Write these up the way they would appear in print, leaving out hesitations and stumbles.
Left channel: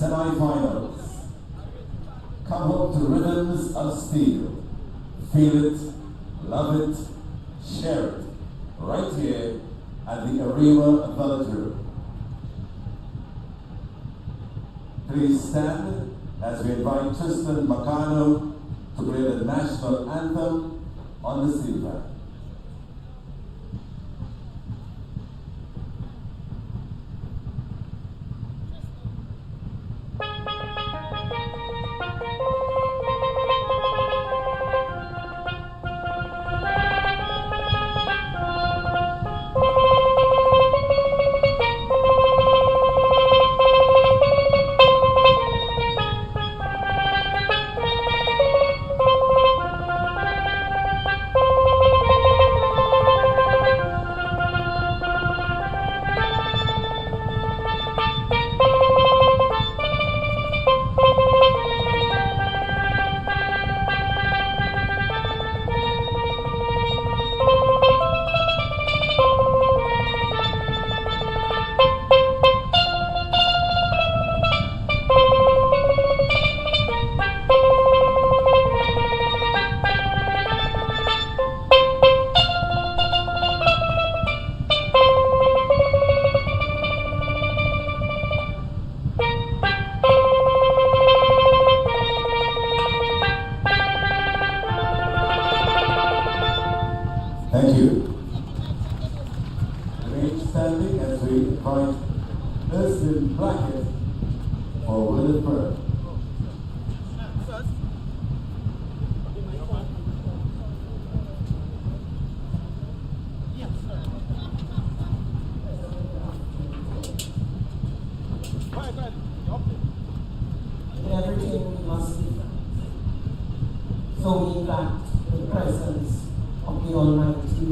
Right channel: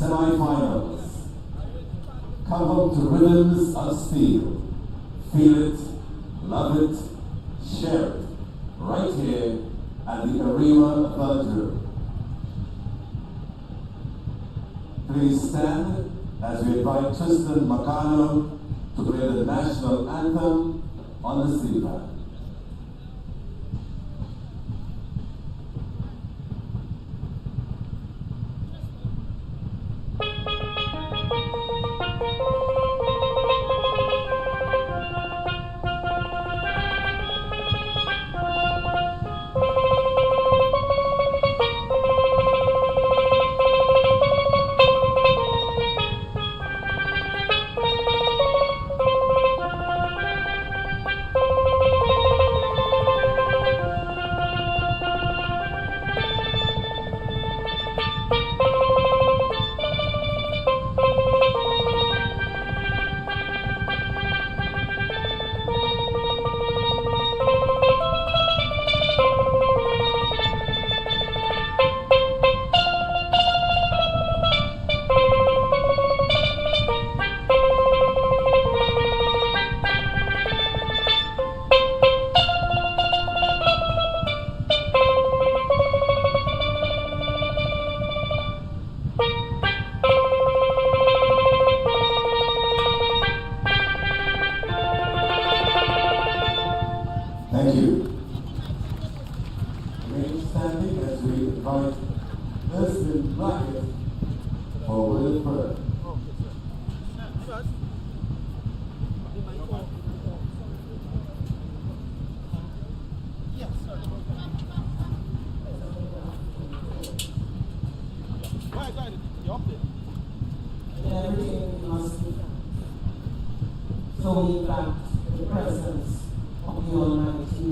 semi-finals. Come home to rhythms of steel. Feel it, love it, share it, right here at the Arima Auditorium. Please stand as we invite Tristan Macano to play the national anthem on the steelpan. Thank you. Remain standing as we invite Dustin Blackett for Will Prayer. Everything we must do. So we invite the presence of the Almighty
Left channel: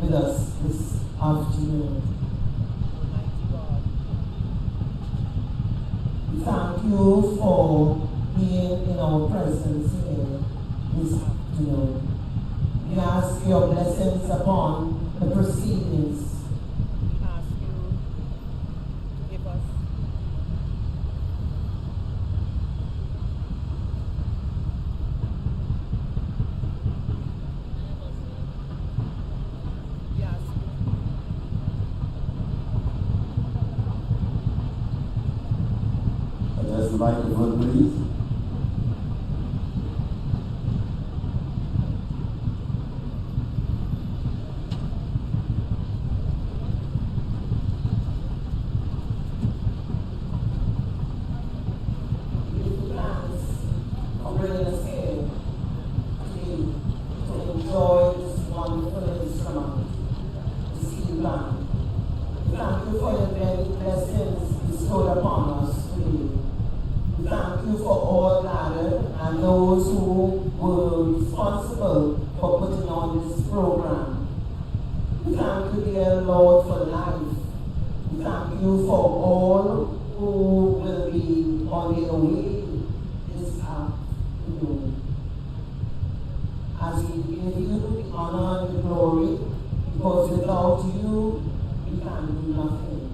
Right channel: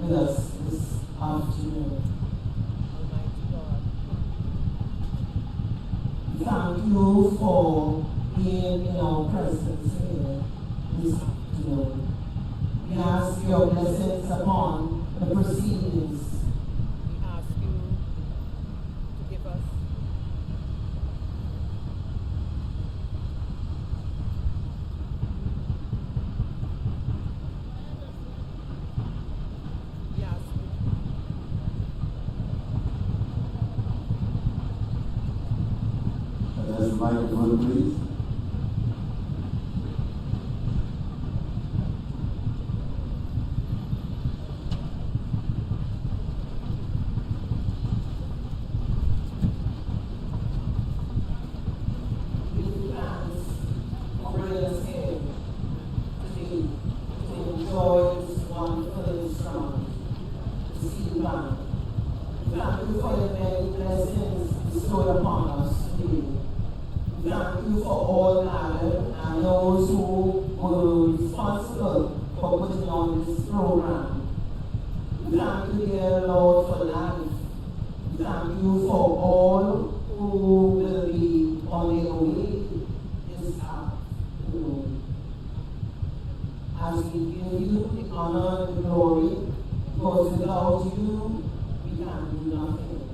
with us this afternoon. We thank you for being in our presence here this afternoon. We ask your blessings upon the proceedings. Ask you, give us Adjust the microphone, please. Thank you for all gathered and those who were responsible for putting on this program. We thank you, dear Lord, for life. We thank you for all who will be on their way this afternoon. As we give you the honor and the glory, because without you, we can do nothing.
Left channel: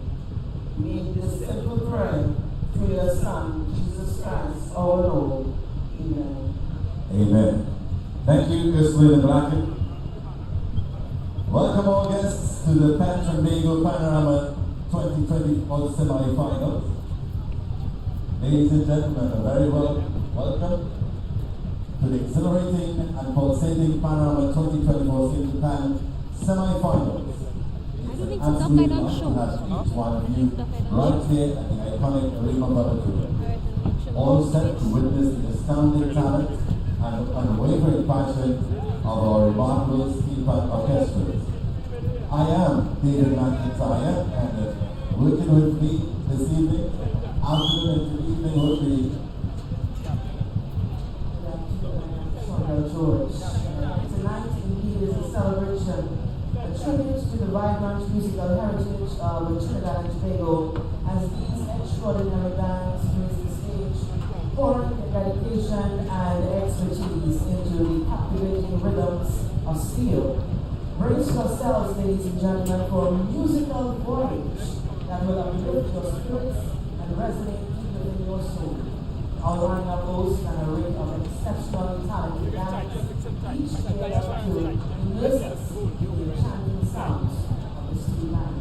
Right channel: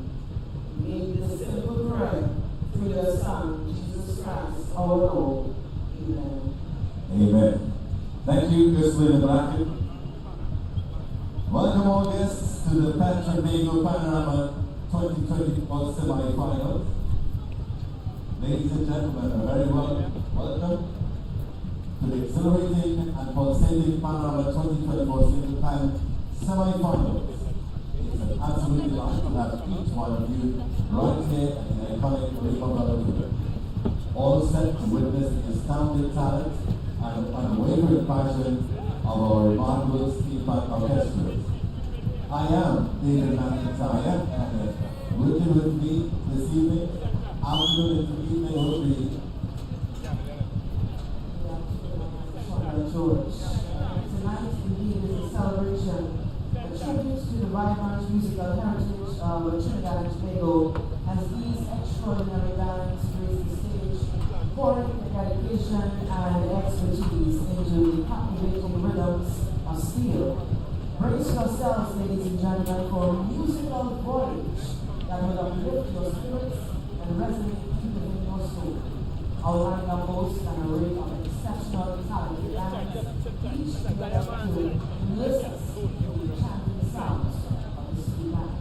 Make this simple prayer through your Son, Jesus Christ, our Lord. Amen. Amen. Thank you, Ghislaine Blackett. Welcome all guests to the Patrick Panorama 2024 semi-finals. Ladies and gentlemen, a very welcome to the exhilarating and pulsating Panorama 2024 single-time semi-finals. It's an absolute honor to have each one of you right here at the iconic Arima Auditorium. All set to witness the astounding talent and unwavering passion of our remarkable steelpan orchestras. I am David McIntyre, and working with me this evening, afternoon and evening will be George. Tonight indeed is a celebration, a tribute to the vibrant musical heritage of Trinidad and Tobago, as these extraordinary bands grace the stage, pouring their dedication and expertise into the captivating rhythms of steel. Brace yourselves, ladies and gentlemen, for a musical voyage that will uplift your spirits and resonate deep within your soul. Orlando boasts an array of exceptional talented bands, each able to immerse us in the enchanting sounds of the steelpan.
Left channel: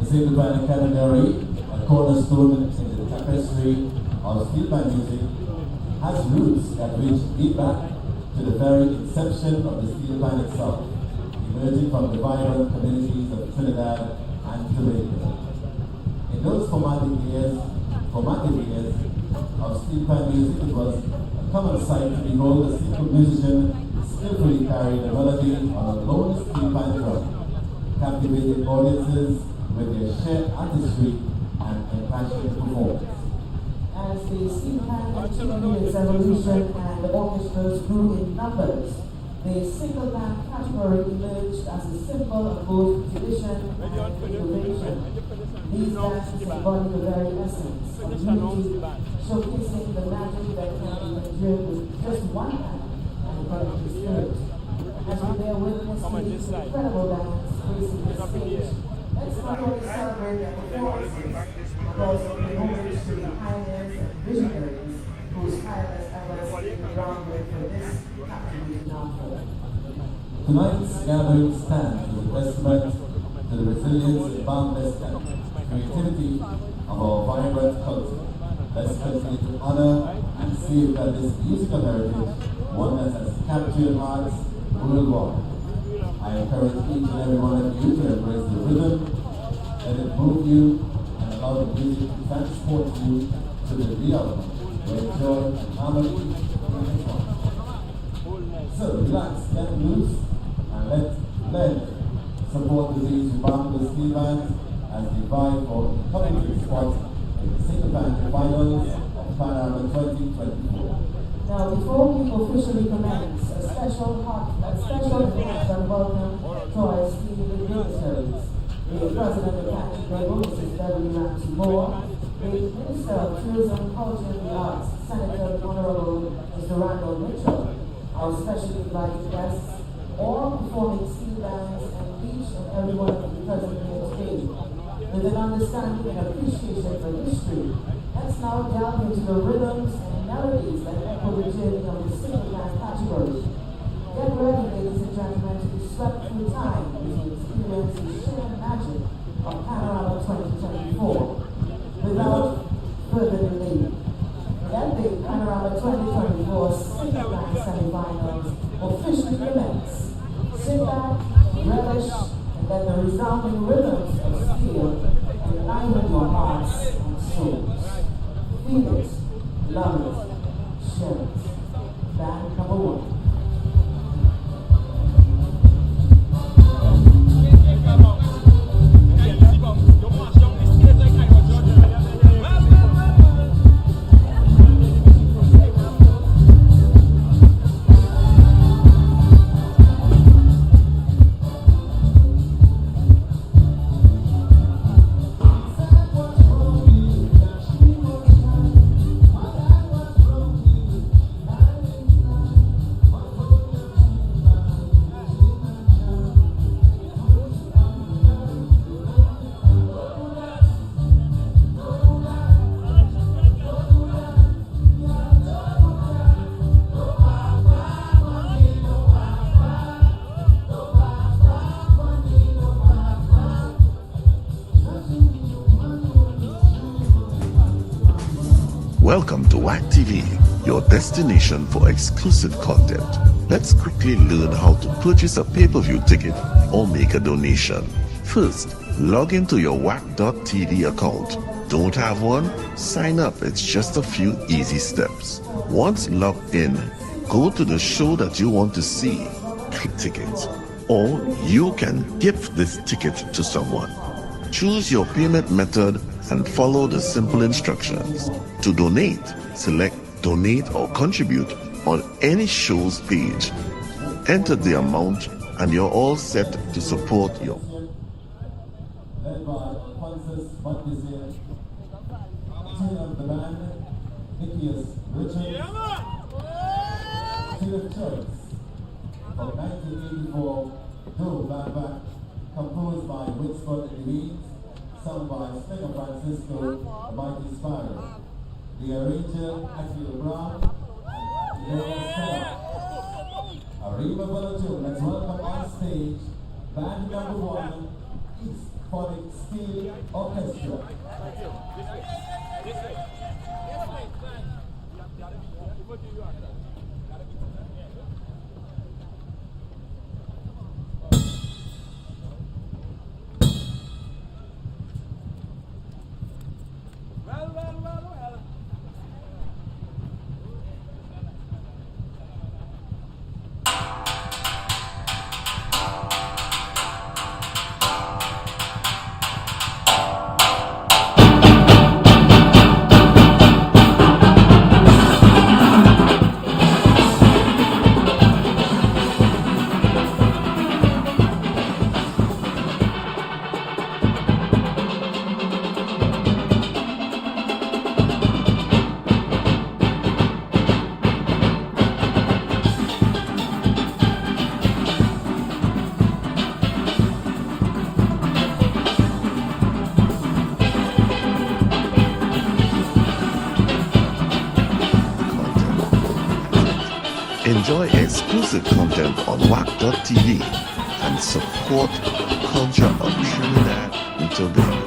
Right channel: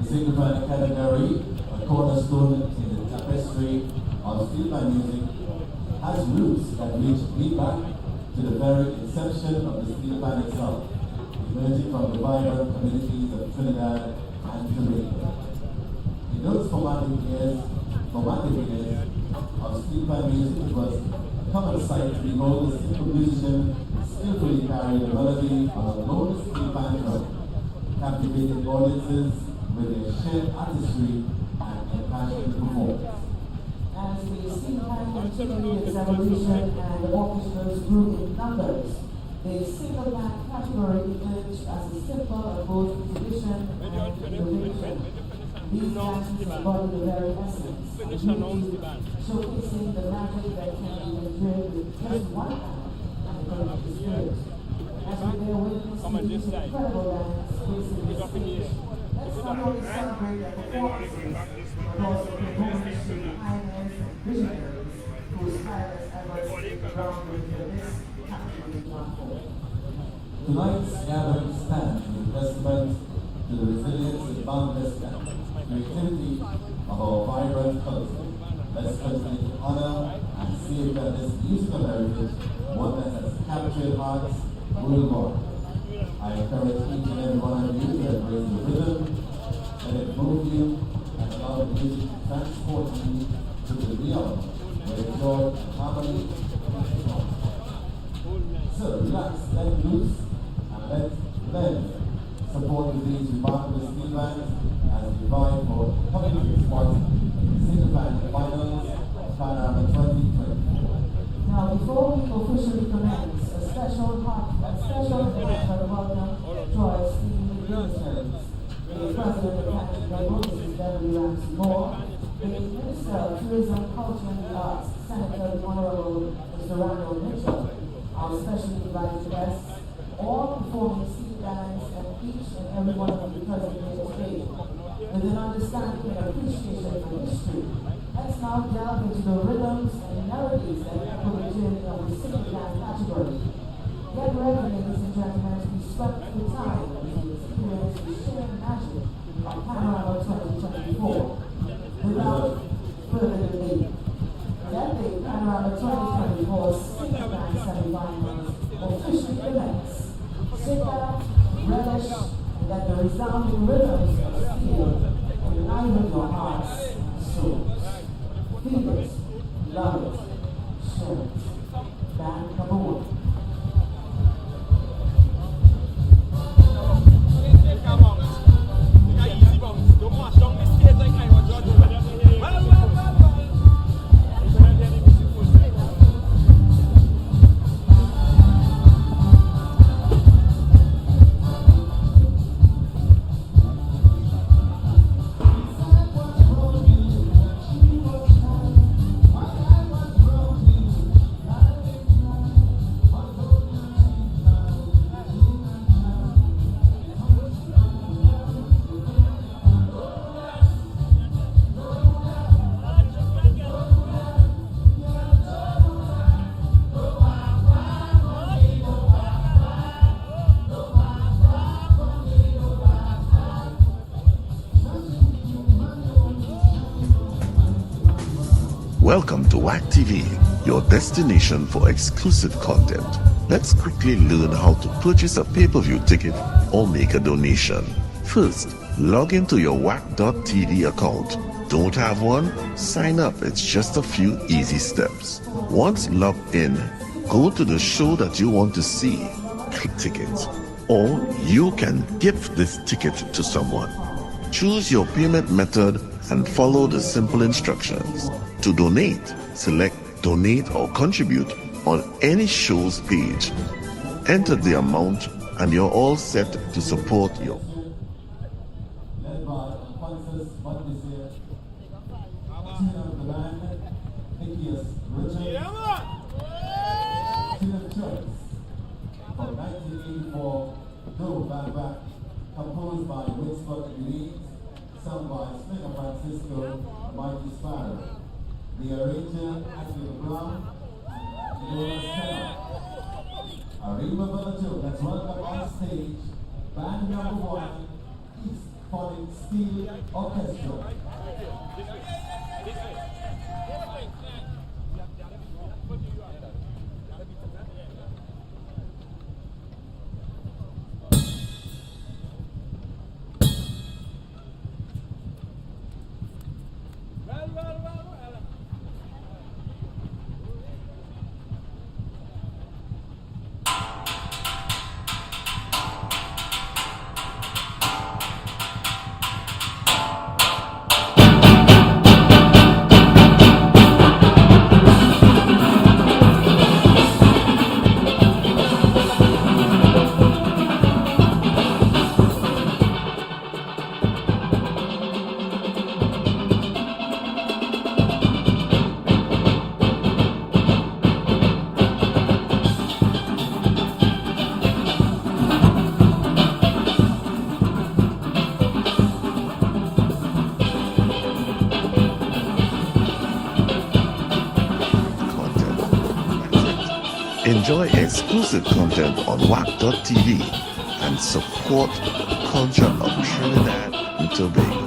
The steelpan category, a cornerstone in the tapestry of steelpan music, has roots that reach deep back to the very inception of the steelpan itself, emerging from the vibrant communities of Trinidad and Tobago. In those formative years of steelpan music, it was a common sight to behold a single musician skillfully carry the melody of a lone steelpan drum, captivating audiences with their shared artistry and impassioned performance. As the steelpan continued its evolution and the orchestras grew in numbers, the single band category emerged as a symbol of both tradition and innovation. These dances embody the very essence of music, showcasing the magic that can be endured with just one hand and a collective spirit. As we bear witness to these incredible bands facing the stage, let's not only celebrate their performances, but also pay homage to the pioneers and visionaries whose tireless efforts laid the groundwork for this captivating art form. Tonight's gathering stands as a testament to the resilience and boundless creativity of our vibrant culture. Let's continue to honor and safeguard this musical heritage, one that has captured hearts worldwide. I encourage each and every one of you to embrace the rhythm, let it move you, and allow the music to transport you to the realm where joy and harmony is one. So relax, let loose, and let support these remarkable steel bands as they vie for coming to the spot in the steelpan finals of Panorama 2024. Now, before we officially commence, a special and welcome to our esteemed dignitaries. The President of Carnival, Mrs. Beverly Ramsey Moore, the Minister of Tourism, Culture and the Arts, Senator the Honorable Mr. Randall Mitchell, our specially invited guests, all performing steel bands, and each and every one of the present here today, with an understanding and appreciation for history. Let's now delve into the rhythms and melodies that echo the journey of the steelpan category. Get ready, ladies and gentlemen, to be swept through time as you experience the sheer magic of Panorama 2024. Without further delay, that big Panorama 2024 steelpan semifinals officially commence. Sit back, relish, and let the resounding rhythms of steel enliven your hearts and souls. Feel it, love it, share it. Band number one. Welcome to WACK TV, your destination for exclusive content. Let's quickly learn how to purchase a pay-per-view ticket or make a donation. First, log into your WACK.tv account. Don't have one? Sign up. It's just a few easy steps. Once logged in, go to the show that you want to see. Click tickets. Or you can gift this ticket to someone. Choose your payment method and follow the simple instructions. To donate, select Donate or Contribute on any show's page. Enter the amount and you're all set to support your Led by Alphonsus Montplaisir, chain of the band, Nicholas Richard, Children Church, from 1984, Do Back Back, composed by Winston and Louise, sung by Stinger Francisco, the Mighty Sparrow. the arranger at your ground, and your setup. Arriba Balacho, let's welcome on stage band number 1, East Phonic Steel Orchestra. Enjoy exclusive content on WACK.tv and support the culture of Trinidad and Tobago.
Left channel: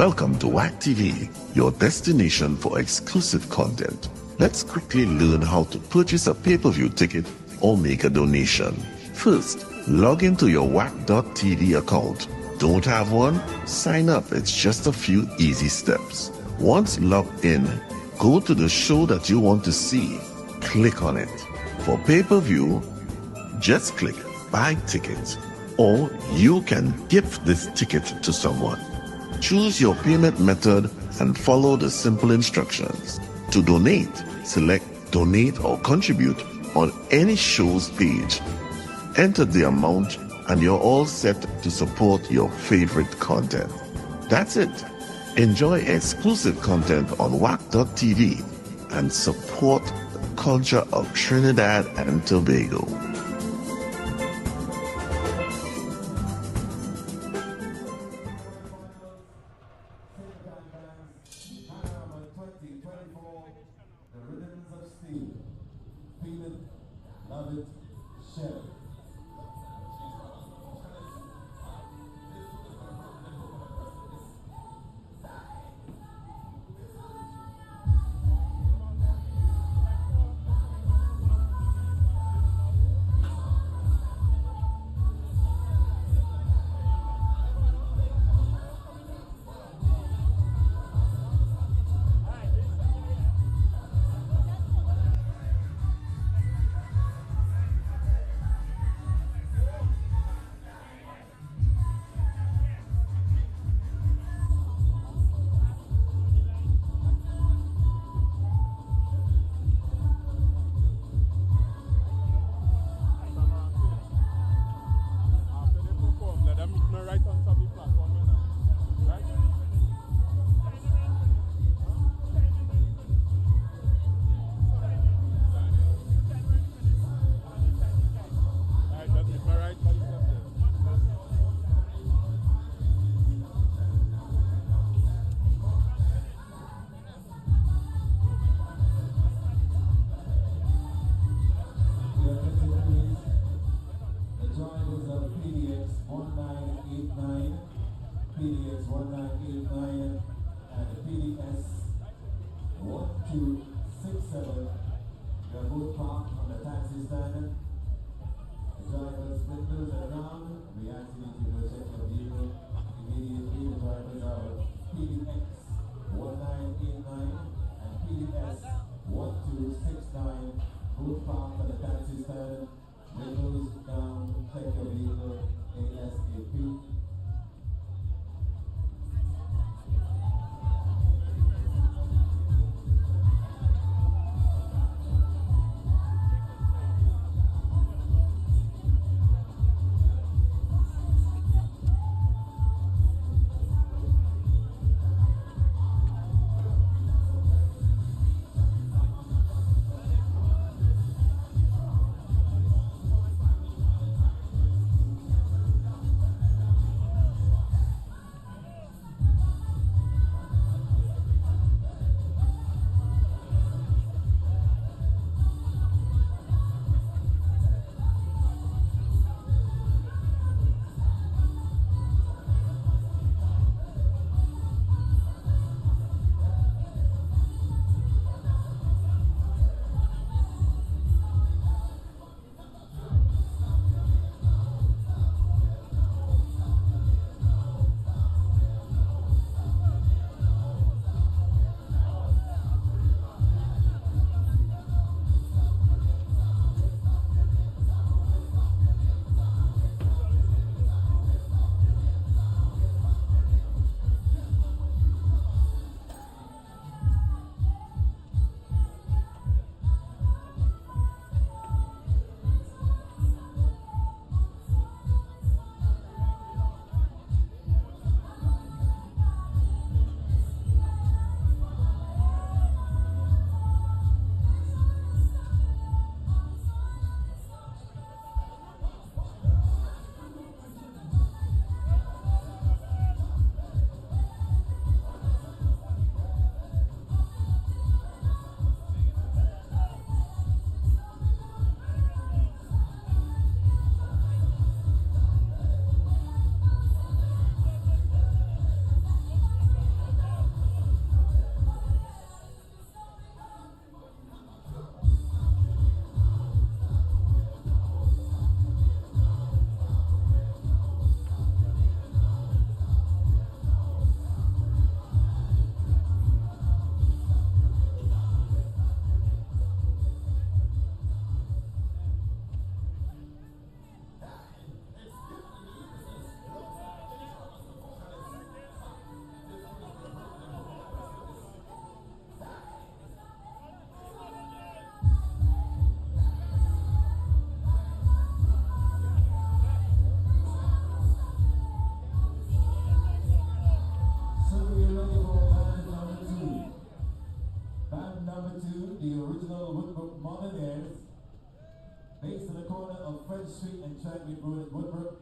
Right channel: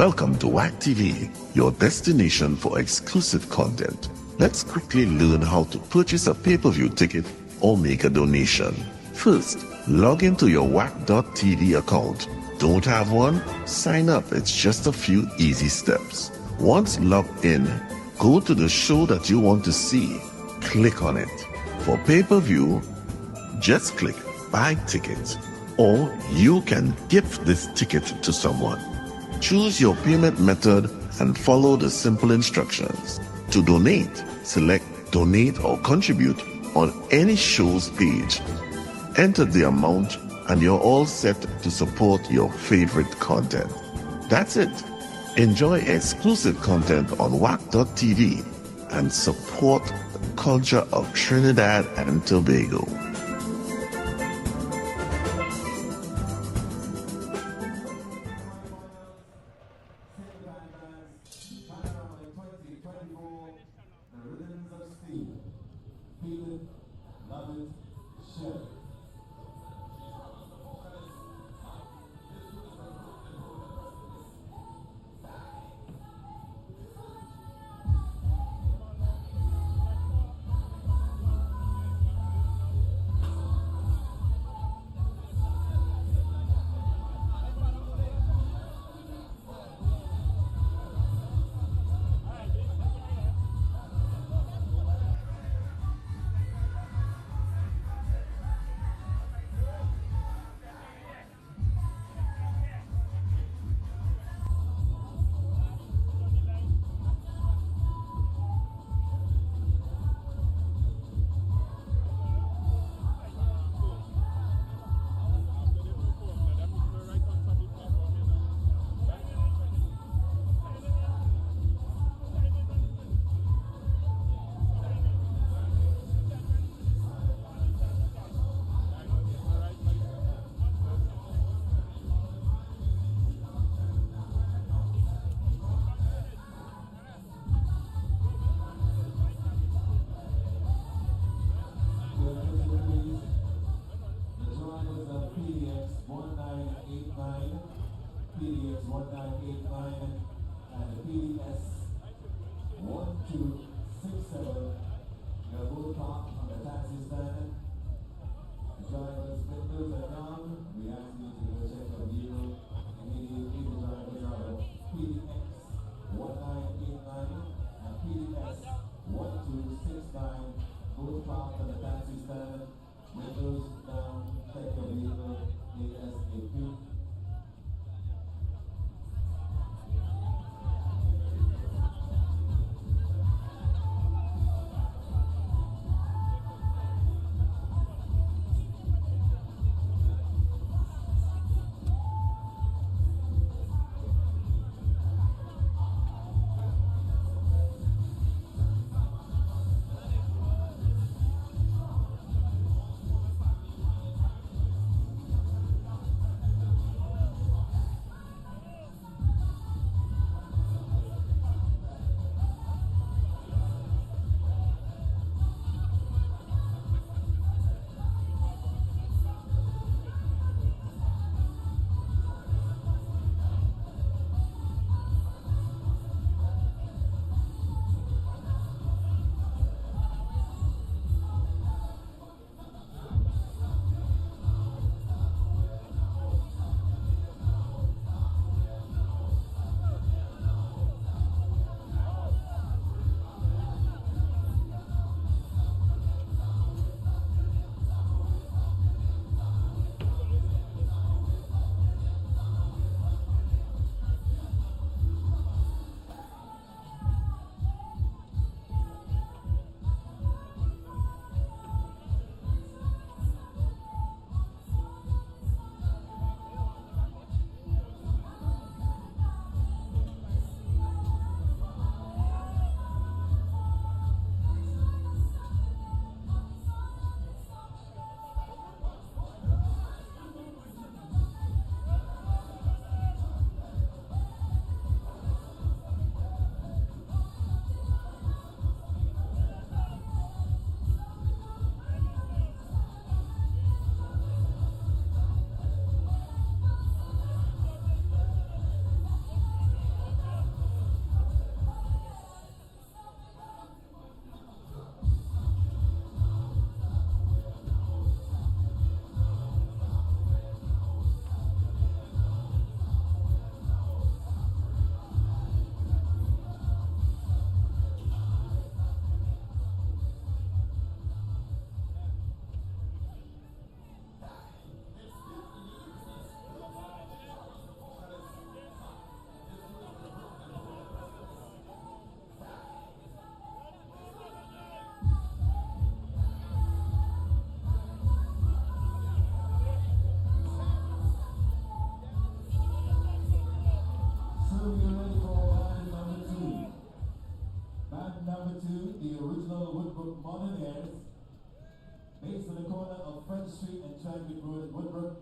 Welcome to WACK TV, your destination for exclusive content. Let's quickly learn how to purchase a pay-per-view ticket or make a donation. First, log into your WACK.tv account. Don't have one? Sign up. It's just a few easy steps. Once logged in, go to the show that you want to see. Click on it. For pay-per-view, just click Buy Ticket, or you can gift this ticket to someone. Choose your payment method and follow the simple instructions. To donate, select Donate or Contribute on any show's page. Enter the amount and you're all set to support your favorite content. That's it. Enjoy exclusive content on WACK.tv and support the culture of Trinidad and Tobago. The rhythms of steel. Feel it, love it, share it. PDX 1989 and the PDS 1267. Your both park on the taxi stand. Drivers, splitters are down. We ask you to go check your vehicle. Immediately, the drivers are PDX 1989 and PDS 1269. Both park on the taxi stand. Windows down, check your vehicle. ASAP. number 2, the original Woodbrook Modernaires, based on the corner of French Street and Chadwick Road, Woodbrook,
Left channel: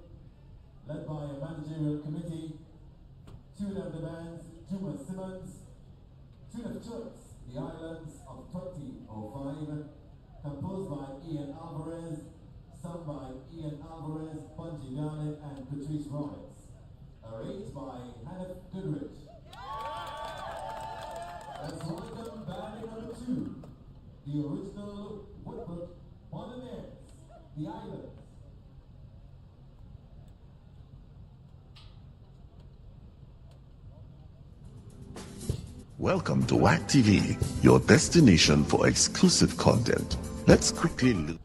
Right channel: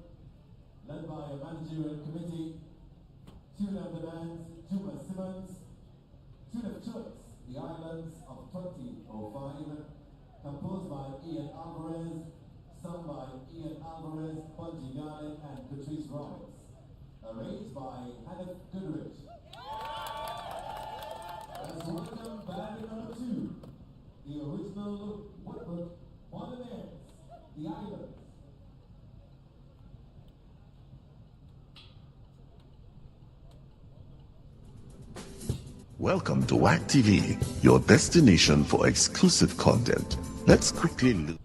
led by a managerial committee. Tune of the bands, Juma Simmons. Tune of choice, The Islands of 2005, composed by Ian Alvarez, sung by Ian Alvarez, Bungie Garnett, and Patrice Roberts. Arranged by Hannah Goodrich. Let's welcome band number 2, the original Woodbrook Modernaires, The Islands. Welcome to WACK TV, your destination for exclusive content. Let's quickly look.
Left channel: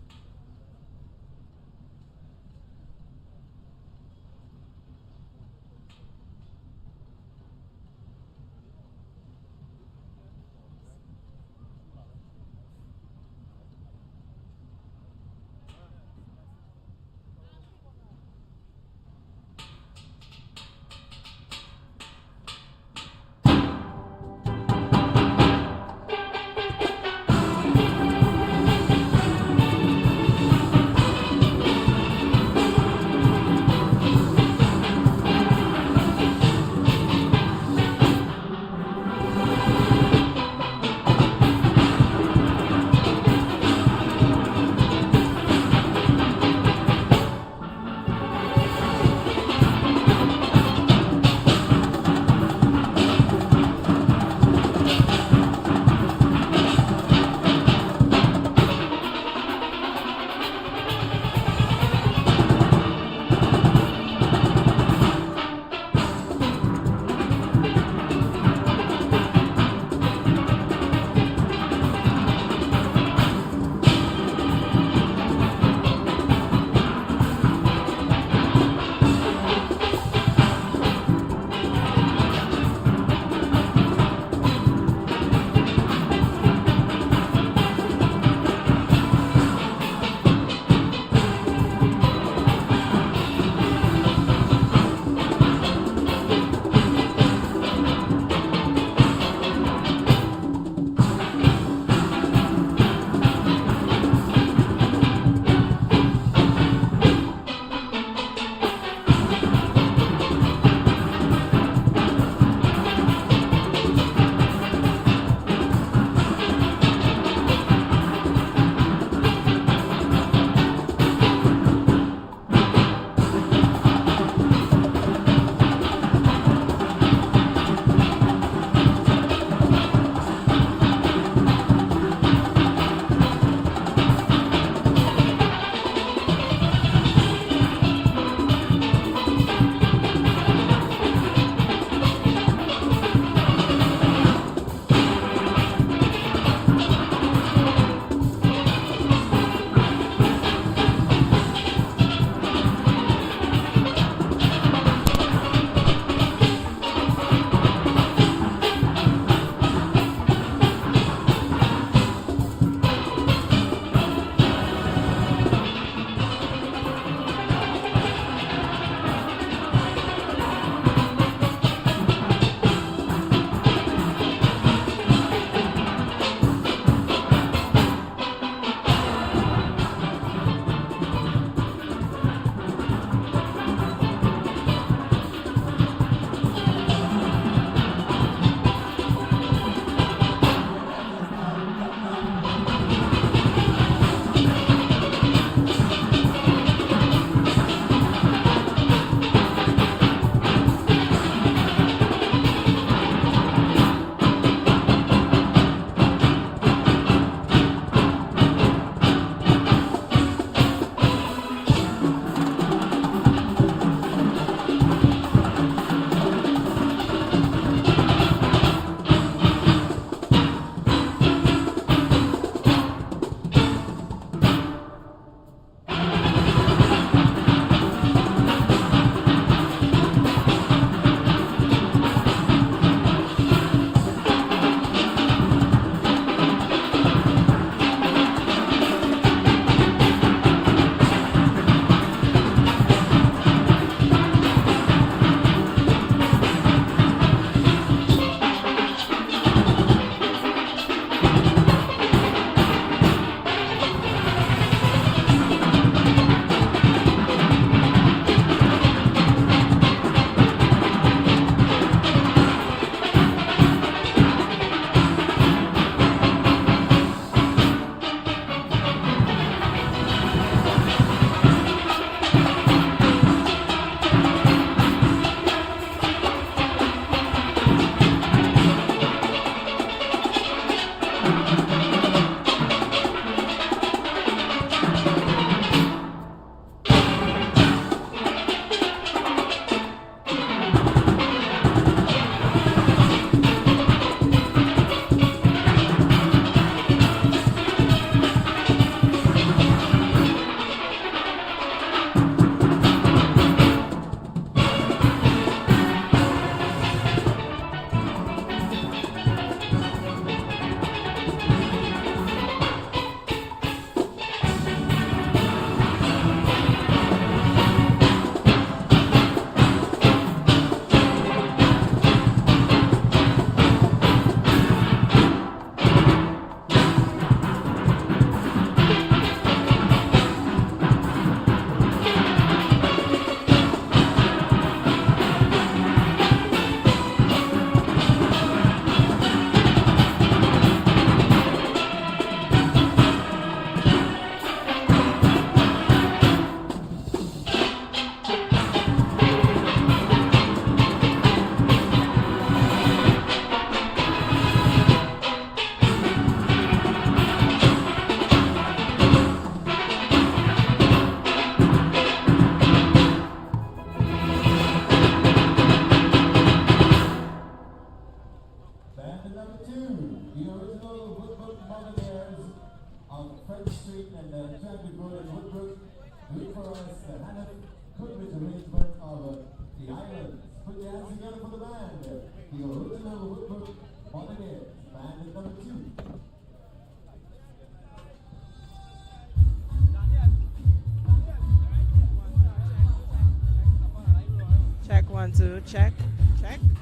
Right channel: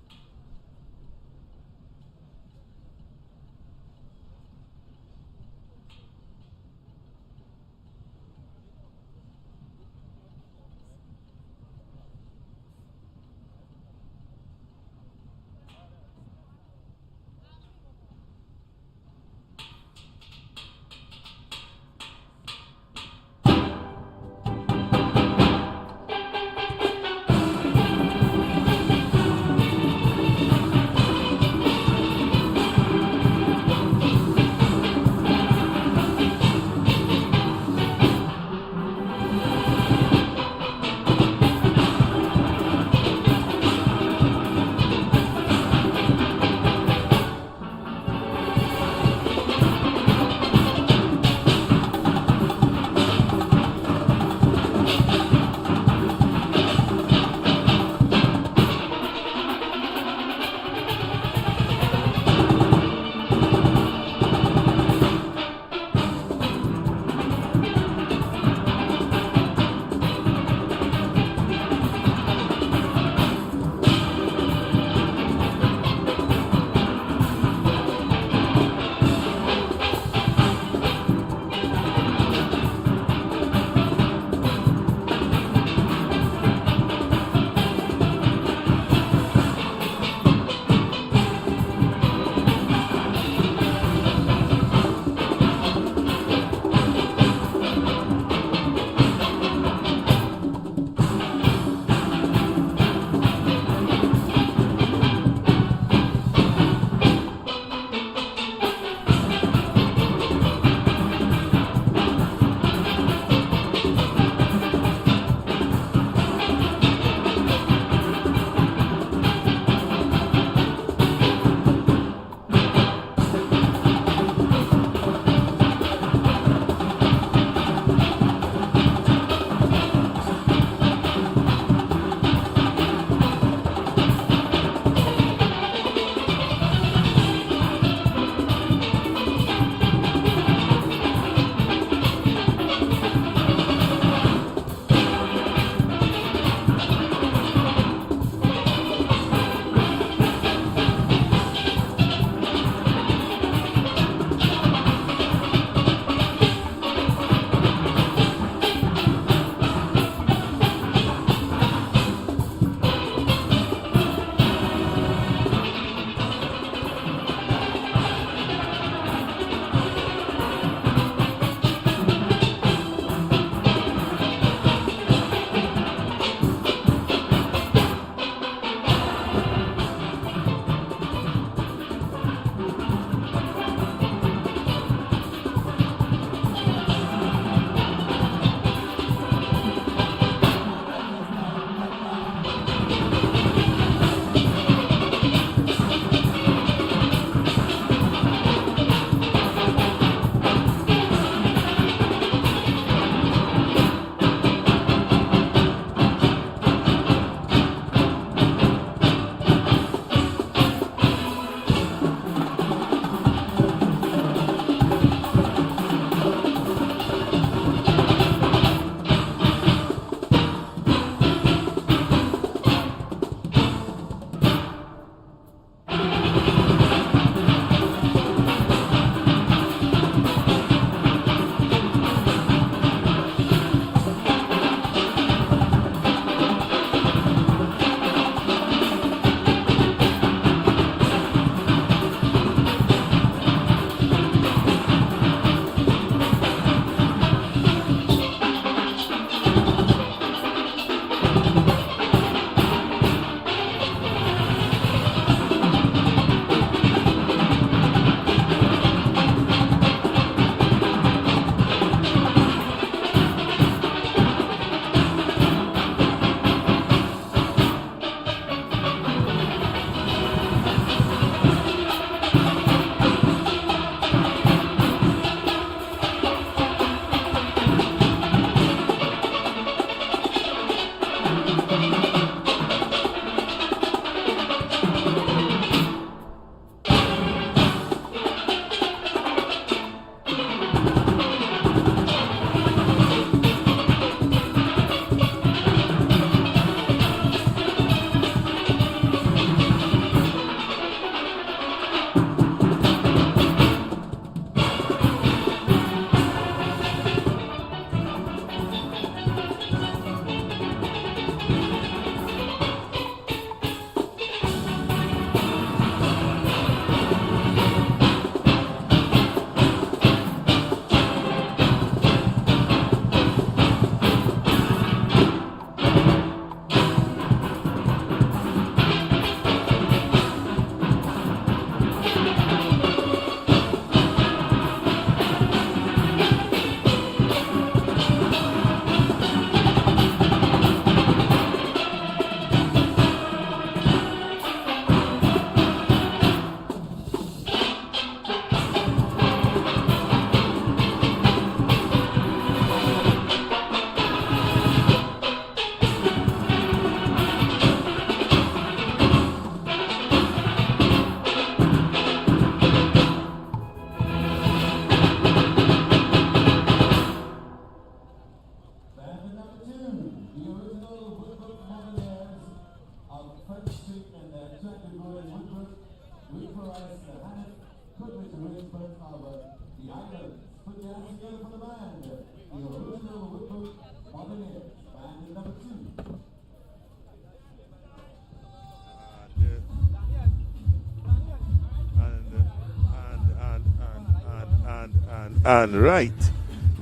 And check. right,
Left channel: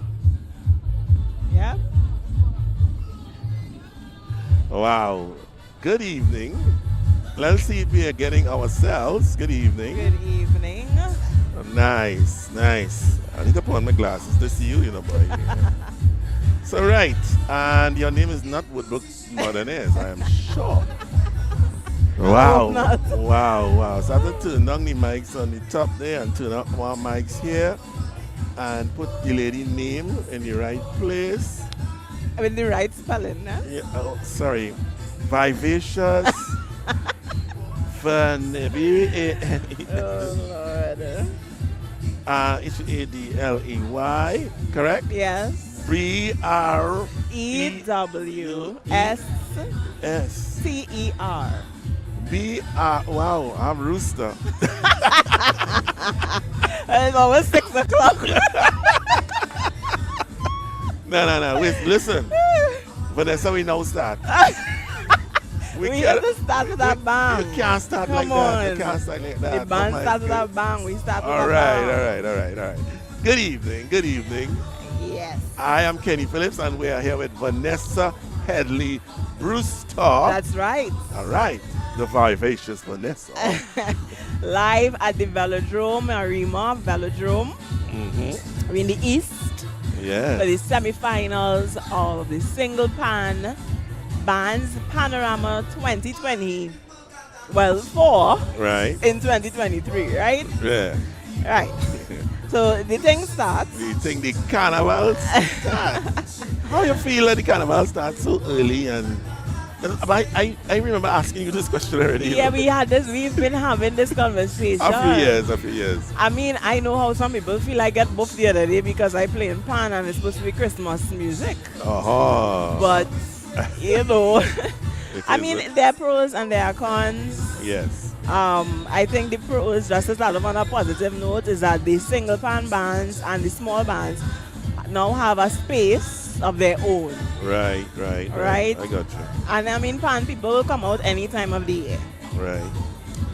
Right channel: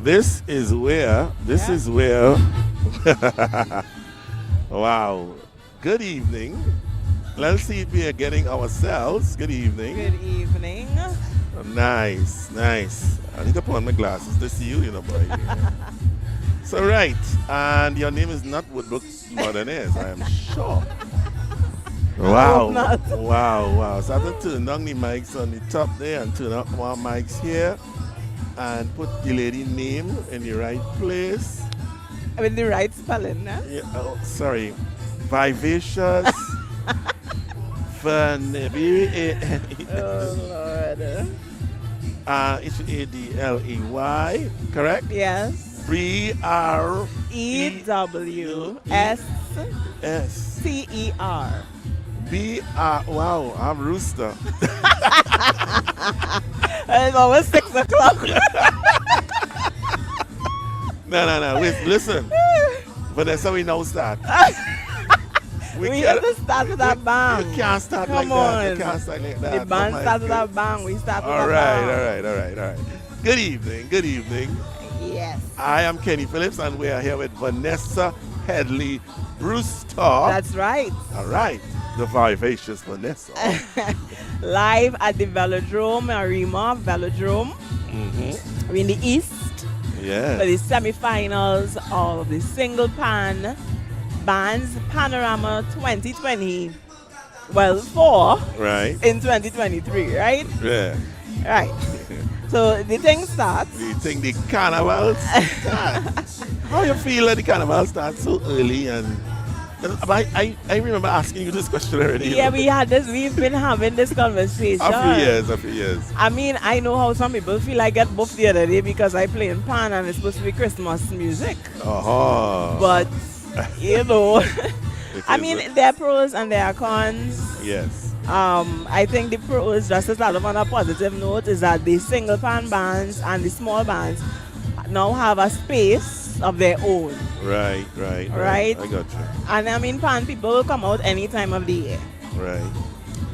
this is where, wow. Good evening. Let's see if we are getting ourselves. Good evening. Good evening. Nice, nice. I need to put on my glasses to see you, boy. So, right. And your name is not Woodbrook Modernaise, I am sure. Wow. Wow. So I have to turn down the mics on the top there and turn up more mics here and put the lady name in the right place. I mean the right spelling, huh? Yeah, sorry. Vivacious. Fun. Oh Lord. H-A-D-L-E-Y, correct? Yes. B-R-E-W-S-C-E-R. B-R, wow, I'm Rooster. It's almost 6 o'clock. No, wait, listen. Vanessa, we now start. We have to start with a bang. You can't start Come like on. that. You can't start like that. The band Oh my starts with a God. bang. We start with All a right. bang. Good evening. Yes. I am Kenny Phillips, and we are here with Vanessa Headley Brewster. That's right. All right, the vivacious Vanessa. Live at the Velodrome, Arima Velodrome. We're in the East for Yeah. the semi-finals of the single pan bands Panorama 2020. Well, 4 Right. in 2023, right? Yeah. Right. So the thing starts. Do you think the carnival starts? How you feel that the carnival starts so early? And I remember asking you this question already. Yeah, we've been having this conversation. A few years. I mean, I know how some people feel. I get buffed the other day because I play in pan and it's supposed to be Christmas music. But, I mean, there are pros and there are cons. Yes. I think the pros, just to start off on a positive note, is that the single pan bands and the small bands now have a space of their own. Right. Right. I got you. And I mean, pan people will come out any time of the year. Right.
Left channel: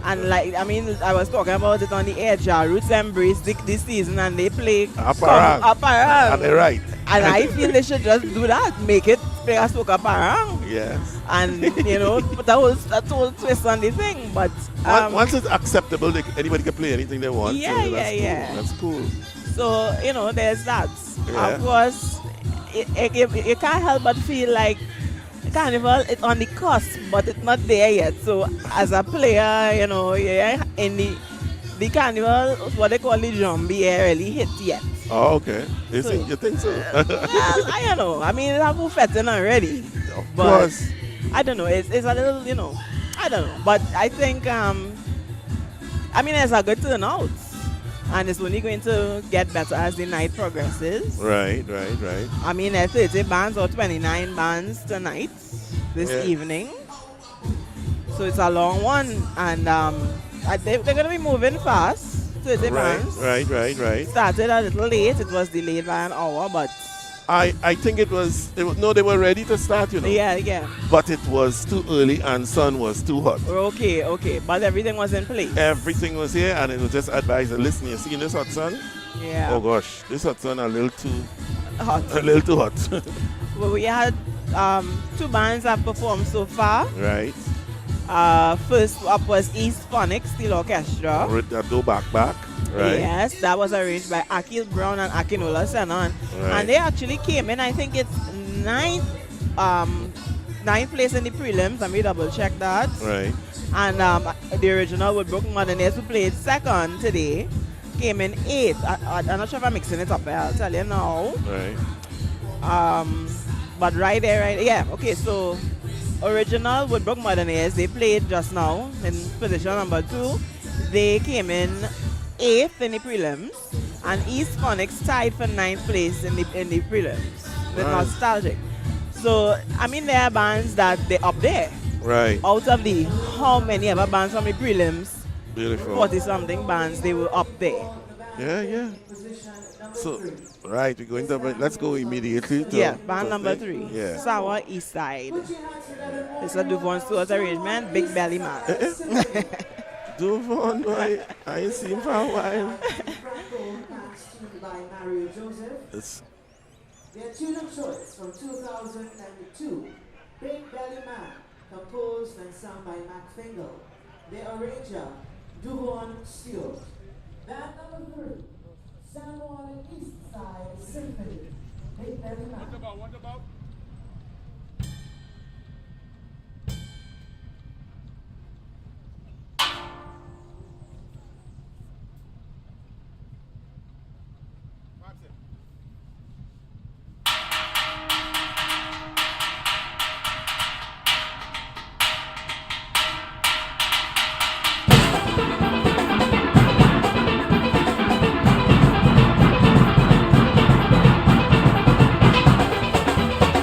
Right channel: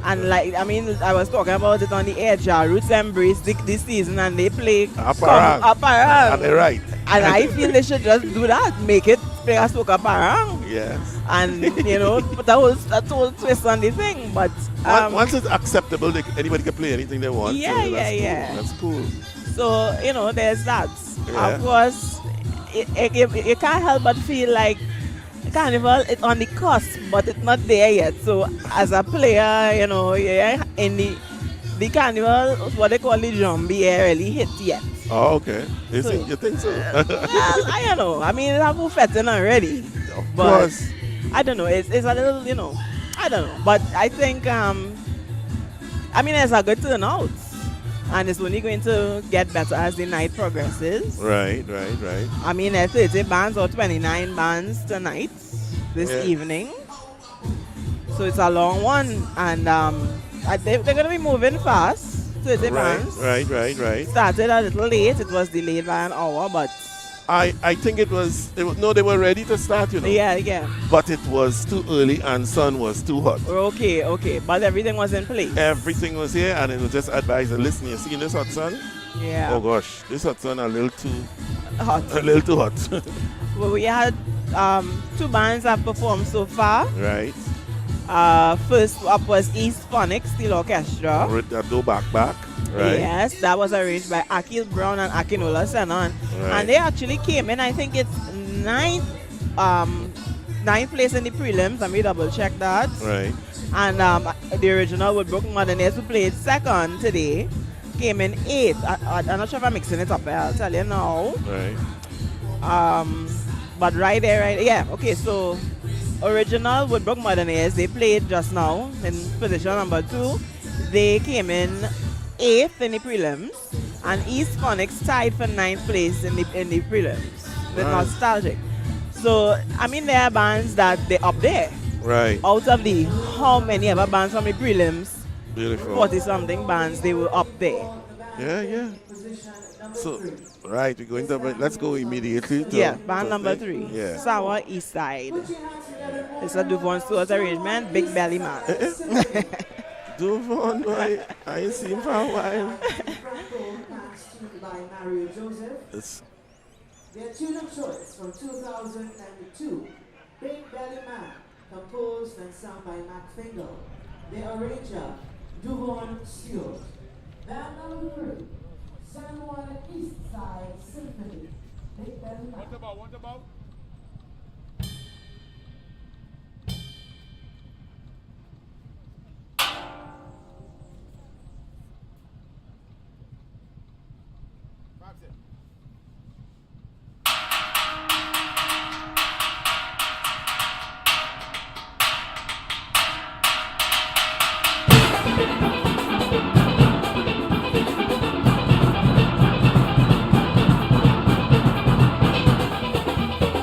And I was talking about it on the air. Roots embrace this season and they play Aparang. Aparang. And they're right. And I feel they should just do that. Make it play a soca parang. Yes. And, put that whole twist on the thing. But Once it's acceptable, anybody can play anything they want. Yeah, so that's cool. yeah. That's cool. So, there's that. Yeah. Of course, you can't help but feel like Carnival is on the cusp, but it's not there yet. So, as a player, you're in the Carnival, what they call the zombie, really hit yet. Oh, okay. You So- think so? Well, I don't know. I mean, it's a fetting already. Of But course. I don't know. It's a little, I don't know. But I think, it's a good turnout. And it's only going to get better as the night progresses. Right. I mean, there's 30 bands or 29 bands tonight, this Yeah. evening. So it's a long one. And they're going to be moving fast. 30 bands. Right. Started a little late. It was delayed by an hour, but I think they were ready to start, yeah. But it was too early and sun was too hot. Okay. But everything was in place. Everything was here and it was just advised, listen, you see this hot sun? Yeah. Oh gosh, this hot sun a little too Hot. hot. Well, we had 2 bands have performed so far. Right. First up was East Phonics Steel Orchestra. With the do back. Right. Yes, that was arranged by Akil Brown and Akinola Senon. Right. And they actually came in, I think it's ninth place in the prelims. Let me double check that. Right. And the original Woodbrook Modernaise, who played second today, came in 8th. I'm not sure if I'm mixing it up, I'll tell you now. Right. But right there, yeah. Okay, so original Woodbrook Modernaise, they played just now in position number 2. They came in 8th in the prelims, and East Phonics tied for 9th place in the prelims with Nice. Nostalgic. So, I mean, there are bands that they up there. Right. Out of the how many ever bands from the prelims, Beautiful. 40-something bands, they were up there. Yeah. So, right, we're going to, let's go immediately to. Yeah, band number 3. Yeah. Sour East Side. It's a Duvon Stewart's arrangement, Big Belly Man. Duvon, boy, I ain't seen him for a while. Mario Joseph. It's Their tune of choice from 2002, Big Belly Man, composed and sung by Mac Fingal. Their arranger, Duvon Stewart. Band number 3, San Juan East Side Symphony, Big Belly Man. What about? That's it. Thank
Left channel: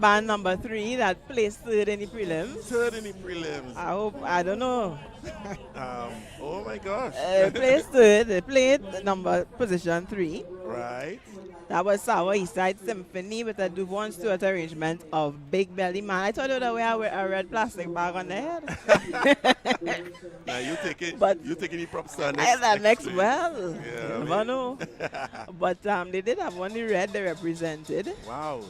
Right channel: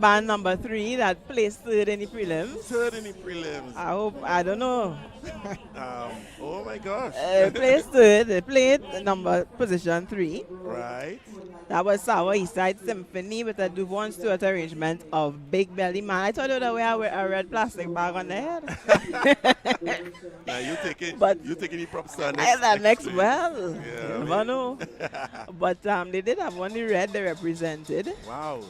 band number 3 that placed third in the prelims. Third in the prelims. I don't know. Oh my gosh. Placed third. They played position 3. Right. That was Sour Eastside Symphony with a Duvon Stewart arrangement of Big Belly Man. I thought you would wear a red plastic bag on the head. Now you taking the props to next week. well. Yeah, You never know. But they did have one the red they represented. Wow.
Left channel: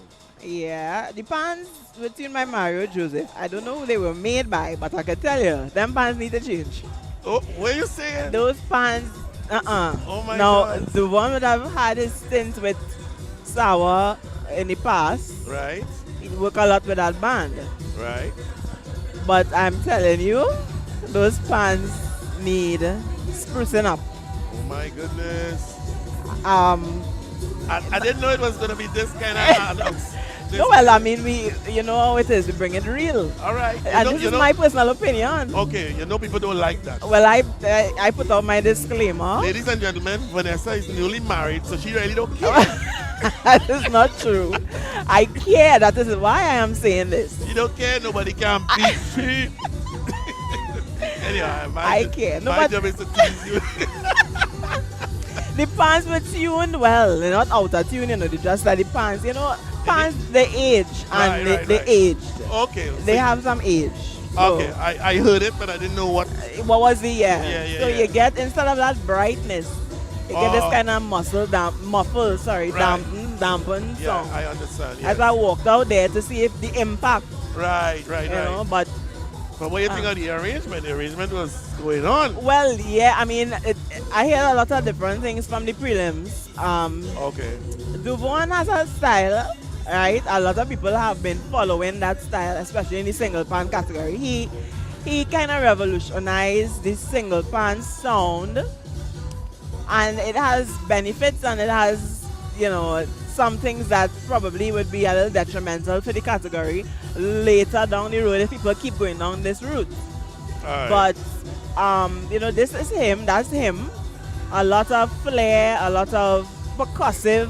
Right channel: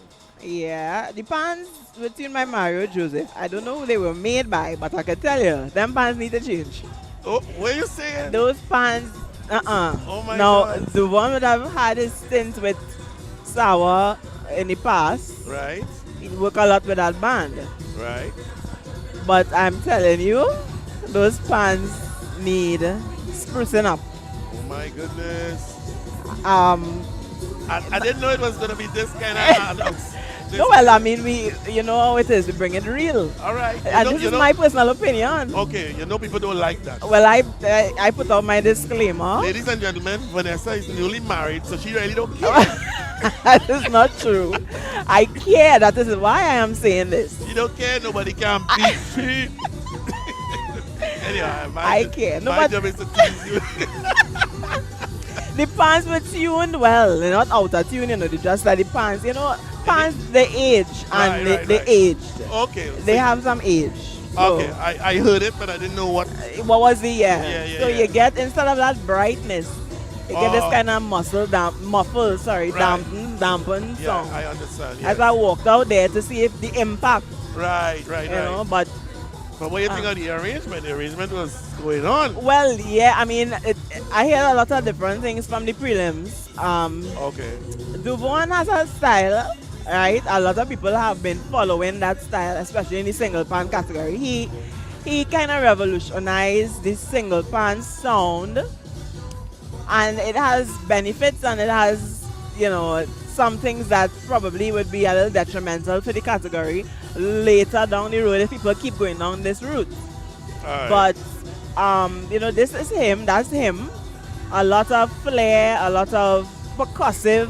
Yeah, the pants between my Mario Joseph, I don't know who they were made by, but I can tell you, them pants need to change. Oh, what are you saying? Those pants, Oh my Now, God. the one that I've had his stint with Sour in the past, Right. he work a lot with that band. Right. But I'm telling you, those pants need sprucing up. Oh my goodness. Um, I didn't know it was gonna be this kind of announce. no, well, I mean, you know how it is, we bring it real. All right. And this is my personal opinion. Okay, you know people don't like that. Well, I put out my disclaimer. Ladies and gentlemen, Vanessa is newly married, so she really don't care. That is not true. I care. That is why I am saying this. You don't care. Nobody can beat you. Anyway, I care. No, my but job is to tease you. the pants were tuned well. They're not out of tune, they're just like the pants. Pants, they age and they aged. Okay. They have some age. So Okay, I heard it, but I didn't know what. what was the year? Yeah, So yeah. you get, instead of that brightness, you get this Oh. kind of muffled, Right. dampened Yeah, song. I understand. As Yes. I walked out there to see if the impact, Right. you know, but But what do you think of the arrangement? The arrangement was going on. well, yeah, I mean, I hear a lot of different things from the prelims. Okay. Duvon has a style, right? A lot of people have been following that style, especially in the single pan category. He kind of revolutionized the single pan sound, and it has benefits and it has, some things that probably would be a little detrimental to the category later down the road if people keep going down this route. All right. But this is him. That's him. A lot of flair, a lot of percussive,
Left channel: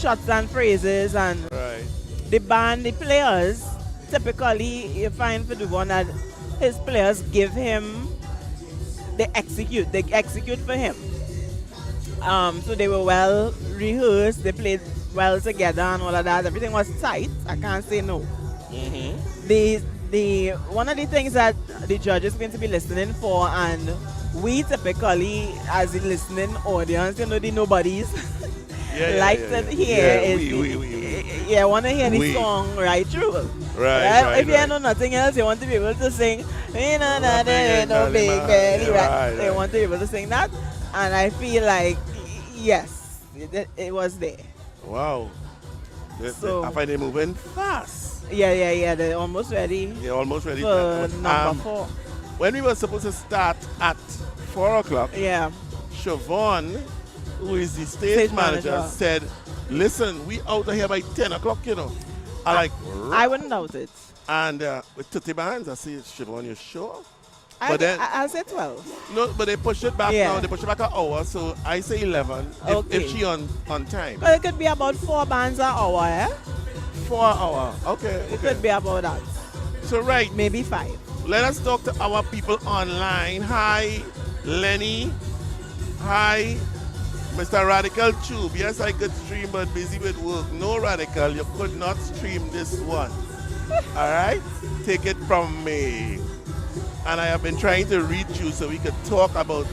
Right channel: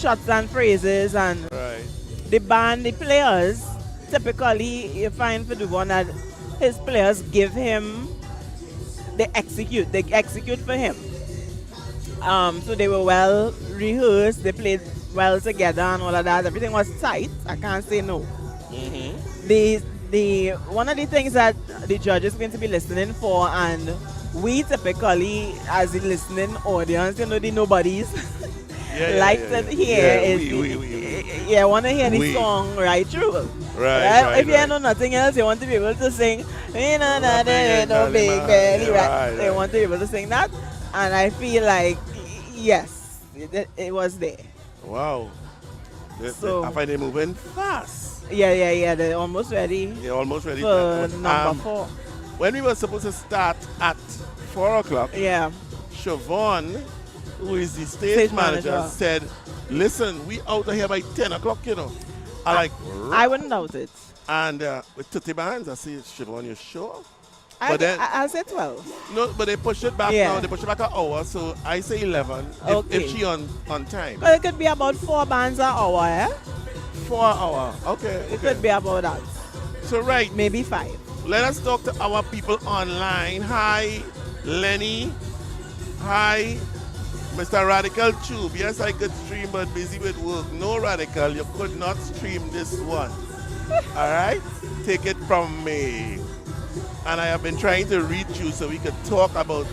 shots and phrases, and Right. the band, the players. Typically, you find for the one that his players give him, they execute for him. So they were well rehearsed. They played well together and all of that. Everything was tight. I can't say no. The one of the things that the judge is going to be listening for, and we typically as the listening audience, the nobodies, like to hear is want to hear the song right through. Right. If you know nothing else, you want to be able to sing. No big belly, right? They want to be able to sing that, and I feel like yes, it was there. Wow. So- I find they moving fast. Yeah. They're almost ready They're almost ready. for number 4. When we were supposed to start at 4 o'clock, Yeah. Siobhan, who is the stage manager, manager. said, listen, we out of here by 10 o'clock, I like, I wouldn't doubt it. and with 30 bands, I see Siobhan, you sure? I'll say 12. No, but they push it back Yeah. now. They push it back an hour, so I say 11 Okay. if she on time. But it could be about 4 bands an hour, eh? 4 hour. Okay. It could be about that. So right, Maybe 5. let us talk to our people online. Hi, Lenny. Hi, Mr. Radical Tube. Yes, I could stream, but busy with work. No, Radical, you could not stream this one. All right? Take it from me. And I have been trying to reach you so we could talk about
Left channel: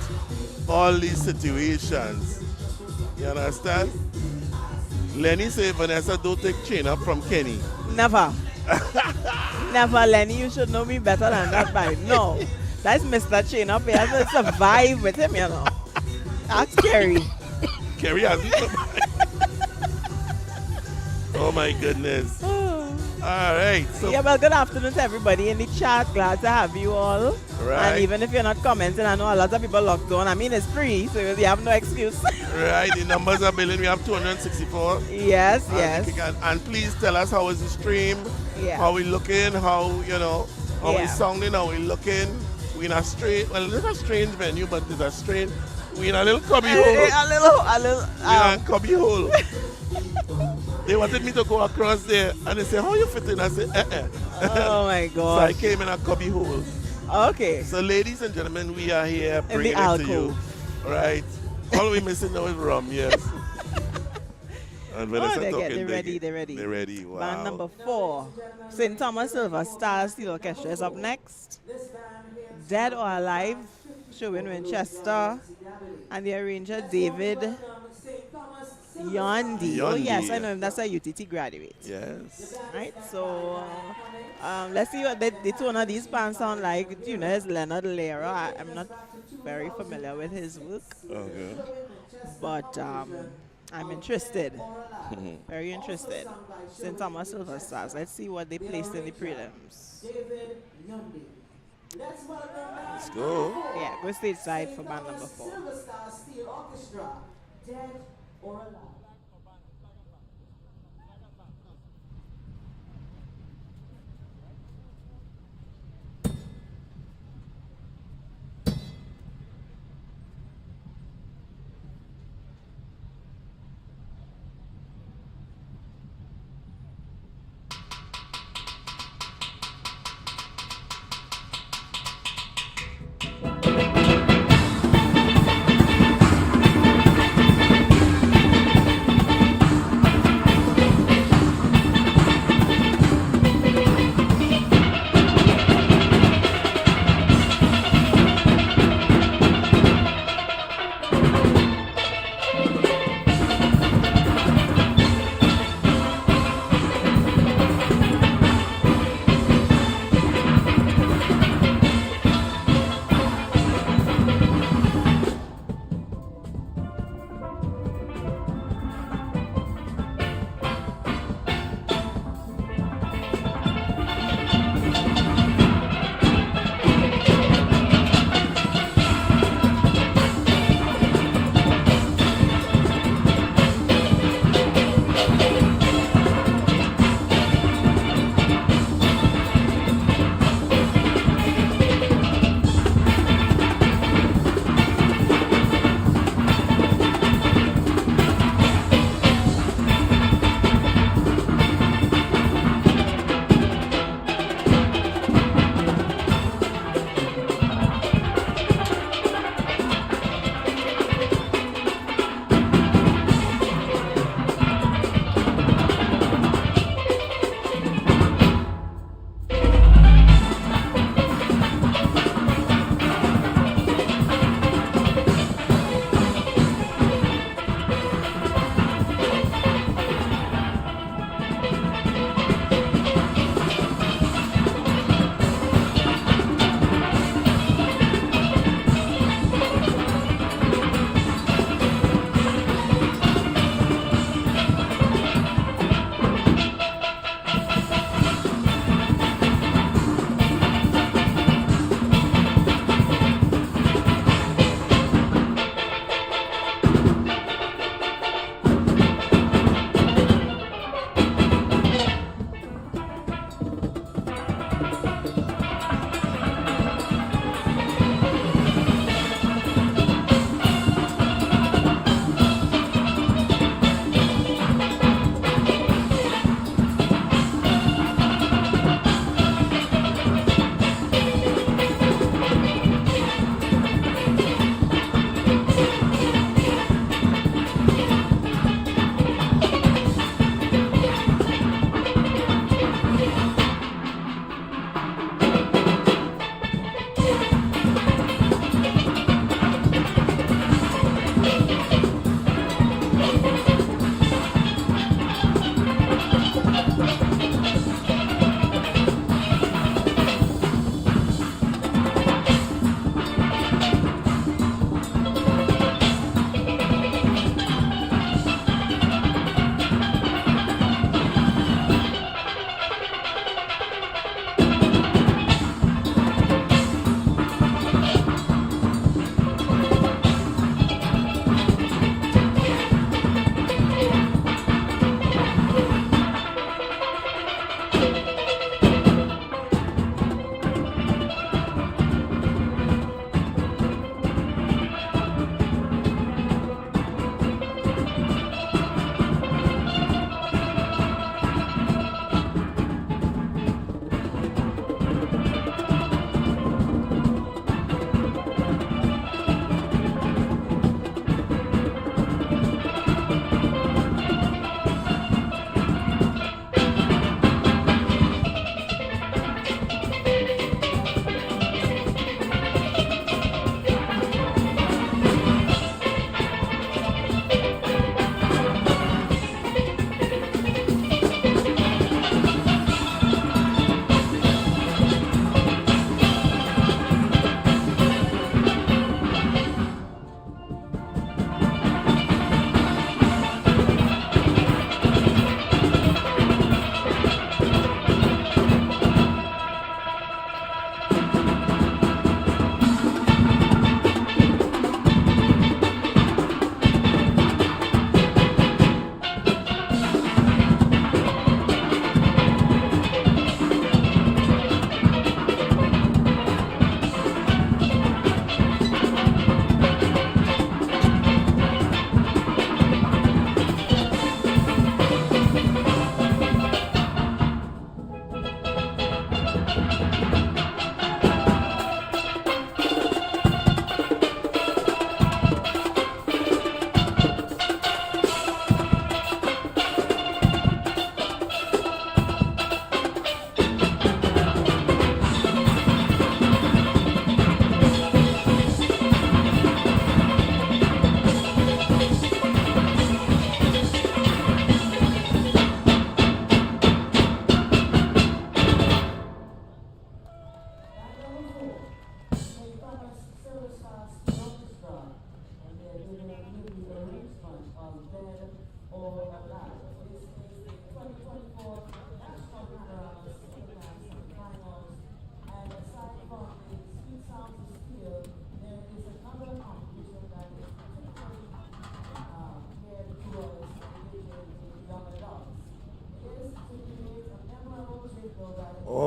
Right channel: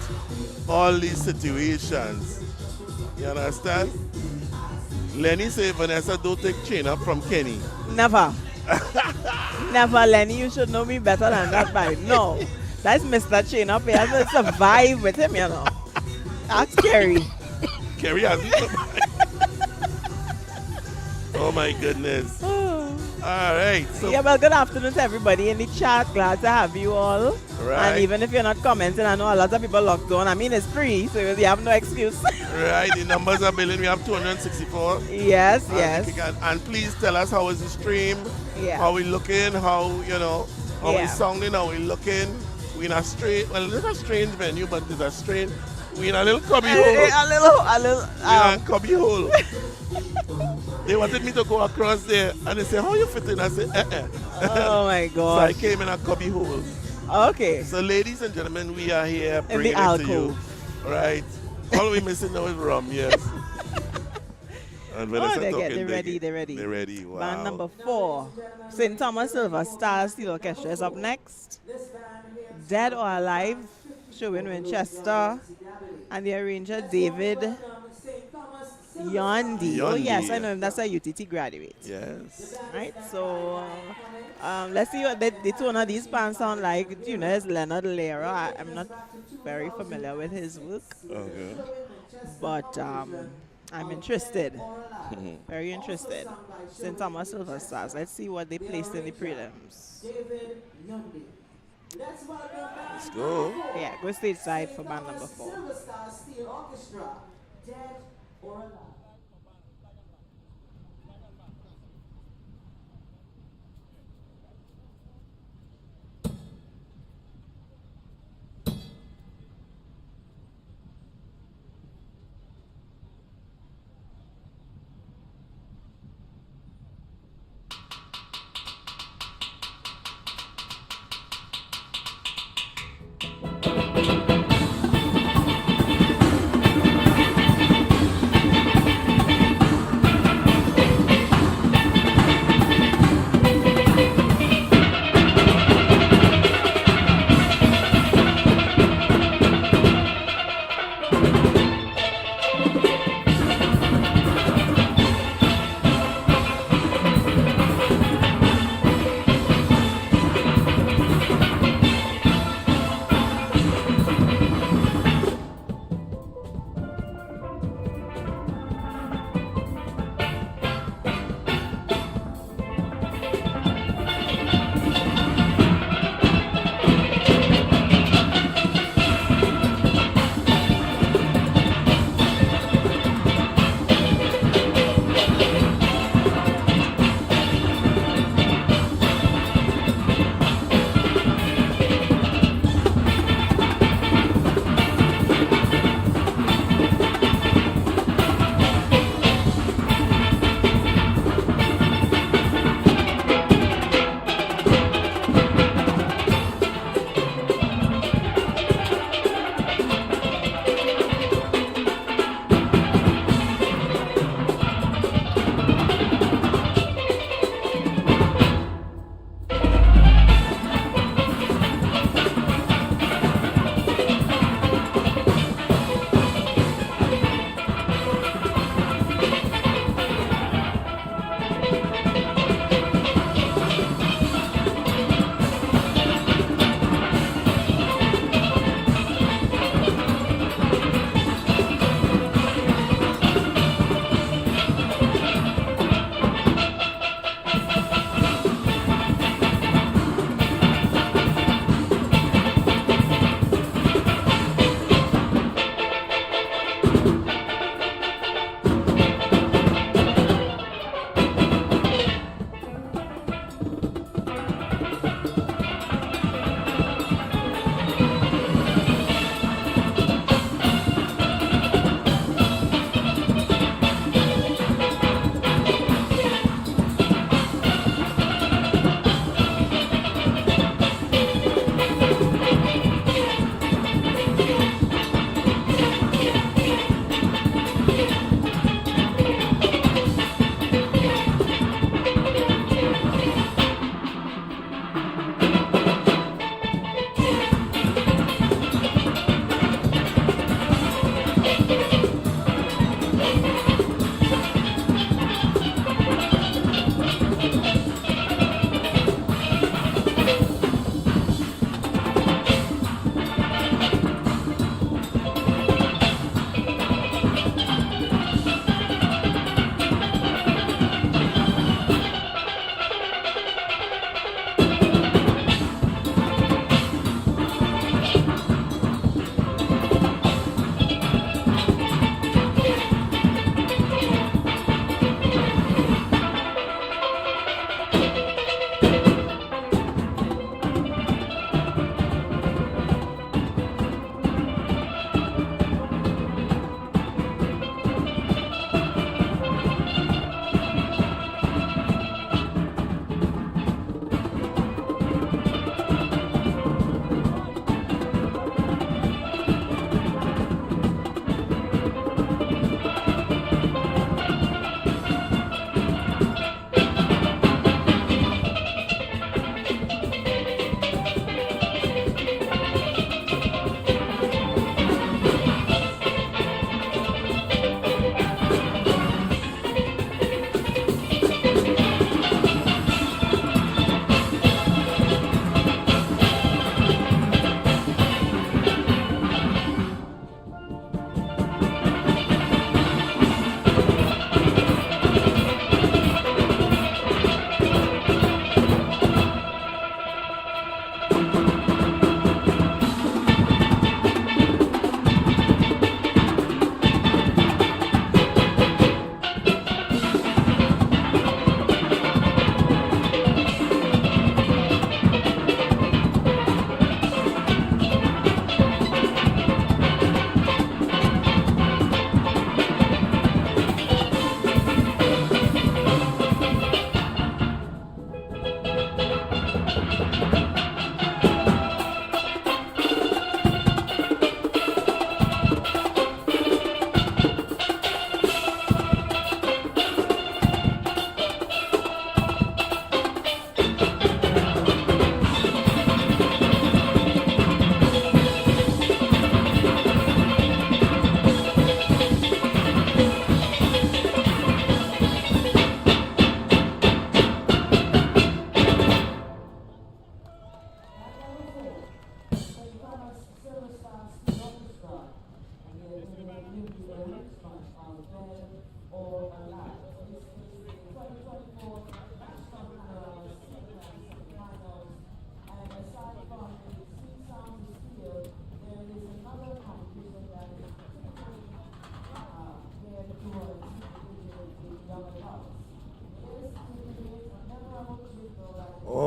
all these situations. You understand? Lenny say, Vanessa, don't take chain up from Kenny. Never. Never, Lenny. You should know me better than that by no. That's Mr. Chain Up. He has to survive with him, That's scary. Kerry hasn't survived. Oh my goodness. All right. So Yeah, well, good afternoon to everybody in the chat. Glad to have you all. Right. And even if you're not commenting, I know a lot of people logged on. I mean, it's free, so you have no excuse. right, the numbers are building. We have 264. Yes. And please tell us how is the stream, Yeah. how we looking, how how we Yeah. sounding, how we looking. We in a strange, well, it's a strange venue, but it's a strange. We in a little cubby hole. A little. We in a cubby hole. They wanted me to go across there, and they said, "How you fit in?" I said, Oh my So I God. came in a cubby hole. Okay. So, ladies and gentlemen, we are here In the bringing it to you. alcove. Right. All we missing now is rum, yes. And when I Oh, said they're talking, ready, they're ready. They're ready, wow. Band number 4, St. Thomas Silver Star Steel Orchestra is up next. Dead or Alive, showing Winchester, and the arranger David Yondi. Oh yes, I know him. That's a UTT graduate. Yes. Right, so let's see what the tone of these bands sound like. You know, it's Leonard Lera. I'm not very familiar with his work, Okay. but I'm interested. Very interested. St. Thomas Silver Stars. Let's see what they placed in the prelims. Let's go. Yeah, go stateside for band number 4. Silver Star Steel Orchestra, Dead or Alive.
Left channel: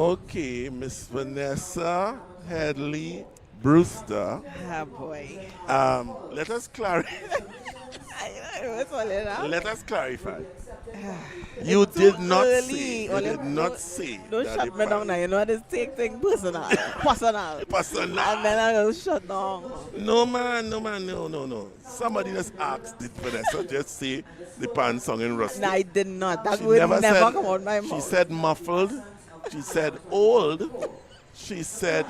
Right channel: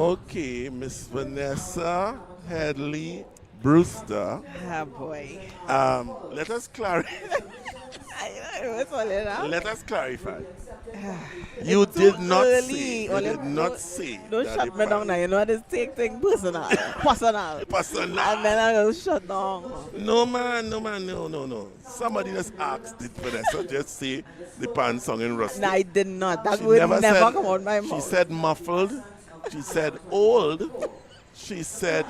Okay, Miss Vanessa Headley Brewster. Ah, boy. Let us clarify. What's all in that? Let us clarify. You did not say. You did not say. Don't that shut the me down pan- now. You know this take thing personal. Personal. Personal. And then I go shut down. No man, no. Somebody just asked it, Vanessa. Just say the pan song in rusty. No, I did not. That She would never never said- come out my She mouth. said muffled. She said old. She said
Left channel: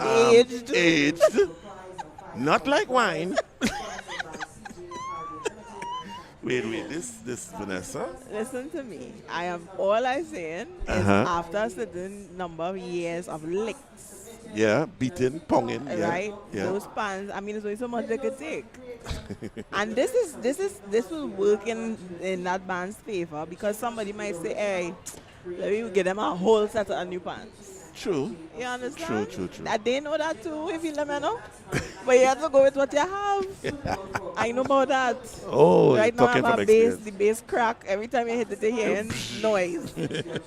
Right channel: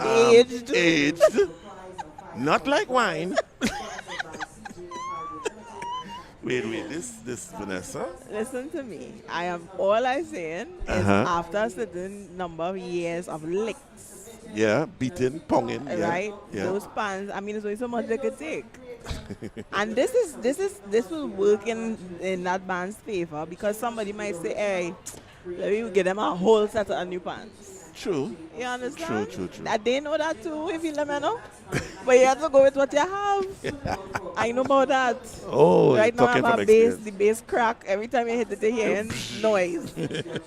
Aged. aged. Not like wine. Wait, this Vanessa. Listen to me. I am all I'm saying is after a certain number of years of licks, Yeah, beating, ponging. Yeah, right? yeah. Those pans, I mean, there's only so much they could take. And this will work in that band's favor because somebody might say, hey, let me give them a whole set of new pants. True. You understand? True. That they know that too, if you let me know. But you have to go with what you have. I know about that. Oh, Right now I talking have from a bass, experience. the bass crack. Every time you hit it, you hear noise.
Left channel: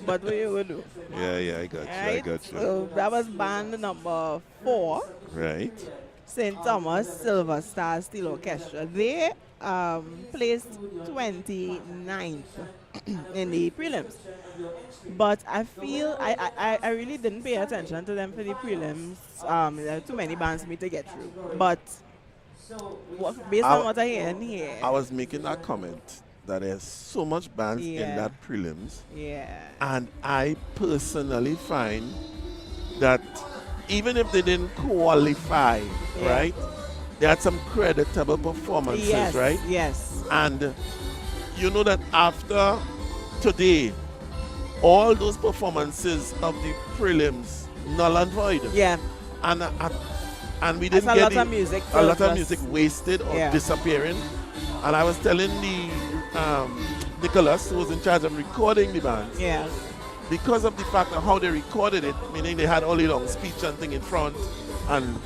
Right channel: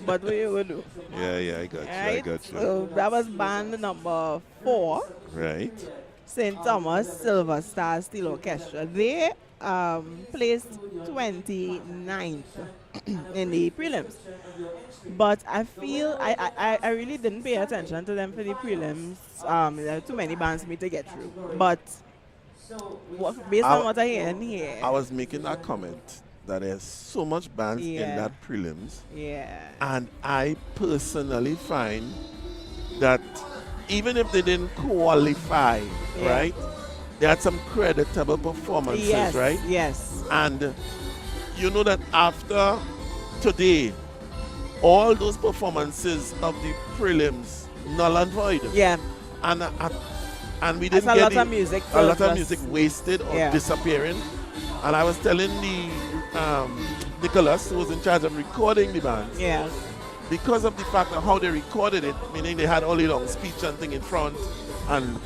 But what you will do? Yeah, I got you. I Right? got you. So that was band number 4, Right. St. Thomas Silver Star Steel Orchestra. They placed 29th in the prelims. But I feel I really didn't pay attention to them for the prelims. There are too many bands for me to get through. But based on what I hear in here, I was making that comment that there's so much bands in Yeah. that prelims, yeah, and I personally find that even if they didn't qualify, Yeah. right, they had some creditable performances, yes, right? yes, And you know that after today, all those performances of the prelims null and void. yeah. And we That's didn't a get lot of music a lot for of us. music wasted or Yeah. disappearing. And I was telling the Nicholas, who was in charge of recording the band, Yeah, because of the fact of how they recorded it, meaning they had all the long speech and thing in front, and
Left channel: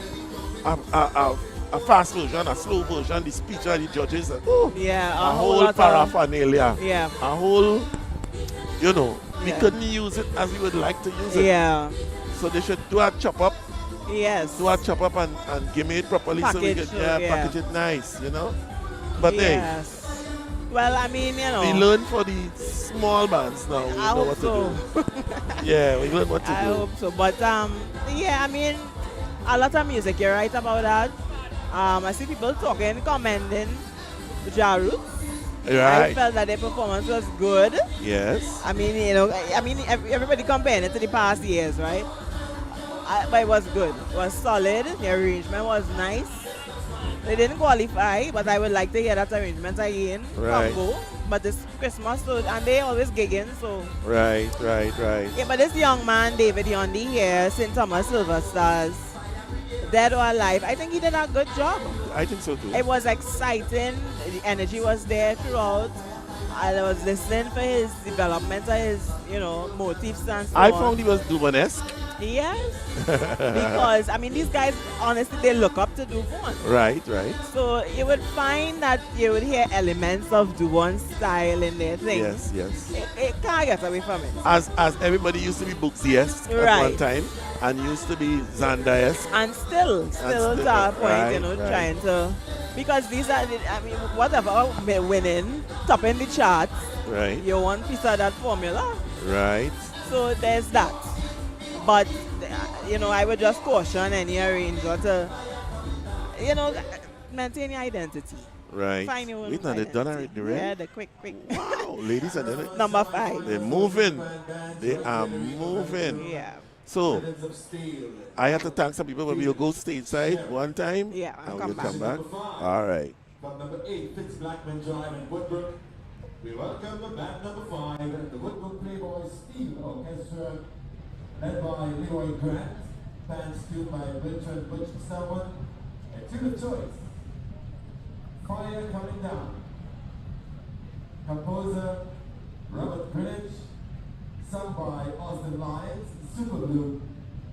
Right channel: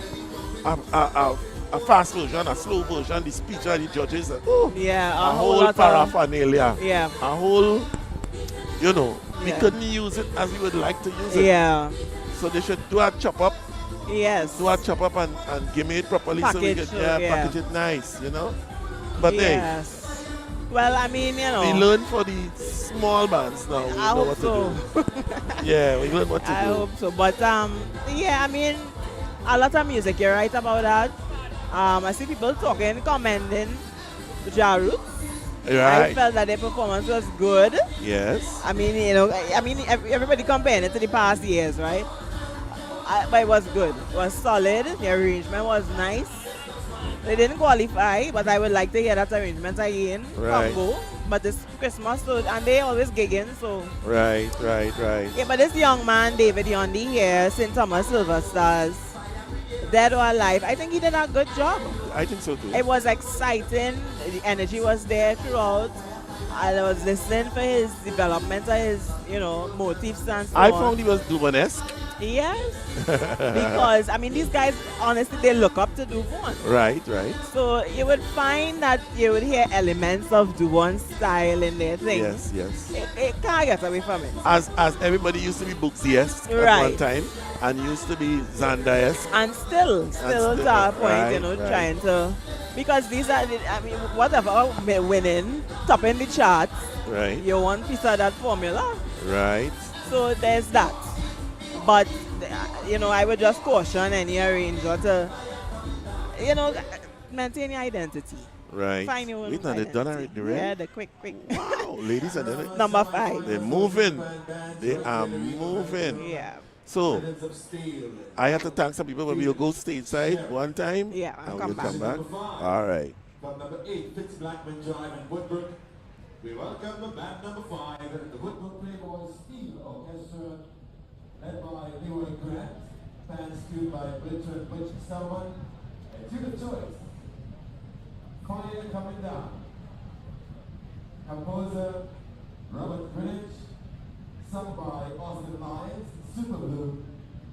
a fast version, a slow version, the speech of the judges, yeah. a whole whole lot of- paraphernalia, Yeah, a whole, you know, we Yeah. couldn't use it as we would like to use it. yeah. So they should do a chop up, Yes. and give me it properly so we Package, could yeah. package it nice, you know. But Yes. Well, I mean, you know. hey, we learn for the small bands now. We I know hope what so. to do. Yeah, we learn what to I do. hope so. But yeah, I mean, a lot of music. You're right about that. I see people talking, commenting Jaru. I Right. felt that their performance was good. Yes. I mean, you know, everybody comparing it to the past years, right? But it was good. It was solid. The arrangement was nice. They didn't qualify, but I would like to hear that arrangement again. Right. Combo. But it's Christmas, so, and they always gigging, so. Right. Yeah, but this young man, David Yondi here, St. Thomas Silver Stars, dead or alive, I think he did a good job. I think so too. It was exciting. The energy was there throughout. I was listening for his development of his, motifs and so I on. found he was Duvanesque. Yes. Because, I mean, these guys, honestly, they look up to Duvon. Right. So you would find that you would hear elements of Duvon's style in their things. Yes. It can't get away from it. As everybody used to be Booksy-esque at Right. one time, and used to be Xanda-esque. And still still, to our point, right. trying to, because these are, whatever, winning, topping the charts, Right. you want piece of that formula. Right. So there's that. But, I would just caution any arranger to, maintain your identity. Right. Find your own Wait, now they done identity. already, right? Yeah, the quick. Wow, ladies and gentlemen. Number 5. They're moving. They are moving. Yeah. So, I have to thank some people, but we'll go stateside one time. Yeah, and come we'll back. come back. All right. From number 8, Fitz Blackman Drive in Woodbrook, we welcome the band number 5, the Woodbrook Playboy Steel Orchestra, led by Leroy Grant, bands tuned by Richard Butch Selwyn, and Timothy Choice. Fire Coming Down. Composer Robert Greenwich, sung by Austin Lyons, Super Blue,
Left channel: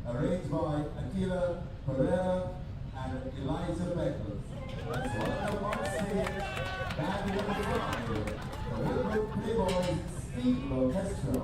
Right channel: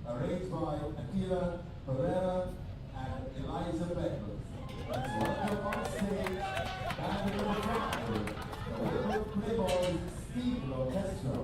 arranged by Aquila Pereira and Elijah Beckles. Let's welcome on stage band number 5, the Woodbrook Playboys Steel Orchestra.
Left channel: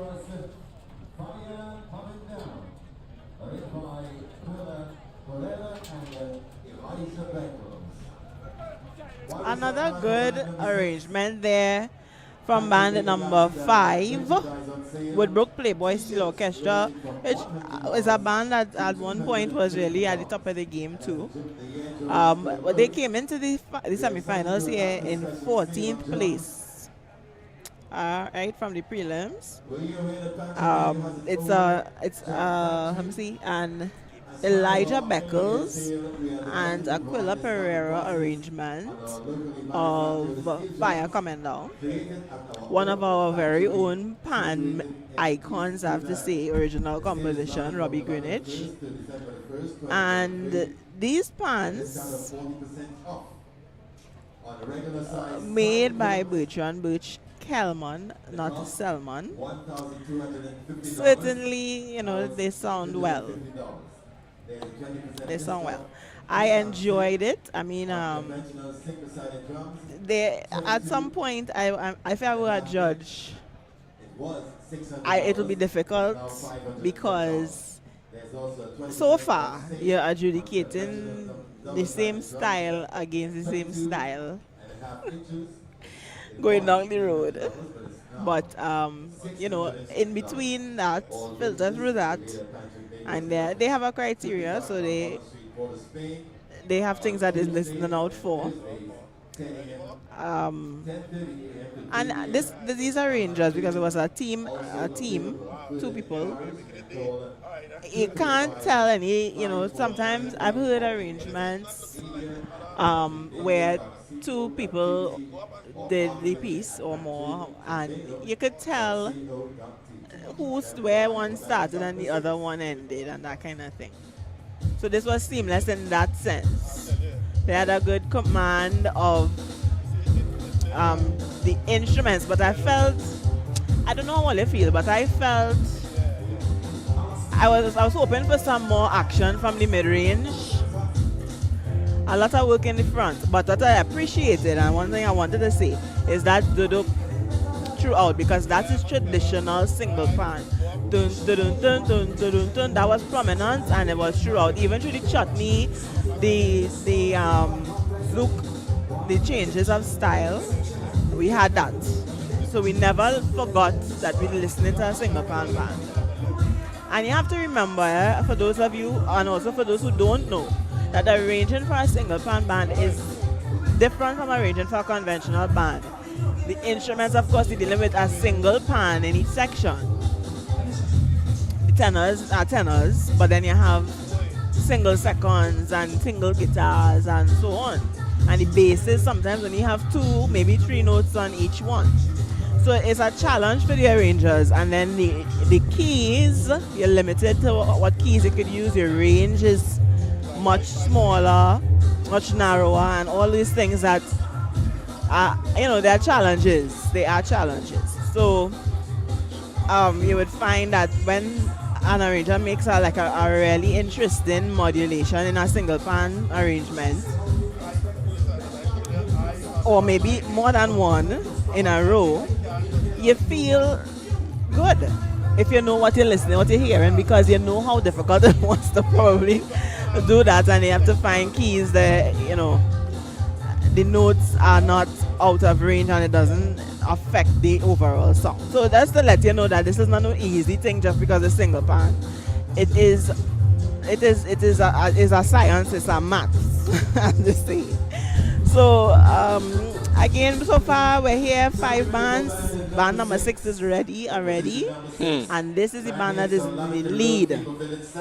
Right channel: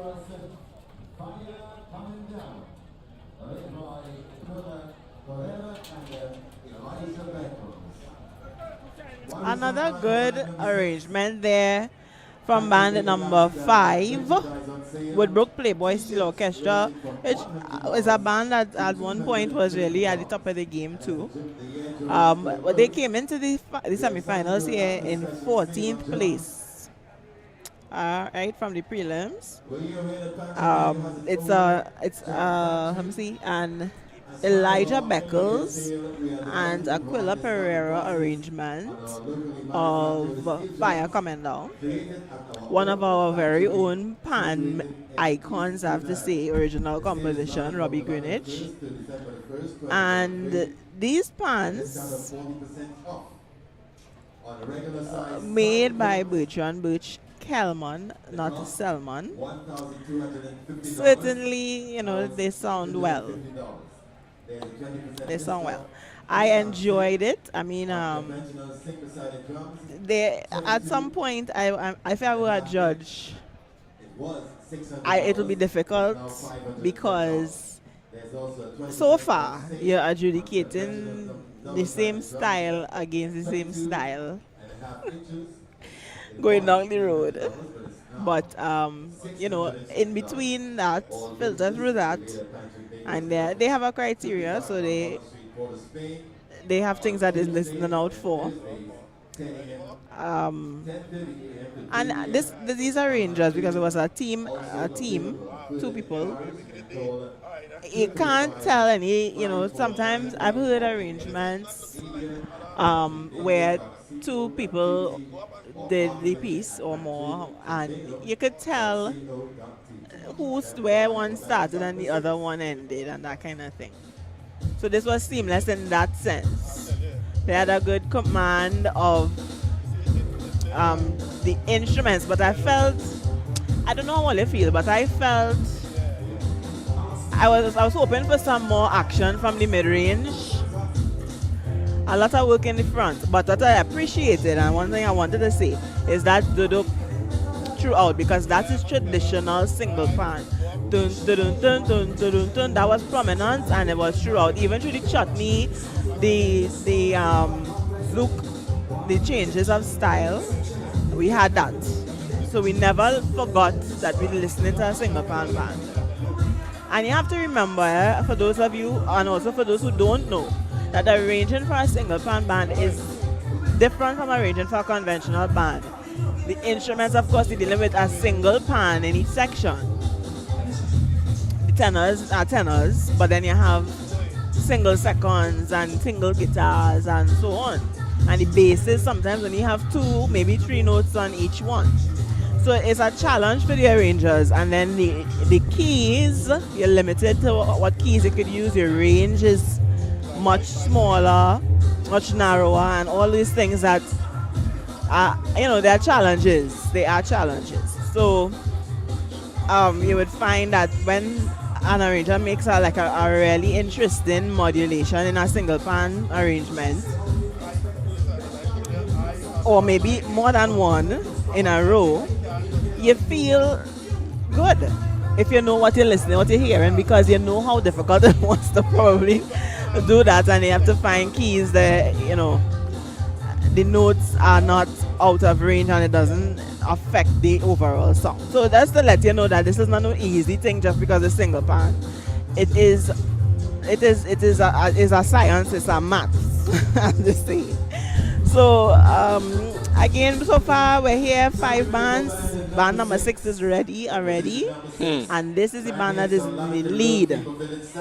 dangerous fire coming down. Arranged by Corella and Elijah Beckles. Another good arrangement there from band number 5, Woodbrook Playboy Steel Orchestra, which is a band that at one point was really at the top of the game too. But they came into the semi-finals here in 14th place. Right from the prelims. Let me see, and Elijah Beckles and Aquila Pereira arrangement of Fire Coming Down. One of our very own pan icons, I have to say, original composition, Robbie Greenwich. And these pans made by Bertrand Birch Kelman, not Selman. Certainly, you know, they sound well. They sound well. I enjoyed it. I mean, they at some point, if I were a judge, it'll be difficult because so far you're adjudicating the same style against the same style going down the road. But you know, in between that, filter through that, and they have a criteria, so they have things that is listening out for. And these are rangers because it was a team, 2 people. You can't tell any, you know, sometimes I've heard arrangements where 2 people did the piece or more, and you could tell where one started and the other one ended and that kind of thing. So this was seamless in that sense. They had a good command of the instruments, but I felt, I don't know how you feel, but I felt I was hoping for some more action from the mid-range. A lot of work in the front, but what I appreciated, and one thing I wanted to say, is that duduk throughout, because that is traditional single pan. Dun, dun, dun, dun, dun, dun, dun, that was prominent, and it was throughout. Even through the chutney, the zouk, the changes of style, we had that. So we never forgot that we were listening to a single pan band. And you have to remember, for those of you, and also for those who don't know, that arranging for a single pan band is different from arranging for a conventional band. The instruments, of course, you're dealing with a single pan in each section. The tenors are tenors, but then you have single seconds and single guitars and so on. And the basses, sometimes when you have 2, maybe 3 notes on each one. So it's a challenge for the arrangers. And then the keys, you're limited to what keys you could use. Your range is much smaller, much narrower, and all these things that you know, there are challenges. They are challenges. So you would find that when an arranger makes a really interesting modulation in a single pan arrangement, or maybe more than one in a row, you feel good if you know what you're listening, what you're hearing, because you know how difficult it was to probably do that, and you have to find keys that, you know, the notes are not out of range and it doesn't affect the overall song. So that's to let you know that this is not an easy thing just because it's single pan. It is a science, it's a maths, as they say. So again, so far we're here 5 bands. Band number 6 is ready already, and this is the band that is in the lead,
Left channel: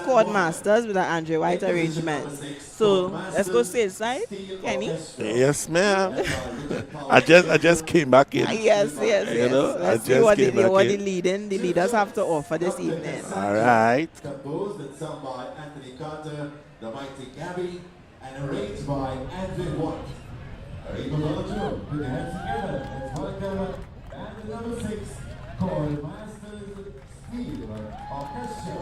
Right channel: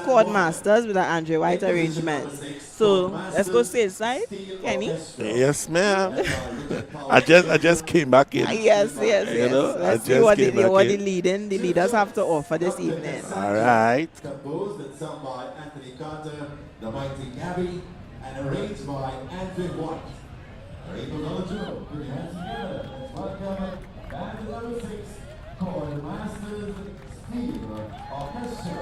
Chord Masters, with an Andre White arrangement. So let's go side, Kenny. Yes, ma'am. I just came back in. Yes. You know, Let's see what the leaders have to offer this evening. All right. Composed and sung by Anthony Carter, the mighty Gabby, and arranged by Andrew White. Are you able to put your hands together? Let's welcome band number 6, Chord Masters Steel Orchestra.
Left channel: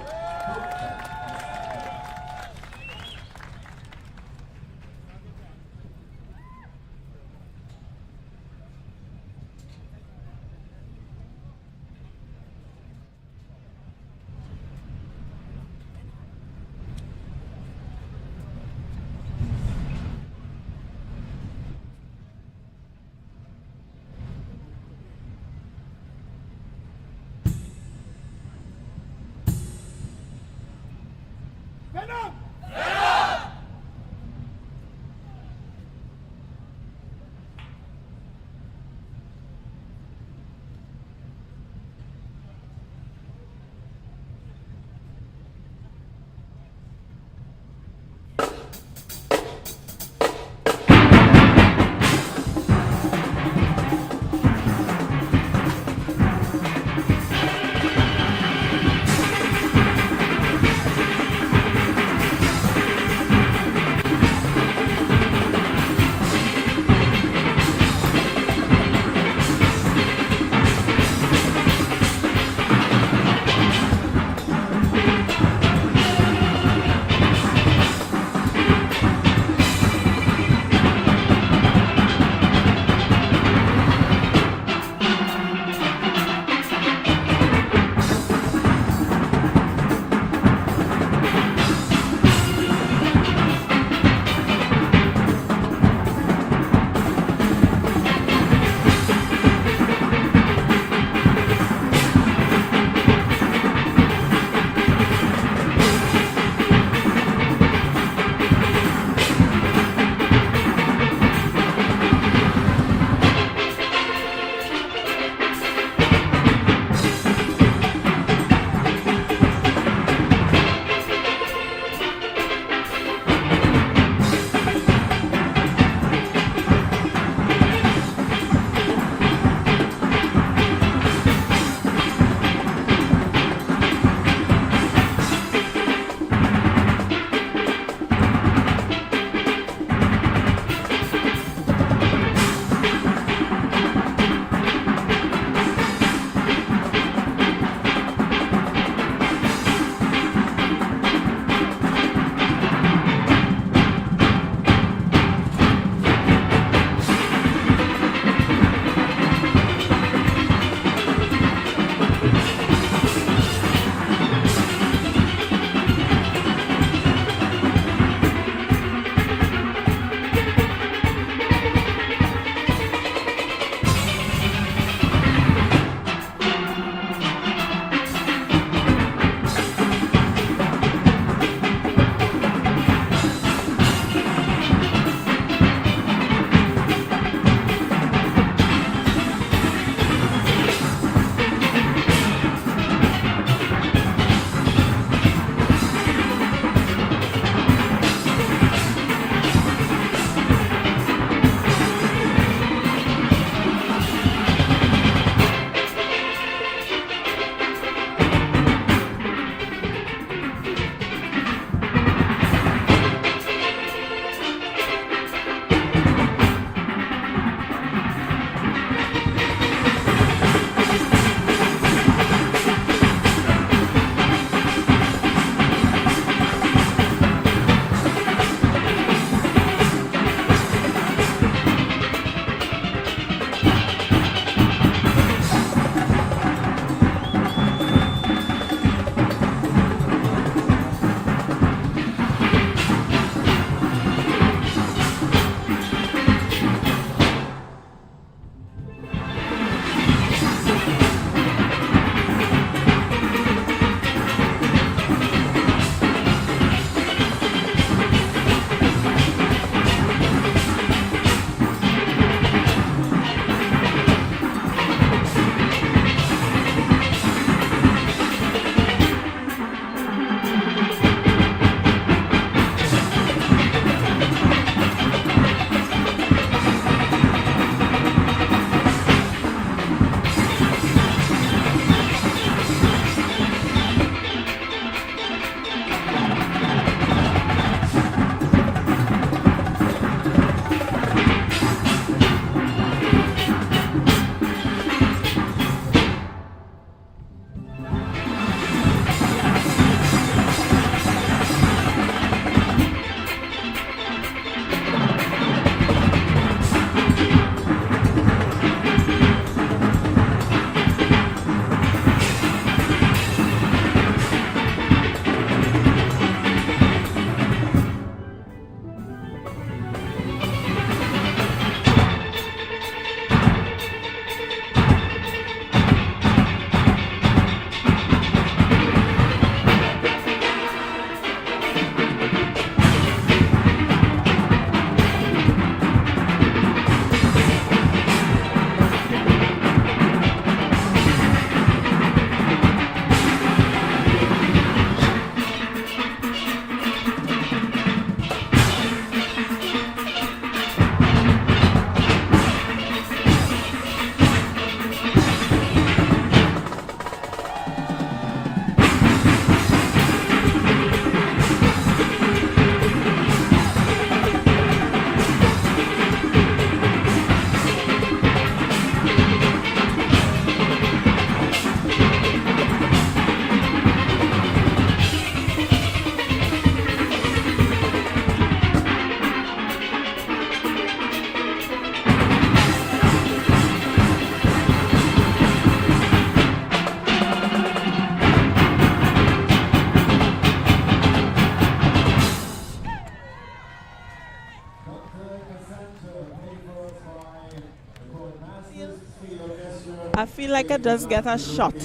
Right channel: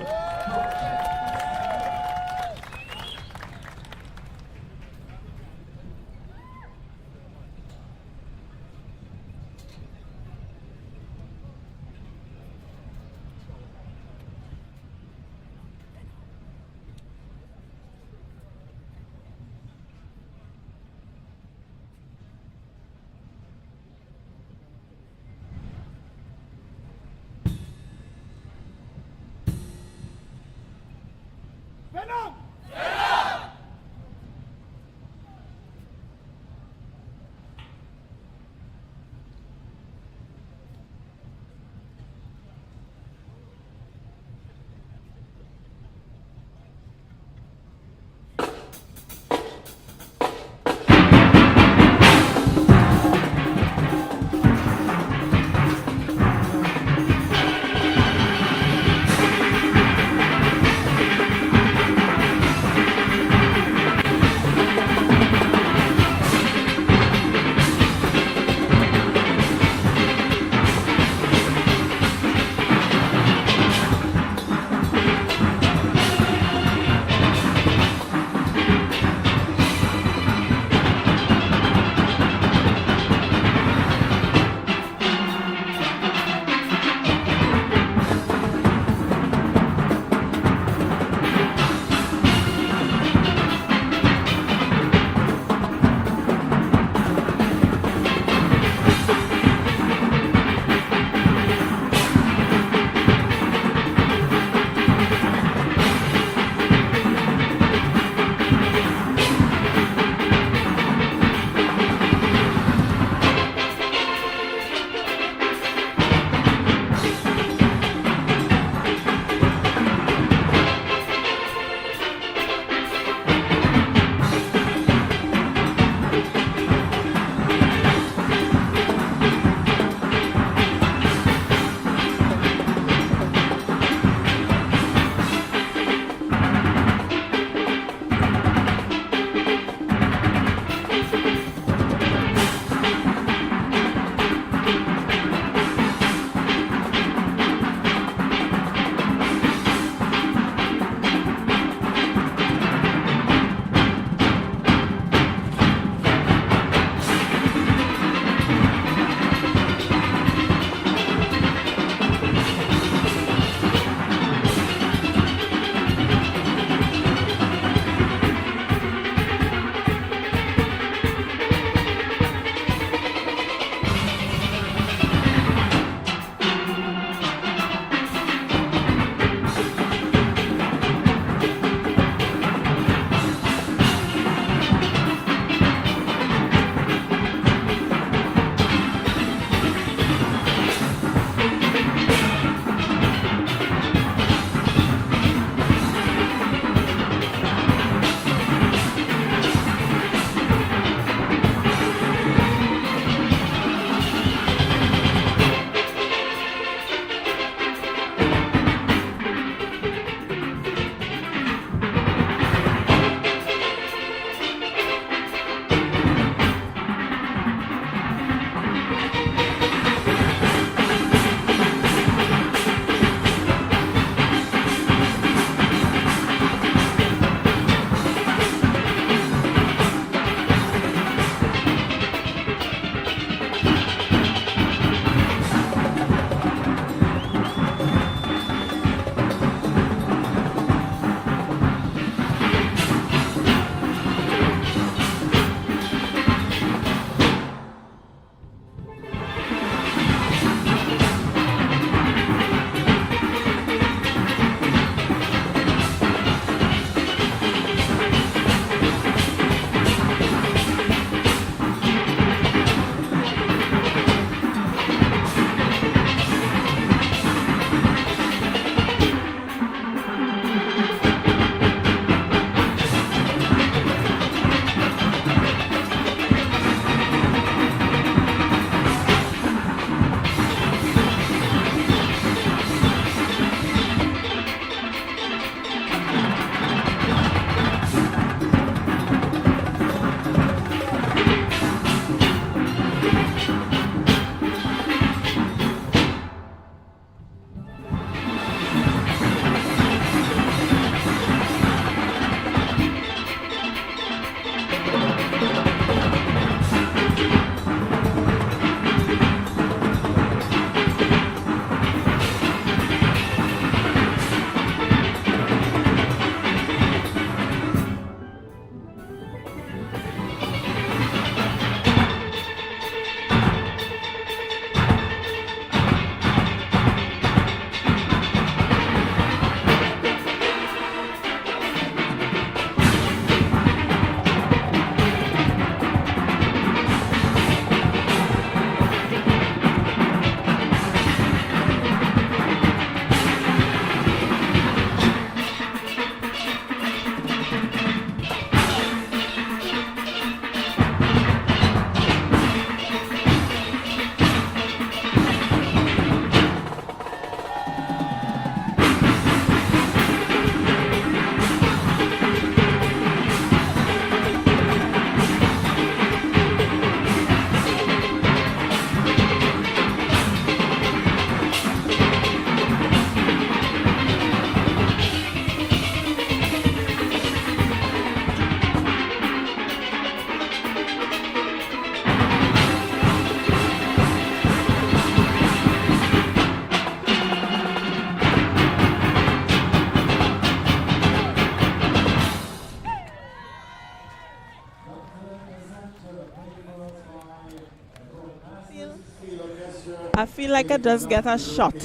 I feel like I just get a shot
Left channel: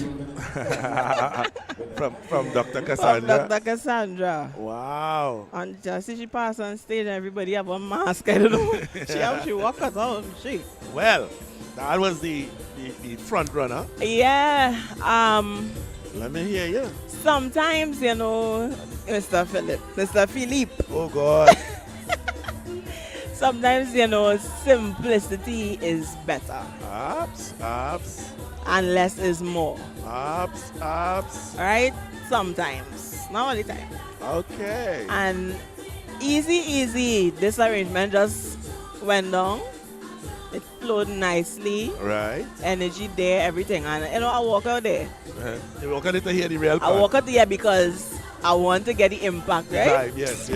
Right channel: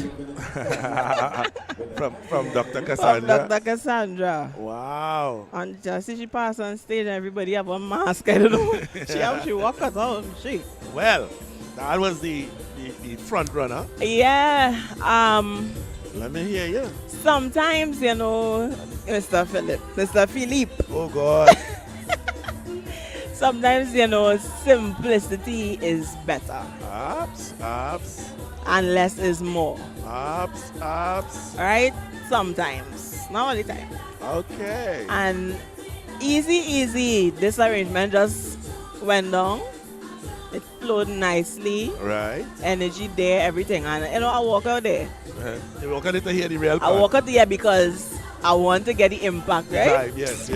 from Dr. from Cassandra. Dr. Cassandra. Wow. And just see she pass on stage and everybody have a mask. I don't know. She walk us out. She. Well, that was the front runner. Yeah. Let me hear you. Sometimes, you know, Mr. Philippe. Oh God. Sometimes, you know, simplicity is better. Abs. And less is more. Abs. Alright? Sometimes. Not all the time. Okay. And easy, this arrangement just went down. It flowed nicely. Right. Energy there, everything. And you know, I walk out there. You walk out to hear the real I part. walk out there because I want to get the impact, right? Right. Yes.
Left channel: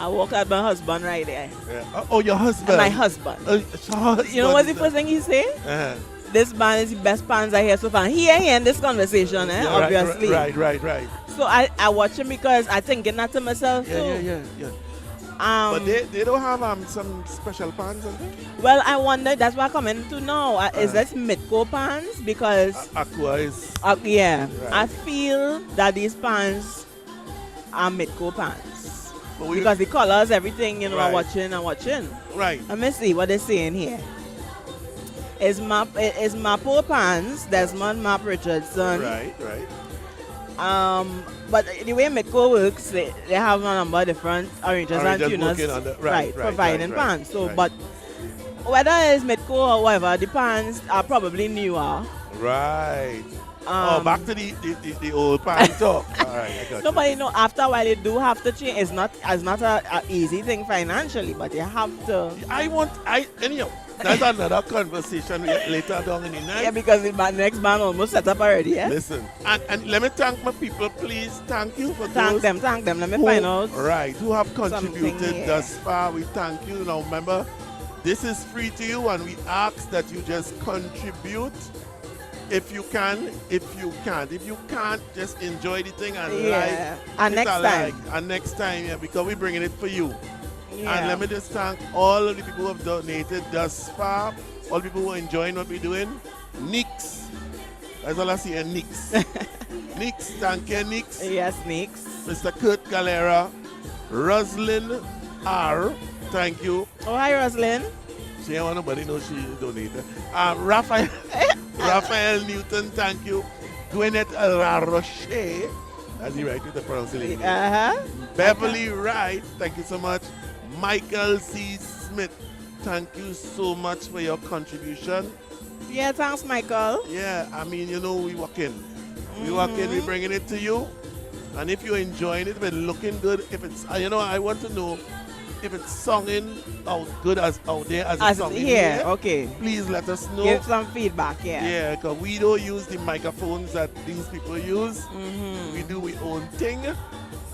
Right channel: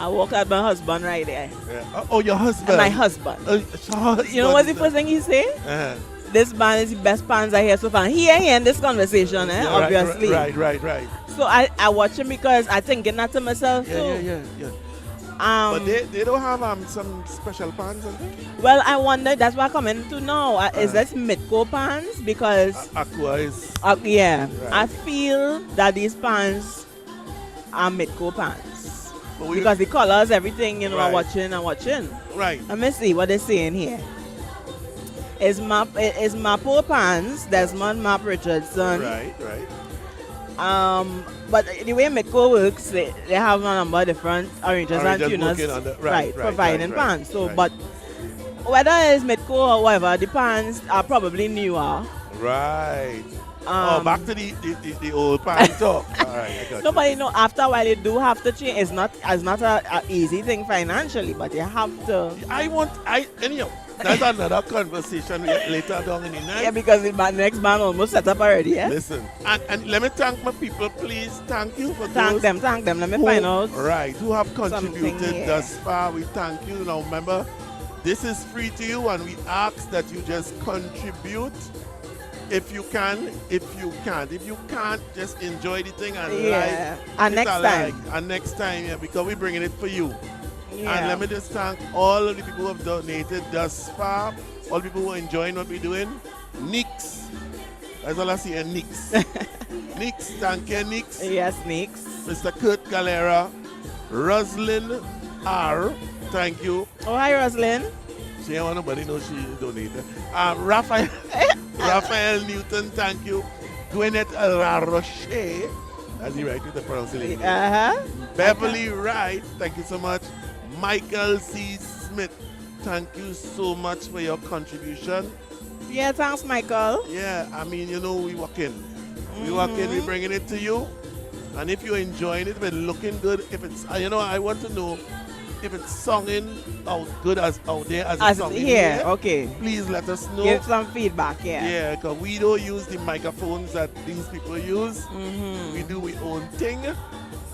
I walk out my husband right there. Yeah. Oh, your husband. My husband. Your husband. You know what's the first thing he say? Uh-huh. This band is the best bands I hear so far. He ain't in this conversation, Yeah, obviously. Right. So I watch him because I thinking that to myself too. Yeah. But they don't have some special pans and things? Well, I wonder, that's what I'm coming to now. Is this Midco pans? Because Aqua is... yeah, Right. I feel that these pans are Midco pans. But we- Because the colors, everything, you know, I'm Right. watching. Right. Let me see what they're saying here. Is Mapo Pans, Desmond Map Richardson. Right. But the way Midco works, they have a number of different arrangers and Arrangers tuners, working on the- providing right, pans. So, right. but whether it's Midco or whatever, the pans are probably newer. Right. Back to the old pan talk. All right, I got Nobody know. After a while, you do have to change. It's not a easy thing financially, but you have to. Anyhow, that's another conversation later down in the night. Yeah, because the next band almost set up already. Yeah. Listen, and let me thank my people, please. Thank you for Thank those them. Let me who- find out. Right, who have something contributed here. thus far. We thank you. Now remember, this is free to you, and we ask that you just contribute. If you can, if you can't. If you can't, just enjoy the thing and Yeah. like. And hit next a time. like. And next time, yeah, because we're bringing it for you. Yeah. And let me just thank all of the people who have donated thus far, all the people who are enjoying what we're doing. Nix. That's all I see, Nix. Nix, thank you, Nix. Yes, Nix. Mr. Kurt Galera. Roslyn R. Thank you. Oh, hi, Roslyn. She ain't want nobody know she donated. Raphael Newton, thank you. Gwyneth La Roche. That's the right with the pronunciation. Beverly Wright, thank you so much. Michael C. Smith, thank you so much for your contribution. Yeah, thanks, Michael. Yeah, I mean, you know, we working. We working, we bringing it to you. And if you're enjoying it, if it's looking good, if it's, you know, I want to know if it's singing out good as out there as it's singing here. Okay. Please let us know. Give some feedback, yeah. Yeah, because we don't use the microphones that these people use. We do our own thing.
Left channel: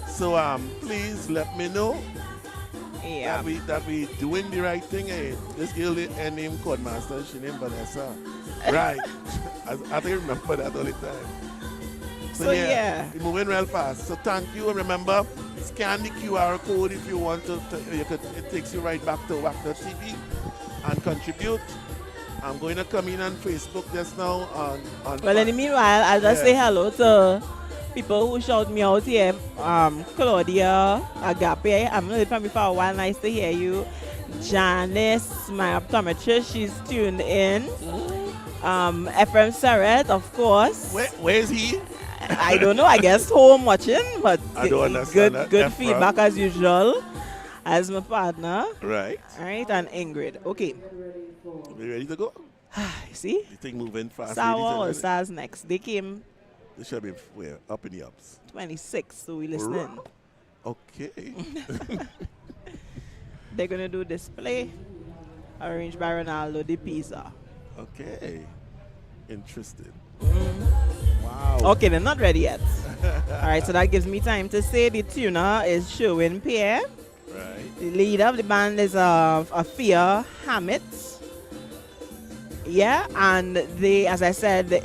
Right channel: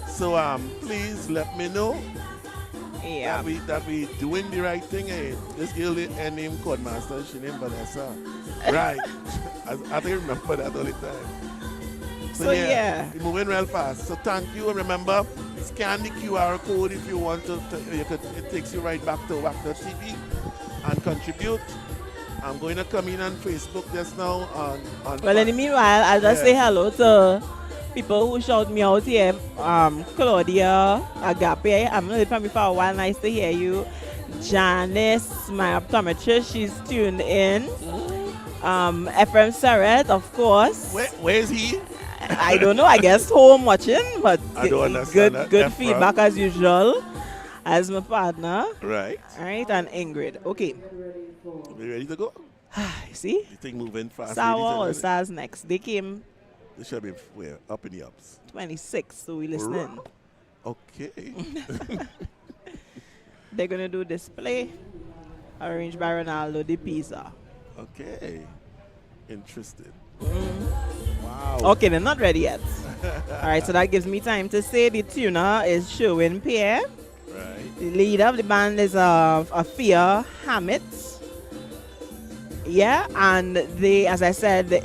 So please let me know Yeah. that we doing the right thing. This girl named Codemaster, she named Vanessa. Right. I think I remember that all the time. So, yeah. We're moving real fast. So thank you. And remember, scan the QR code if you want to. It takes you right back to WACK.tv and contribute. I'm going to come in on Facebook just now. Well, in the meanwhile, I'll just say hello to people who shout me out here. Claudia, Agape, I've known from you for a while. Nice to hear you. Janice, my optometrist, she's tuned in. Ephraim Serret, of course. Where is he? I don't know. I guess home watching, but I don't understand that. good Ephraim. feedback as usual. As my partner. Right. All right, and Ingrid. Okay. We ready to go? See? You think moving fast? Sour ladies and or gentlemen? Stars next? They came This should be where? Up in the ups. 26, so we listening. Okay. They're gonna do display arranged by Ronaldo de Pisa. Okay. Interesting. Mm. Wow. Okay, they're not ready yet. All right, so that gives me time to say the tuner is Sherwin Pierre. Right. The leader of the band is Afia Hammett. Yeah, and they, as I said,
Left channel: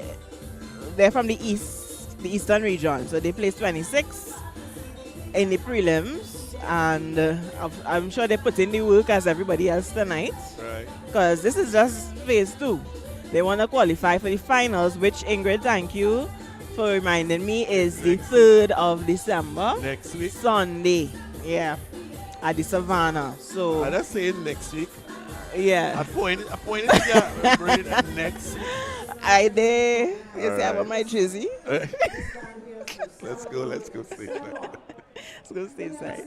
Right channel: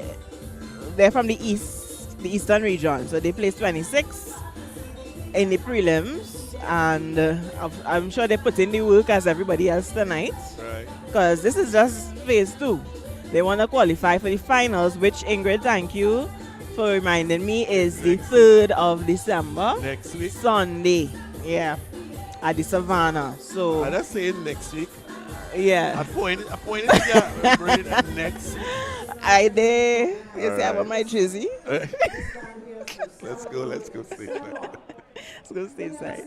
they're from the eastern region, so they placed 26 in the prelims, and I'm sure they put in the work as everybody else tonight. Right. Because this is just phase 2. They want to qualify for the finals, which Ingrid, thank you for reminding me, is the 3rd of December. Next week. Sunday. Yeah. At the Savannah. So I just saying next week. yeah. I pointed to brain next week. I did. You see, I Alright. want my jersey. Let's go see. Let's go stay inside.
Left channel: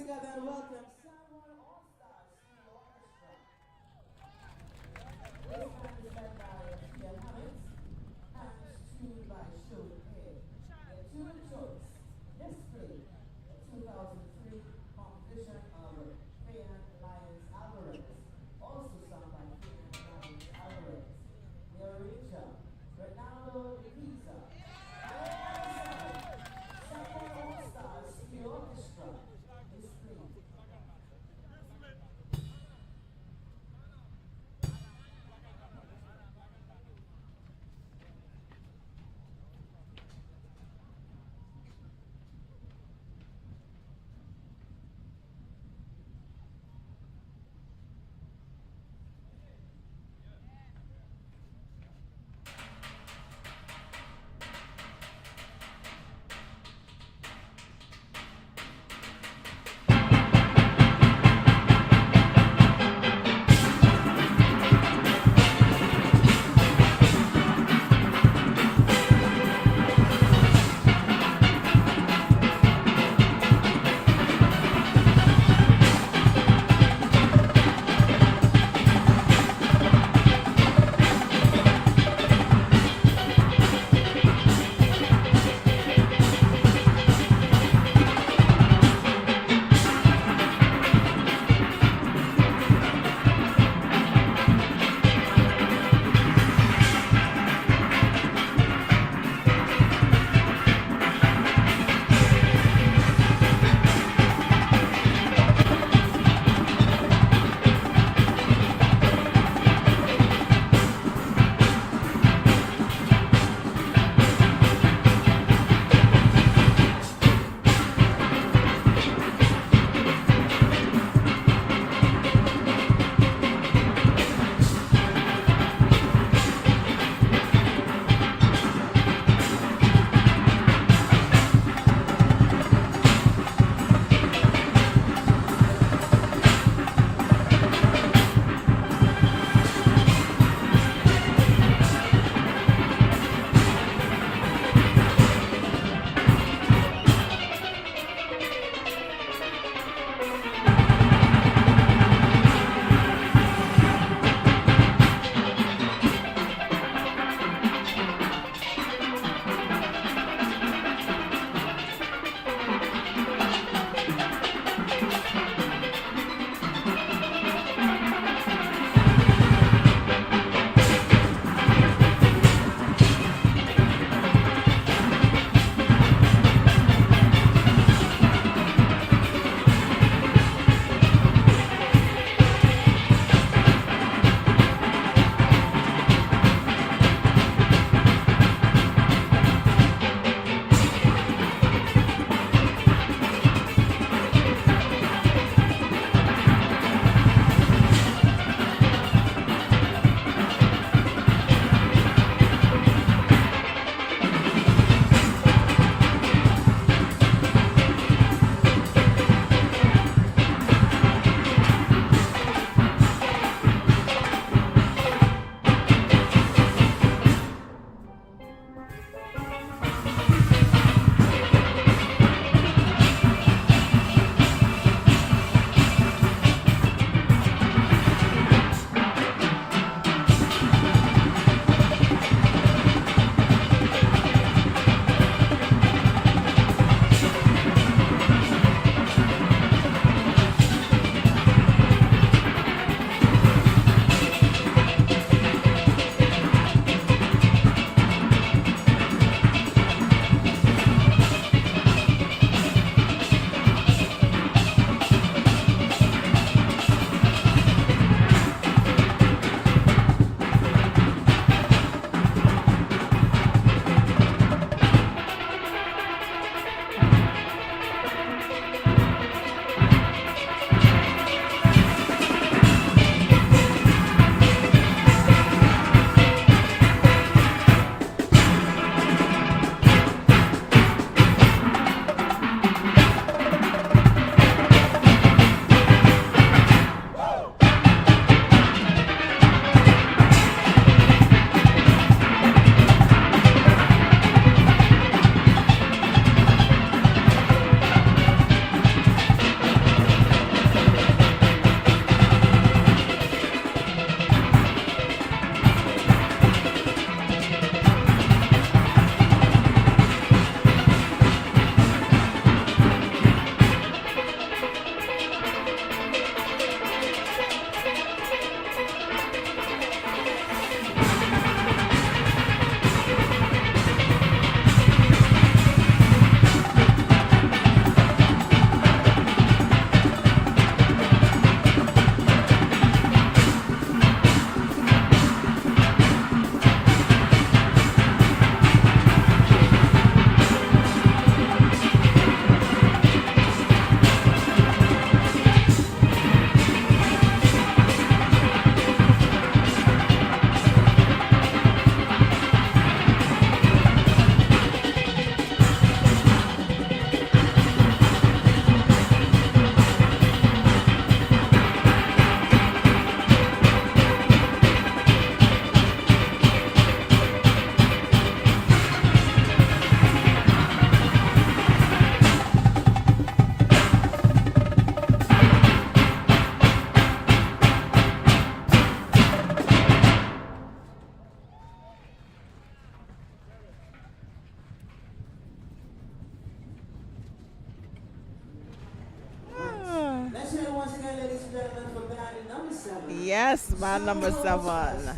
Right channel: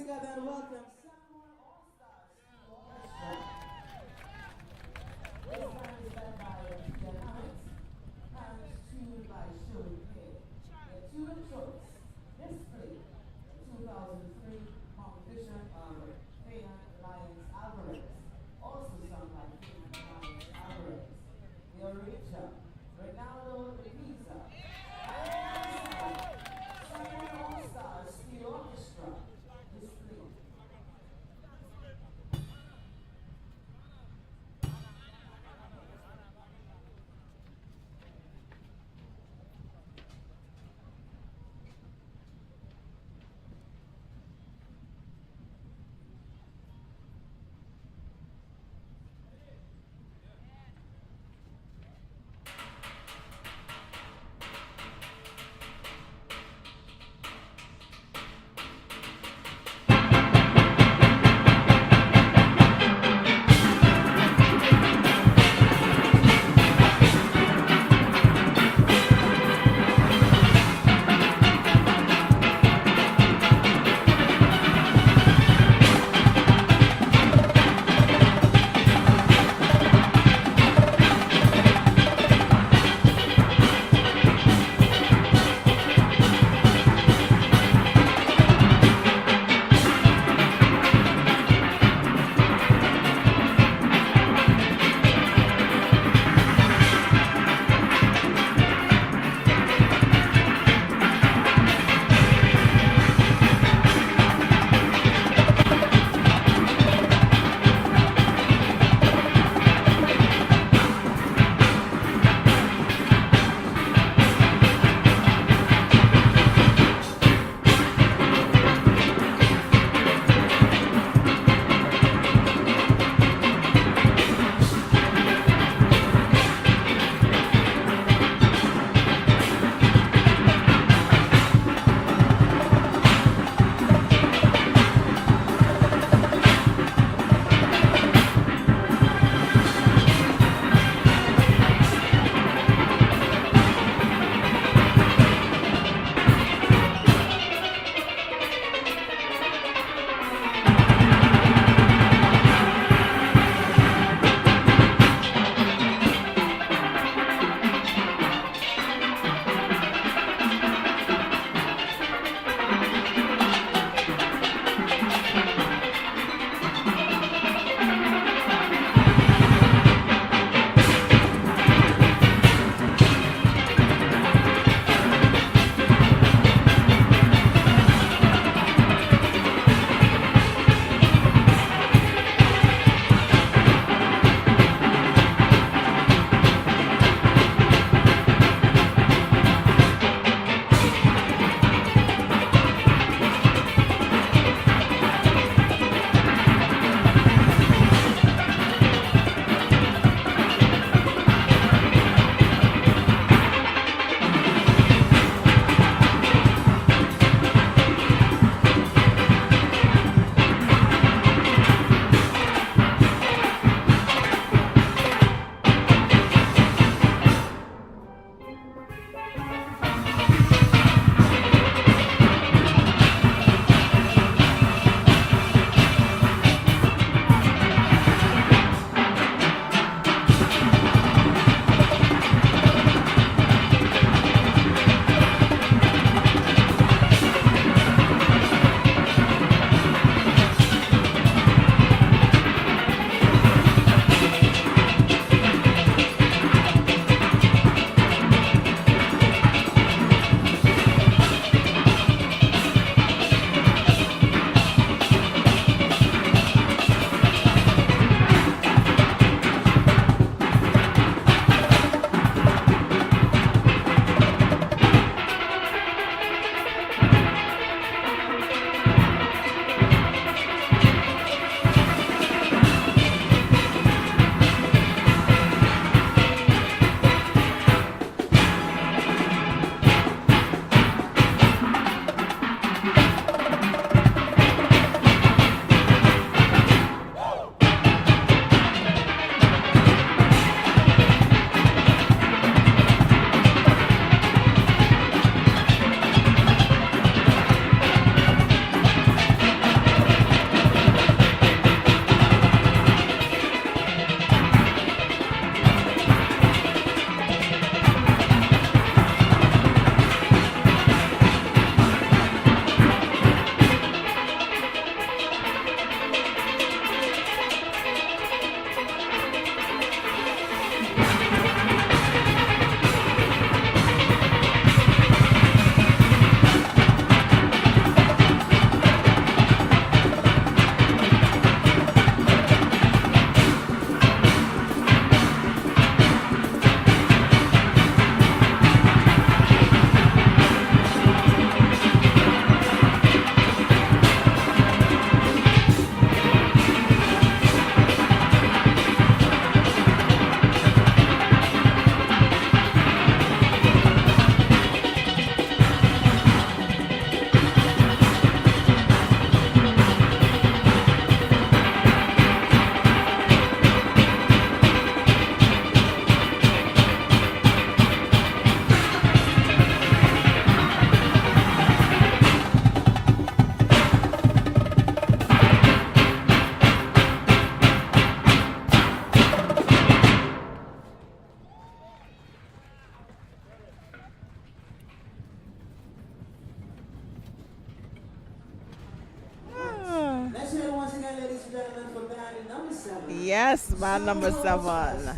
Yes, band number 7.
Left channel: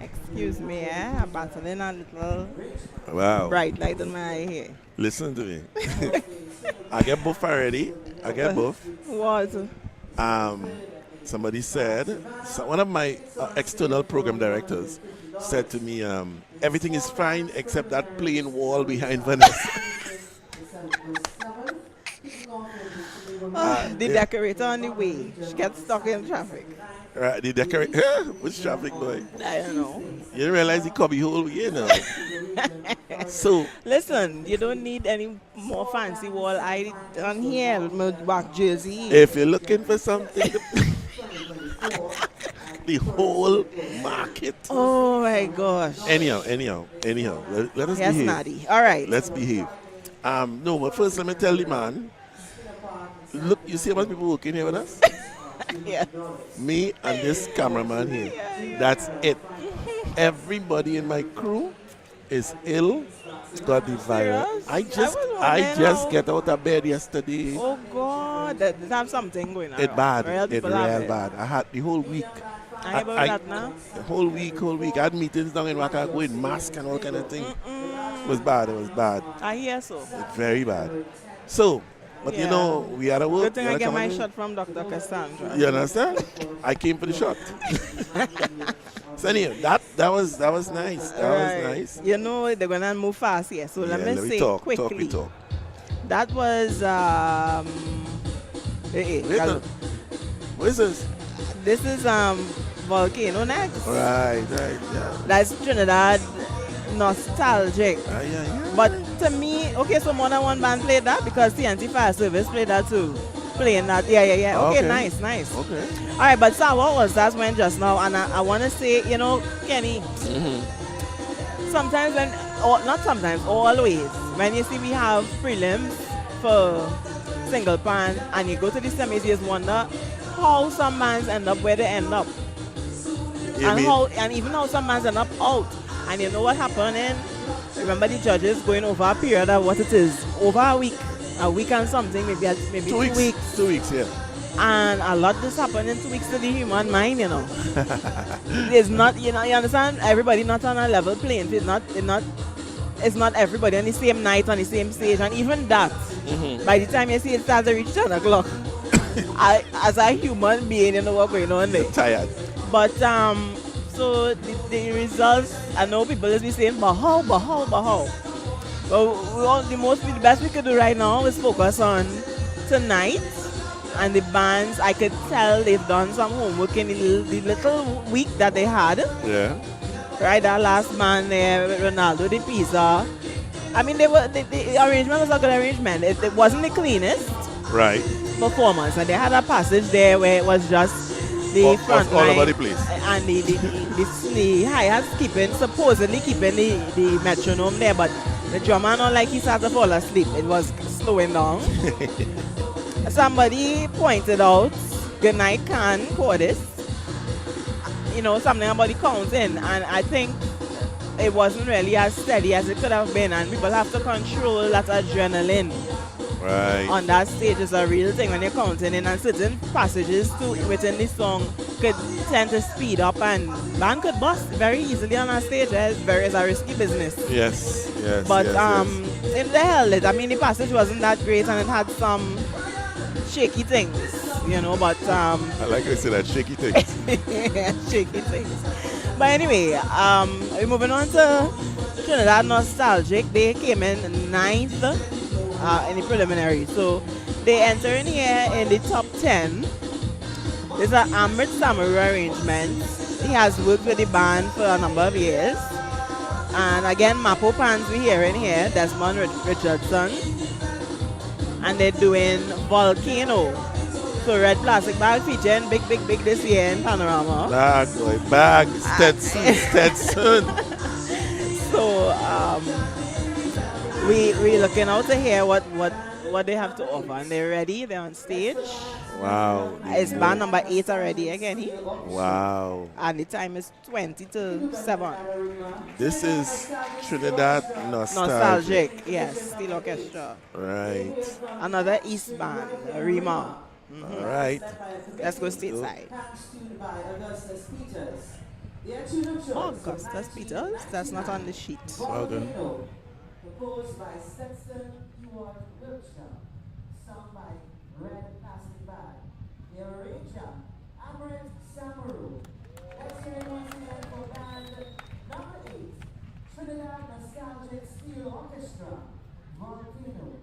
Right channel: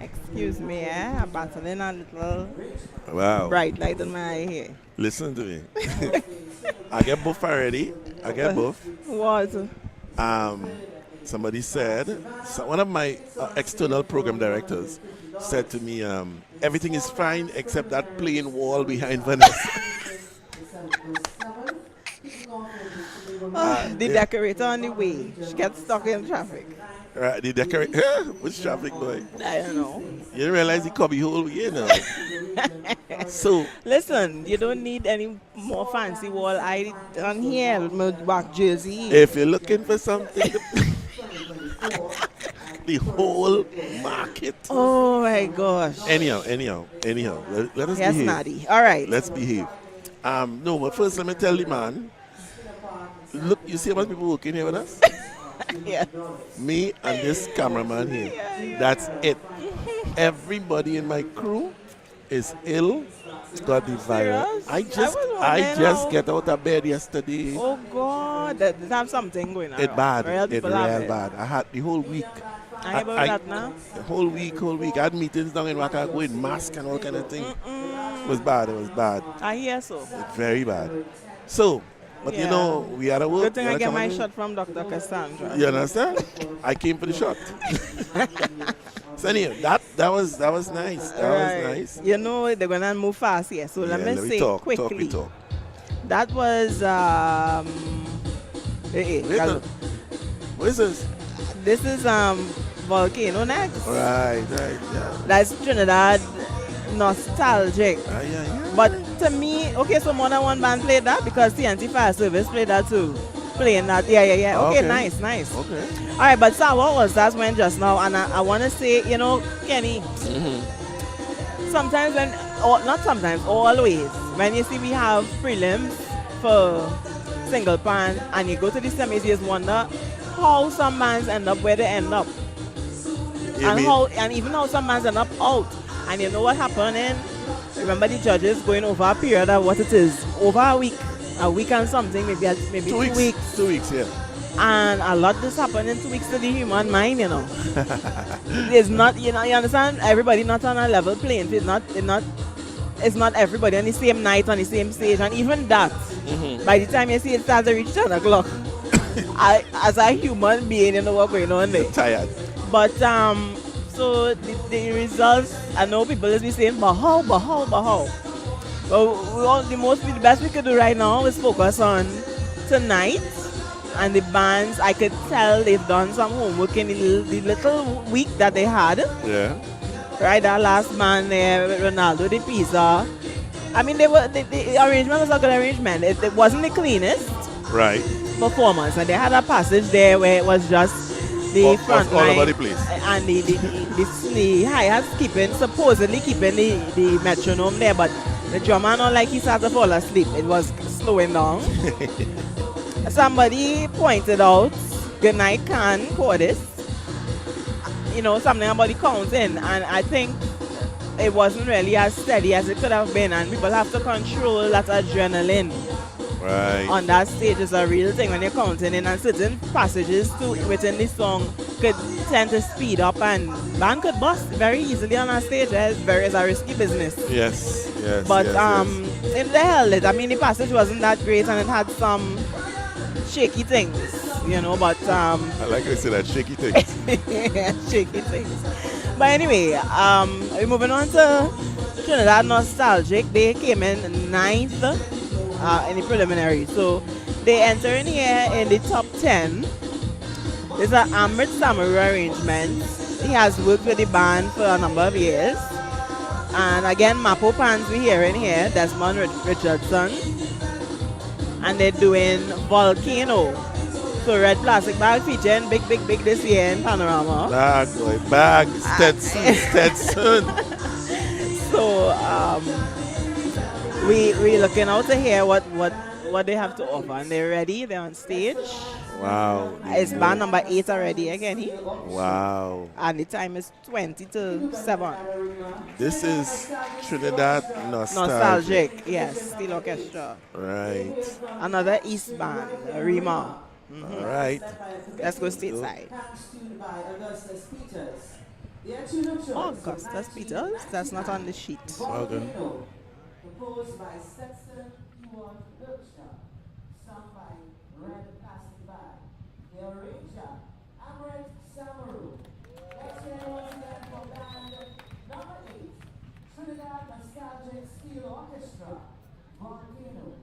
Excuse me, I'm battling a little Wow. bright light in my eye here. Listen to me. I get both already. I get both. What? Somebody said, one of my external program directors said to me, everything is fine except that plain wall behind Vanessa. The decorator on the way. She gets stuck in traffic. Right, the decorator. Which traffic boy? I don't know. You didn't realize the cubby hole, So, Listen, you don't need any more fancy wall. I on here with my back jersey. if you're looking for something, the whole market. Oh my gosh. Anyhow, let us Yes, behave. Nadi. All right. Let's behave. No, but first let me tell the man. Look, you see how much people working here with us? Yeah. Me and this cameraman here. That's it. Everybody in my crew is ill. Got the virus. Serious? I just wondering how- get out of bed yesterday. Oh God, there's something going on. It bad. Real It people have real bad. I had the whole week. I about that now. The whole week. I had meetings down in WACK with mask and all kind of thing. It was bad. I hear so. It's very bad. So, but you Yeah. know, we had to work. Good thing we I had to get come my and- shot from Dr. Cassandra. You understand? I came for the shot. So anyway, that was nice. That was nice. You know they're gonna move fast here, so let me say quickly. Talk. That was Wait, no. What is this? this is Volcano next. Right, yeah. That's Trinidad nostalgic. Yeah. But to me, okay, so more than one band played that because TNT Fire Service played that too. Playing that, yeah. Okay, Okay. nice. Okay. All right, but so what was that when just now? And I want to say, you know, Kenny, sometimes not sometimes, always, when you see we have prelims for single pan and you go to the semis, you just wonder how some bands end up where they end up. And even how some bands end up out. And you know what happening? Remember the judges going over a period of what it is, over a week and something, maybe 2 weeks. 2 weeks, yeah. And a lot this happened in 2 weeks to the human mind, you know. It's not, you know, you understand? Everybody not on a level playing field. It's not everybody on the same night, on the same stage. And even that, by the time you see it starts to reach 10 o'clock, as a human being, you know what's going on there. Tired. But, so the results, I know people will be saying, but how? Well, the best we could do right now is focus on tonight. And the bands, I could tell they've done some homework in the little week that they had. Yeah. Right, that last band there with Ronaldo, the pizza. I mean, the arrangement was a good arrangement. It wasn't the cleanest Right. performance. And they had a passage there where it was just the front all line. over the place. And the hi-hats supposedly keeping the metronome there, but the drummer not like he started to fall asleep. It was slowing down. Somebody pointed out, good night can chorus, you know, something about the counting, and I think it wasn't really as steady as it could have been, and people have to control that adrenaline. Right. On that stage is a real thing when you're counting in, and certain passages too within the song could tend to speed up, and band could bust very easily on a stage. It's a risky business. Yes. But yes. if they held it, I mean the passage wasn't that great, and it had some shaky things, you know, but I like to say that shaky things. shaky things. But anyway, we're moving on to Trinidad Nostalgic. They came in 9th in the preliminary, so they enter in here in the top 10. This is an Amrit Samaru arrangement. He has worked with the band for a number of years. And again, Mapo Pans we hear in here, Desmond Richardson. And they're doing Volcano. So Red Plastic Bag featuring big this year in Panorama. Bag, Stetson. So we looking out to hear what they have to offer. And they're ready, they're on stage. Wow. It's band number 8 already again. Wow. And the time is 20 to 7. This is Trinidad Nostalgic. Nostalgic, yes, Steel Orchestra. Right. Another East band, Rima. All right. Let's go stateside. Tuned by Augustus Peters. Their tune of choice from Augustus Peters? That's not on the sheet. Okay. Volcano, composed by Stetson Ewart Wiltshire, sung by Red Plastic Bag. The arranger, Amrit Samaru. Let's hear it once again for band number 8, Trinidad Nostalgic Steel Orchestra, Volcano.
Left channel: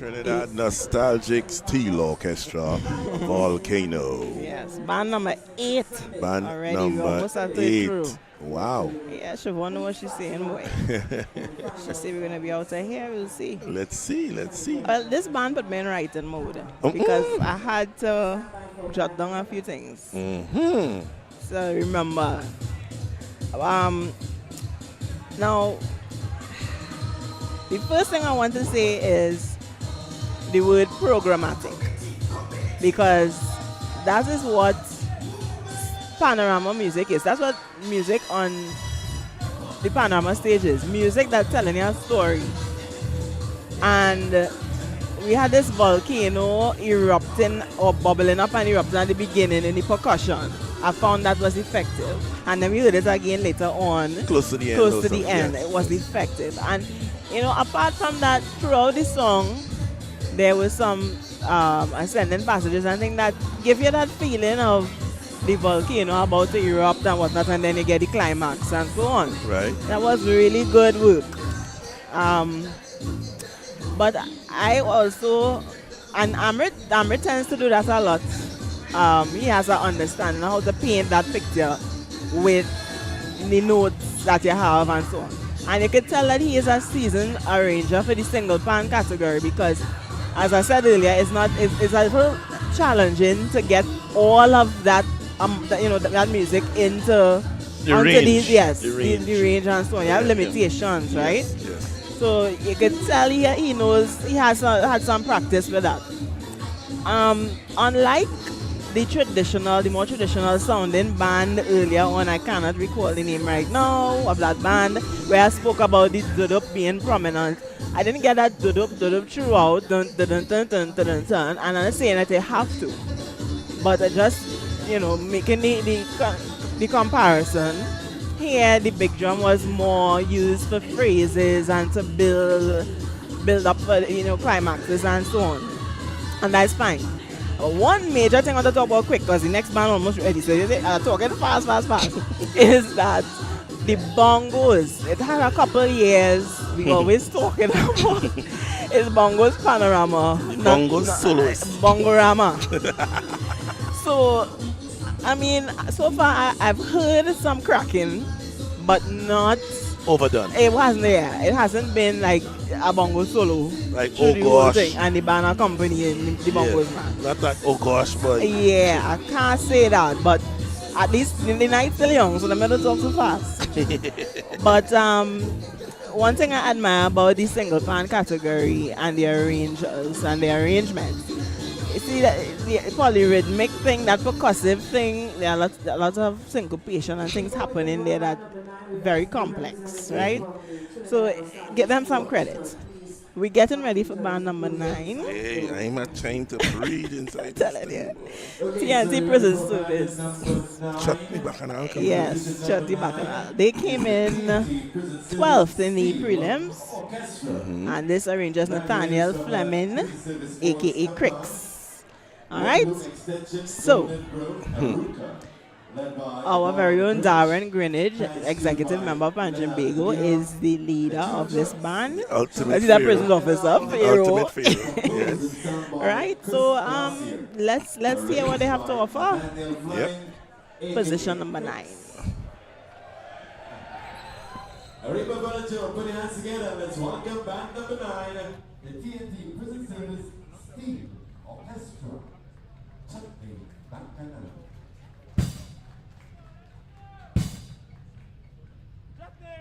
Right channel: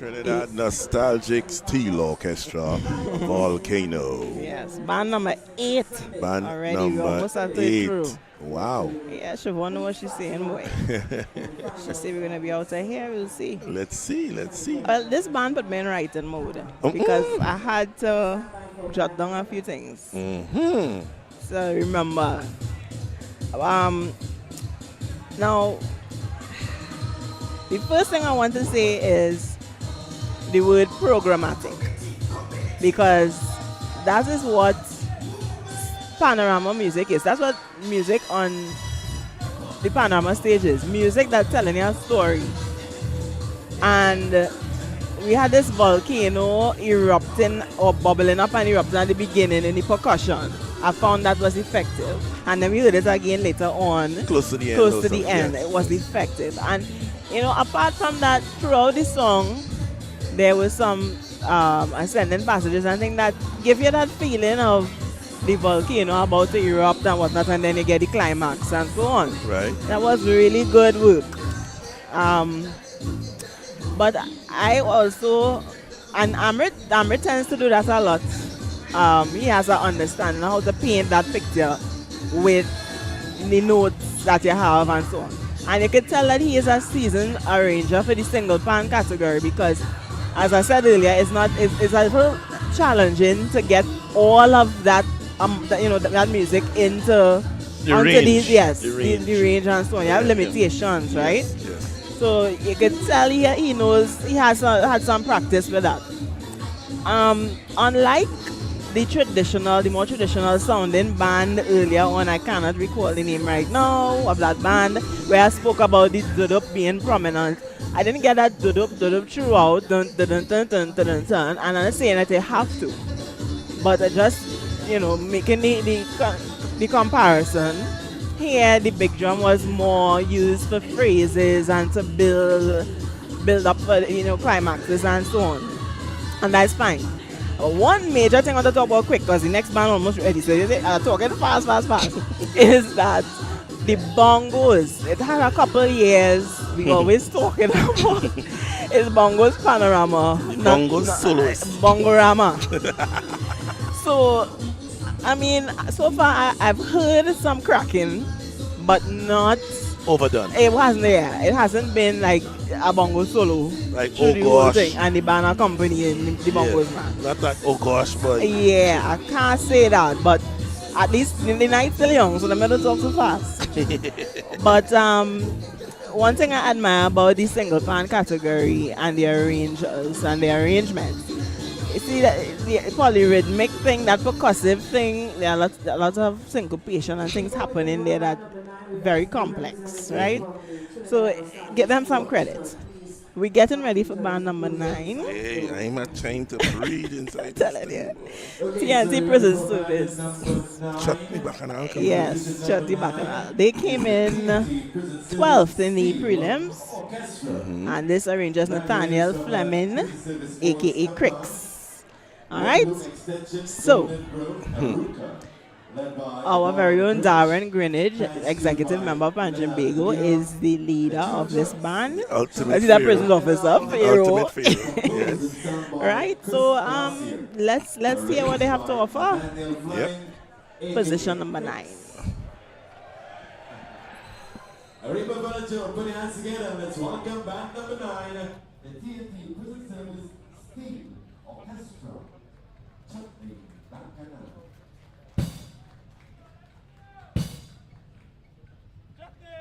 Trinidad Nostalgic Steel Orchestra, Volcano. Yes, band number 8. Band Already, we number almost halfway 8. through. Wow. Yeah, Siobhan know what she's saying, boy. She say we're gonna be out of here. We'll see. Let's see. Well, this band put me in writing mode because I had to jot down a few things. Mm-hmm. So remember, now the first thing I want to say is the word programmatic, because that is what panorama music is. That's what music on the panorama stage is. Music that's telling you a story. And we had this volcano erupting or bubbling up and erupting at the beginning in the percussion. I found that was effective. And then we heard it again later on. Close to the end. Close to the end. Yes. It was effective. And, you know, apart from that, throughout the song, there was some ascending passages and things that give you that feeling of the volcano about to erupt and whatnot, and then you get the climax and so on. Right. That was really good work. But I also, and Amrit tends to do that a lot. He has an understanding of how to paint that picture with the notes that you have and so on. And you can tell that he is a seasoned arranger for the single pan category because, as I said earlier, it's a little challenging to get all of that that music into the onto range. The range and so on. You have limitations, right? Yes. So you can tell he knows he has had some practice with that. Unlike the more traditional sounding band earlier on, I cannot recall the name right now of that band where I spoke about the dudup being prominent. I didn't get that dudup throughout, dun, dun, dun, dun, dun, dun, dun, dun, and I'm not saying that they have to, but I just making the comparison. Here the big drum was more used for phrases and to build up for climaxes and so on, and that's fine. One major thing I want to talk about quick, because the next band almost ready, so talking fast, is that the bongos. It had a couple years, we always talking about is bongos panorama. Bongos solos. Bongorama. So, I mean, so far I've heard some cracking, but not overdone. It wasn't there. It hasn't been like a bongo solo. Like, through oh the whole gosh. thing, and the band accompanying the bongos, man. Not like, oh gosh, but. Yeah, I can't say that, but at least the night's still young, so the middle talk too fast. But one thing I admire about the single pan category and the arrangers and the arrangements, you see that the polyrhythmic thing, that percussive thing, there are lots of syncopation and things happening there that very complex, right? So give them some credit. We're getting ready for band number 9. Hey, I'm not trying to breathe inside. Telling you. TNT Prison Service. Chutney Bacchanal. Yes, Chutney Bacchanal. They came in 12th in the prelims. And this arranger is Nathaniel Fleming, aka Cricks. Alright? So, our very own Darren Greenidge, executive member of Panjimbago, is the leader of this band. Ultimate He's a Pharaoh. prison officer. Pharaoh. Ultimate Pharaoh. Yes. Right, so let's hear what they have to offer. Yep. Position number 9. Arriba Volunteer, put your hands together. Let's welcome band number 9, the TNT Prison Service Steel Orchestra. Chutney Bacchanal. Chutney,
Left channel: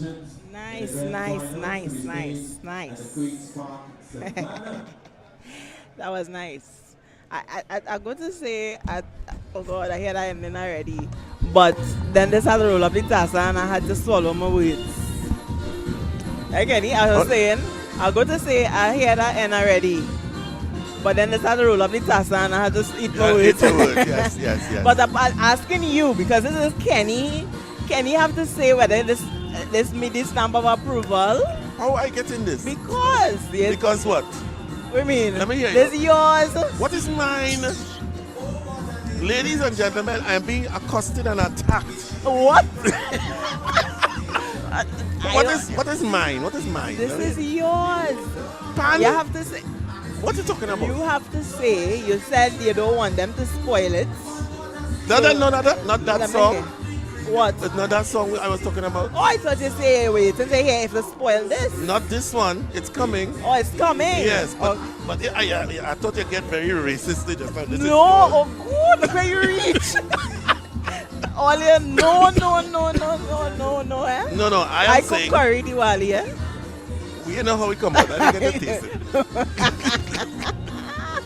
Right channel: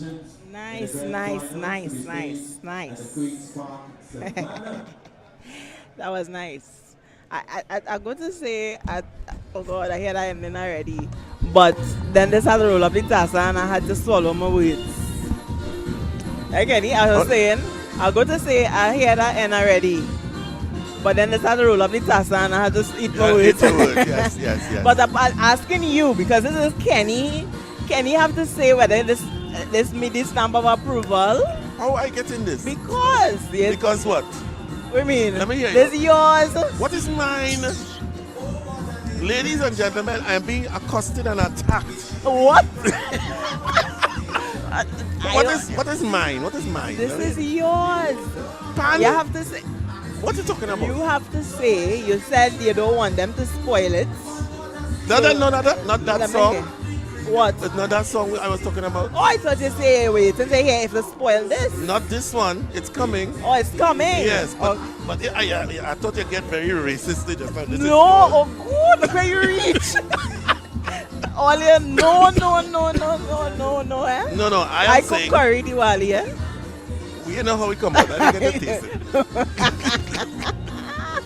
musicians. Nice, in the grand nice, finals to nice, be nice, staged nice. at the Queen's Park Savannah. That was nice. I'm going to say, oh God, I hear that ending already. But then they started to roll up the tassa and I had to swallow my words. Again, I was saying, I'm going to say, I hear that end already. But then they started to roll up the tassa and I had to eat my words. It's a word. Yes, yes, yes. But I'm asking you, because this is Kenny. Kenny have to say whether this meet the stamp of approval. How I get in this? Because, yes. Because what? What do you mean? Let me hear you. This is yours. What is mine? Ladies and gentlemen, I am being accosted and attacked. What? What is mine? What is mine? This is yours. Pan? You have to say. What are you talking about? You have to say. You said you don't want them to spoil it. Not that Let me song. hear. What? It's not that song I was talking about. Oh, I thought you say wait and say here if you spoil this. Not this one. It's coming. Oh, it's coming. Yes, but, Oh. but I thought you get very racist just now. This is No, yours. oh God, where you reach? All you no, eh? No, I I am cook saying. curry Diwali, eh? We know how we come out. I didn't get to taste it.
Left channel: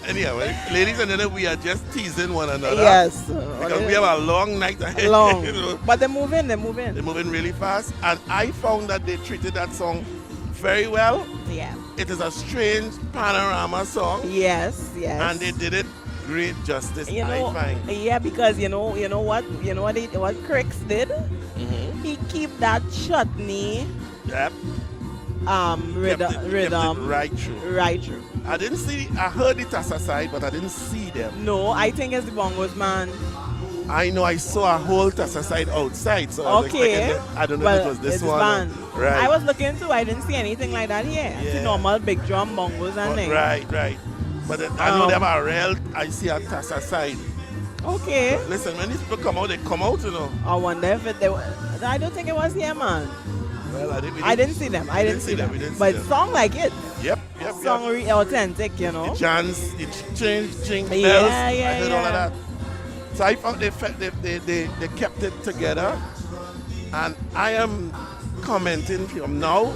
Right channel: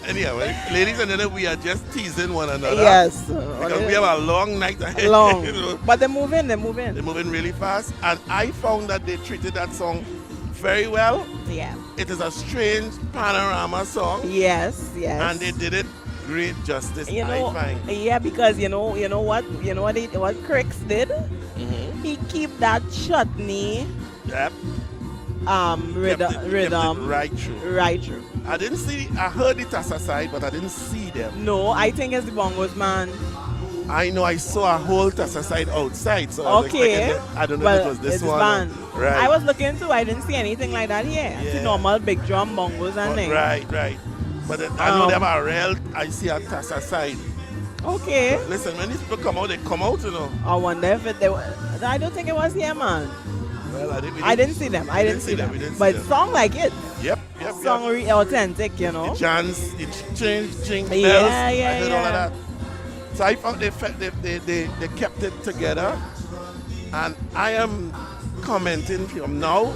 Anyhow, ladies and gentlemen, we are just teasing one another. Yes. Because we have a long night ahead. Long. You know. But they're moving. They're moving really fast. And I found that they treated that song very well. Yeah. It is a strange panorama song. Yes, yes. And they did it great justice, You know, I find. yeah, because you know what Cricks did? Mm-hmm. He keep that chutney Yep. rhythm Kept it right through. right through. I heard the Tassa side, but I didn't see them. No, I think it's the bongos, man. I know I saw a whole Tassa side outside, so I was Okay. expecting I don't know Well, if it was this it's one. band. Right. I was looking too. I didn't see anything like that here. I see Yeah. normal big drum bongos and things. Right. But I know they have a real, I see a Tassa side. Okay. Listen, when these people come out, they come out, you know. I wonder if it. I don't think it was here, man. Well, I didn't see them. I didn't see them. We didn't see But them. song like it. Yep. Song authentic, you know. The chants, it changed, jingle bells. Yeah, I heard all of yeah. that. So I found they kept it together. And I am commenting from now,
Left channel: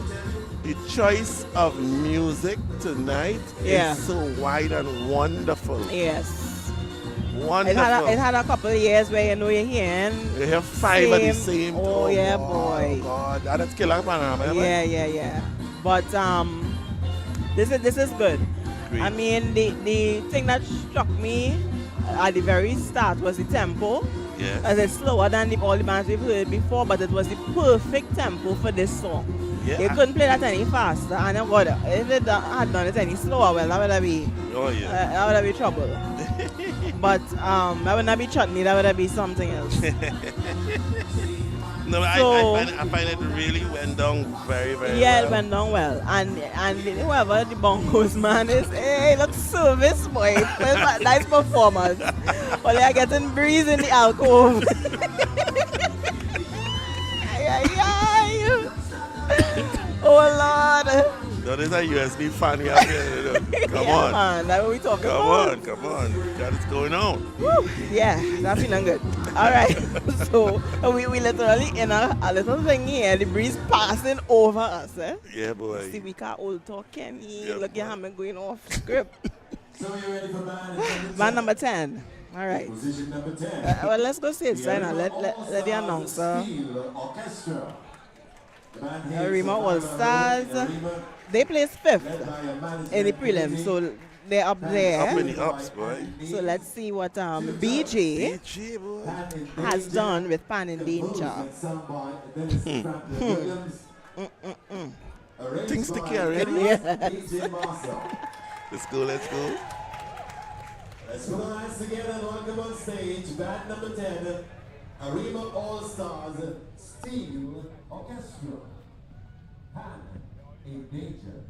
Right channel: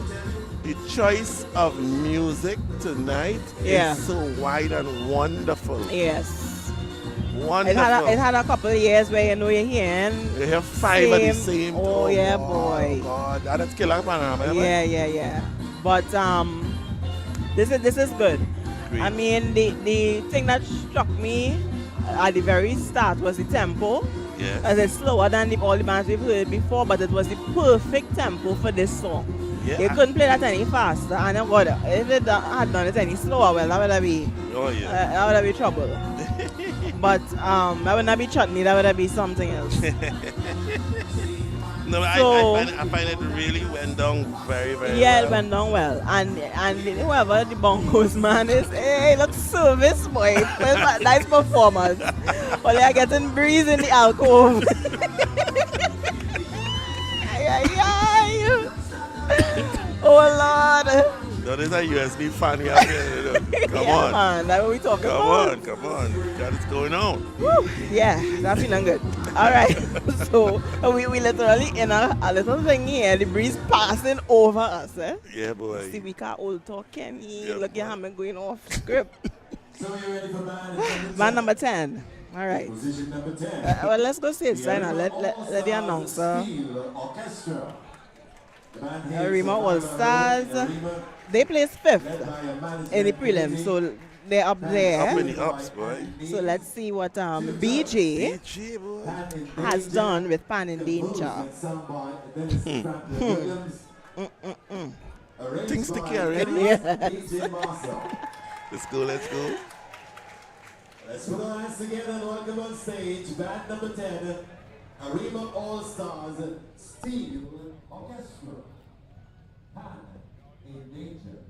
the choice of music tonight Yeah. is so wide and wonderful. Yes. Wonderful. It had a couple of years where you're hearing. You have five of the same. Oh, yeah, boy. God, that's killer panorama. Yeah. But this is good. Great. I mean, the thing that struck me at the very start was the tempo. Yeah. As it's slower than all the bands we've heard before, but it was the perfect tempo for this song. Yeah. You couldn't play that any faster, and oh God, if it had done it any slower, well, that would have been Oh yeah. that would have been trouble. But that would not be chutney, that would have been something else. No, So- I find it really went down very, very Yeah, well. it went down well. And whoever the bongos man is, hey, look service boy. Nice performance. Well, they're getting breeze in the alcove. Ay. Oh Lord. No, this is a USB fan we have here. You know. Come Yeah, on. man, that's what we talking about. Come on. What's going on? Woo. Yeah, that's feeling good. All right. So we literally in a little thing here. The breeze passing over us. Eh? Yeah, boy. See, we can't old talk, Kenny. Yeah, Look at boy. hammer going off script. So are you ready for band? Man number 10. All right. Position number 10. Well, let's go see it, The Signer. Let All-Stars the announcer. Steel Orchestra. The band Arima hails from All-Stars. Arima, they placed led 5th by a management in the prelims, so they're up Up there. in the ups, boy. So let's see what BJ BG, boy. Pan in has Danger, done with Pan in composed Danger. and sung by Dennis Franklin Williams. Arranged Things sticky by already. DJ Marcel. Let's go. Let's put our hands together and welcome on stage band number 10, Arima All-Stars Steel Orchestra. Pan in Danger.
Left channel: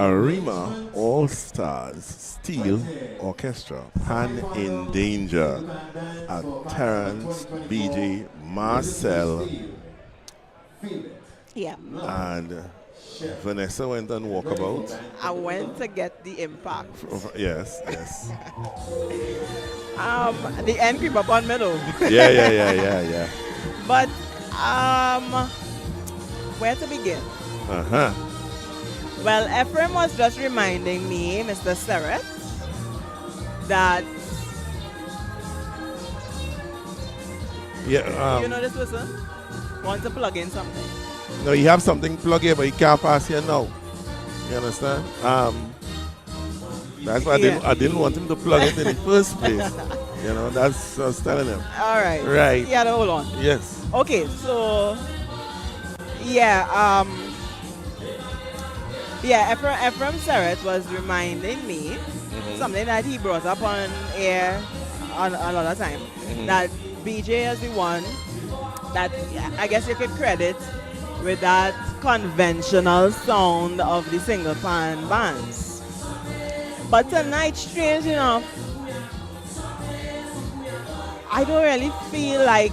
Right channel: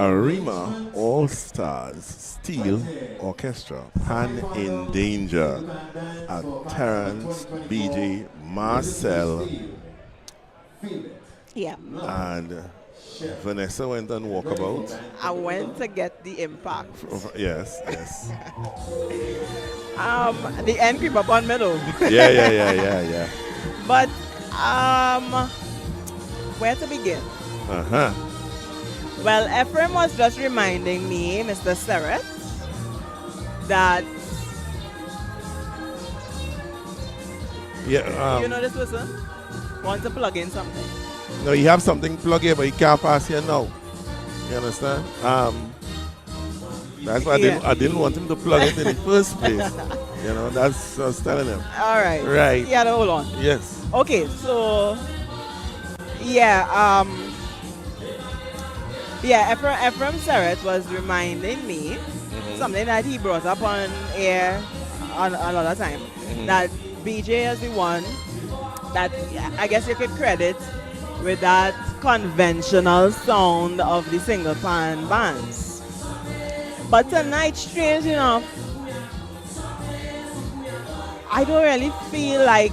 Arima All Stars Steel Orchestra, Pan in Danger at Terrence, BJ, Marcel, Yeah. and Vanessa went on walkabout. I went to get the impact. Yes, yes. The end creep up on middle. Yeah. But where to begin? Uh-huh. Well, Ephraim was just reminding me, Mr. Seret, that Yeah. you know this person wants to plug in something. No, you have something plug here, but you can't pass here now. You understand? That's why I didn't want him to plug it in the first place. You know, that's what I was telling him. All right. Right. Yeah, hold on. Yes. Okay, so yeah, Ephraim Seret was reminding me something that he brought up on air another time. That BJ is the one that I guess you could credit with that conventional sound of the single pan bands. But tonight, strange enough, I don't really feel like,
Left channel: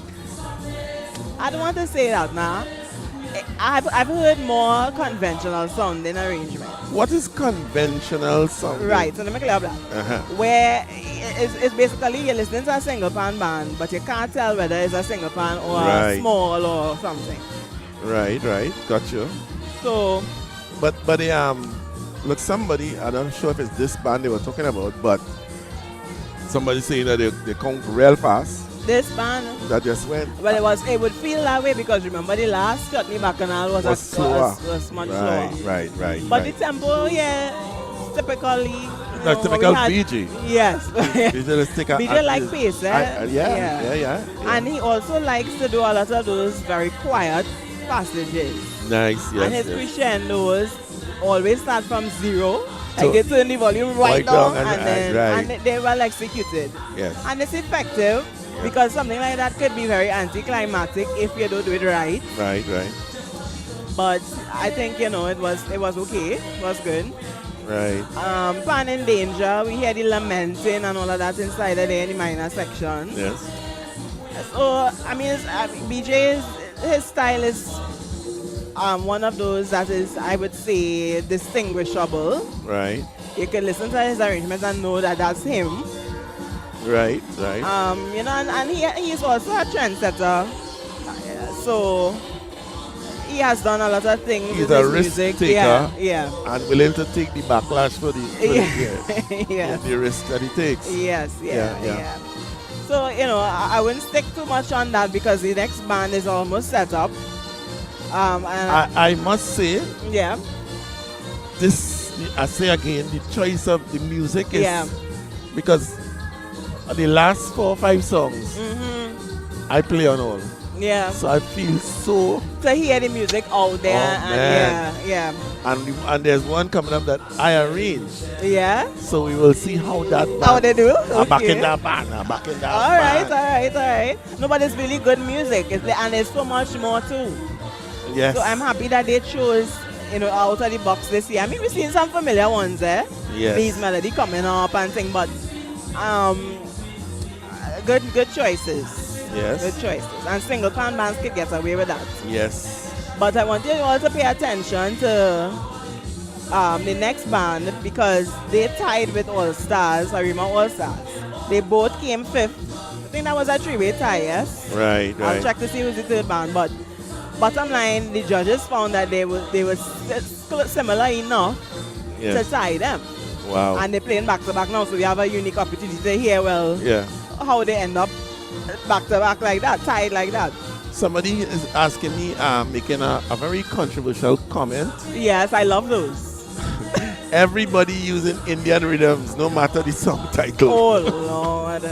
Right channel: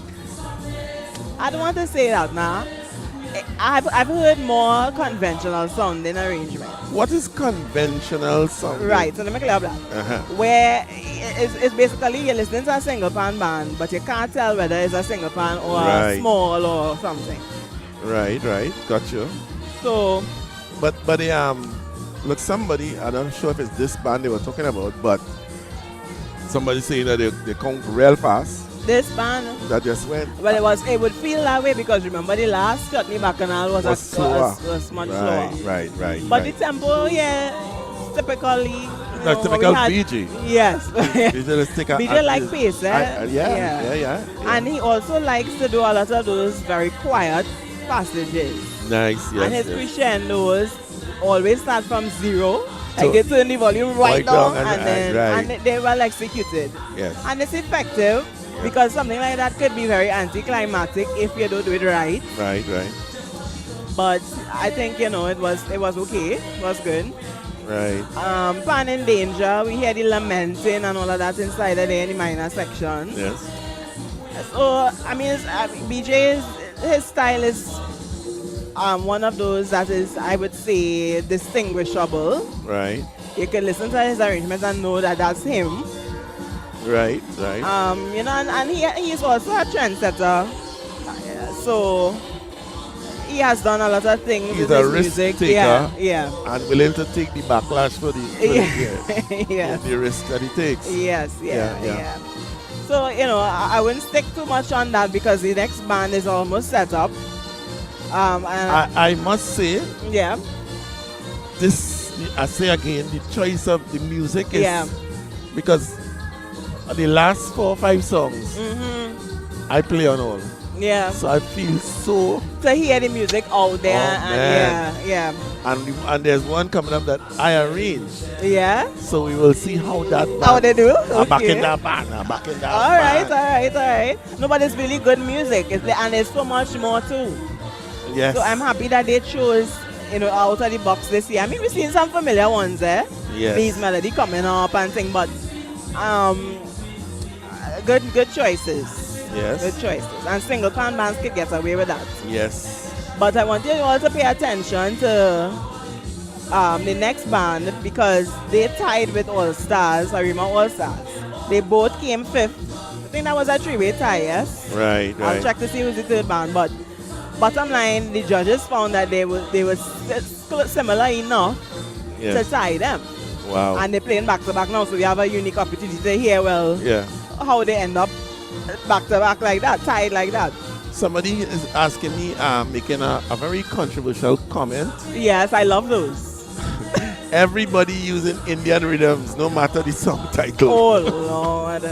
I don't want to say that now. I've heard more conventional sounding arrangement. What is conventional sound? Right, so let me clear up that. Where it's basically you're listening to a single pan band, but you can't tell whether it's a single pan or a small or something. Right, got you. So, but look, somebody, I'm not sure if it's this band they were talking about, but somebody saying that they count real fast. This band that just went. Well, it would feel that way because remember the last Chutney Bacchanal was much slower. Right. But the tempo, yeah, typically. No, typical BG. Yes. BG like pace, eh? Yeah. And he also likes to do a lot of those very quiet passages. Nice, yes. And his crescendos always start from zero. I get turn the volume right down and they well executed. Yes. And it's effective because something like that could be very anticlimactic if you don't do it right. Right. But I think it was okay. It was good. Right. Pan in Danger, we hear the lamenting and all of that inside there in the minor section. Yes. So I mean, BJ's his style is one of those that is, I would say, distinguishable. Right. You can listen to his arrangements and know that that's him. Right. And he's also a trendsetter. So he has done a lot of things. He's with a his risk music. taker. Yeah. And willing to take the backlash for the the risk that he takes. Yes. So, I wouldn't stick too much on that because the next band is almost set up. I must say, I say again, the choice of the music is because the last 4 or 5 songs I play on all. Yeah. So I feel so to hear the music out there. And there's one coming up that I arranged. Yeah. So we will see how that band. How they do? Okay. Back in that band. All right. No, but it's really good music. And there's so much more too. Yes. So I'm happy that they chose, out of the box this year. I mean, we've seen some familiar ones there. Yes. These melody coming up and things, but good choices. Yes. Good choices. And single pan bands could get away with that. Yes. But I want you all to pay attention to the next band because they tied with All Stars, Arima All Stars. They both came 5th. I think that was a 3-way tie, yes? Right. I'll check to see who's the third band, but bottom line, the judges found that they were similar enough to tie them. Wow. And they're playing back to back now, so we have a unique opportunity to hear how they end up back to back like that, tied like that. Somebody is asking me, making a very controversial comment. Yes, I love those. Everybody using Indian rhythms, no matter the song title. Oh Lord.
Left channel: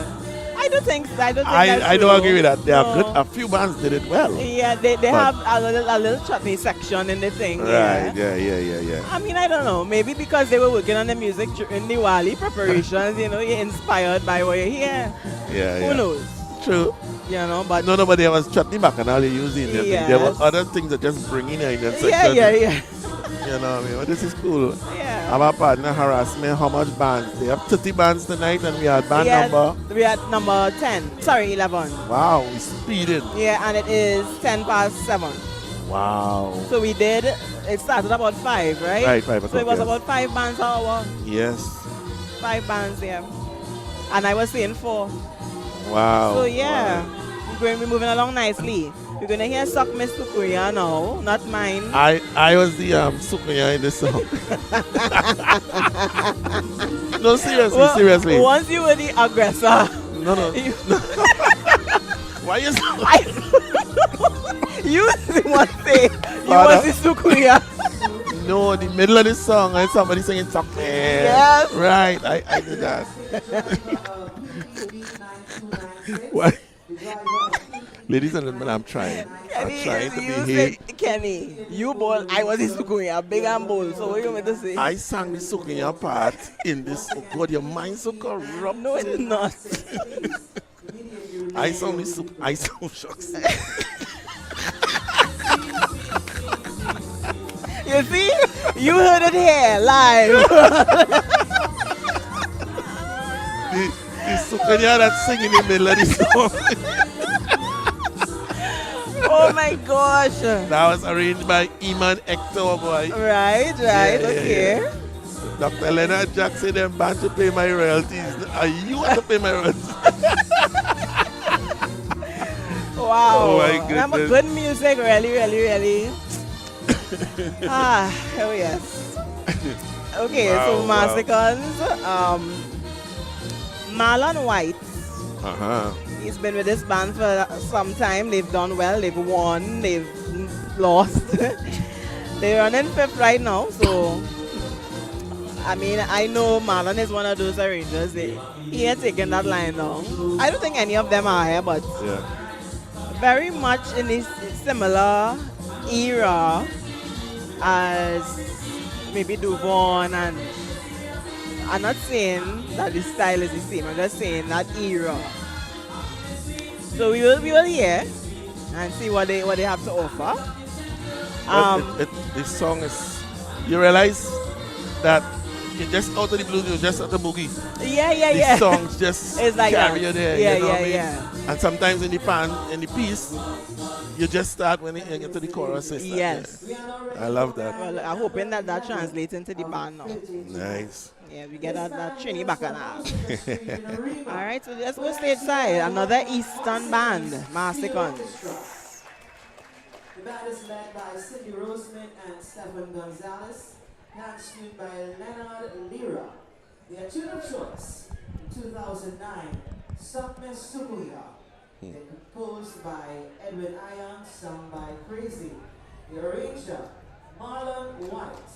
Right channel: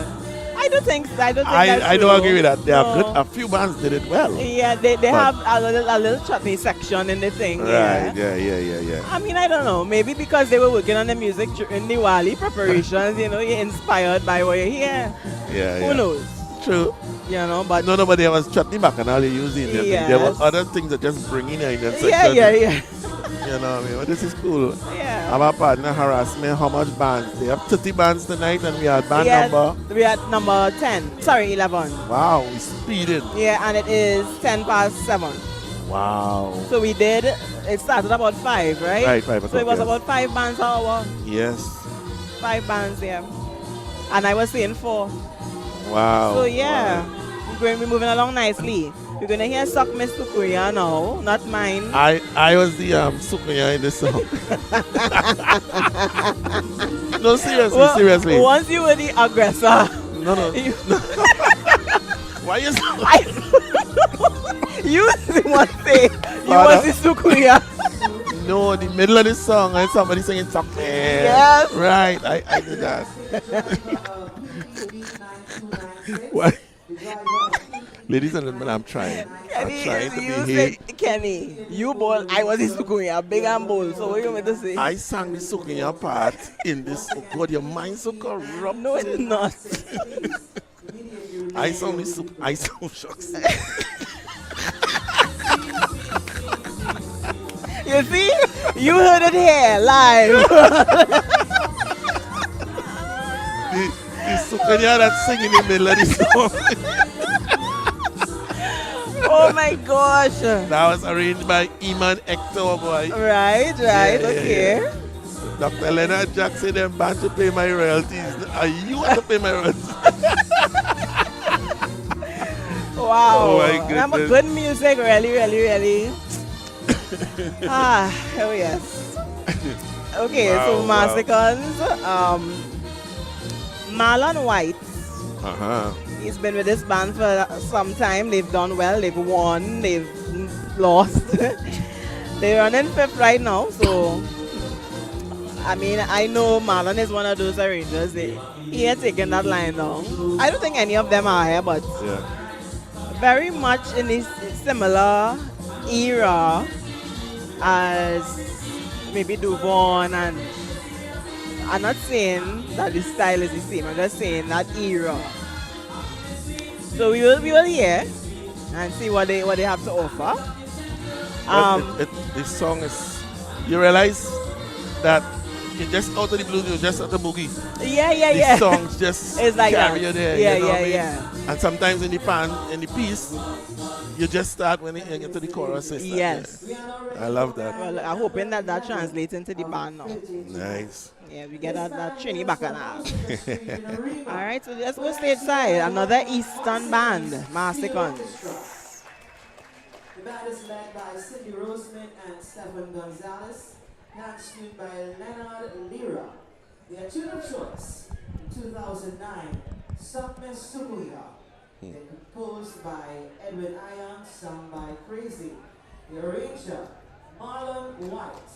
I don't think that's I true. don't agree with that. They are good. A few bands did it well. Yeah, they have a little chutney section in the thing. Right. Yeah. I mean, I don't know. Maybe because they were working on the music in Diwali preparations. You're inspired by what you hear. Yeah. Who knows? True. But nobody was chutney bacchanal using Indian thing. There were other things that just bring in Indian section. Yeah. You know what I mean? But this is cool. Yeah. Our partner harassed me how much bands. They have 30 bands tonight and we are band number. We are number 10. Sorry, 11. Wow, we speeding. Yeah, and it is 10 past 7. Wow. So we did, it started about 5, right? Right, 5 o'clock, So it was yes. about 5 bands an hour. Yes. 5 bands, yeah. And I was saying 4. Wow. So yeah, Wow. we're going to be moving along nicely. We're going to hear Suck Miss Tukuya now, not mine. I was the Sukuya in this song. No, seriously, seriously. Once you were the aggressor. No. Why you so... You was the one saying you Father. was the Sukuya. No, the middle of the song and somebody singing something. Yes. Right, I did that. Why? Ladies and gentlemen, I'm trying. I'm trying to you behave. said, Kenny, you bold, I was the Sukuya, big and bold. So what you want me to say? I sang the Sukuya part in this. Oh God, your mind's so corrupt. No, it's not. I sang the Suk. I sang shucks. You see? You heard it here, live. The Sukuya that's singing in the middle of the song. Oh my gosh. That was arranged by Iman Hector, boy. Right, okay. Yeah. Dr. Leonard Jackson them band to pay my royalties. Are you want to pay my royalties? Wow. Oh my Remember, goodness. good music, really. Oh yes. Okay, Wow, so wow. Massacons, Marlon White. Uh-huh. He's been with this band for some time. They've done well. They've won. They've lost. They're running 5th right now. So, I mean, I know Marlon is one of those arrangers. He ain't taking that line down. I don't think any of them are here, but Yeah. very much in this similar era as maybe Duvon, and I'm not saying that the style is the same. I'm just saying that era. So we will hear and see what they have to offer. This song is, you realize that you just out of the blues, you just at the boogie. Yeah. The songs just It's like carry that. you there. Yeah, you know what I mean? yeah. And sometimes in the piece, you just start when you get to the chorus. Yes. I love that. Well, I'm hoping that translates into the band now. Nice. Yeah, we get that Trini back now. All right, so let's go stateside. Another Eastern band, Massacons. The band is led by Cindy Roseman and Stephen Gonzalez, next tuned by Leonard Lira. Their tune of choice in 2009, Suck Miss Tukuya. They're composed by Edwin Ion, sung by Crazy. The arranger, Marlon White.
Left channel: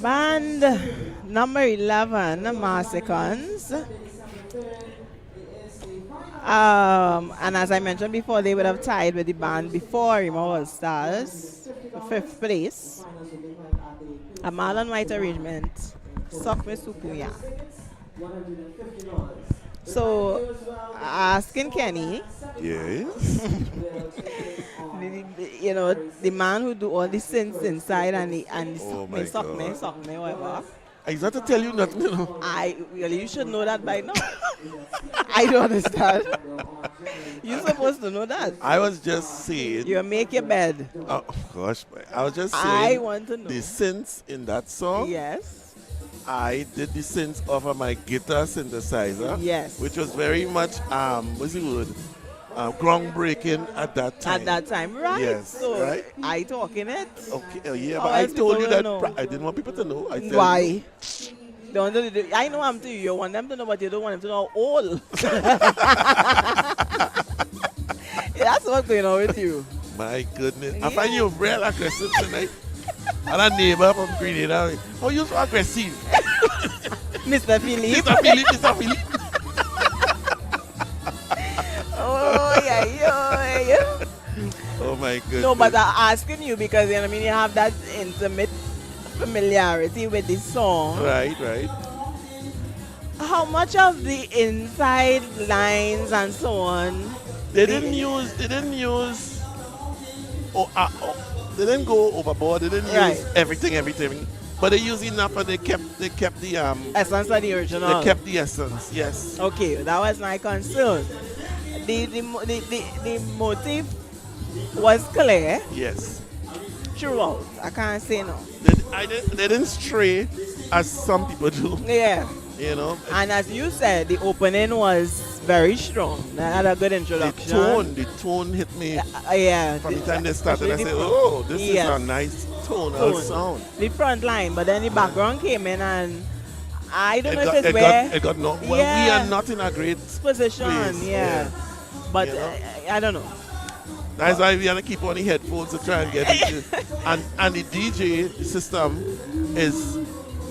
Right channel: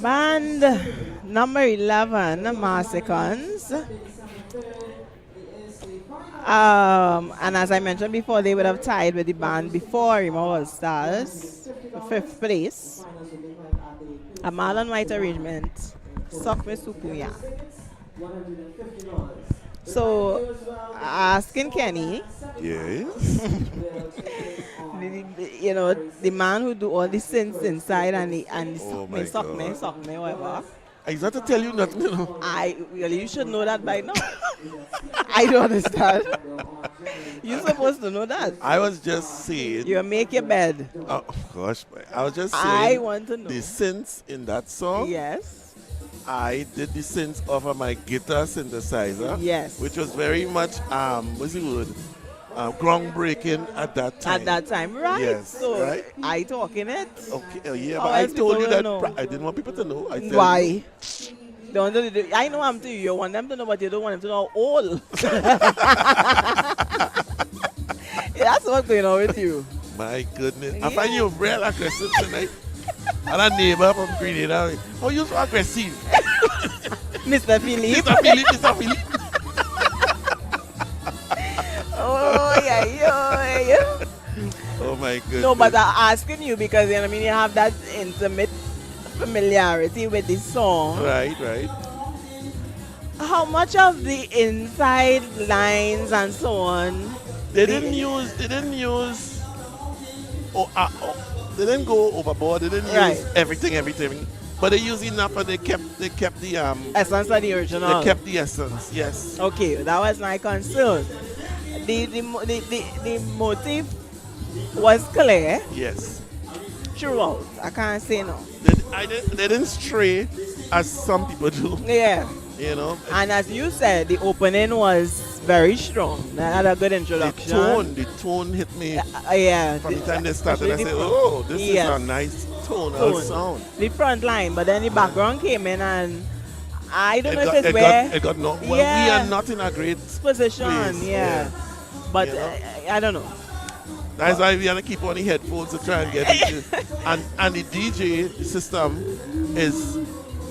Band number 11, Marsicons. And as I mentioned before, they would have tied with the band before Rima All Stars for 5th place. A Marlon White arrangement, Sokme Sukuya. So, asking Kenny, Yes. you know, the man who do all the synths inside and the Oh my Sokme, whatever. I got to tell you nothing, you know. You should know that by now. I don't understand. You're supposed to know that. I was just saying. You make your bed. Oh gosh, I was just saying. I want to know. The synths in that song. Yes. I did the synths off of my guitar synthesizer. Yes. Which was very much what's the word? Groundbreaking at that time. At that time, right? Yes. So right? I talking it. Okay. Yeah, How but I else told you people that will know? I didn't want people to know. I tell Why? you. I know I'm to you. You want them to know, but you don't want them to know all. That's what's going on with you. My goodness. I Yeah. find you real aggressive tonight. And a neighbor from Grenada. Oh, you so aggressive. Mr. Philip. Mr. Philip. Oh, yeah. Oh my goodness. No, but I'm asking you because, you know, I mean, you have that intimate familiarity with the song. Right. How much of the inside lines and so on? They didn't use they didn't go overboard. They didn't Right. use everything. But they used enough and they kept the Essence of the original. they kept the essence. Yes. Okay, that was my concern. The motive was clear Yes. throughout. I can't say no. They didn't stray as some people do. Yeah. You know. And as you said, the opening was very strong. That had a good introduction. The tone hit me Yeah. from the time they started. I especially said, the "Oh, this yes. is a nice tonal Tone. sound." The front line, but then the background came in, and I don't know if it's it where got no. Well, Yeah. we are not in a great position. place. Yeah. But You know? I don't know. That's why we have to keep on the headphones to try and get it. And the DJ system is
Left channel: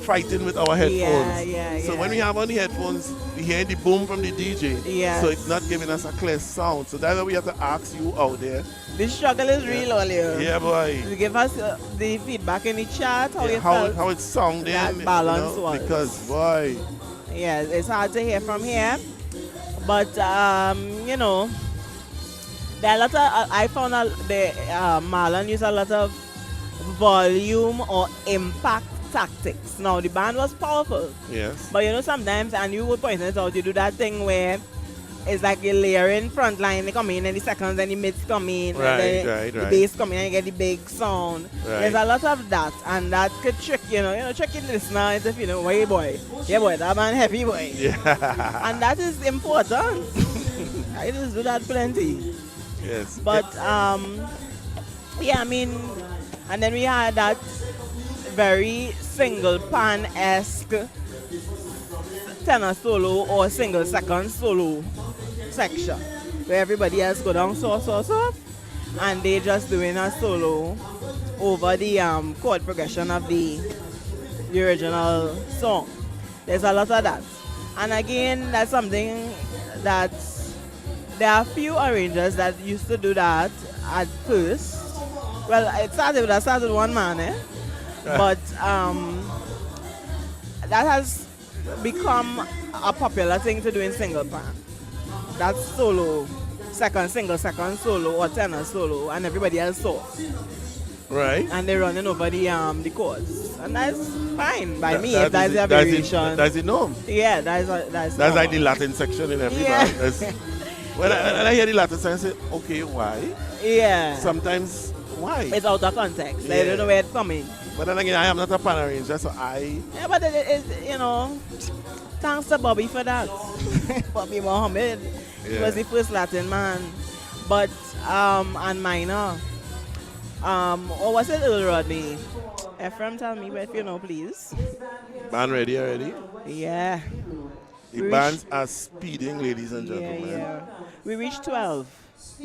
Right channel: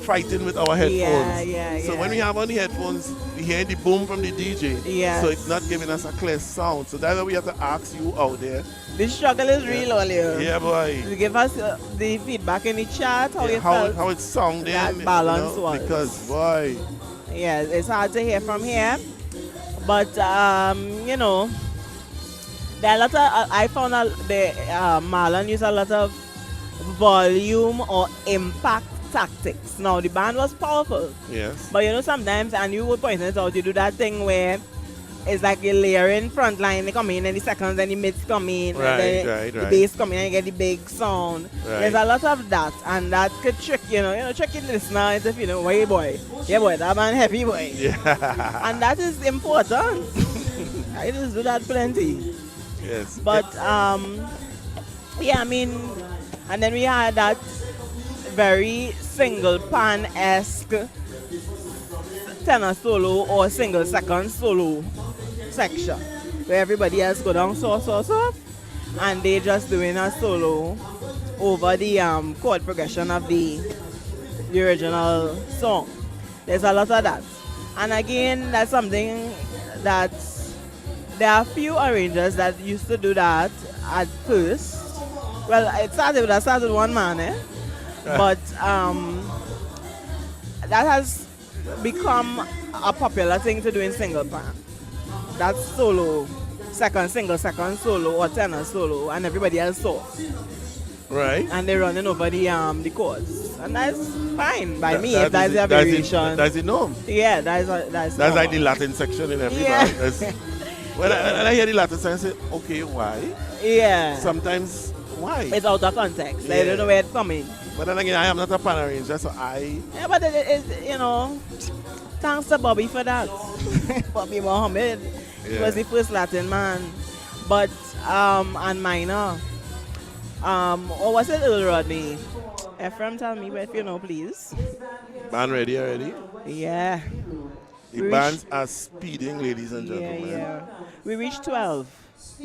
fighting with our headphones. Yeah. So when we have on the headphones, we hear the boom from the DJ. Yes. So it's not giving us a clear sound. So that's why we have to ask you out there. The struggle is real, Olio. Yeah, boy. You give us the feedback in the chat, how you How felt. it's sounding. that balance was. Because, boy. Yeah, it's hard to hear from here. But, you know, there are a lot of, I found Marlon used a lot of volume or impact tactics. Now, the band was powerful. Yes. But, you know, sometimes, and you would point it out, you do that thing where it's like you're layering front line, they come in, and the seconds and the mids come in, and then the Right. bass come in, and you get the big sound. Right. There's a lot of that, and that could trick, trick the listener into feeling, hey boy, that man heavy boy. Yeah. And that is important. I just do that plenty. Yes. But, yeah, I mean, and then we had that very single pan-esque tenor solo or single second solo section where everybody else go down soft, and they just doing a solo over the chord progression of the original song. There's a lot of that. And again, that's something that there are few arrangers that used to do that at first. Well, I started with one man, but that has become a popular thing to do in single pan. That's solo, single second solo or tenor solo, and everybody else soft. Right. And they're running over the chords, and that's fine by me That if that's is a it- that's it- variation. That's the norm. Yeah, that's That's like the normal. Latin section in every Yeah. band. When I hear the Latin section, I say, okay, why? Yeah. Sometimes, why? It's out of context. I Yeah. don't know where it's coming. But then again, I am not a pan arranger, so Yeah, but it thanks to Bobby for that. Bobby Mohammed. He was the first Latin man. But, and minor. Or was it Earl Rodney? Ephraim, tell me if you know, please. band ready already. Yeah. The We bands are speeding, ladies and Yeah, gentlemen. yeah. We reached 12.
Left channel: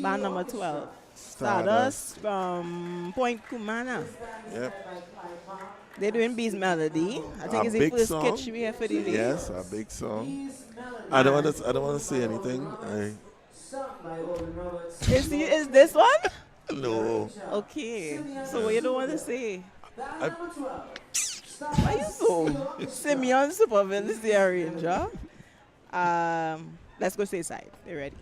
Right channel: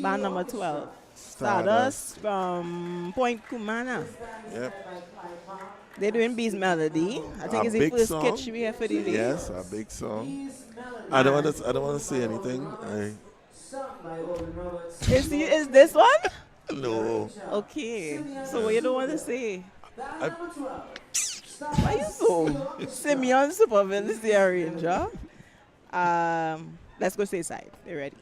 Band number 12. Stardust from Point Kumana. Yep. They're doing Bee's Melody. I think it's the big first song. sketch we have for the day. Yes, a big song. I don't want to say anything. Is this one? No. Okay. So what you don't want to say? I, Why you so? Simeon Superville is the arranger. Let's go stay side. You ready?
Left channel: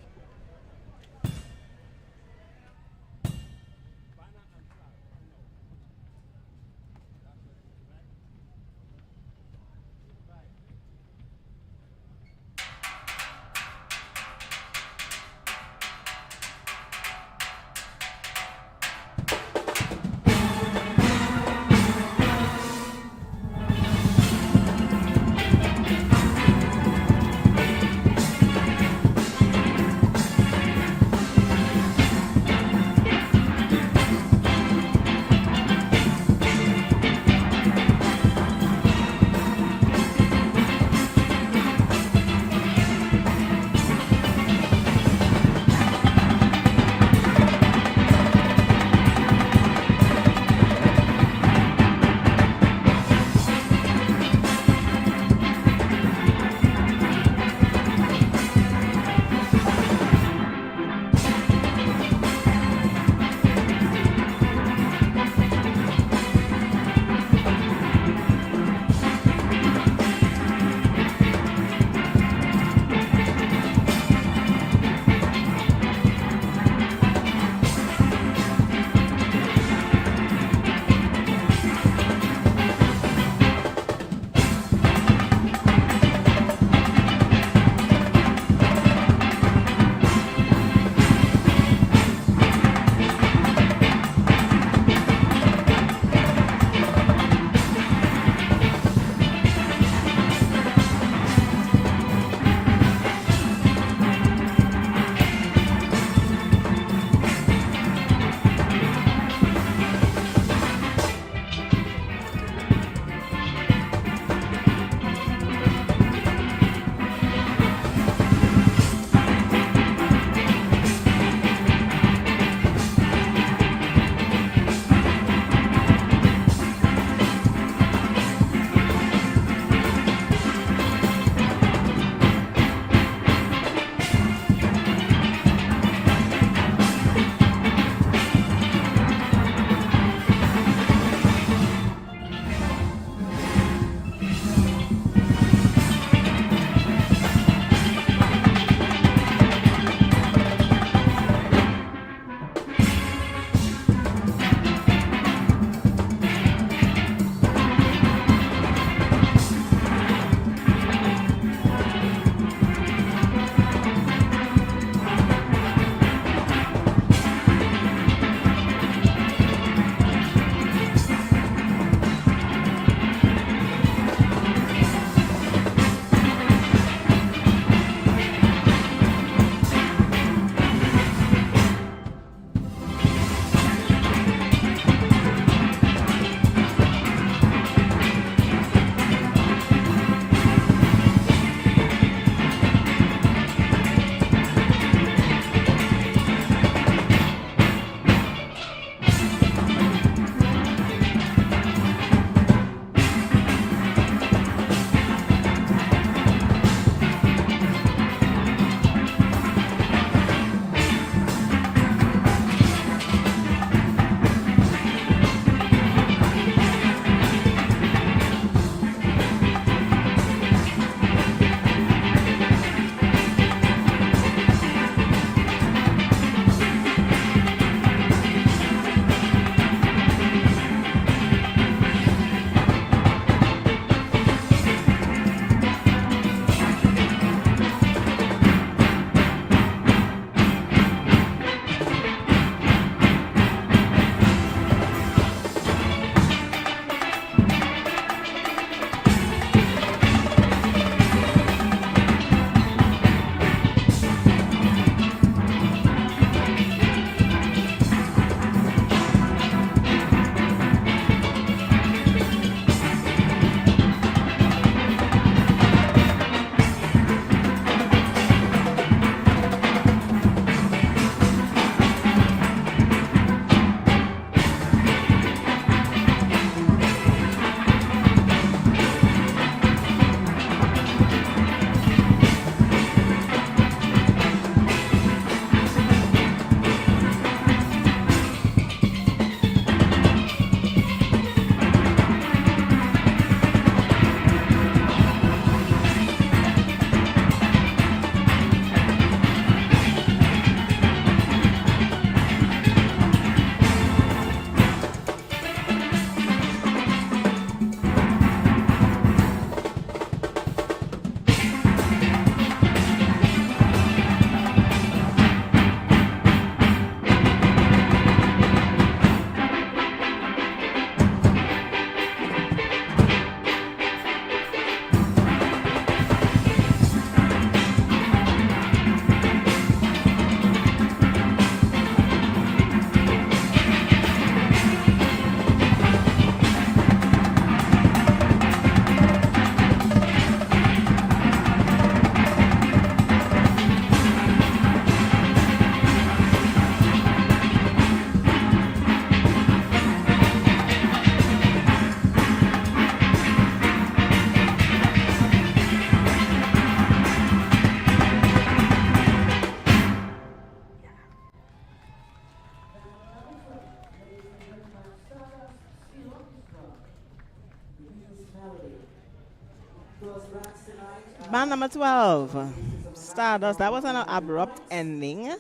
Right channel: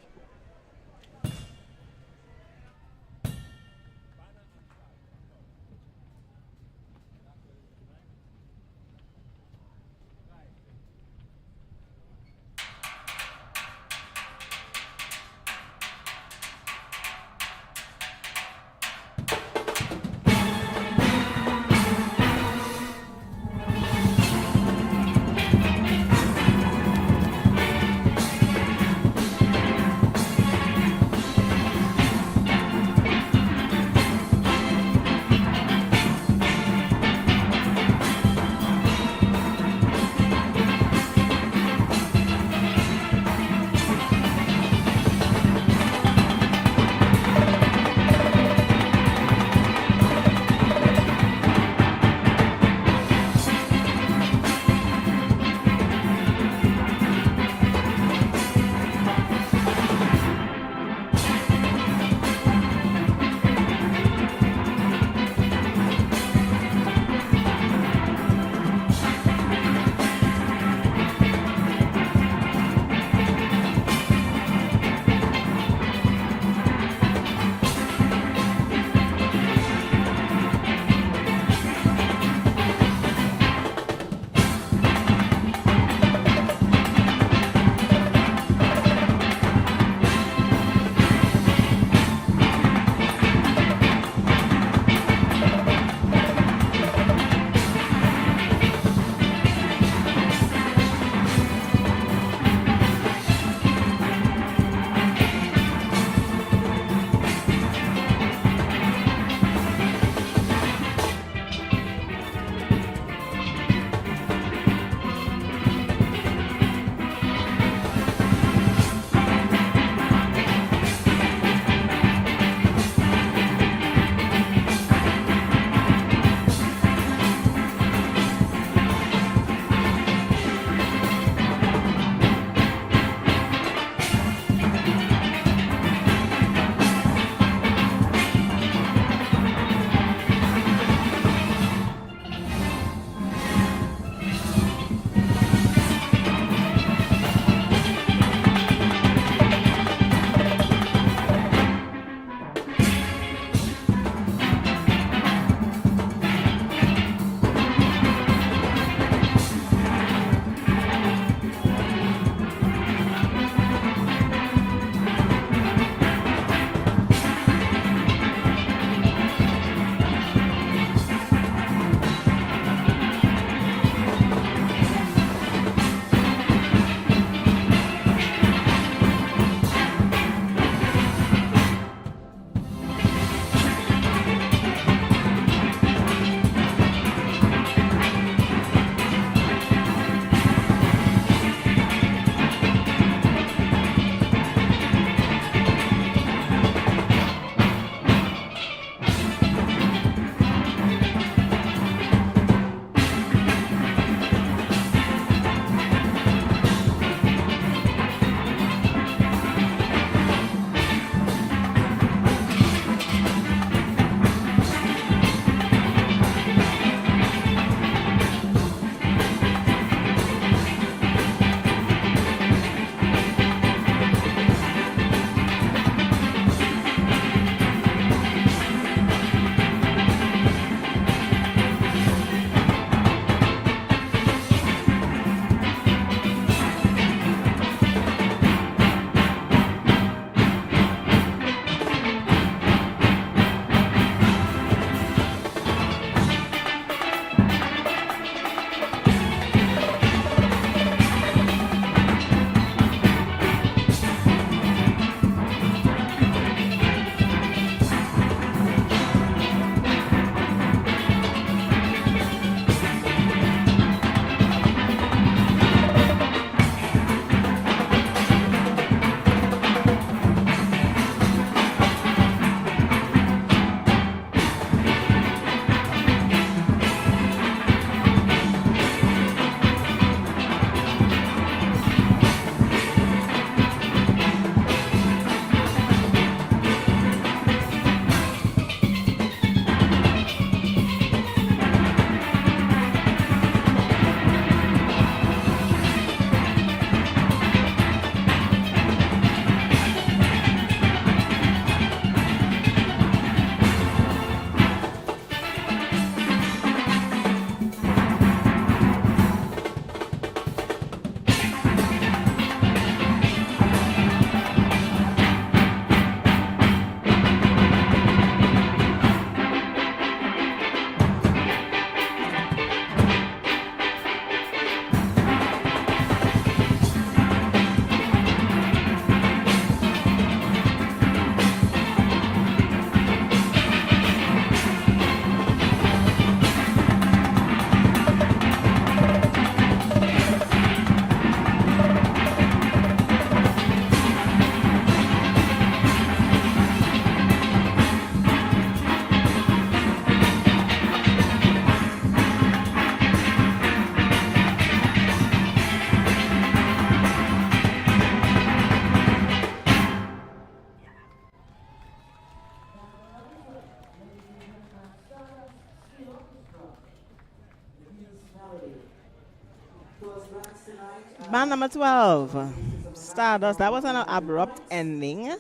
Band number 12, Stardust. That was an abrupt ending.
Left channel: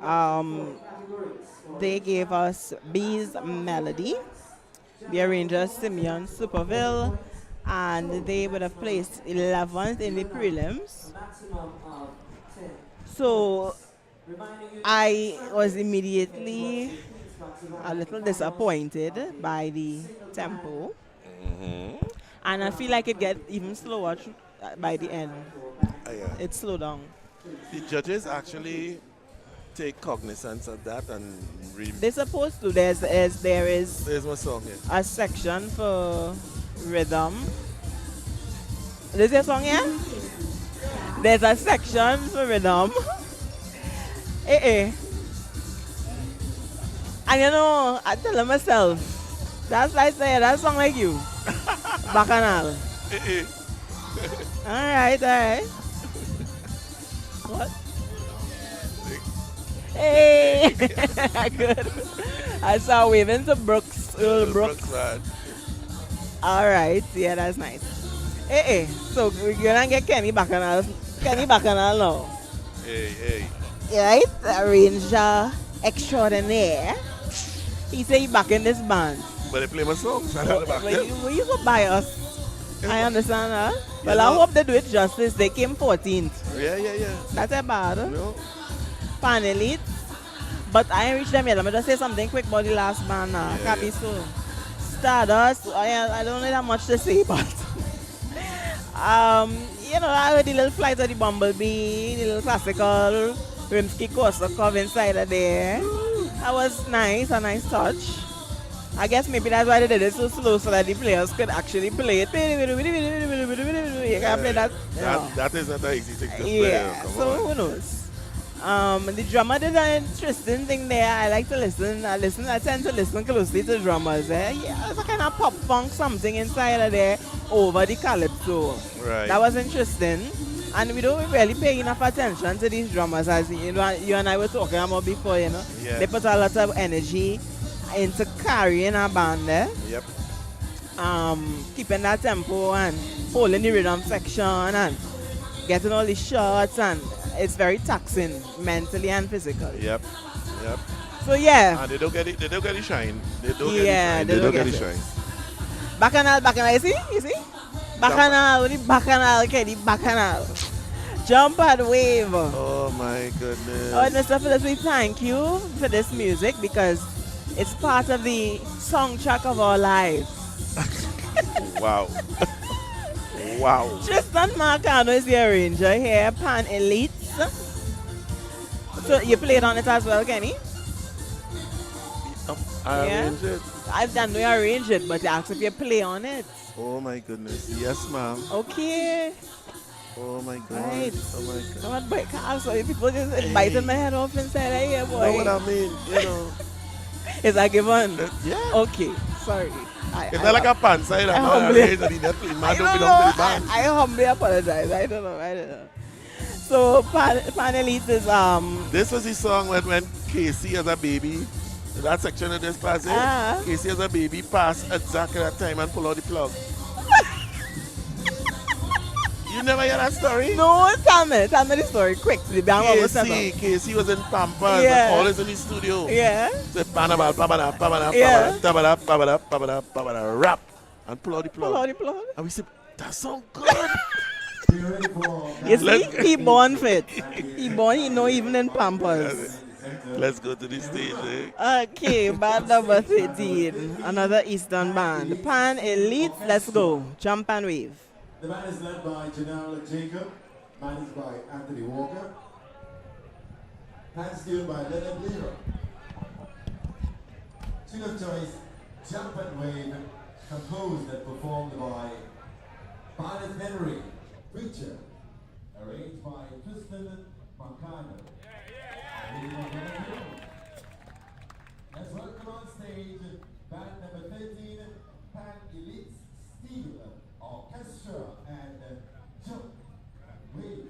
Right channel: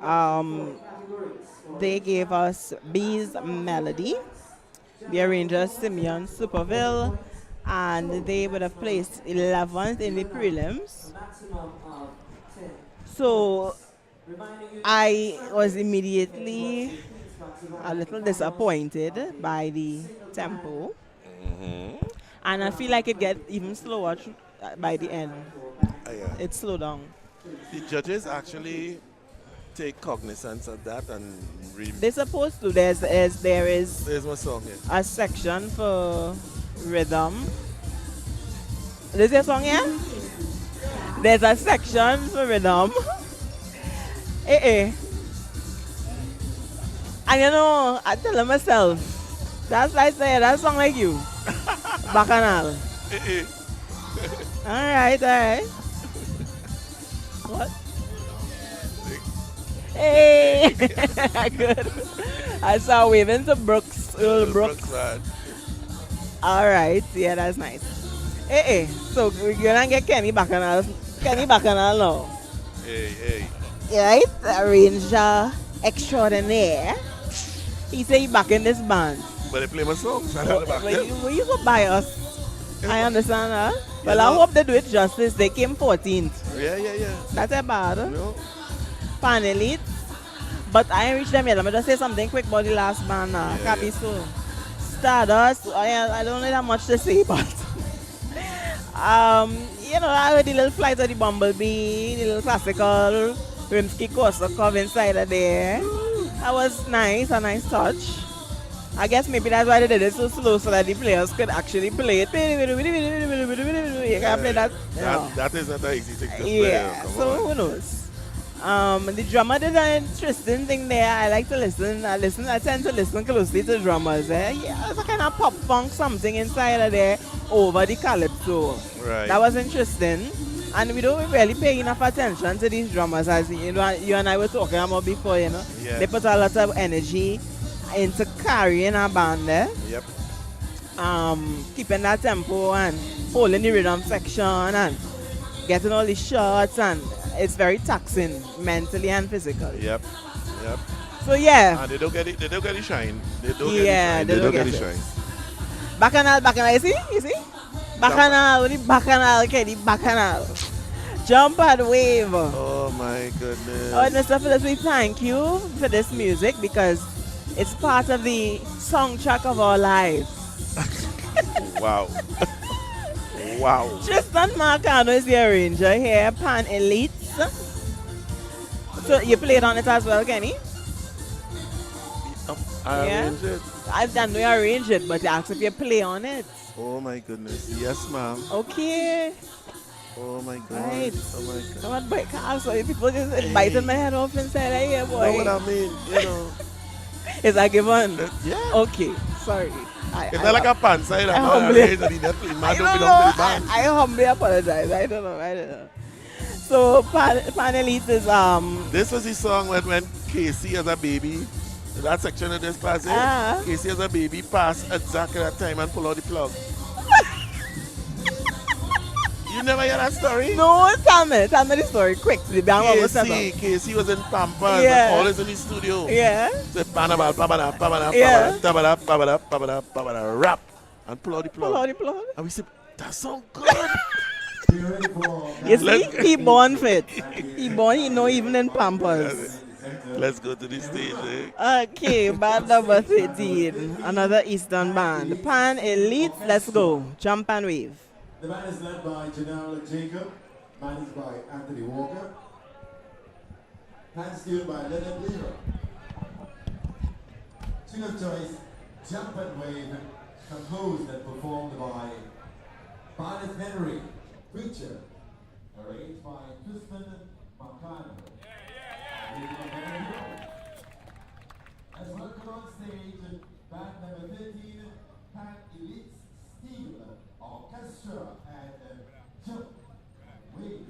Um, they gave us B's Melody, the arranger Simeon Superville, and they would have placed 11th in the prelims. So I was immediately a little disappointed by the tempo, and I feel like it gets even slower by the end. Yeah. It slowed down. The judges actually take cognizance of that and They're supposed to. There is there's one song here. a section for rhythm. Is there a song here? There's a section for rhythm. And you know, I tell myself, that's like say that song like you. Bacchanal. Alright. What? Hey! Good. I saw waving to Brooks. Brooks. Man. Alright, yeah, that's nice. So we're gonna get Kenny Bacchanal. Kenny Bacchanal now. Hey. Right? Arranger extraordinaire. He say he back in this band. But they play my songs. I know about them. But you go buy us. I understand, huh? Well, You I know- hope they do it justice. They came 14th. Yeah. That's a bad. You know? Panelite. But I ain't reached them yet. Let me just say something quick about the last band now. Yeah, Can't be so. Stardust. I don't know that much to say, but you know, I heard the little flight of the Bumblebee, the little classical Rimsky-Korsakov inside of there. That was nice, a nice touch. I guess maybe that's why they did it so slow so that the players could actually play it. You can't play that. You know. That is not an easy thing to play. Yeah, Come so on. who knows? The drummer did an interesting thing there. I like to listen. I tend to listen closely to drummers. Yeah, there's a kind of pop funk something inside of there over the calypso. Right. That was interesting. And we don't really pay enough attention to these drummers, as you know, you and I were talking about before. You know, Yeah. they put a lot of energy into carrying a band there. Yep. Keeping that tempo and holding the rhythm section and getting all the shots, and it's very taxing mentally and physically. Yep. So yeah, And they don't get it. They don't get the shine. They don't Yeah, get they the shine. don't They don't get get the it. shine. Bacchanal, you see? Bacchanal, the Bacchanal, okay, the Bacchanal. Jump and wave. Oh my goodness. Oh, Mr. Phillips, we thank you for this music because it's part of the soundtrack of our lives. Wow. Wow. Tristan Marcano is the arranger here, Pan Elites. So you played on it as well, Kenny? I Yeah. arranged it. I've done we arrange it, but ask if you play on it. Oh my goodness. Yes, ma'am. Okay. Oh my God. Right. Oh my God. Come on, break so people just biting my head off inside here, You know what boy. I mean? You know. Is that given? Yeah. Okay, sorry. It's not like a pants. I humbly- arranged it. That's man I don't don't belong to know. the band. I humbly apologize. I don't know. So Panelite is This was the song when Casey as a baby, that section of this passage, Ah. Casey as a baby passed exactly that time and pull out the plug. You never hear that story? no. Tell me the story quick. The band was set Casey was in Pampas Yeah. and always in the studio. Yeah. Say panaba, pabada, pabada, Yeah. pabada, pabada, pabada, pabada, rap, and pull out the plug. Pull out the plug. And we said, that sound good. Be ready for You see, he born fit. He born, he know even in Pampers. Let's go to the stage, eh? Okay, band number 13. Another Eastern band. Pan Elite, let's go. Jump and wave. The band is led by Janelle Jacob, managed by Anthony Walker, hands tuned by Leonard Lever. Tune of choice, Jump and Wave, composed and performed by Barnett Henry, Preacher, arranged by Tristan Marcano. Let's welcome on stage band number 13, Pan Elite Steel Orchestra and Jump Wave.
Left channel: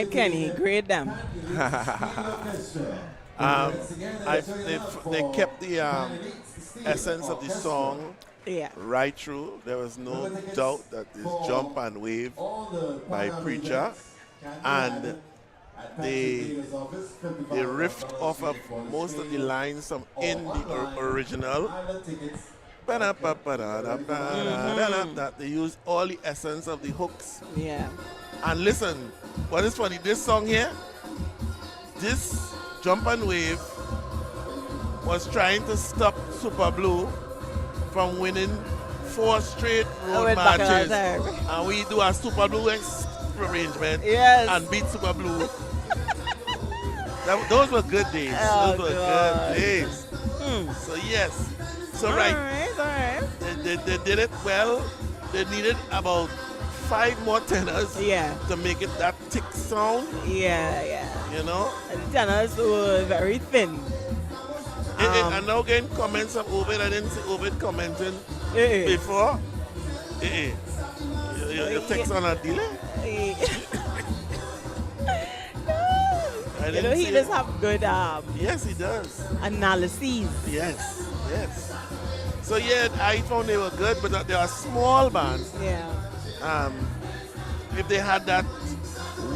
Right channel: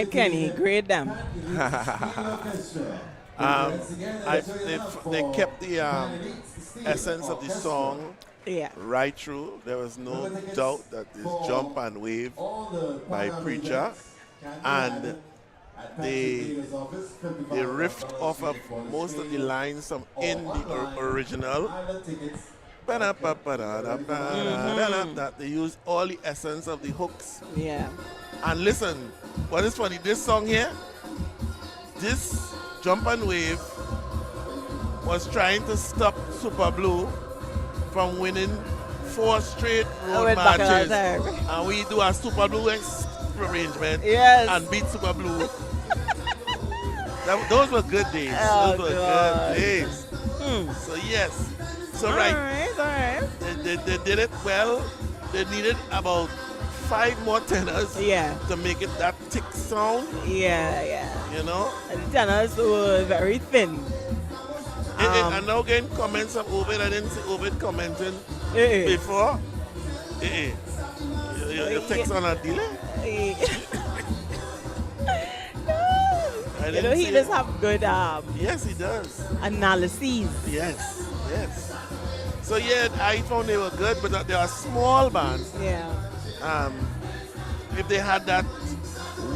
right, Kenny. Grade them. They kept the essence of the song Yeah. right through. There was no doubt that this Jump and Wave by Preacher, and they riffed off of most of the lines from in the original. That they used all the essence of the hooks. Yeah. And listen, what is funny, this song here, this Jump and Wave was trying to stop Super Blue from winning 4 straight road matches. And we do a Super Blue arrangement and beat Super Blue. Those were good days. Oh, Those were God. good days. So yes. So All right. right. They did it well. They needed about 5 more tenors to make it that thick sound. Yeah. You know? And the tenors were very thin. I'm now getting comments of Ovid. I didn't see Ovid commenting before. Your text on a delay? You know, he does have good yes, he does. analyses. Yes. So yeah, I found they were good, but they are small bands. Yeah. If they had that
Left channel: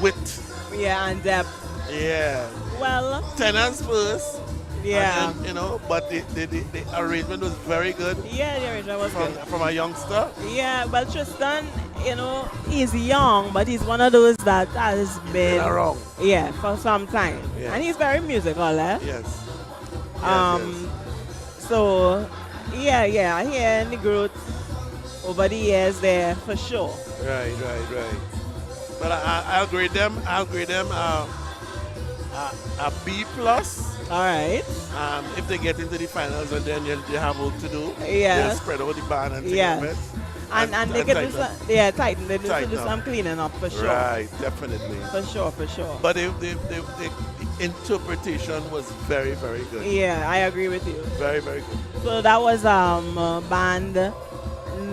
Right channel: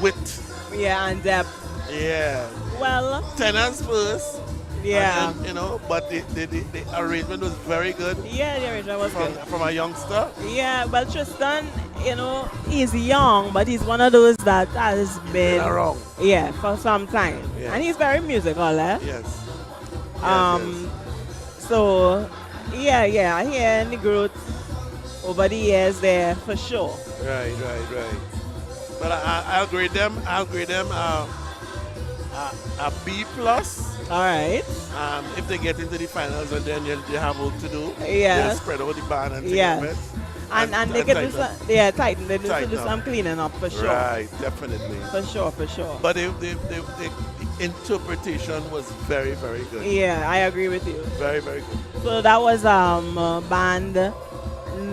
width. Yeah, and depth. Yeah. Well. Tenors first. Yeah. Then, you know, but the arrangement was very good. Yeah, the arrangement was good. From a youngster. Yeah, well, Tristan, you know, he's young, but he's one of those that has been around. Yeah, for some time. Yeah. And he's very musical, eh? Yes. So, yeah, I hear the growth over the years there for sure. Right. But I'll grade them. A B plus. All right. If they get into the finals, and then they have work to do. Yeah. They'll spread over the band and take Yeah. it. And they can do some, tighten. They need to do some cleaning up for sure. Right, definitely. For sure. But the interpretation was very, very good. Yeah, I agree with you. Very, very good. So that was band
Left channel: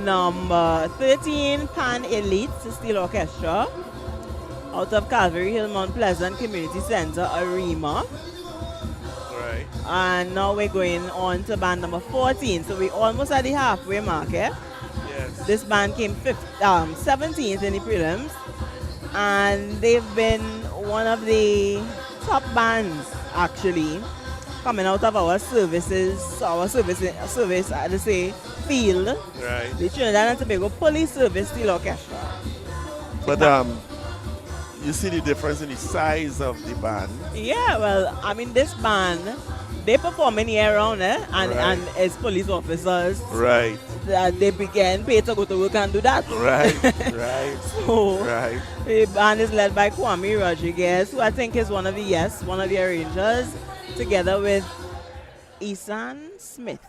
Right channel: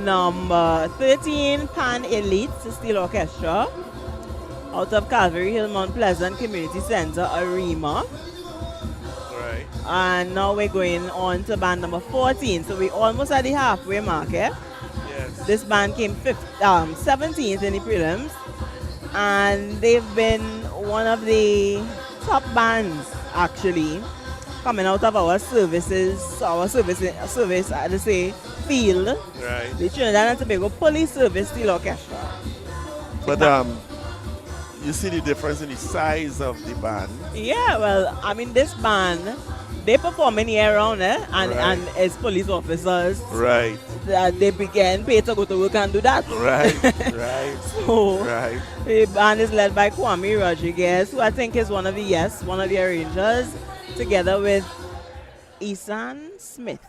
number 13, Pan Elite Steel Orchestra, out of Calvary Hill, Mount Pleasant Community Center, Arima. Right. And now we're going on to band number 14. So we're almost at the halfway mark, eh? Yes. This band came 17th in the prelims, and they've been one of the top bands actually coming out of our service, I'd say, field. Right. The Trinidad and Tobago Police Service Steel Orchestra. But you see the difference in the size of the band. Yeah, well, I mean, this band, they perform in year round, eh? And as police officers, right, they began paid to go to work and do that. Right. So the band is led by Kwame Rodriguez, who I think is one of the arrangers, together with Isan Smith.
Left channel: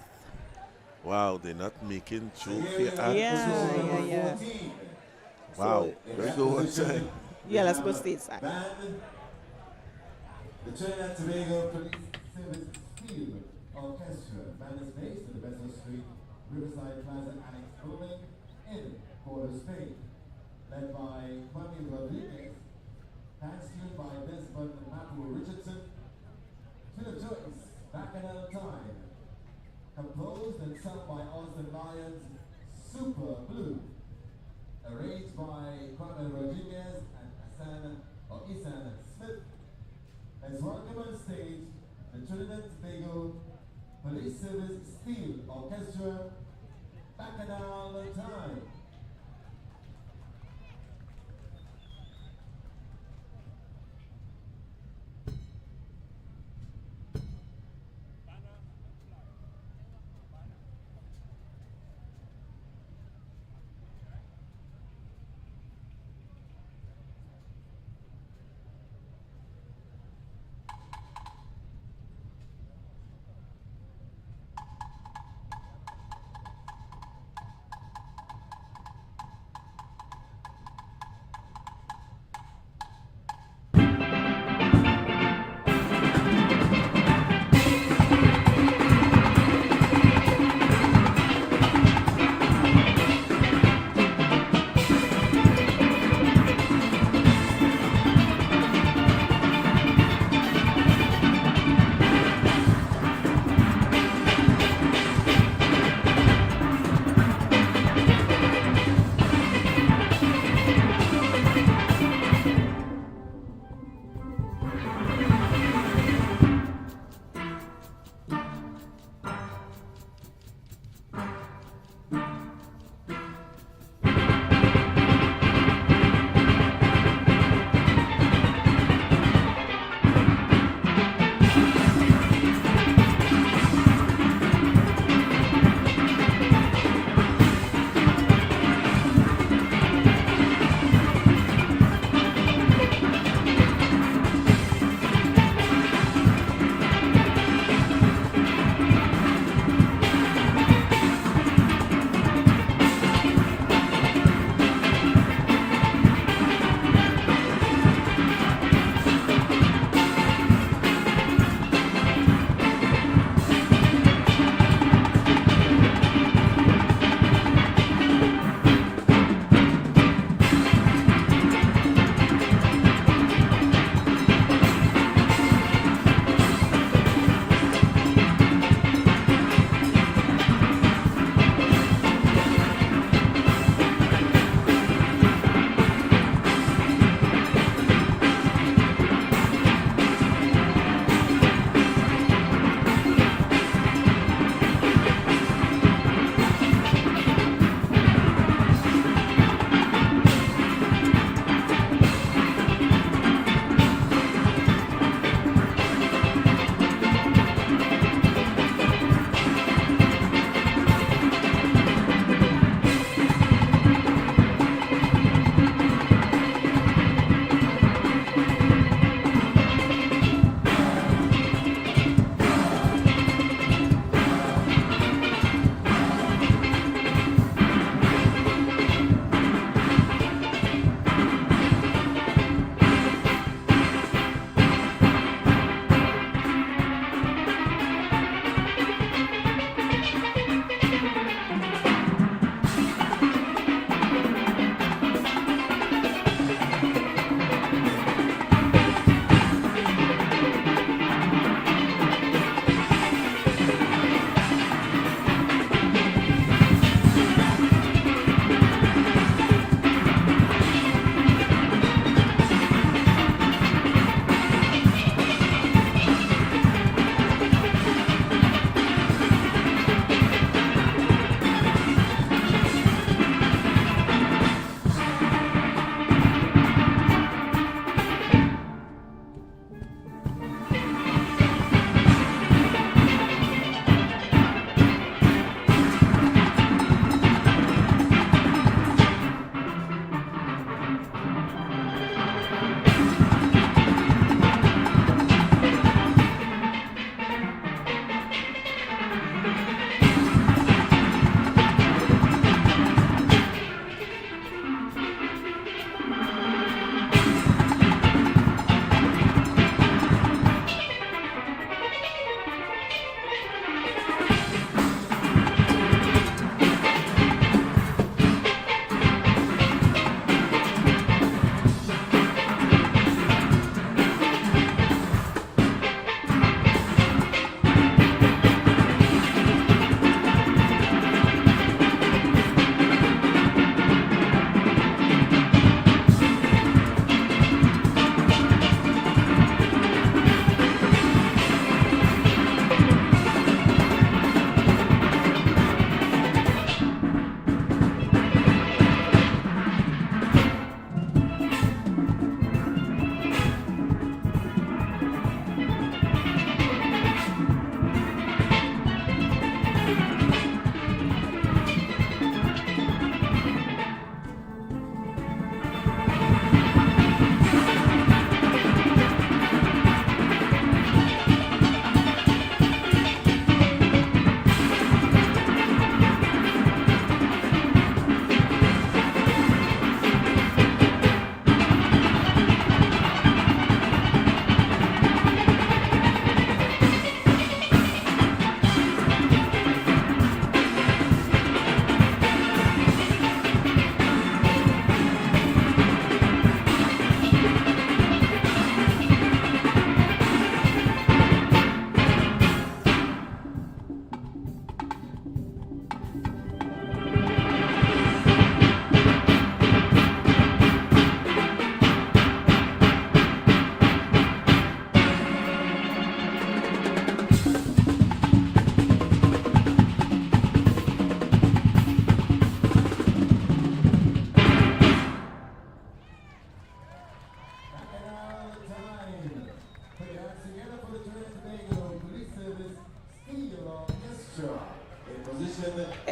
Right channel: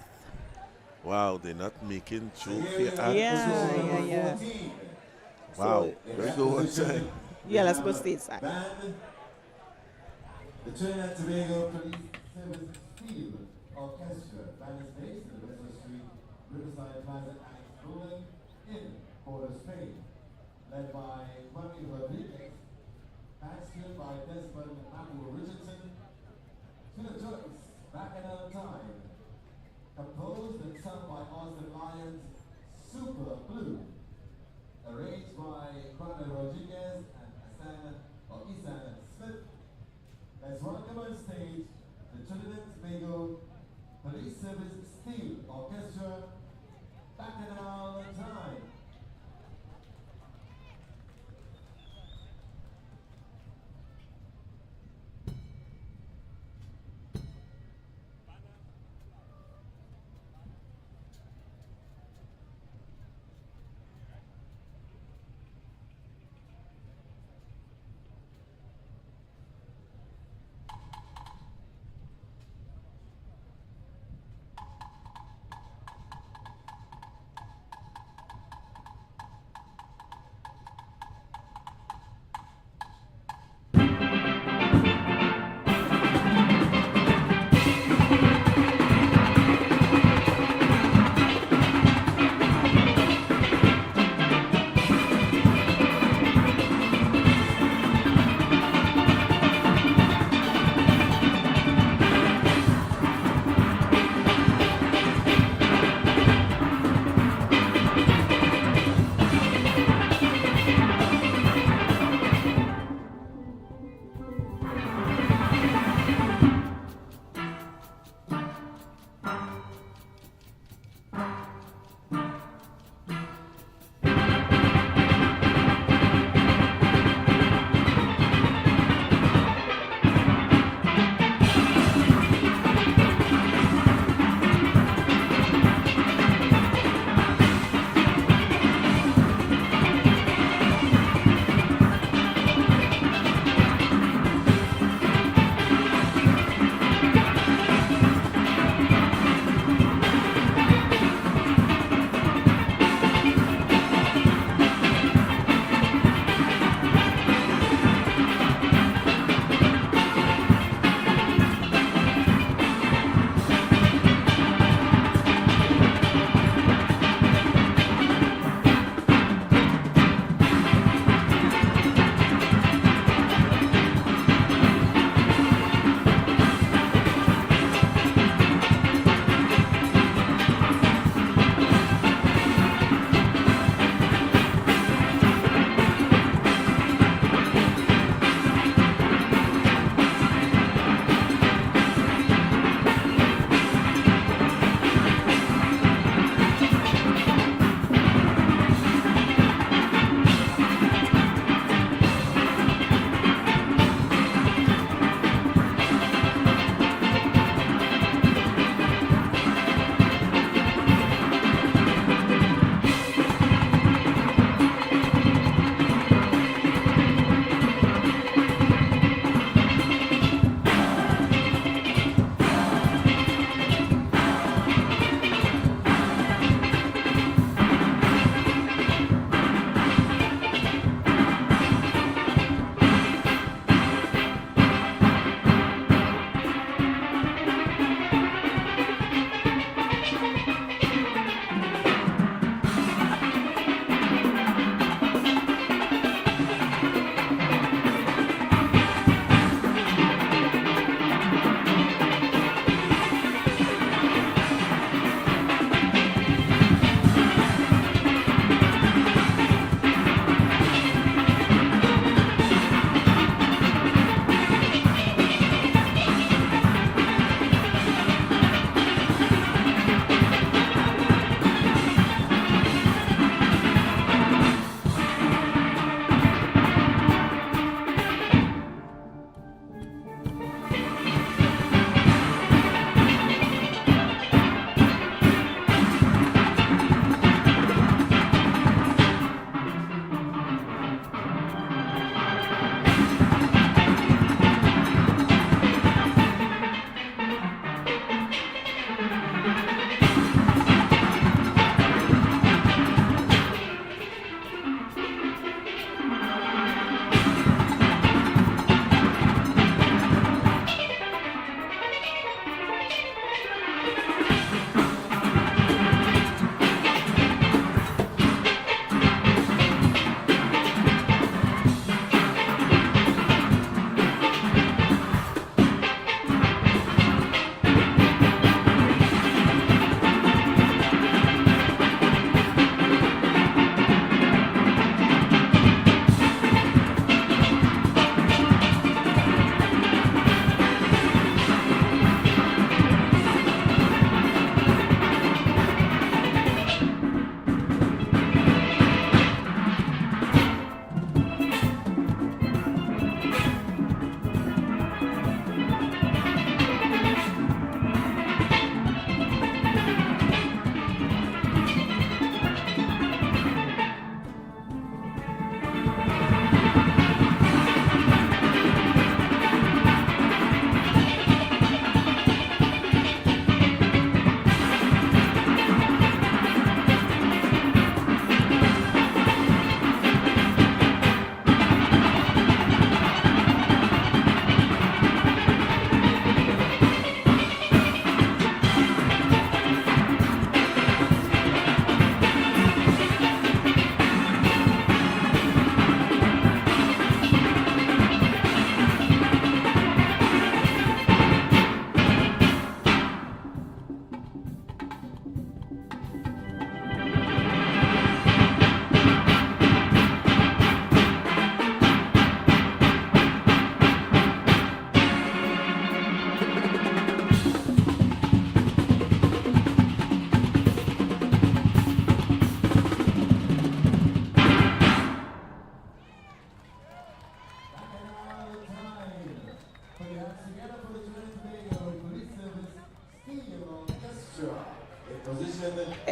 Wow, they're not making joke here. Yeah. Wow, let's go one time. Yeah, let's go stateside. The Trinidad and Tobago Police Service Field Orchestra band is based in the Vessel Street, Riverside Plaza Annex building in Port of Spain, led by Kwame Rodriguez, bastioned by Desmond and Matthew Richardson, Philip Joyce, Back in Our Time, composed and sung by Austin Lyons, Super Blue, arranged by Kwame Rodriguez and Isan Smith. Let's welcome on stage the Trinidad and Tobago Police Service Steel Orchestra, Bacchanal Time.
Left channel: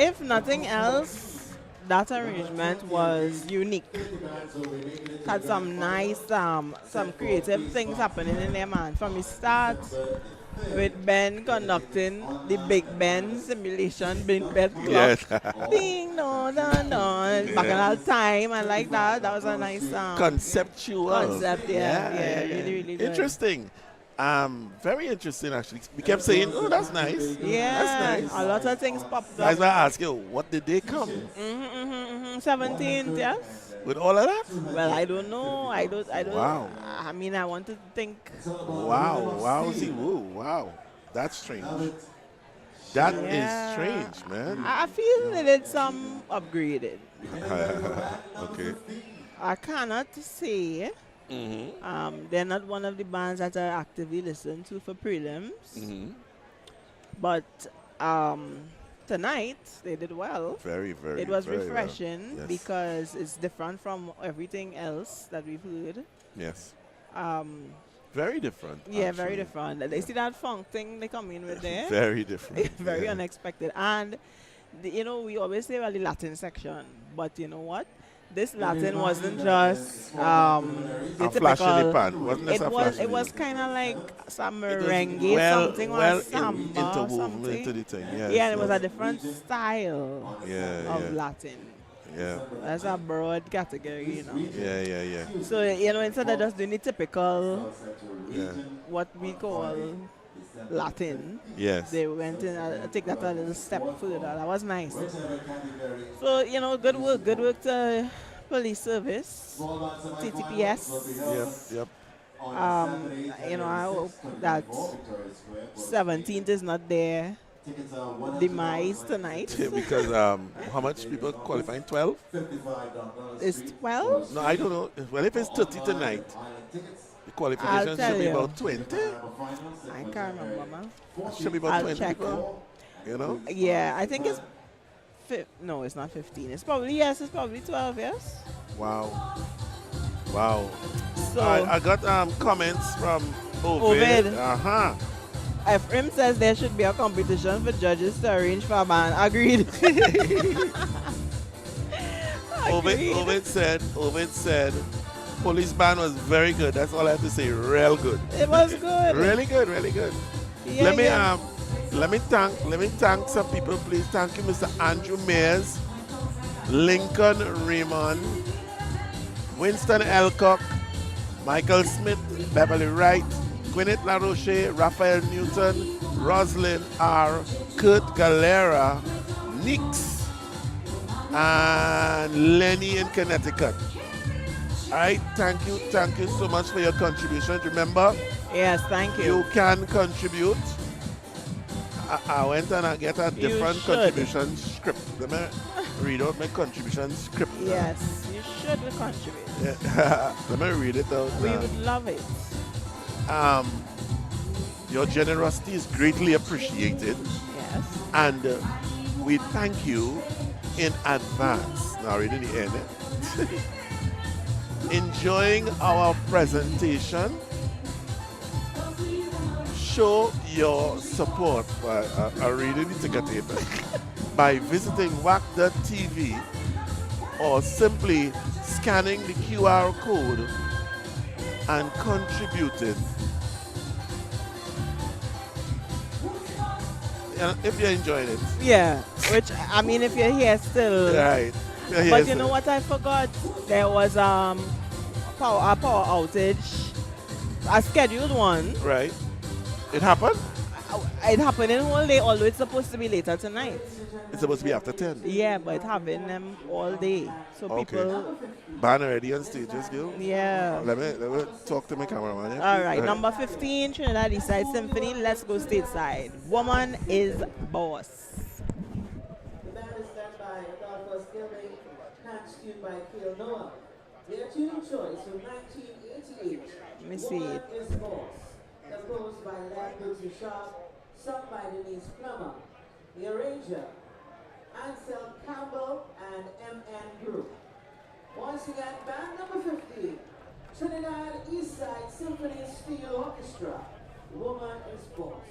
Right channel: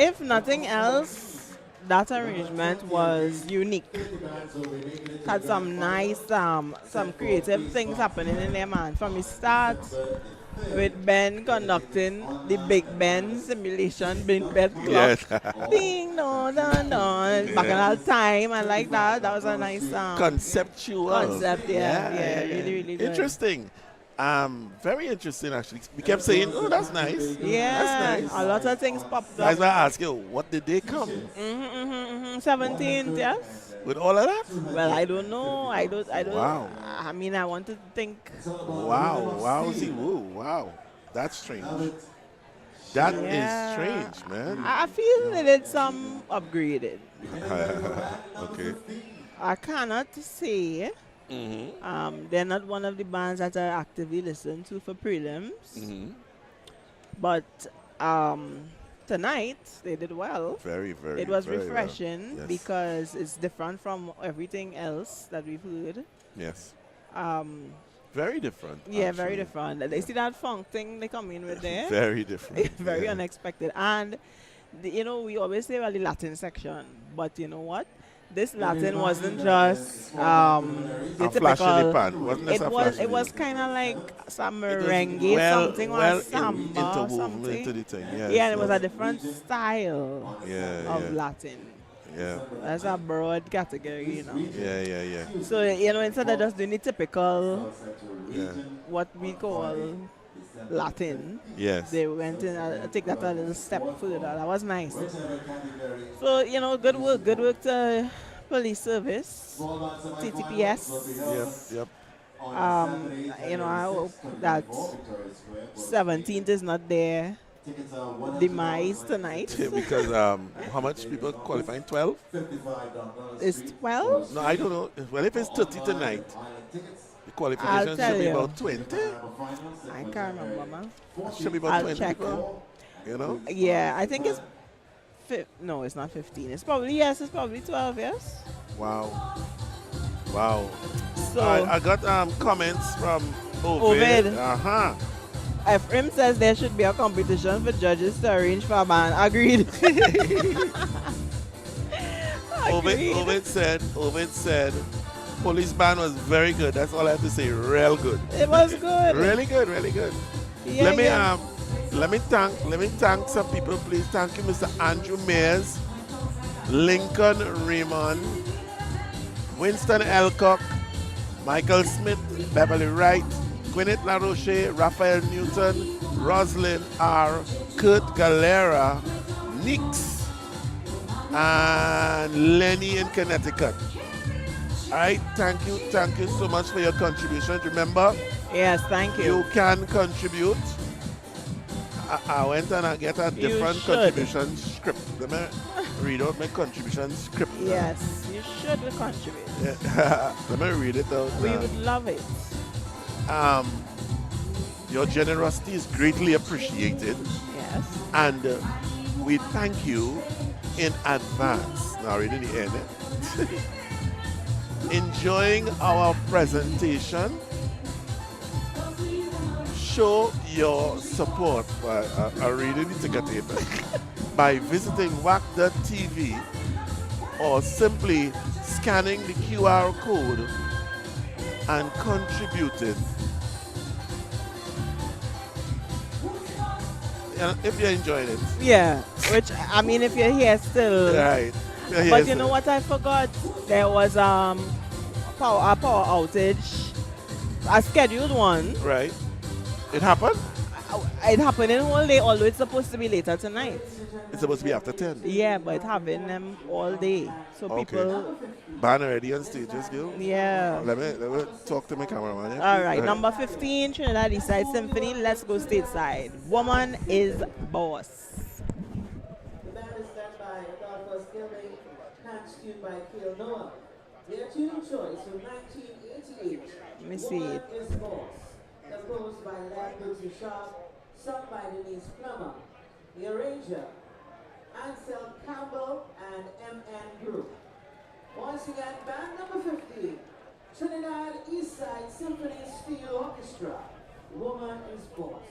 If nothing else, that arrangement was unique. Had some nice, some creative things happening in there, man. From the start, with Ben conducting the Big Ben simulation, Big Ben clock. Yes. Ding, no, no, no. Back in that time, I like that. That was a nice Conceptual. concept, yeah, really, really good. Interesting. Very interesting actually. We kept saying, "Oh, that's nice." Yeah, That's nice. a lot of things popped I up. was gonna ask you, what did they come 17th, yes. with all of that? Well, I don't know. I don't. Wow. I mean, I want to think. Wow. See, whoa, wow. That's strange. That is Yeah. strange, man. I feel they did some upgraded. Okay. I cannot say. They're not one of the bands that I actively listen to for prelims. But tonight they did well. Very, very. It was very well. refreshing Yes. because it's different from everything else that we've heard. Yes. Very Very different. actually. different. They see that funk thing they come in with there. Very different. Very yeah. unexpected. And we always say well the Latin section, but you know what? This Latin wasn't just the A flash in the typical. pan. Wasn't this a flash in It the was pan? kind of like some It was merengue, something or samba, interwoven something. into the thing. Yes, Yeah, and it was a yes. different style Yeah, of yeah. Latin. Yeah, That's a broad category. yeah. So instead of just doing the typical, Yeah. what we call Latin, Yes. they went in take that a little step further. That was nice. So good work to police service, TTPS. Yep. I hope that 17th is not their demise tonight. Because how much people qualifying? 12? It's 12. No, I don't know. Well, if it's 30 tonight, the I'll qualification tell should be you. about 20. I can't remember, man. Should be about I'll 20 check. people. You know? Yeah, I think it's. No, it's not 15. It's probably 12. Yes. Wow. So I got comments from Ovid. Ovid. Ephraim says there should be a competition for judges to arrange for a band. Agreed. Agreed. Ovid said police band was very good. That's all I have to say. Real good. It was good. Really good. Yeah, Let me thank some people, please. Thank you, Mr. Andrew Mayers, Lincoln Raymond, Winston Elcock, Michael Smith, Beverly Wright, Gwyneth LaRoche, Raphael Newton, Roslyn R, Kurt Galera, Nix, and Lenny in Connecticut. All right, thank you so much for your contribution. Remember, Yes, thank you. you can contribute. I went and I get a different should. contribution script. Let me read out my contribution script. now. Yes, you should contribute. Yeah. Let me read it out. We now. would love it. Your generosity is greatly appreciated, Yes. and we thank you in advance. Now, reading the end. Enjoying our presentation. Show your support by I really need to get it by visiting WACK.tv or simply scanning the QR code and contributing. If you're enjoying it. Yeah, which I mean, if you're here still. Right. But you know what I forgot? There was a power outage, a scheduled one. Right. It happened? It happened in whole day, although it's supposed to be later tonight. It's supposed to be after 10. Yeah, but it's having them all day. So Okay. people, Band already on stage, just go. yeah. Let me talk to my cameraman. Yeah? All right, number 15, Trinidad Eastside Symphony. Let's go stateside. Woman is boss. The band is led by Adolphus Gilbey, hands tuned by Kiel Noah. Their tuning choice from 1988. Let me see Woman it. is Boss. Composed by Larry Bootsy Sharp, sung by Denise Plummer. The arranger, Ansel Campbell and M.N. Group. Once again, band number 15, Trinidad Eastside Symphony Steel Orchestra. Woman is Boss.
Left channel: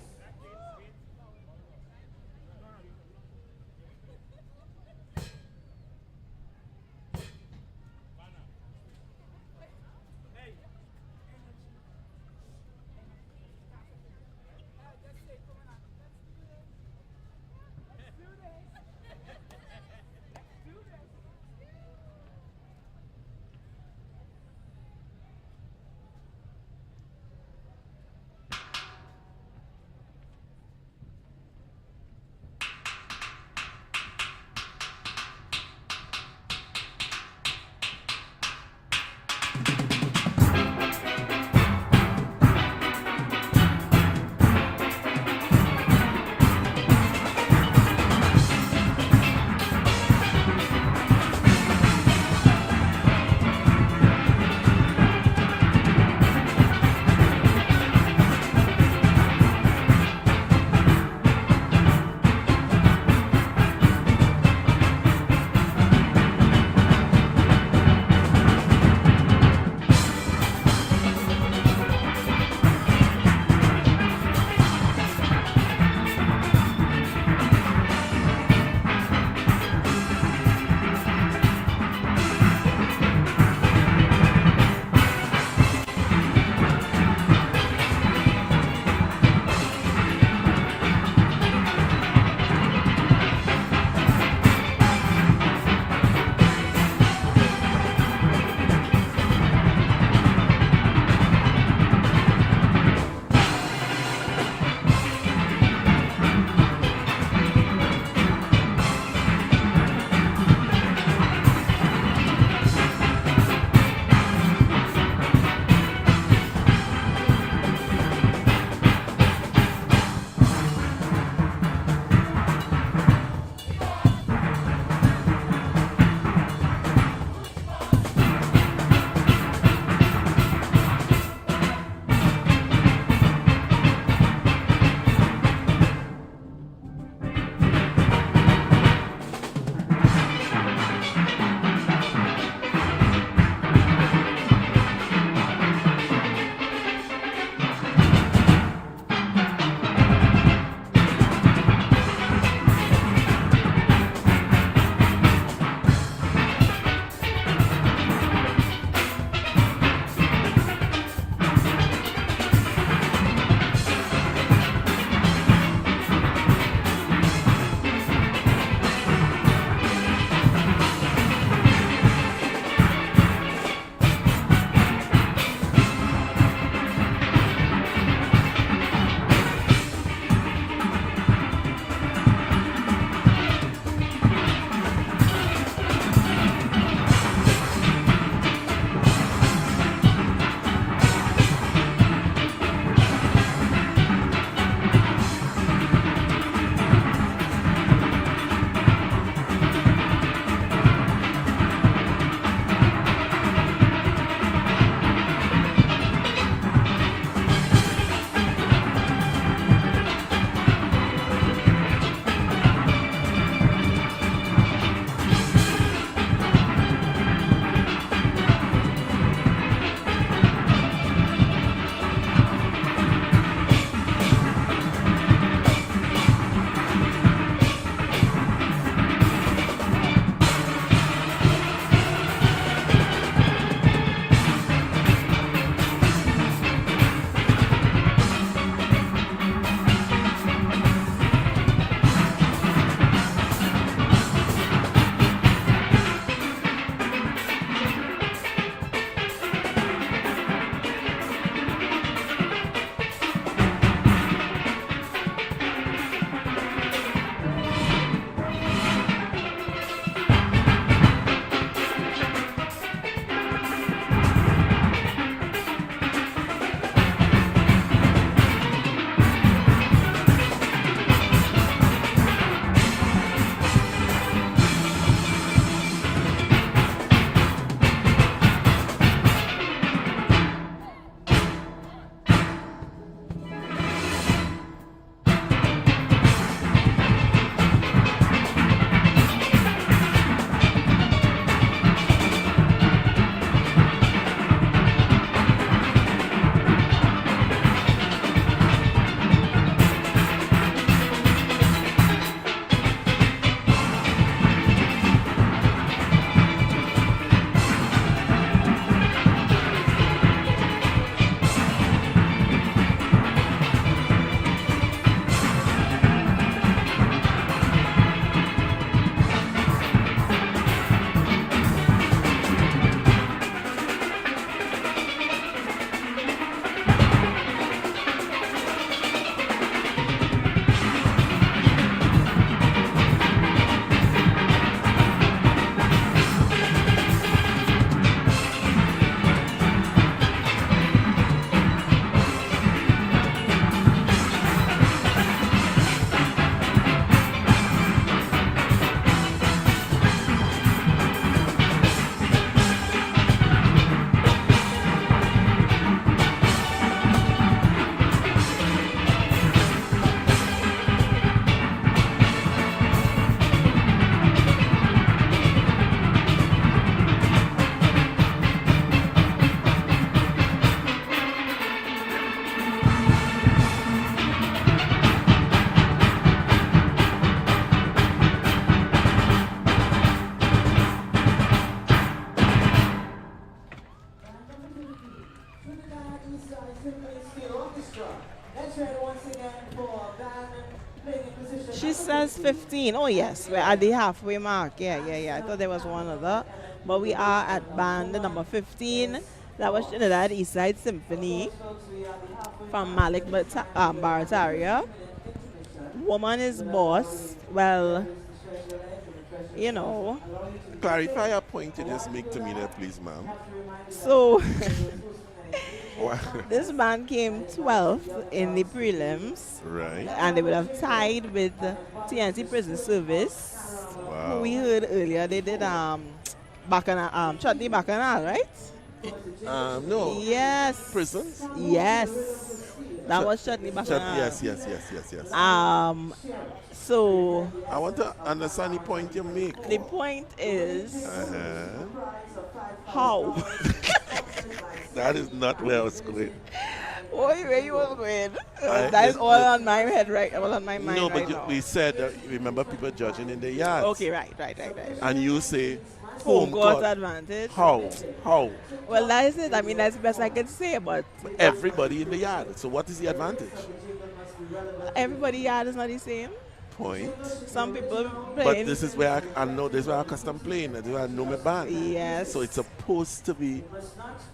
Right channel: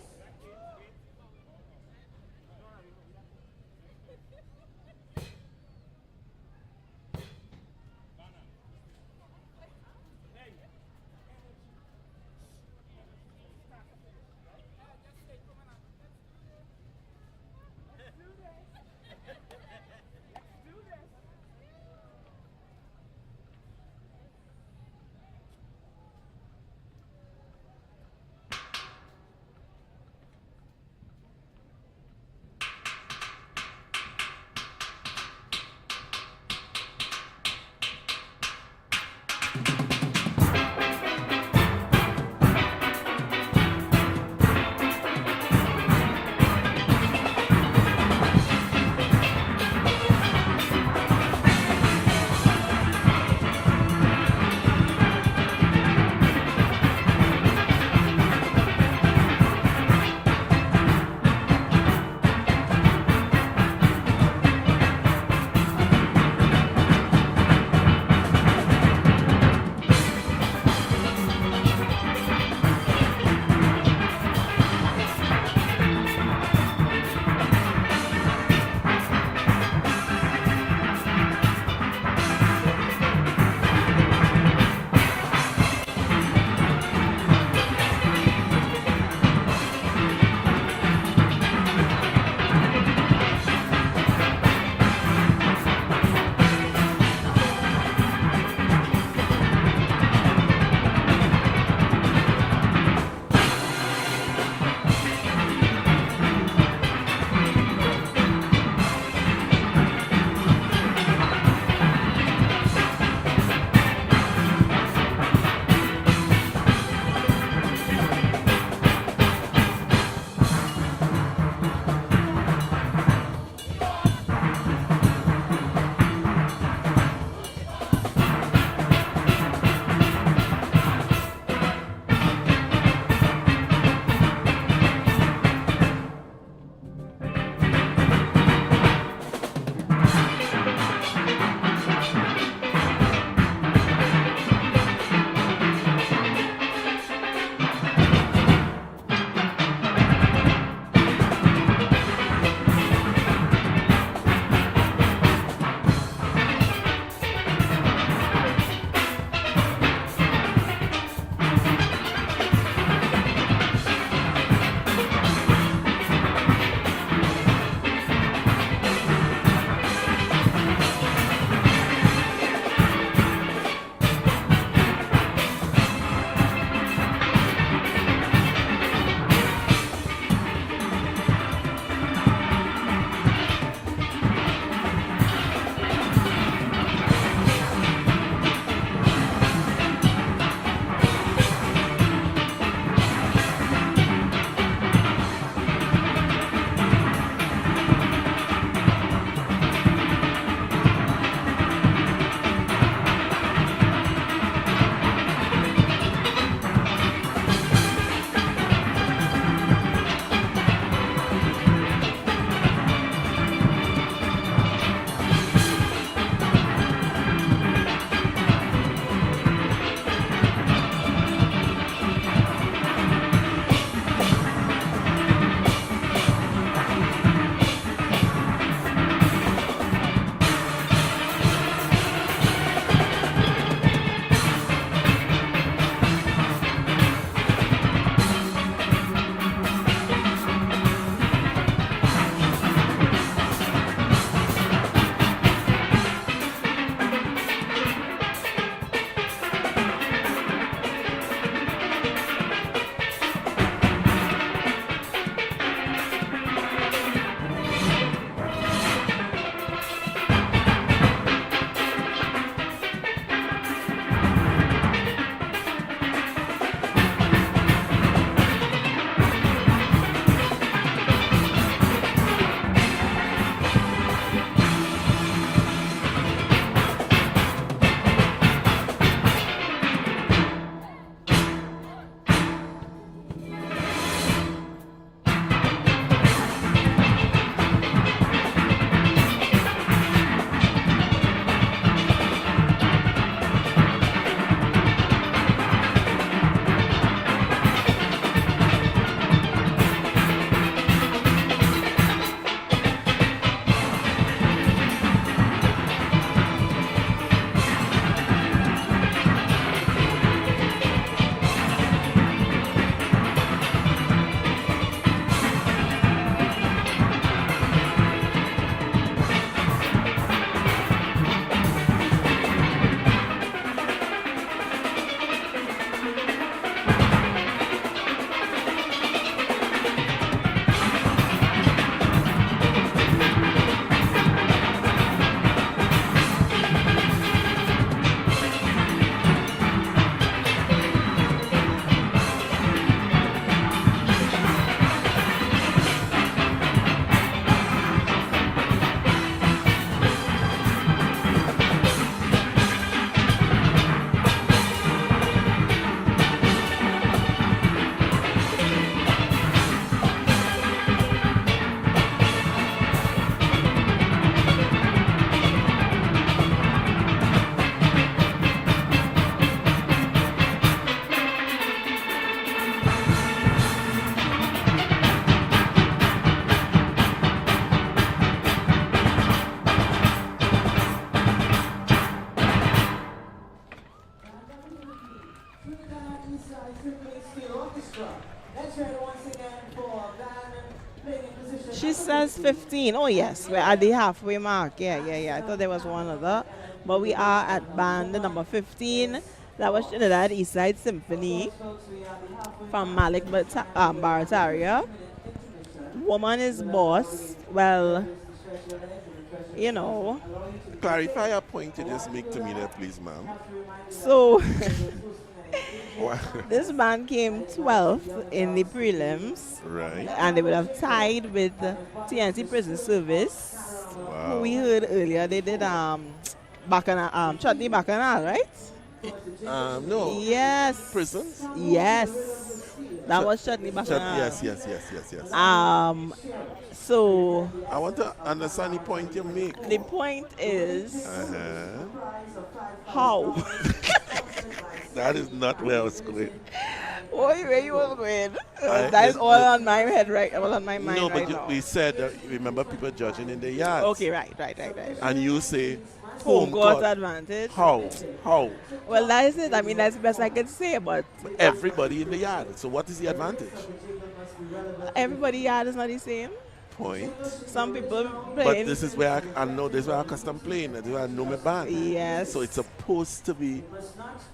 She says 15. Oh, yes, we're at the halfway mark. Yeah. I thought there was one other. But we are at band number 15. That was Trinidad Eastside Symphony from Malik Barataria. Woman is boss. Well, you know. Clarify a point you just make to me there, please, ma'am. So, Wow. this band came 12th in the prelims. Right. And they would have tied with TNT Prison Service. Wow. Who we heard earlier, they did Bacchanal, Chutney Bacchanal, right? No. Yes. Prisons? Yes. That was Chutney Bacchanal. Yes. So I want to understand the point you make. the point is Uh-huh. how. That is not where I was going. Where you was going? I- That is the- all on my head, right? All on my mind No, right but now. we said that remember people judging in the yards. Okay, right. And you say Home court court. advantage. How? Well, that is it. I mean, that's the best I could say, but Everybody in the yard. So what is the advantage? everybody yard is not the same. Point. Some people But playing. this is where I know this is where I custom playing. This is where I know my band. Yes. So it's supposed to be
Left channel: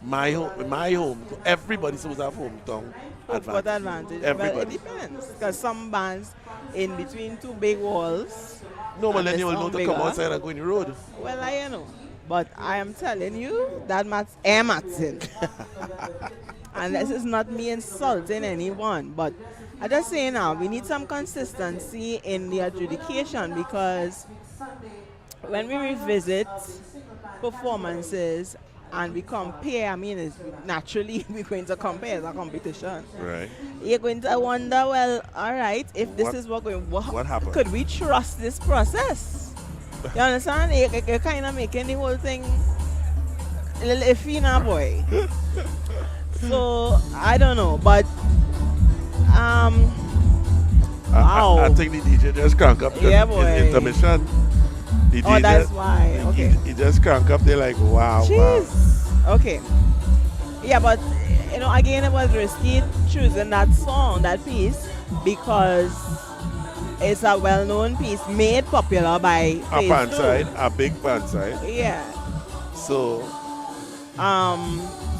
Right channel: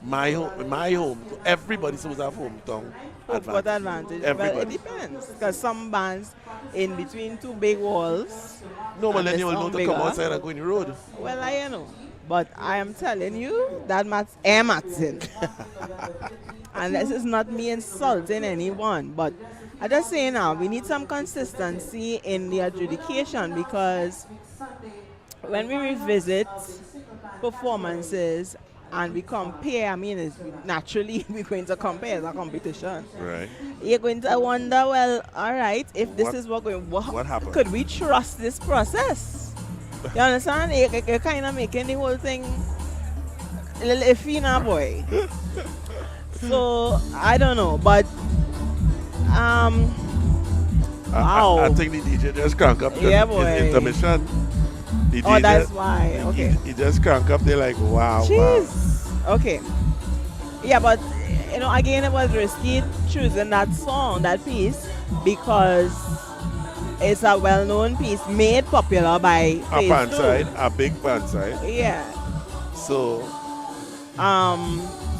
my home. Everybody's supposed to have hometown What advantage? Well, Everybody. it depends. Because some bands in between two big walls. No, but and then they you will know sound to come bigger. outside and go in the road. Well, I know. But I am telling you that Martin. And this is not me insulting anyone, but I just say now we need some consistency in the adjudication, because when we revisit performances and we compare, I mean, it's naturally we're going to compare, it's a competition. Right. You're going to wonder, well, all right, if this What- is what happened? could we trust this process? You understand? You're kind of making the whole thing a little iffy now, boy. So, I don't know, but, wow. I think the DJ just crank up Yeah, his boy. intermission. The Oh, DJ, that's why. Okay. He just crank up. They're like, wow. Jeez. Okay. Yeah, but you know, again, it was risky choosing that song, that piece, because it's a well-known piece made popular by A Phase pan 2. side, a big pan side. Yeah. So,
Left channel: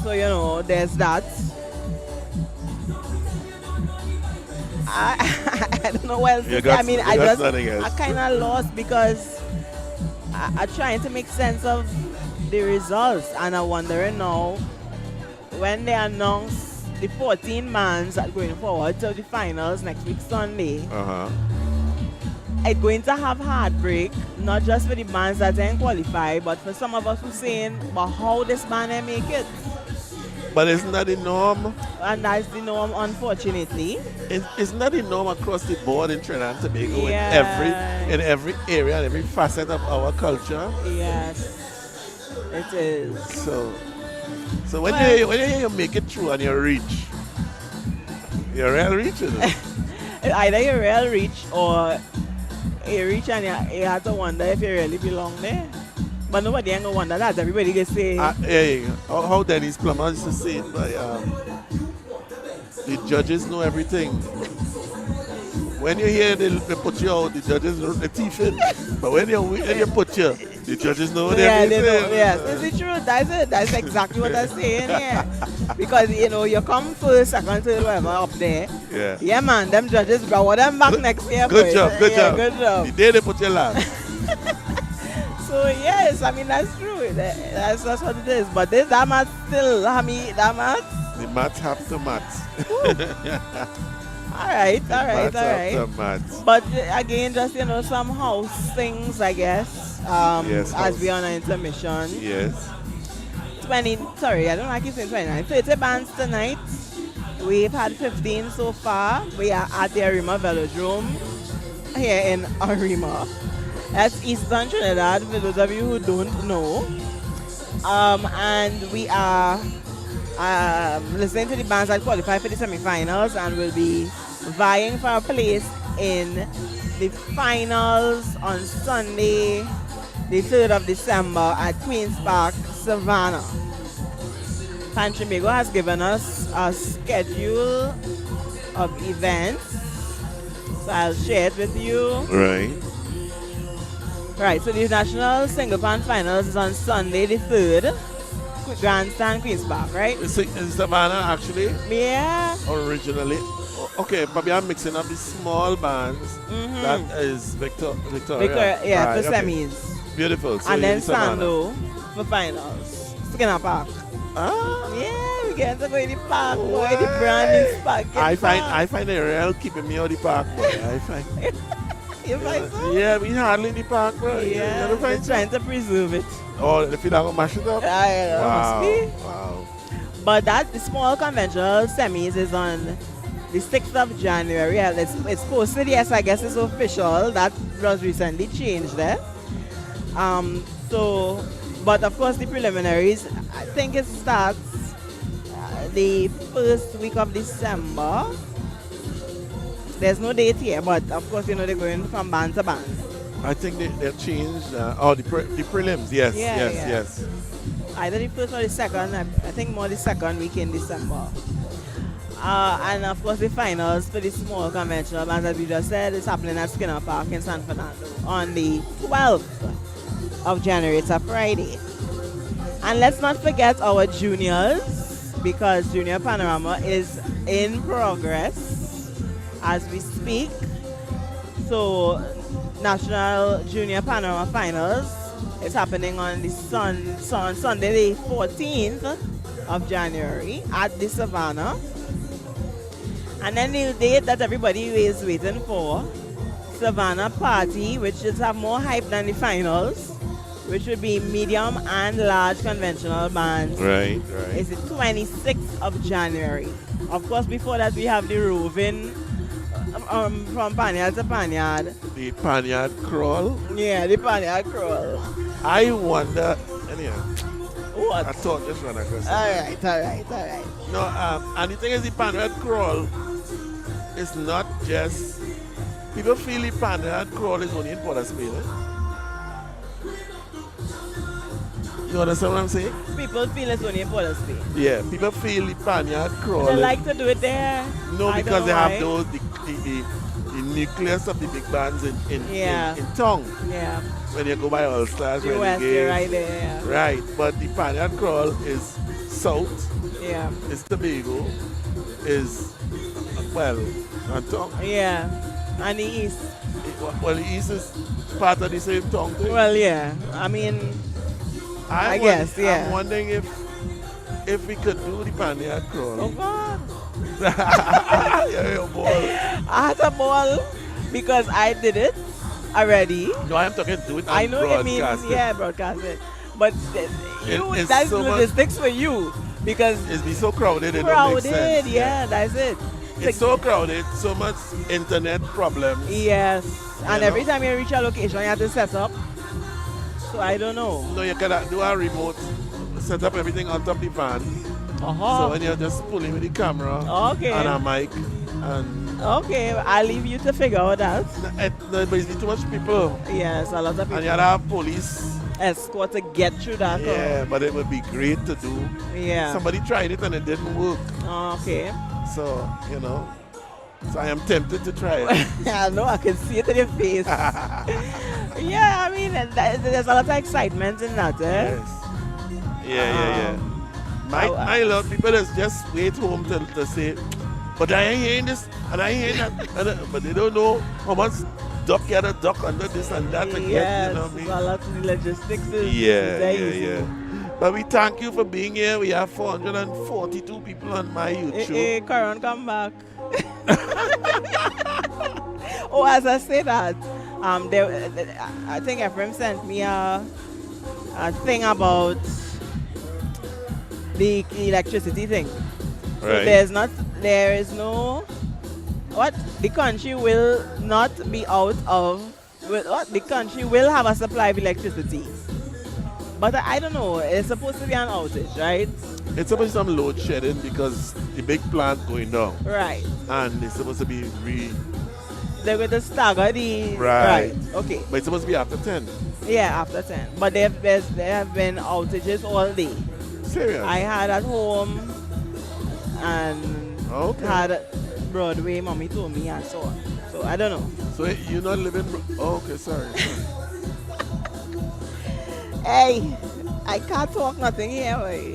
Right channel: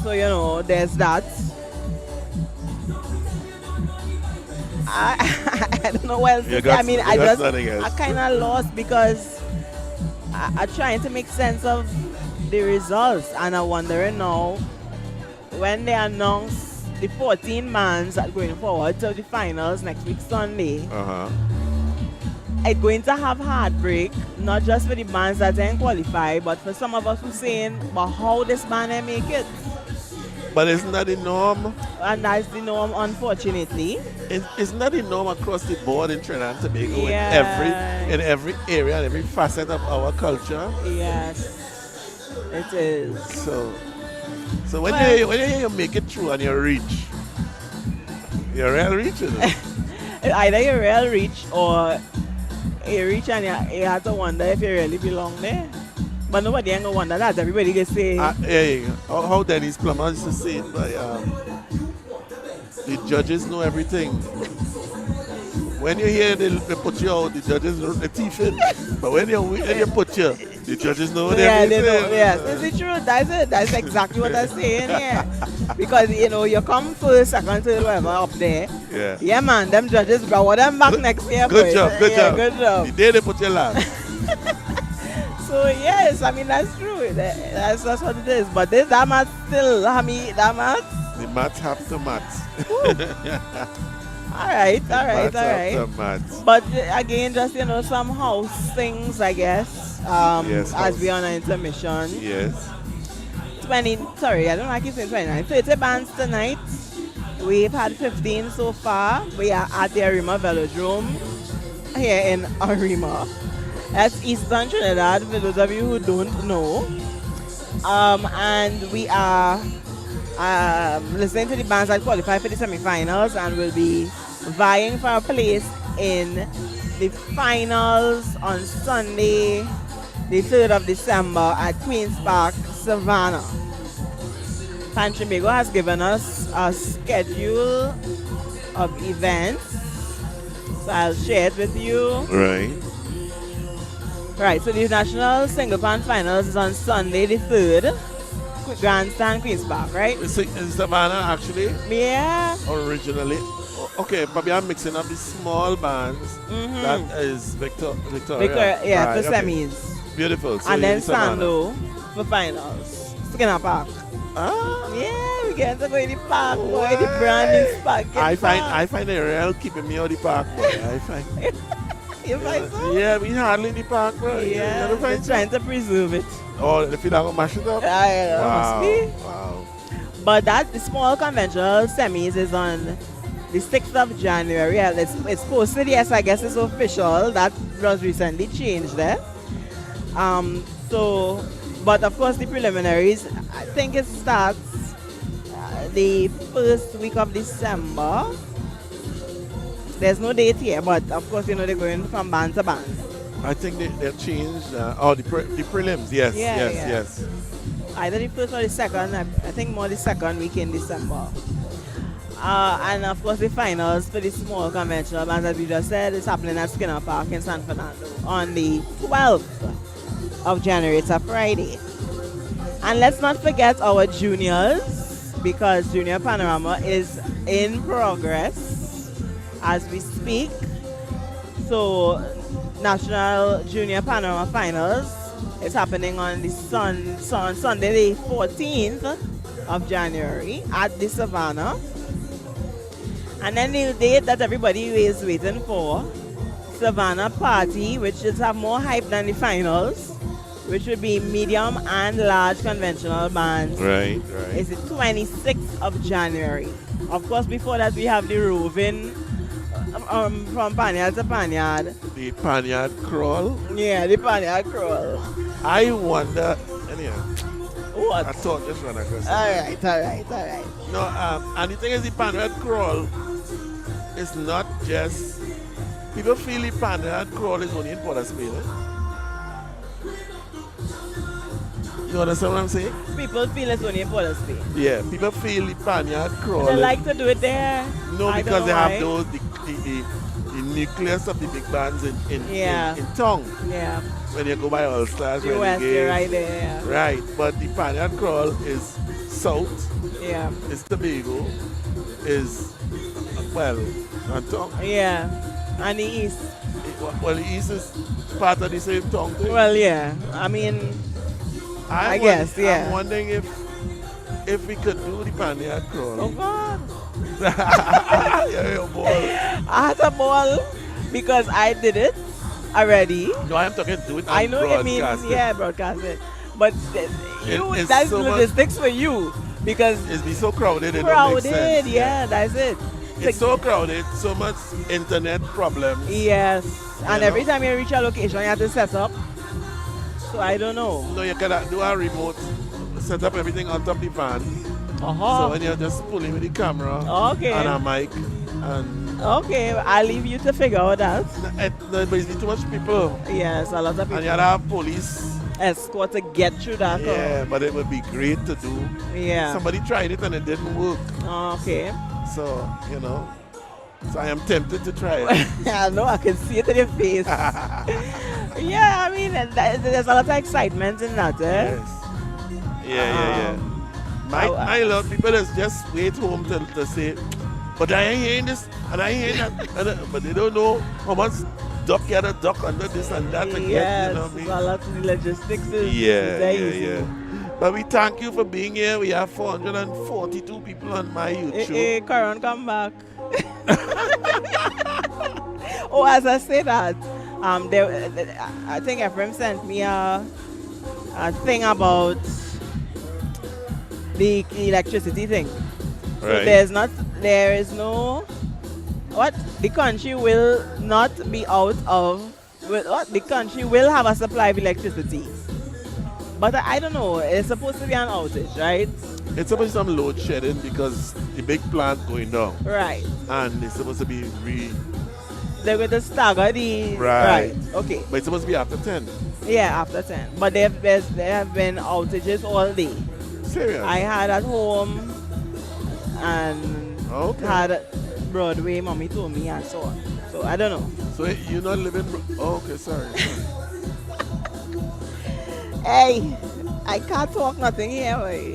So you know, there's that. I don't know what else You to say. I got- mean, you I got just nothing else. I kind of lost because I'm trying to make sense of the results, and I'm wondering now when they announce the 14 bands that are going forward to the finals next week Sunday. It's going to have heartbreak, not just for the bands that didn't qualify, but for some of us who saying, but how this band they make it? but isn't that the norm? And that's the norm, unfortunately. Isn't that the norm across the board in Trinidad and Tobago Yeah. in every area and every facet of our culture? Yes, it is. So when Well- you hear you make it through and you reach, you're real reach, you know? Either you real reach or you reach and you have to wonder if you really belong there. But nobody ain't gonna wonder that. Everybody can say, Hey, how Dennis Plummer used to say it, but the judges know everything. When you hear they put you out, the judges know the teeth in. But when you put you, the judges know yeah, everything. they know. Yes, it's the truth. That's it. That's exactly what I'm saying here. Because you know, you come first, second, third, whatever up there. Yeah. Yeah, man. Them judges brought them back next year. Good boys. job, good Yeah, job. Good job. The day they put you last. So yes, I mean that's true. That's what it is. But that match still, I mean, that match. The mats have to mat. All right. Mats have to mat. But again, just you know, some house things, I guess. Yes, as we house. on an intermission. Yes. 20. Sorry, I don't like keep saying 29. 30 bands tonight. We've had 15 so far. We are at the Arima Velodrome here in Arima. That's Eastern Trinidad, for those of you who don't know. And we are listening to the bands that qualify for the semi-finals and will be vying for a place in the finals on Sunday, the 3rd of December at Queen's Park, Savannah. Pan Trinbago has given us a schedule of events. So I'll share it with you. Right. Right, so the National Single Pan Finals is on Sunday the 3rd. Grandstand, Queen's Park, right? Is Savannah actually Yeah. originally? Okay, probably I'm mixing up the small bands. That is Victoria. Yeah, Right, for okay. semis. Beautiful. So And then it's Savannah. Sando for finals. Skinner Park. Ah, Yeah, we get to go in the park, boy. What? The brand new park. I find it real keeping me out the park, boy. I find. You find so? Yeah, we hardly in the park, bro. Yeah, You we're find so? trying to preserve it. Oh, if you don't mash it up. Must be. Wow. But the small conventional semis is on the 6th of January. Yeah, it's posted, yes, I guess it's official. That was recently changed there. But of course the preliminaries, I think it starts the first week of December. There's no date here, but of course, they're going from band to band. I think they've changed. The prelims, yes, Yeah, yes. Either the first or the second, I think more the second week in December. And of course the finals for the small conventional bands, as we just said, is happening at Skinner Park in San Fernando on the 12th of January. It's a Friday. And let's not forget our juniors, because Junior Panorama is in progress as we speak. So National Junior Panorama Finals is happening on the Sunday the 14th of January at the Savannah. And then the date that everybody is waiting for, Savannah Party, which is have more hype than the finals, which would be medium and large conventional bands. Right. It's the 26th of January. Of course, before that we have the roving from Panyard to Panyard. The Panyard Crawl. Yeah, the Panyard Crawl. I wonder, anyhow, What? I thought just run across. Alright. No, and the thing is, the Panyard Crawl is not just, people feel the Panyard Crawl is only in Port of Spain. You understand what I'm saying? People feel it's only in Port of Spain. Yeah, people feel the Panyard Crawl. They is- like to do it there. No, I because don't they know have why. those the nucleus of the big bands in town. Yeah. When you go by All Stars, US, you're Renegades. right there. Right, but the Panyard Crawl is south, Yeah. is Tobago, is well, not tongue. Yeah. And the east. Well, the east is part of the same tongue thing. Well, yeah. I mean, I guess, yeah. I'm wondering if we could do the Panyard Crawl. oh God. Yeah, boy. I had a ball because I did it already. No, I'm talking do it on I know what you mean, broadcasting. yeah, broadcast it. But It's that's so much- logistics for you because It's be so crowded, it don't make sense. crowded, yeah, that's it. It's so crowded, so much internet problems. Yes, and You every know? time you reach a location, you have to set up. So I don't know. No, you can do a remote, set up everything on top of the van. So when you're just pulling with the camera Okay. and a mic, and Okay, I'll leave you to figure out that. but it's too much people. Yes, a lot of people And you have police. escort to get through that. Yeah, but it would be great to do. Yeah. Somebody tried it and it didn't work. Okay. So, so I am tempted to try it. I know, I can see it in your face. Yeah, I mean, there's a lot of excitement in that, eh? Yes. Yeah. My lot people just wait home to say, but I ain't hearing this and I ain't hearing that. But they don't know how much duck you gotta duck under this and that to Yes, get, you know what I mean? a lot of the logistics is Yeah. very easy. But we thank you for being here. We have 442 people on my YouTube. Hey, Karan, come back. Oh, as I say that, I think Ephraim sent me a thing about the electricity thing. So Right. there is no, the country will not be out of, the country will have a supply of electricity. But I don't know, it's supposed to be an outage, right? It's supposed to be some load shedding because the big plant going down. Right. And it's supposed to be They're going to stagger the... Right. Okay. But it's supposed to be after 10. Yeah, after 10. But there have been outages all day. Serious? I had at home and Okay. had Broadway, mommy told me, and so on. So I don't know. So you not living? Oh, okay, sorry. Hey, I can't talk nothing here, boy.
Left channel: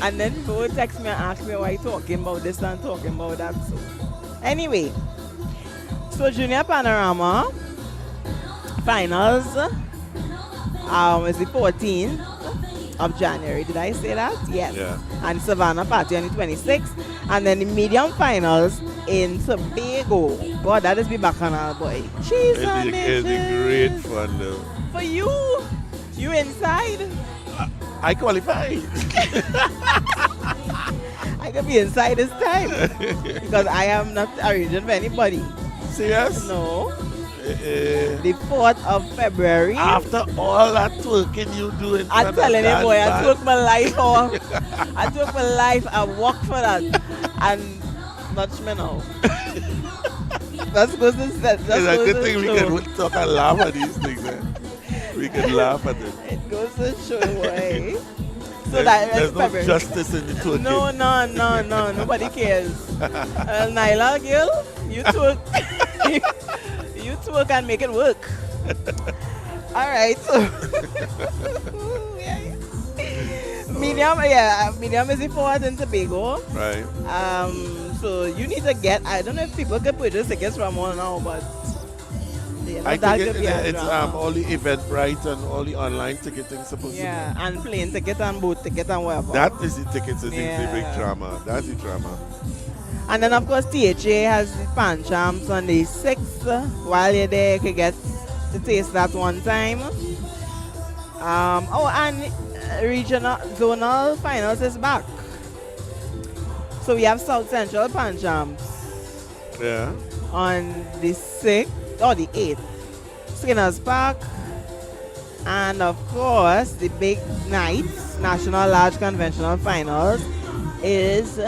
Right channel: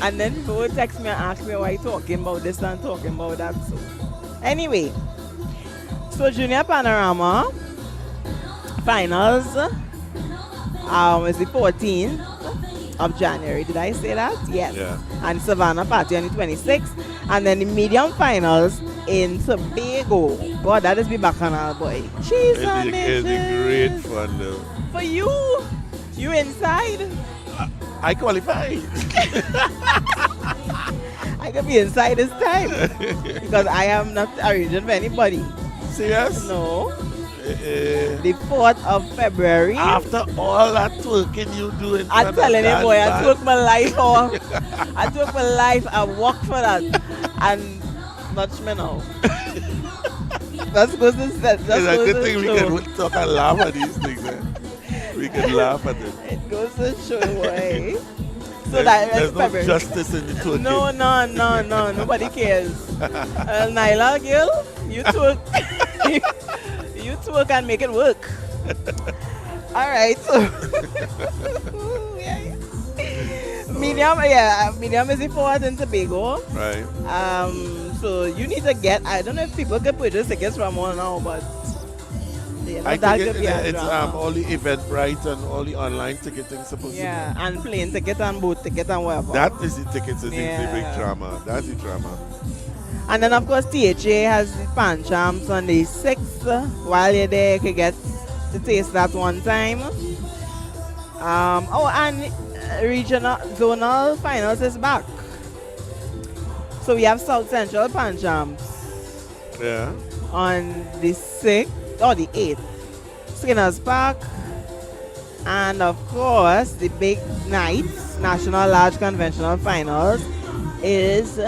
And then people would text me and ask me why you talking about this and talking about that. So anyway, so Junior Panorama finals is the 14th of January. Did I say that? Yes. Yeah. And Savannah Party on the 26th. And then the medium finals in Tobago. God, that is be bacchanal, boy. Jeez, It'll be great fun though. for you inside. I qualified. I could be inside this time because I am not arranging for anybody. Serious? No. The 4th of February. After all that twerking you do in front I'm of telling you, that boy, I man. took my life off. I took my life. I worked for that. And not me now. That's good to say. It's a good thing we can talk and laugh at these things. Eh? We can laugh at it. It goes to show why. So There's that's no February. justice in the twerking. No. Nobody cares. Nyla, girl, you twerk. You twerk and make it work. All right. So medium is the 4th in Tobago. Right. So you need to get. I don't know if people can purchase tickets from all now, but I that think could be a it's drama. all the Eventbrite and all the online ticketing supposed Yeah, to and plane ticket and boat ticket and whatever. be. That is the tickets, is the big Yeah. drama. That's the drama. And then of course THA has the Pan Champs on the 6th. While you're there, you can get to taste that one time. And regional zonal finals is back. So we have South Central Pan Champs Yeah. on the 6th or the 8th. Skinners Park. And of course, the big night, National Large Conventional Finals, is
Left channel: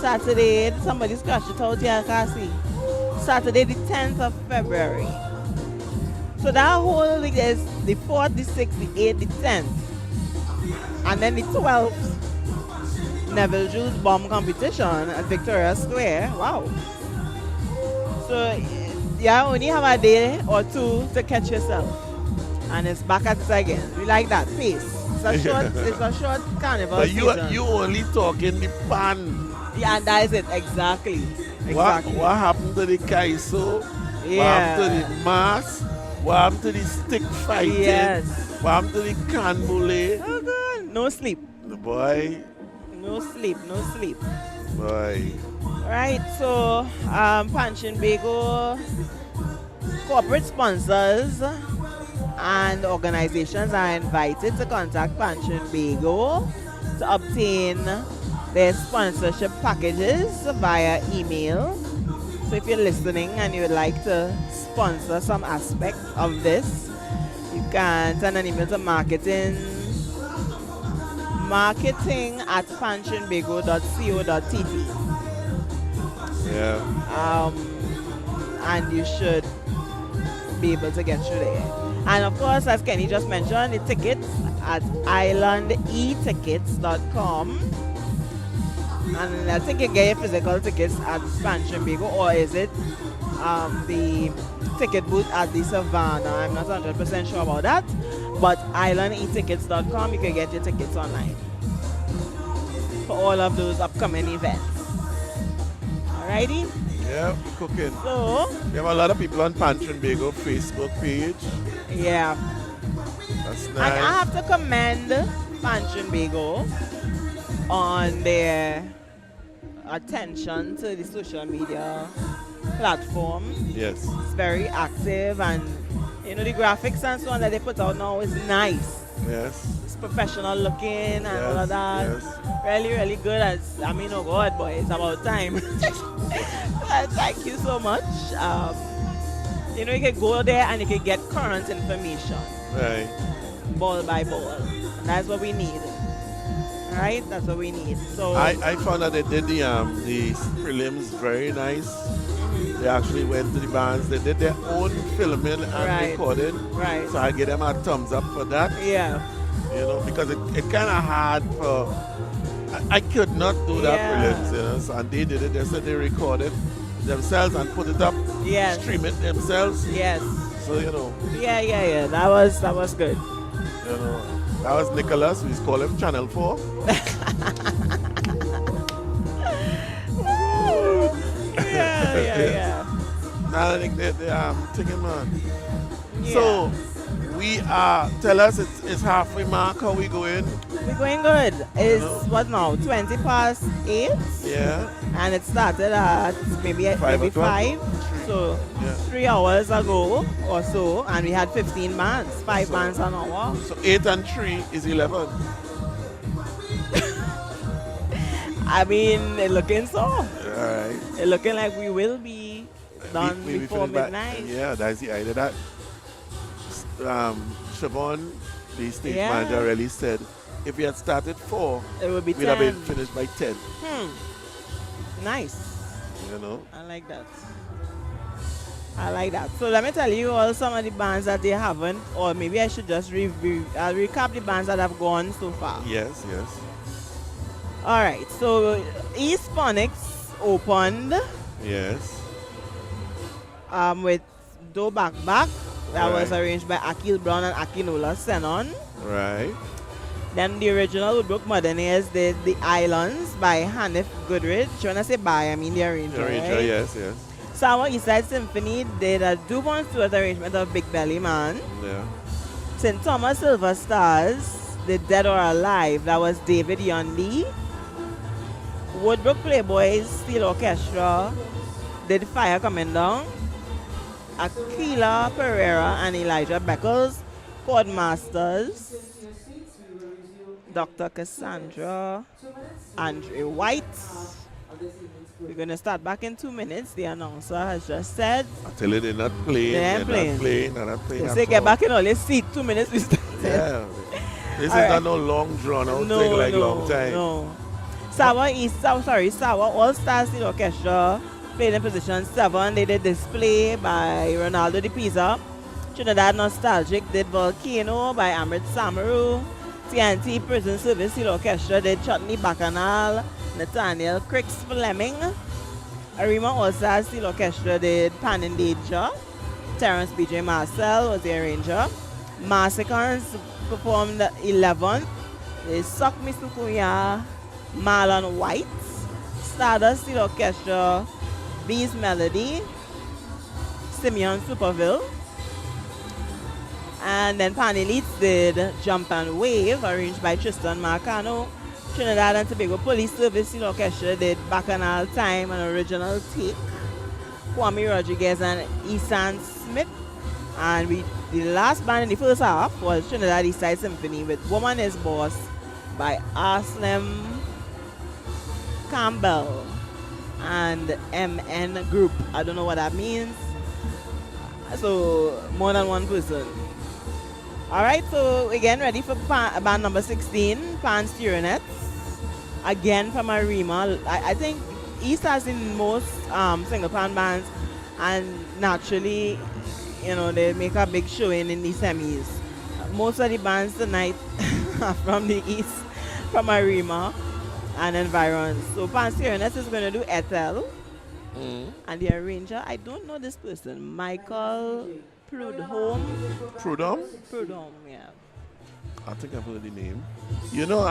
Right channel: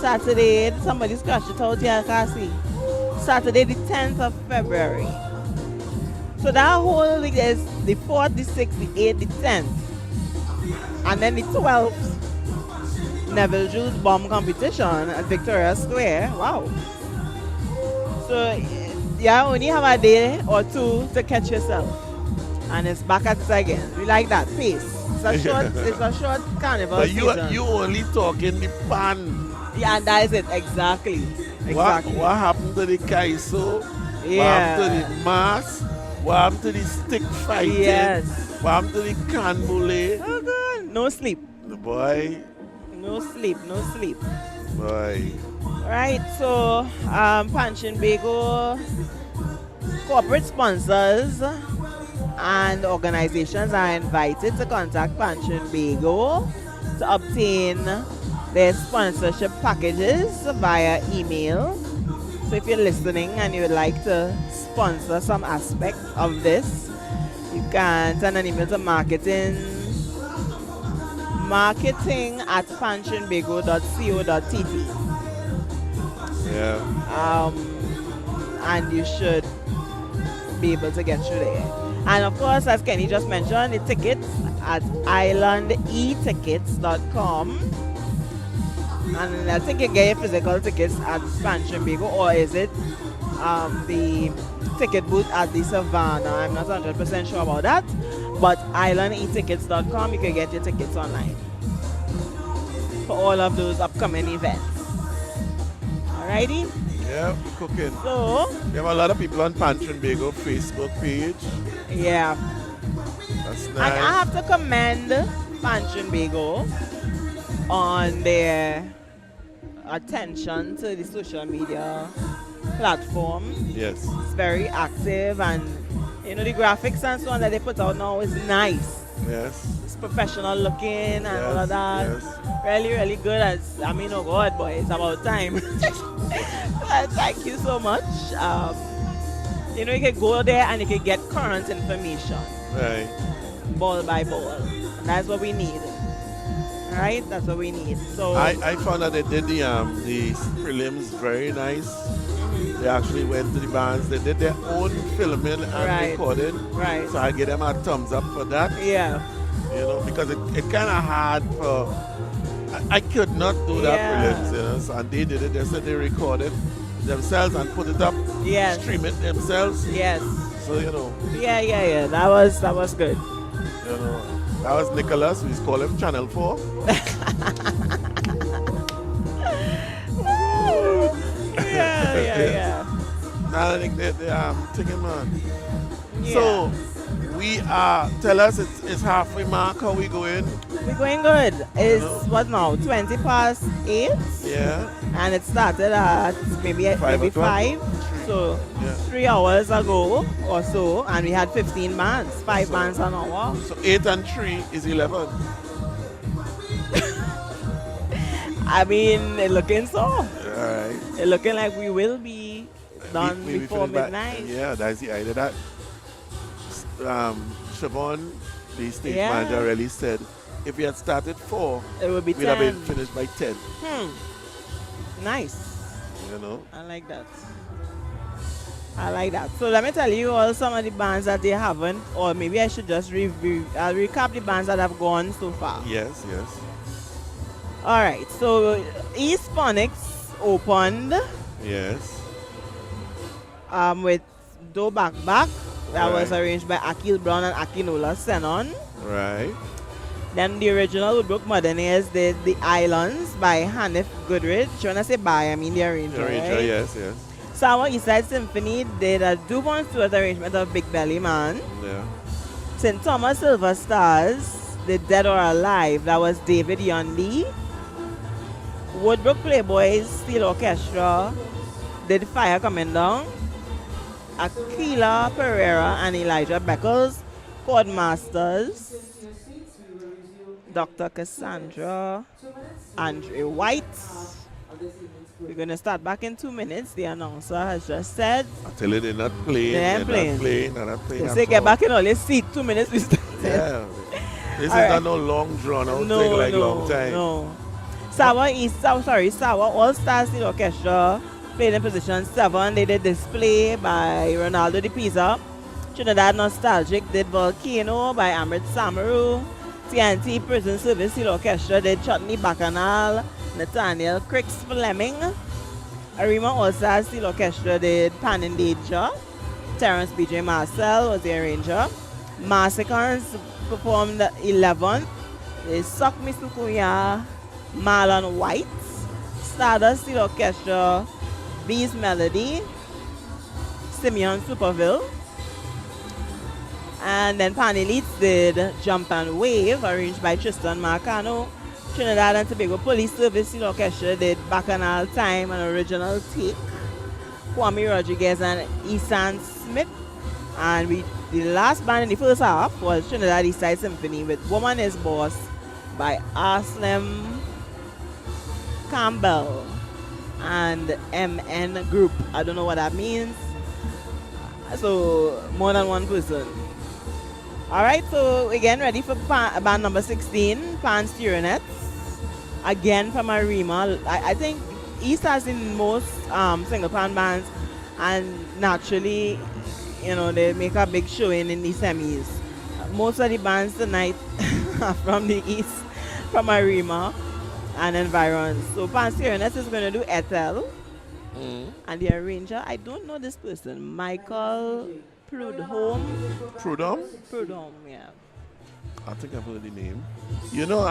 Saturday. Somebody scratched it out here, I can't see. Saturday, the 10th of February. So that whole week is the 4th, the 6th, the 8th, the 10th. And then the 12th, Neville Jules Bomb Competition at Victoria Square. Wow. So you only have a day or two to catch yourself. And it's back at it again. We like that pace. It's a short carnival But season. you only talking the pan. Yeah, that is it. Exactly. Exactly. What happened to the kaiso? What Yeah. happened to the mass? What happened to the stick fighting? Yes. What happened to the canboulet? Oh, good. No sleep. Boy, No sleep. No sleep. boy. Right. So, Panchin Bago corporate sponsors and organizations are invited to contact Panchin Bago to obtain their sponsorship packages via email. So if you're listening and you would like to sponsor some aspect of this, you can send an email to marketing@panchinbago.co.tt. Yeah. And you should be able to get through there. And of course, as Kenny just mentioned, the tickets at islandetickets.com. And I think you get your physical tickets at Panchin Bago, or is it the ticket booth at the Savannah? I'm not 100% sure about that. But islandetickets.com, you can get your tickets online for all of those upcoming events. Alrighty? Yeah, we're cooking. So, We have a lot of people on Panchin Bago Facebook page. yeah. That's And I nice. have to commend Panchin Bago on their attention to the social media platform. Yes. It's very active, and the graphics and so on that they put out now is nice. Yes. It's professional looking and all of Yes, that. yes. Really, really good. Oh God, boy, it's about time. Thank you so much. You can go there and you can get current information, Right. ball by ball. And that's what we need. Right? That's what we need. So I found that they did the prelims very nice. They actually went to the bands. They did their own filming and Right. recording. Right. So I give them a thumbs up for that. yeah. Because it kind of hard for I could not do that Yeah. prelims, you know. So, and they did it. They said they recorded themselves and put it up, Yes. stream it themselves. Yes. So you know, Yeah. That was good. you know, that was Nicholas. We call him Channel 4. Yeah. Now I think they taking man. Yeah. So we are. Tell us it's halfway mark. How we going? We're going good. It's know. what now? 20 past 8. Yeah. And it started at maybe 5 o'clock? 5. So Yeah. 3 hours ago or so, and we had 15 bands, 5 bands an hour. So 8 and 3 is 11. I mean, it looking so. All right. It looking like we will be done We before finish by- midnight. Yeah, that's the idea. That Siobhan, the stage Yeah. manager, really said if we had started 4, It will be we'd have 10. been finished by 10. Nice. You know. I like that. So let me tell you all some of the bands that they haven't, or maybe I should just recap the bands that have gone so far. Yes. All right, so East Phonics opened Yes. with Do Back Back. That was Right. arranged by Akil Brown and Akinola Senon. Right. Then the original Woodbrook Modernaires did The Islands by Hanif Goodrich. When I say by, I mean the arranger, right? Yes. Sour Eastside Symphony did a Dubon Stewart arrangement of Big Belly Man. Yeah. St. Thomas Silver Stars did Dead or Alive. That was David Yondy. Woodbrook Playboys Steel Orchestra did Fire Coming Down. Aquila Pereira and Elijah Beckles, Chord Masters, Dr. Cassandra, Andre White. We're going to start back in 2 minutes. The announcer has just said. I tell you, they're not playing. They're playing. They're not playing. They at say get all. back in all your seat. 2 minutes we started. Yeah. This is All right. not no long drawn out thing like long time. No. Sour All Stars Steel Orchestra played in position 7. They did Display by Ronaldo de Pisa. Trinidad Nostalgic did Volcano by Amrit Samaru. TNT Prison Service Steel Orchestra did Chutney Bacchanal, Nathaniel Cricks Fleming. Arima All Stars Steel Orchestra did Pan in Danger. Terrence B.J. Marcel was the arranger. Massacres performed 11th. They Suck Me Sukuya, Marlon White. Stardust Steel Orchestra, Bees Melody, Simeon Superville. And then Pan Elites did Jump and Wave, arranged by Tristan Marcano. Trinidad and Tobago Police Service Steel Orchestra did Bacchanal Time, an original take. Kwame Rodriguez and Isan Smith. And the last band in the first half was Trinidad Eastside Symphony with Woman is Boss by Aslem Campbell and MN Group. I don't know what that means. So more than one person. Alright, so again ready for band number 16, Pan Steeronets. Again from Arima. I think East has the most single pan bands, and naturally, you know, they make a big showing in the semis. Most of the bands tonight are from the East, from Arima and environs. So Pan Steeronets is going to do Ethel. And the arranger, I don't know this person, Michael Prudhomme. Prudhomme, yeah. I think I've heard the name. You know,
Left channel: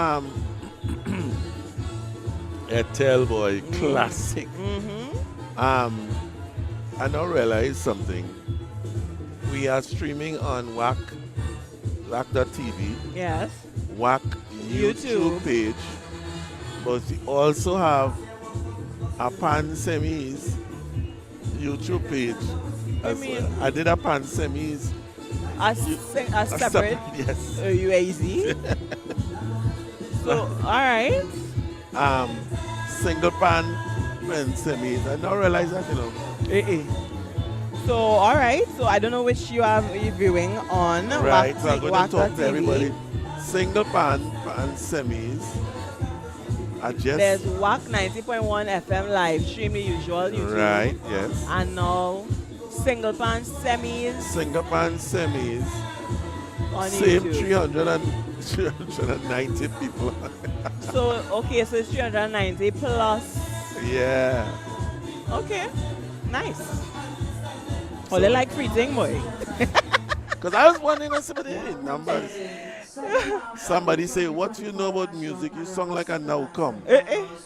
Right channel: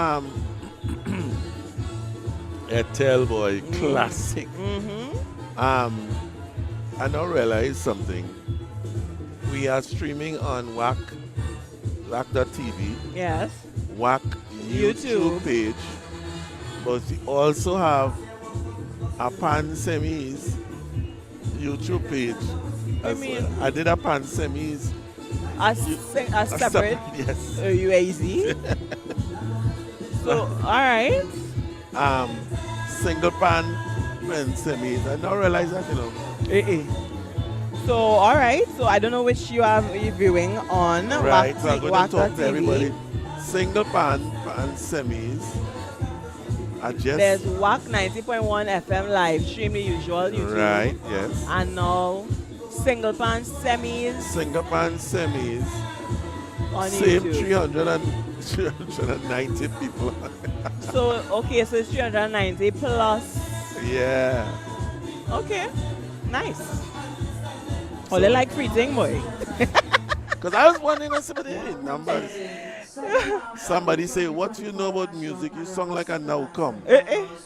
Etel boy, classic. I now realize something. We are streaming on WACK, WACK.tv, Yes. WACK YouTube page, but we also have a Pan Semis YouTube page. mean? I did a Pan Semis. A separate Yes. UAZ. So, alright. Single pan and semis. I now realize that, you know. So, alright. So, I don't know which you are viewing on. Right, so I'm going to talk to WACK.tv. everybody. Single pan and semis. I just. There's WACK 90.1 FM live stream, the usual YouTube. Right, yes. And now, single pan semis Single pan semis. on Same YouTube. 390 people. So, okay, so it's 390 plus. Yeah. Okay, nice. Oh, they like free thing, boy. Because I was wondering on some of the numbers. Somebody say, what do you know about music? You sung like a now come.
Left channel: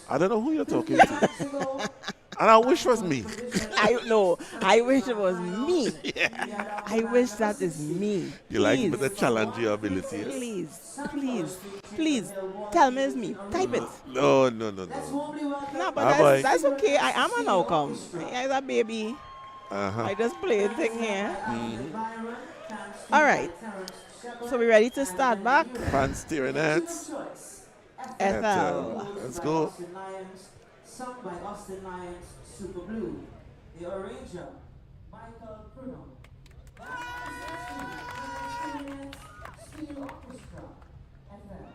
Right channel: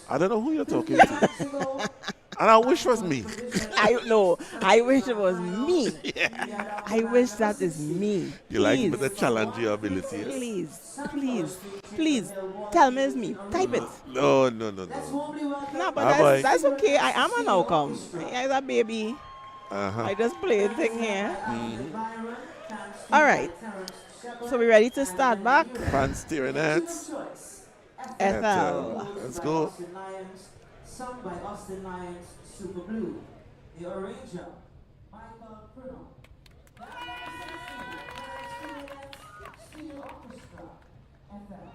I don't know who you're talking to. And I wish it was me. I wish it was me. Yeah. I wish that is me. You like Please. with the challenge your abilities? Please, tell me it's me. Type it. No. No, but boy. that's okay. I am an outcome. As a baby, Uh-huh. I just play a thing here. All right. So we ready to start back? Pants steering heads. FL. Let's go. Sung by Austin Lions, Super Blue. The arranger, Michael Pruno. Steel Orchestra, FL.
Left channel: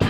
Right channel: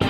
One,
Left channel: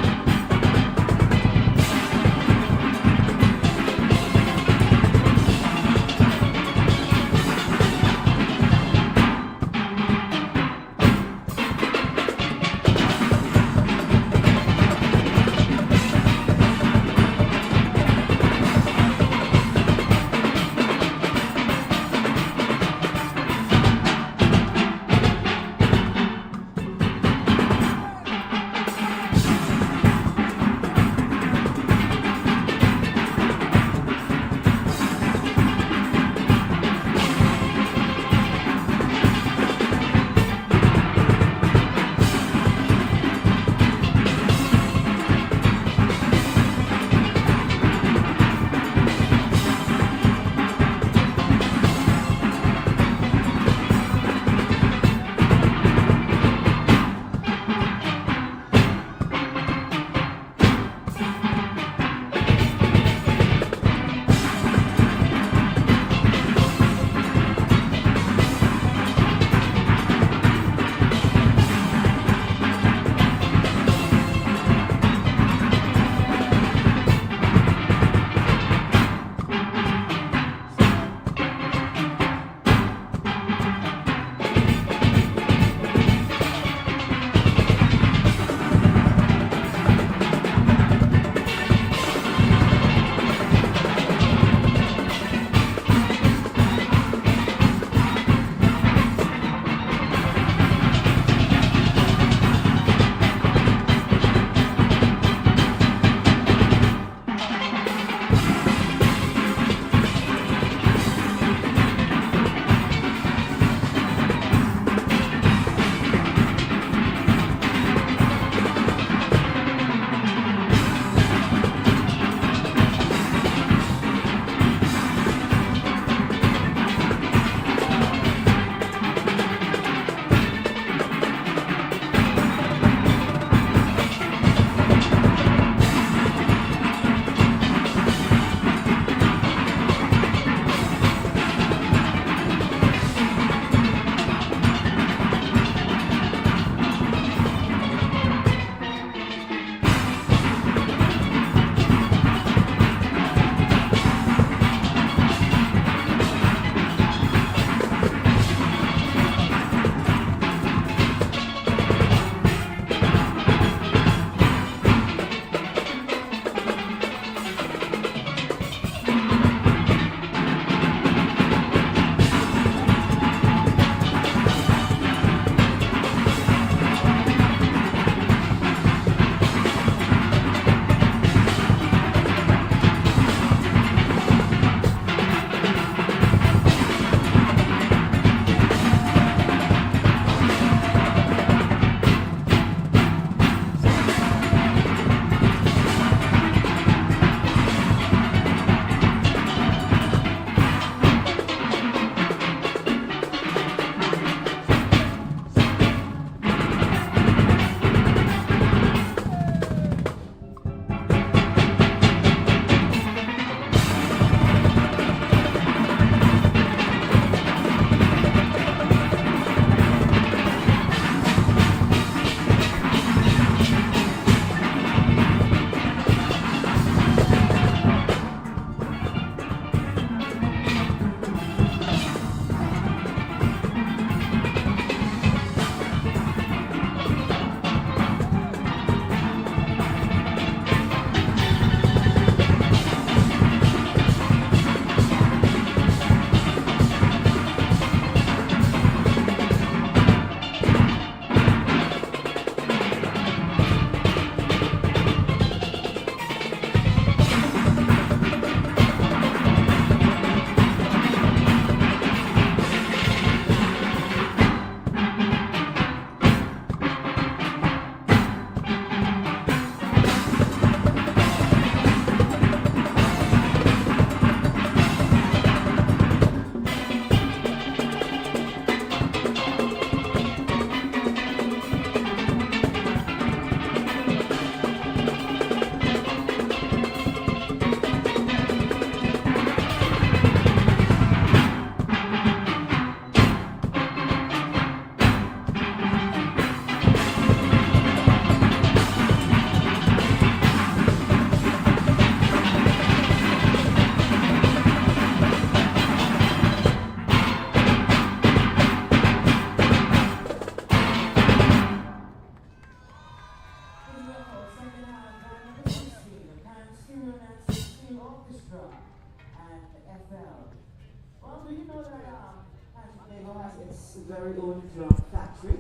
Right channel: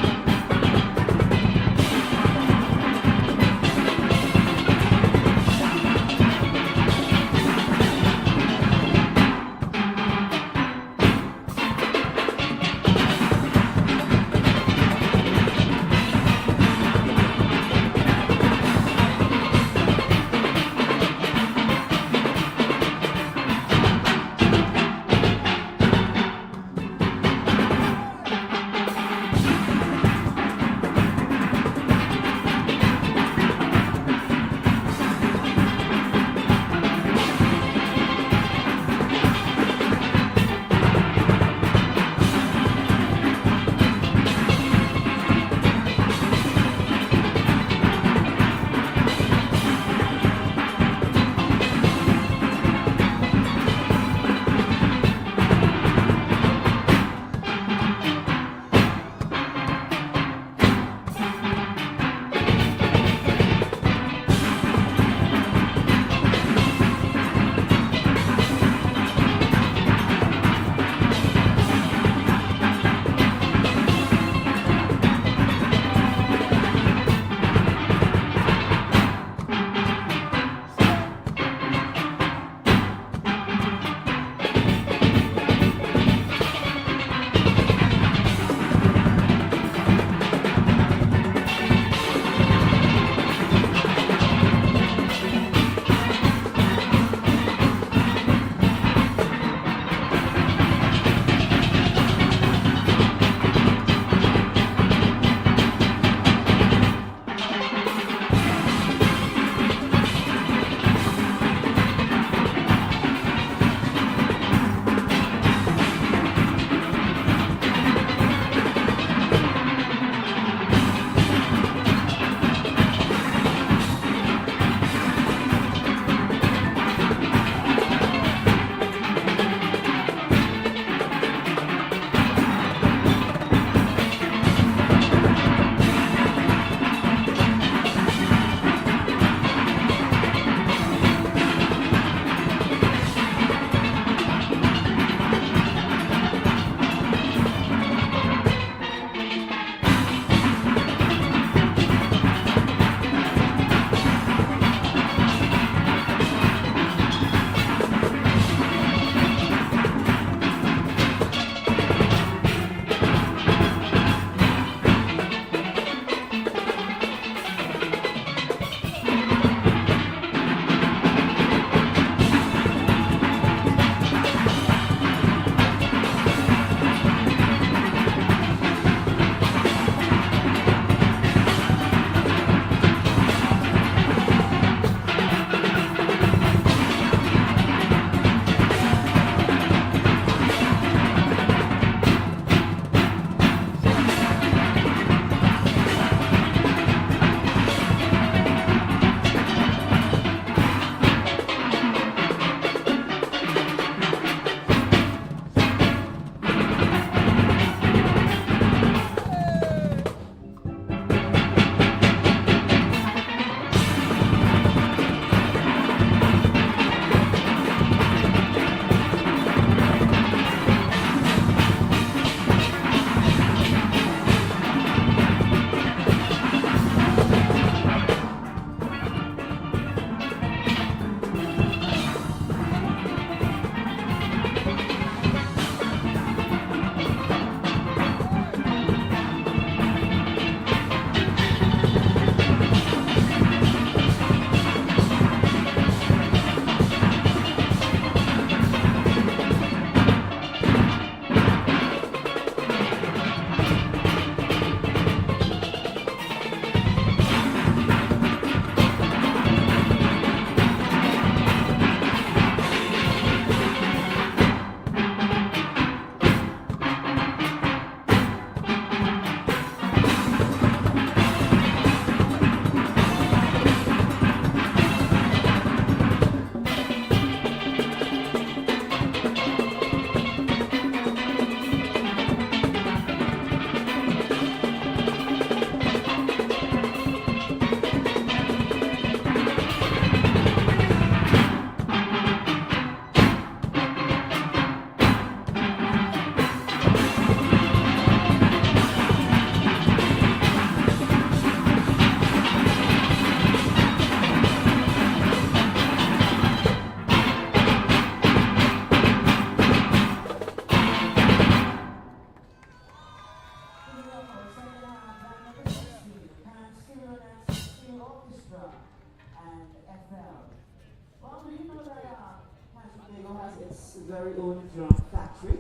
drum factory.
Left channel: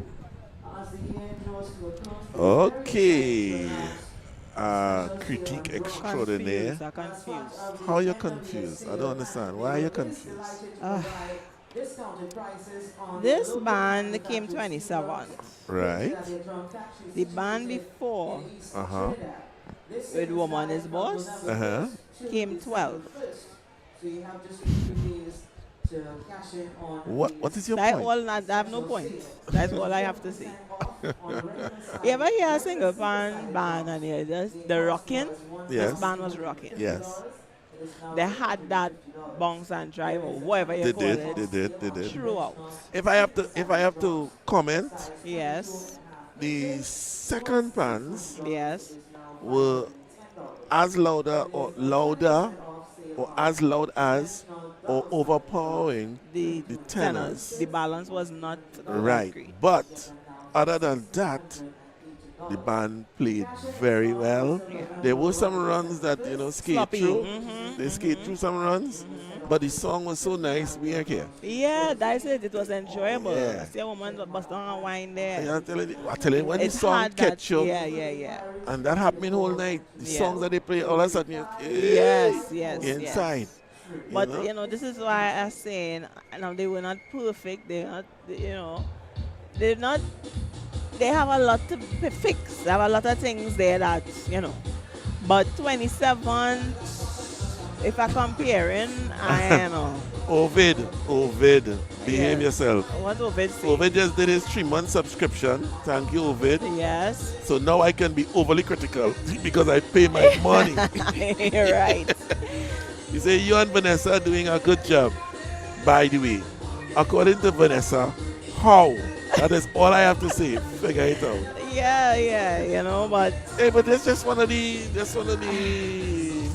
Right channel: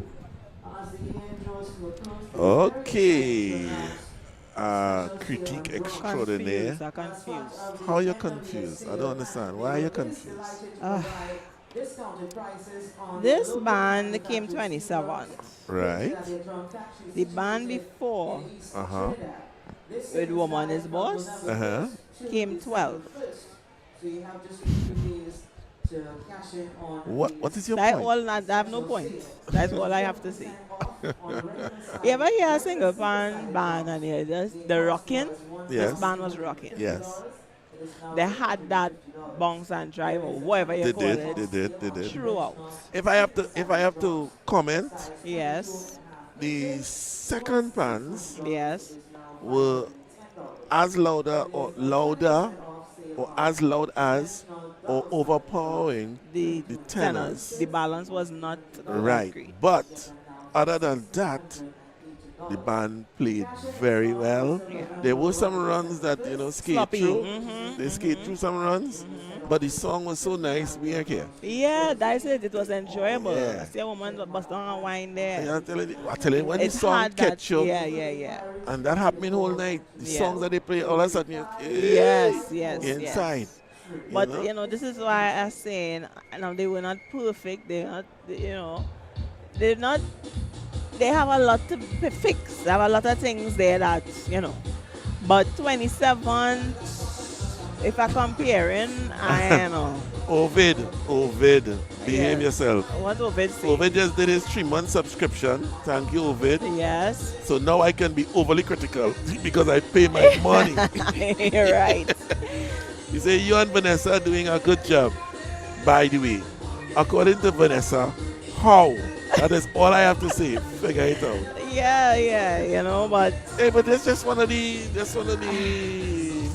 As the year draws to a close, Okay. Critique extraordinaire. Confused, I'm confused. How are you confused? I don't understand. Why are you confused? discounted prices on This band came 27th. Right. The band before, Uh-huh. with Woman is Boss, Uh-huh. came 12th. So you have just a few days to cash in on. What is your That point? all I have no point. That's all I have to say. You ever hear a single pan band and hear this? The rocking? Yes. This band was rocking. Yes. They had that bounce and drive or whatever you They call did. it They did. They did. throughout. If I have to comment, Yes. the second pans Yes. were as louder or as loud as or overpowering The the tenors. The balance was not Right. great. But other than that, the band played very well. Yeah. There were some runs that, skate Sloppy. through. Mhm, They skate through some runs. But the song was so nice, we are here. Yeah, that's it. It was enjoyable. Yeah. I see a woman bust down a wine there. I tell you, when the It's song hard that, catch you, yeah. and that happened whole night, the Yeah. songs that they play, all of a sudden, Yes. you're inside. But know? this is why I'm saying now they were not perfect. They're not, they're not. They have a lot to fix. They have a lot of things there that But 27, if I'm comparing, I know. Ovid, behave Yeah. yourself. What Ovid say? Ovid just did his 3-month subscription. Thank you, Ovid. Yes. So now I can be overly critical because I pay my money. You're right. You say you and Vanessa are doing a good job. By the way, according to Vanessa, how? That is all I have to say. Figure it out. Yeah, but Hey, but that's just one of the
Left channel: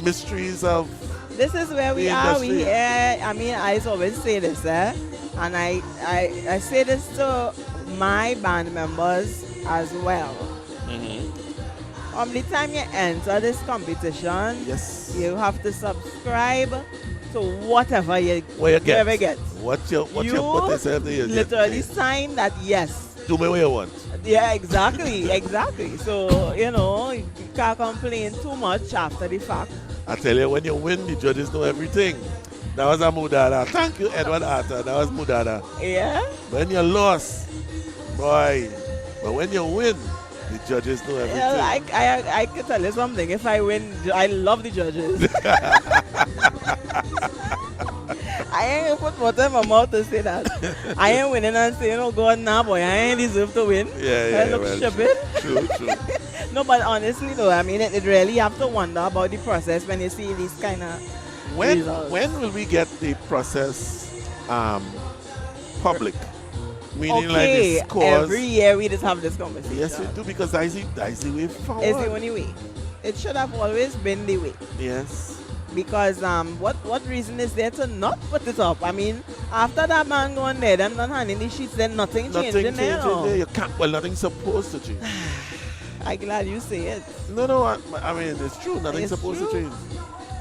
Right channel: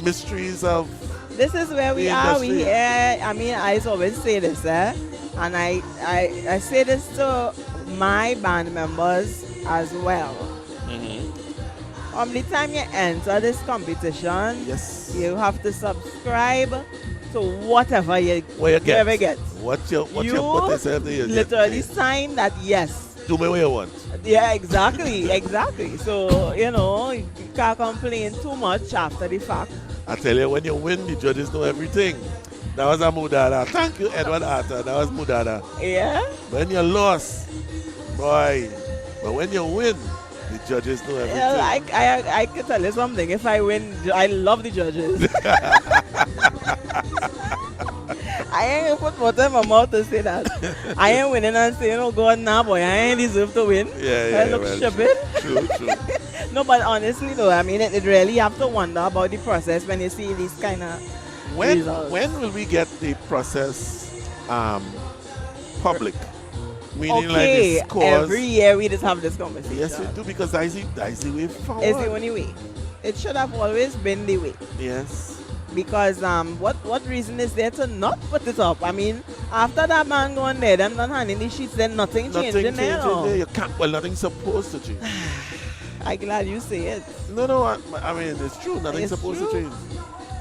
mysteries of this is where we the are. industry. I always say this, and I say this to my band members as well. The time you enter this competition, Yes. you have to subscribe to whatever you Get. ever get. What you put yourself there, you literally get. sign that yes. Do me what you want. Yeah, exactly. So, you can't complain too much after the fact. I tell you, when you win, the judges know everything. That was a mudada. Thank you, Edward Arthur. That was mudada. Yeah? When you lost, boy. But when you win, the judges know everything. Yeah, I can tell you something. If I win, I love the judges. I ain't put water in my mouth to say that. I ain't winning and say, go on now, boy. I ain't deserve to win. Yeah, I look well, stupid. True. No, but honestly, though, it really have to wonder about the process when you see these kind of results. When will we get the process public? Meaning like Okay, the scores. every year we just have this conversation. Yes, we do, because that's the way forward. It's the only way. It should have always been the way. Yes. Because what reason is there to not put it up? After that man going there, them done handing the sheets, then nothing changing there. No. You can't. Well, nothing's supposed to change. I'm glad you say it. No. It's true. Nothing's It's supposed true. to change.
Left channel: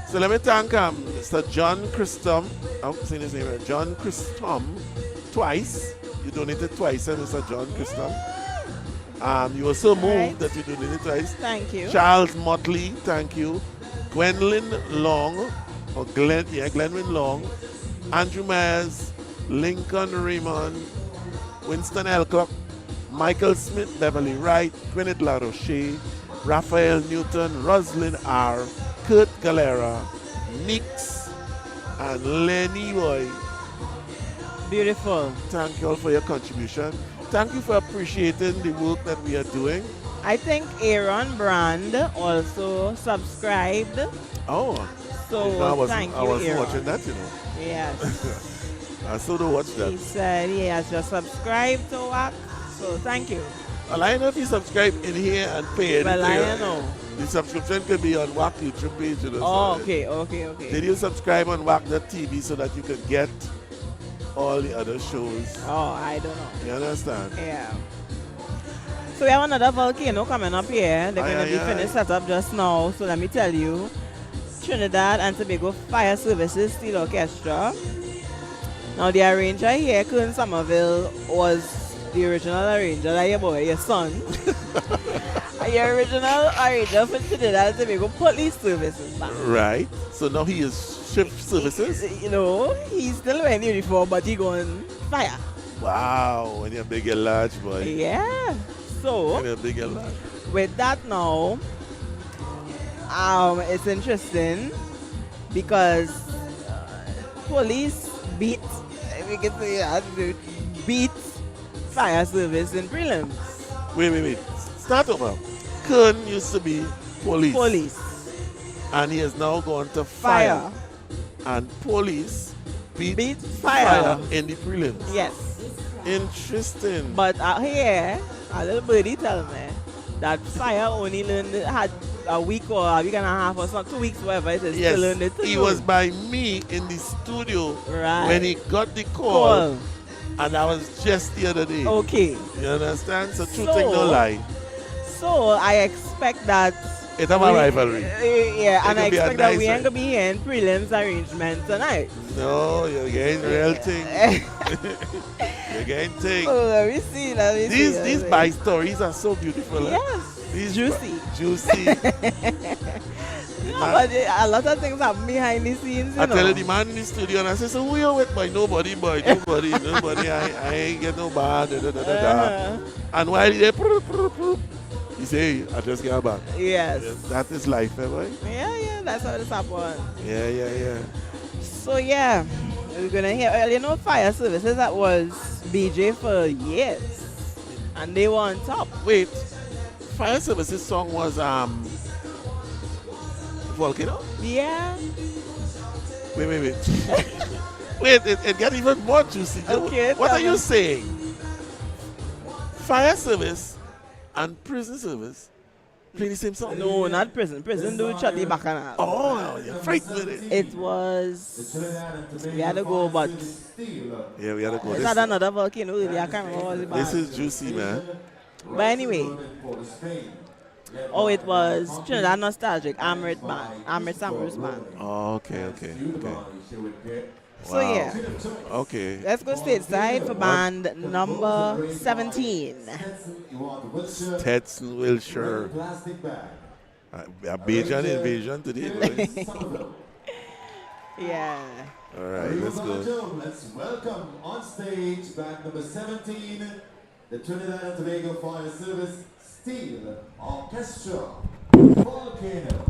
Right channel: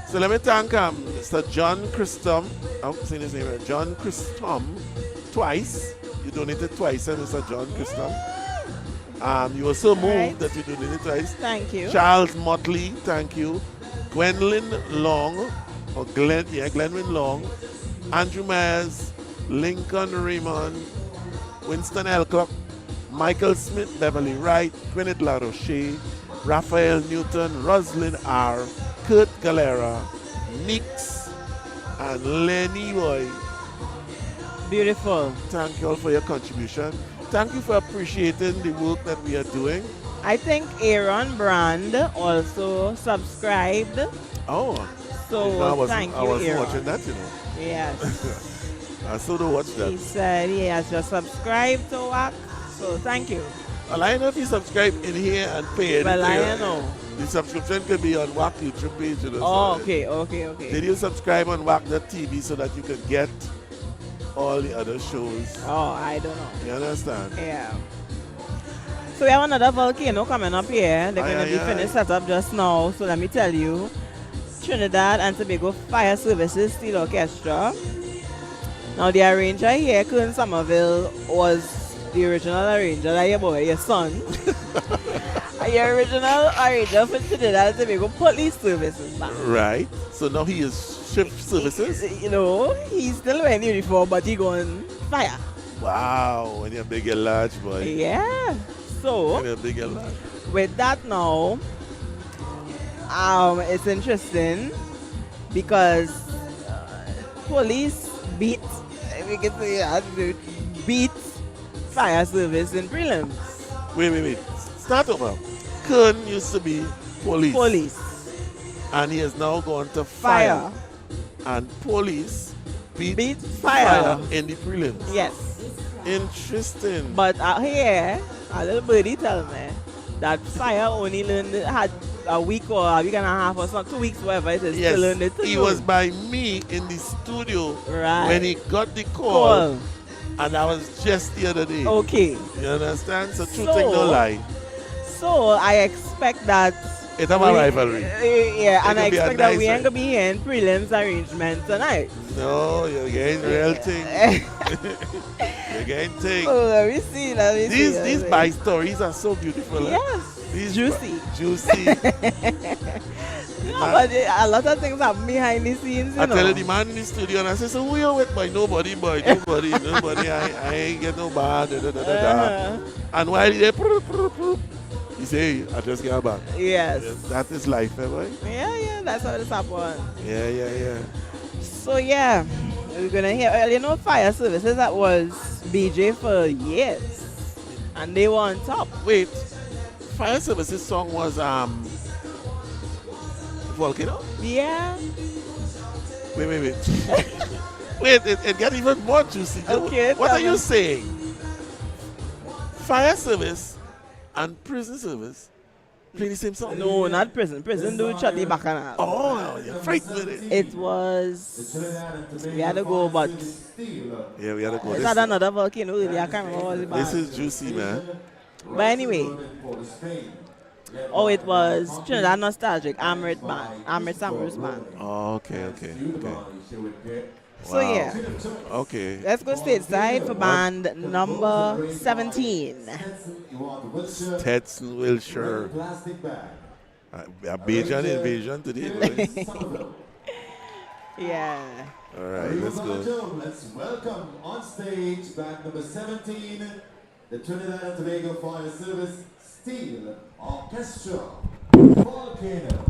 So let me thank Mr. John Christom. I'm saying his name right. John Christom. Twice. You donated twice, Mr. John Christom. You were so moved Right. that you donated twice. Thank you. Charles Motley, thank you. Gwendolyn Long, Glenwyn Long, Andrew Myers, Lincoln Raymond, Winston Elcock, Michael Smith, Beverly Wright, Gwyneth LaRoche, Raphael Newton, Roslyn R., Kurt Galera, Nix, and Lenny Boy. Beautiful. Thank you all for your contribution. Thank you for appreciating the work that we are doing. I think Aaron Brand also subscribed. Oh, So thank I you, wasn't Aaron. watching that, Yes. I still don't watch that. He said he has just subscribed to WACK. So thank you. Well, I know if you subscribe in here and pay it. Well, I know. The subscription could be on WACK YouTube page. Oh, so okay. Did you subscribe on WACK.tv so that you could get all the other shows? Oh, I don't know. You understand? Yeah. So we have another volcano coming up here. They're going to be finished set up just now. So let me tell you, Trinidad and Tobago Fire Services Steel Orchestra. Now the arranger here, Colonel Somerville, was the original arranger, like your boy, your son. And your original arranger for Trinidad and Tobago police services back. Right. So now he is shift services. You know, he's still wearing uniform, but he going fire. Wow. When you're big and large, boy. Yeah. So When you're big and large. with that now, it's interesting because police beat, we can say that, beat fire service in prelims. Wait. Start over. Kern used to be police. Police. And he has now gone to Fire. And police beat fire. in the prelims. Yes. Interesting. But here, a little birdie tell me that fire only had a week or a week and a half or something, 2 weeks, whatever it is, Yes, to learn it. he was by me in the studio Right. when he got the call. Call. And that was just the other day. Okay. You understand? So true So- thing, no lie. So I expect that. It have a rivalry. Yeah, and I It could be a expect that we nice ain't gonna be here in prelims arrangement tonight. No, you're getting real thing. You're getting thing. So let me see. These by stories are so beautiful. Yes. These Juicy. Juicy. No, but a lot of things happen behind the scenes, you I know. tell you the man in the studio and I say, so who you with, boy? Nobody. I ain't get no bad. And while he there, he say, I just get back. Yes. That is life, boy. Yeah, that's how this happened. Yeah. So yeah, we're gonna hear, you know, fire services that was BJ for years, and they were on top. Wait, Fire Services song was Volcano? Yeah. Wait. Wait, it got even more juicy. Okay, What tell are you me. saying? Fire Service and Prison Service play the same song? No, not prison. Prison do Chatty Bacchanal. Oh, you're frightened with it. It was. We had to go, but Yeah, we had to go. it's had another volcano. Really, I can't remember what it This was. is juicy, man. But anyway, it was Trinidad Nostalgic, Amrit Band, Amrit Samru's band. Oh, okay. So yeah, Okay. let's go stateside for band number 17. Stetson Wilshire. A Bajan invasion today, boys. Yeah. All right, let's go. Let's welcome on stage band number 17, the Trinidad and Tobago Fire Service Steel Orchestra, Volcano.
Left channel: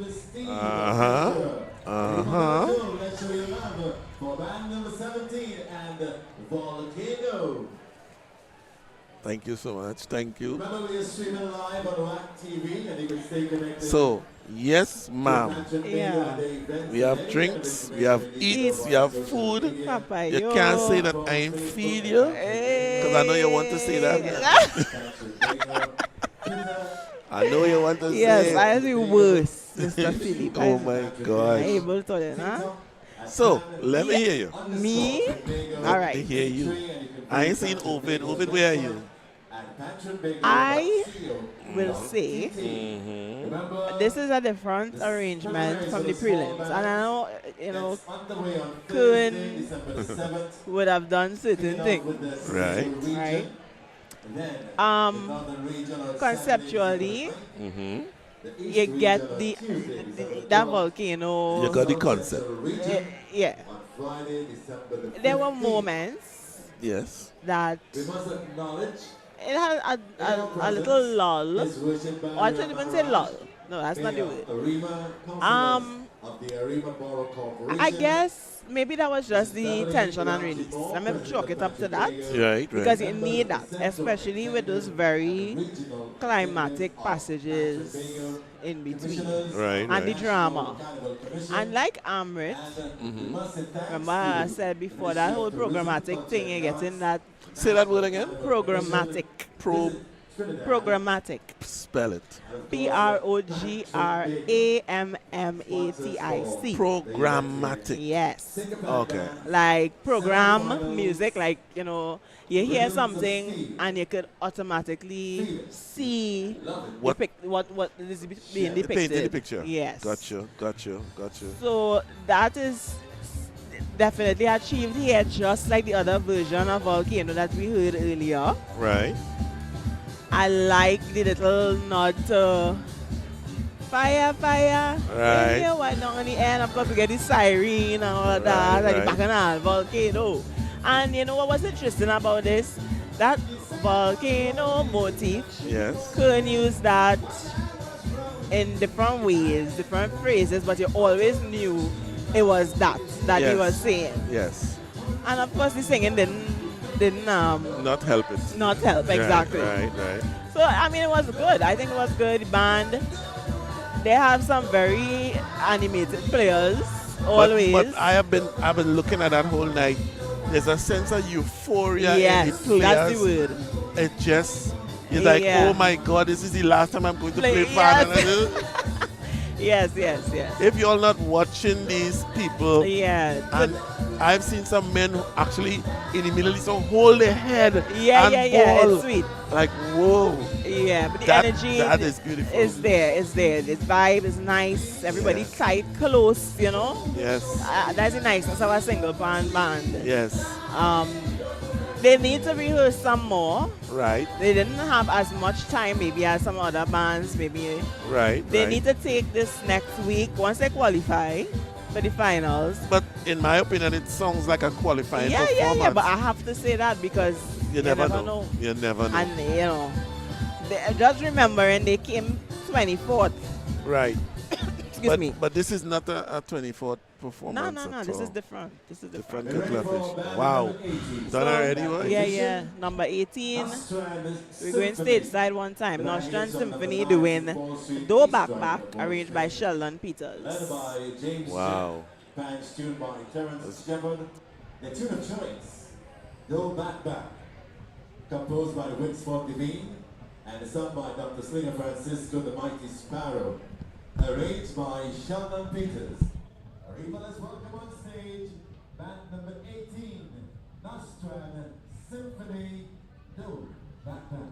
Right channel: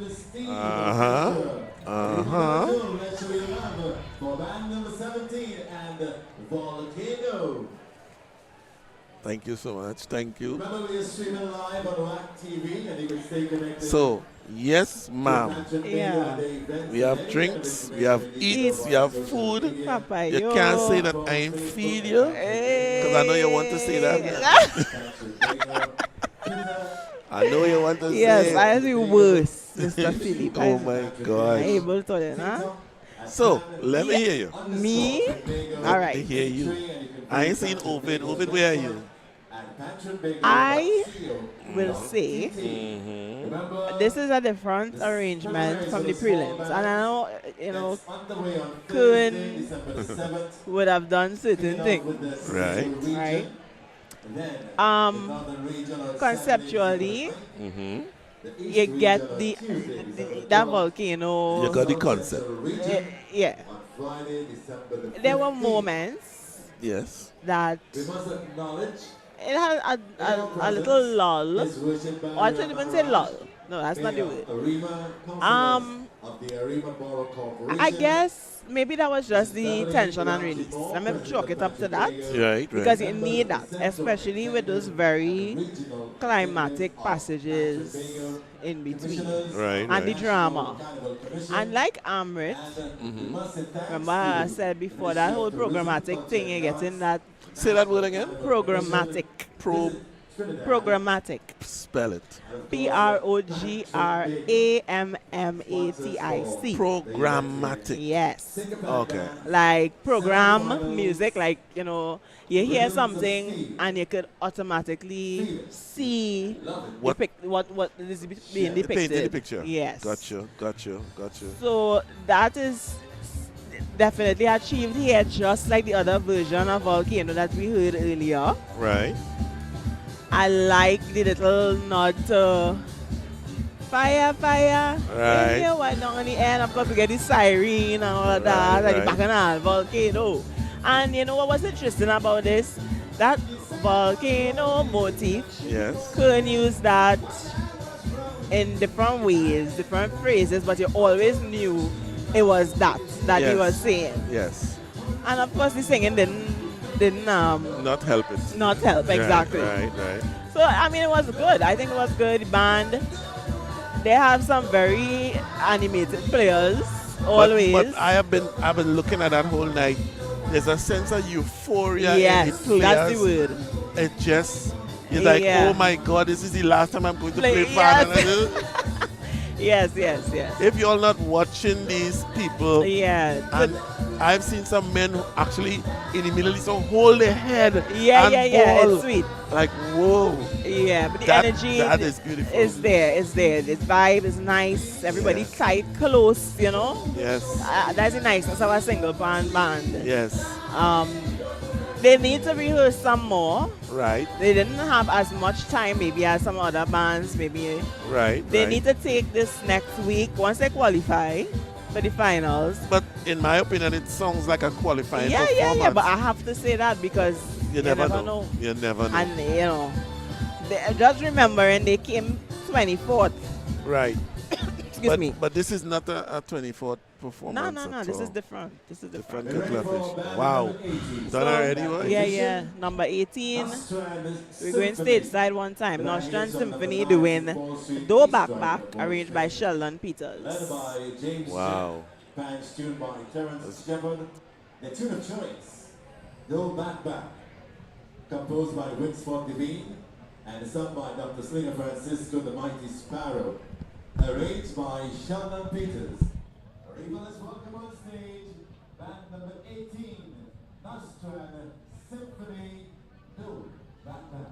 to the Steve. Let's show you love for band number 17 and Volcano. Thank you so much. Thank you. Remember, we are streaming live on WACK TV and you can stay connected. So, yes, ma'am. Yeah. We have drinks, we have eats, we have food. Papa, You can't say that I ain't feed you, because I know you want to say that. I know you want to say Yes, I am the worst, Mr. Philip. Oh my I'm gosh. able to tell you, huh? So, let me hear you. Me? All Let right. me hear you. I ain't seen Ovid. Ovid, where are you? I will say Mm-hmm. this is a different arrangement from the prelims. And I know, you know, Kuhn would have done certain things. Right. Conceptually, Mm-hmm. you get that volcano. You got the concept. Yeah. There were moments Yes. that We must acknowledge it had a little lull. Or I shouldn't even say lull. No, that's not the word. I guess maybe that was just the tension and release. I'm going to chalk it up to that. Right. Because you need that, especially with those very climatic passages in between. Right. And the drama. And like Amrit, remember I said before, that whole programmatic thing, you get in that Say that word again. programmatic. Programmatic. Spell it. Programmatic. Programmatic. Yes. Okay. Like program music, like, you know, you hear something and you could automatically see What- what is being depicted. Painting the picture. Yes. Got you. So that is definitely achieved here, just like the other version of Volcano that we heard earlier. Right. I like the little nod to fire. Right. Yeah, why not on the end? Of course, we get the siren and all of that, and the bacchanal volcano. And you know what was interesting about this? That volcano motif, Yes. Kern used that in different ways, different phrases, but you always knew it was that he was saying. Yes. And of course, the singing didn't Not help it. not help exactly. Right. So I mean, it was good. I think it was good. The band, they have some very animated players always. But I've been looking at that whole night. There's a sense of euphoria yes, in the players. that's the word. It just you're like, oh my God, this is the last time I'm going to play band. Yes. If you're not watching these people, Yeah. and I've seen some men who actually in the Middle East hold their head and Yeah. ball. It's sweet. Like, whoa. Yeah, but the That- energy that is beautiful. is there. The vibe is nice. Everybody Yes. tight, close, you know. Yes. That's the niceness of a single band. Yes. They need to rehearse some more. Right. They didn't have as much time maybe as some other bands. Maybe Right. they right. need to take this next week once they qualify for the finals. But in my opinion, it sounds like a qualifying Yeah. performance. But I have to say that because you never know. You never know. And you know, just remembering they came 24th. Right. Excuse me. But this is not a 24th performance. No. at This all. is different. This is different. Different kettle of fish. Wow. Done already, what? Yeah. Number 18. We're going stateside one time. Nostrand Symphony doing Do Back Back, arranged by Sheldon Peters. Led by James Wow. Bands tuned by Terence Shepard. The tune of choice, Do Back Back, composed by Winsford Devine and sung by Dr. Slinger Francisco the Mighty Sparrow, arranged by Sheldon Peters. Let's welcome on stage band number 18, Nostrand Symphony, Do Back Back.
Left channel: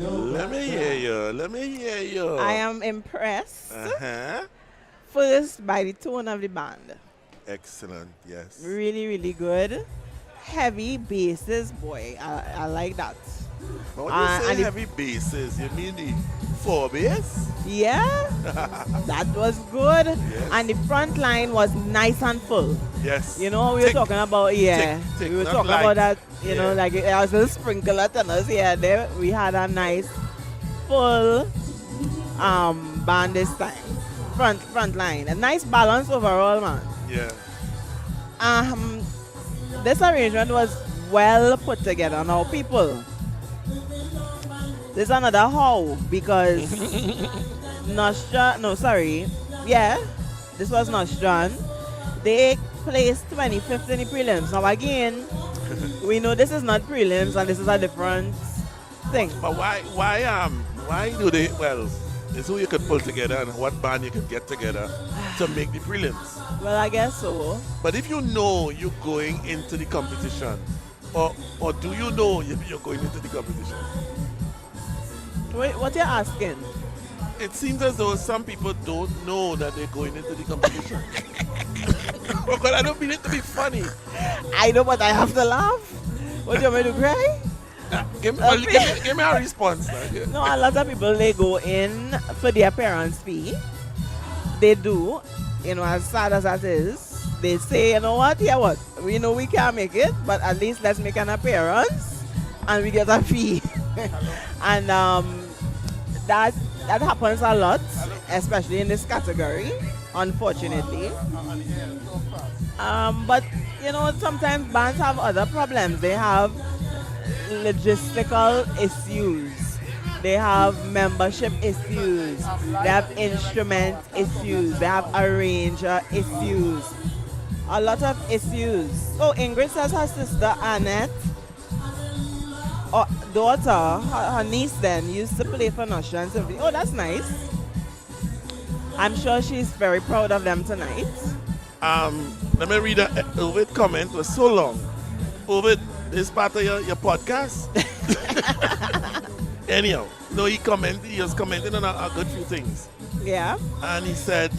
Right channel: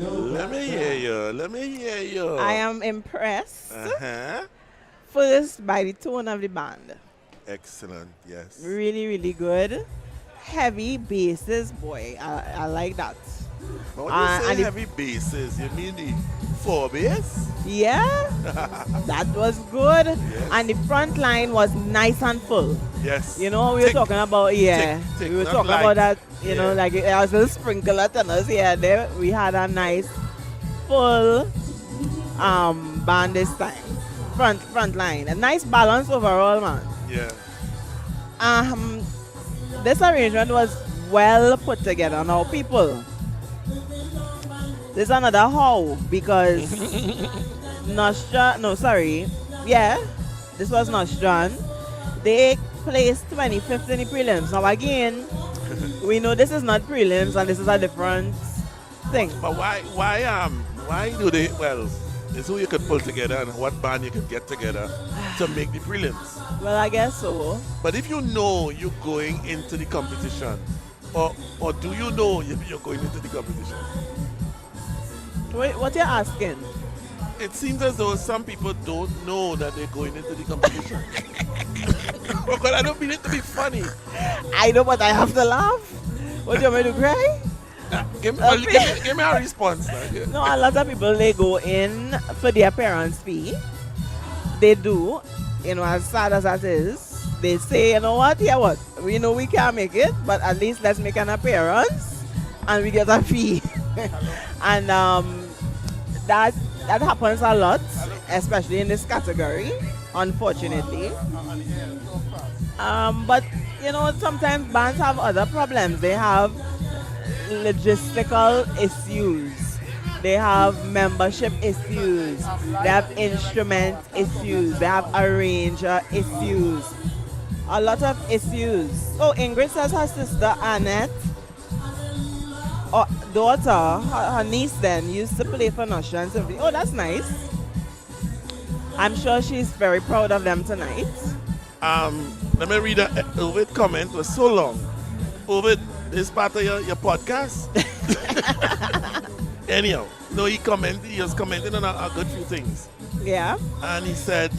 Let me hear you. Let me hear you. I am impressed Uh-huh. first by the tone of the band. Excellent. Yes. Really, really good. Heavy basses, boy. I like that. But when you and say the- heavy basses, you mean the 4 bass? Yeah, that was good. Yes. And the front line was nice and full. Yes. You know, we were Thick. talking about, yeah. Thick, We were not talking light. about that, you know, Yeah. like it was a sprinkler tenors here. There, we had a nice full band this time. Front line. A nice balance overall, man. Yeah. This arrangement was well put together. Now, people, there's another how because Nostra, no, sorry, yeah, this was Nostran. They placed 25th in the prelims. Now, again, we know this is not prelims and this is a different thing. But why do they, well, it's who you could pull together and what band you could get together to make the prelims. Well, I guess so. But if you know you're going into the competition, or do you know you're going into the competition? Wait, what you're asking? It seems as though some people don't know that they're going into the competition. But I don't mean it to be funny. I know, but I have to laugh. What do you want me to cry? Give me a response. Now. No, a lot of people, they go in for their parents' fee. They do, you know, as sad as that is. They say, you know what, yeah, what? We know we can't make it, but at least let's make an appearance and we get a fee. And that happens a lot, especially in this category, unfortunately. But, you know, sometimes bands have other problems. They have logistical issues. They have membership issues. They have instrument issues. They have arranger issues. A lot of issues. So Ingrid says her sister Annette, or daughter, her niece then, used to play for Nostra and Symphony. Oh, that's nice. I'm sure she's very proud of them tonight. Let me read Ovid comment. It was so long. Ovid, this part of your podcast? Anyhow, no, he was commenting on a good few things. Yeah. And he said,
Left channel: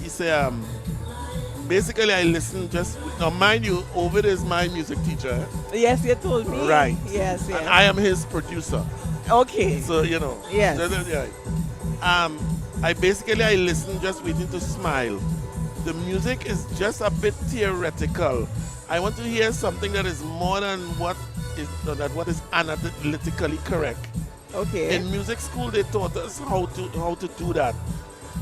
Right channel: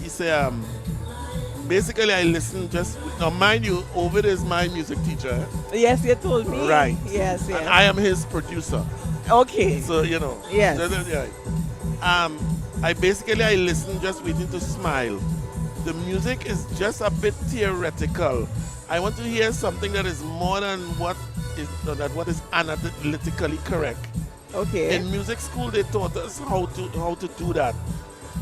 basically I listen just, now mind you, Ovid is my music teacher. Yes, you told me. Right. Yes, yes. And I am his producer. Okay. So, you know. Yes. I listen just waiting to smile. The music is just a bit theoretical. I want to hear something that is more than what is analytically correct. Okay. In music school, they taught us how to do that.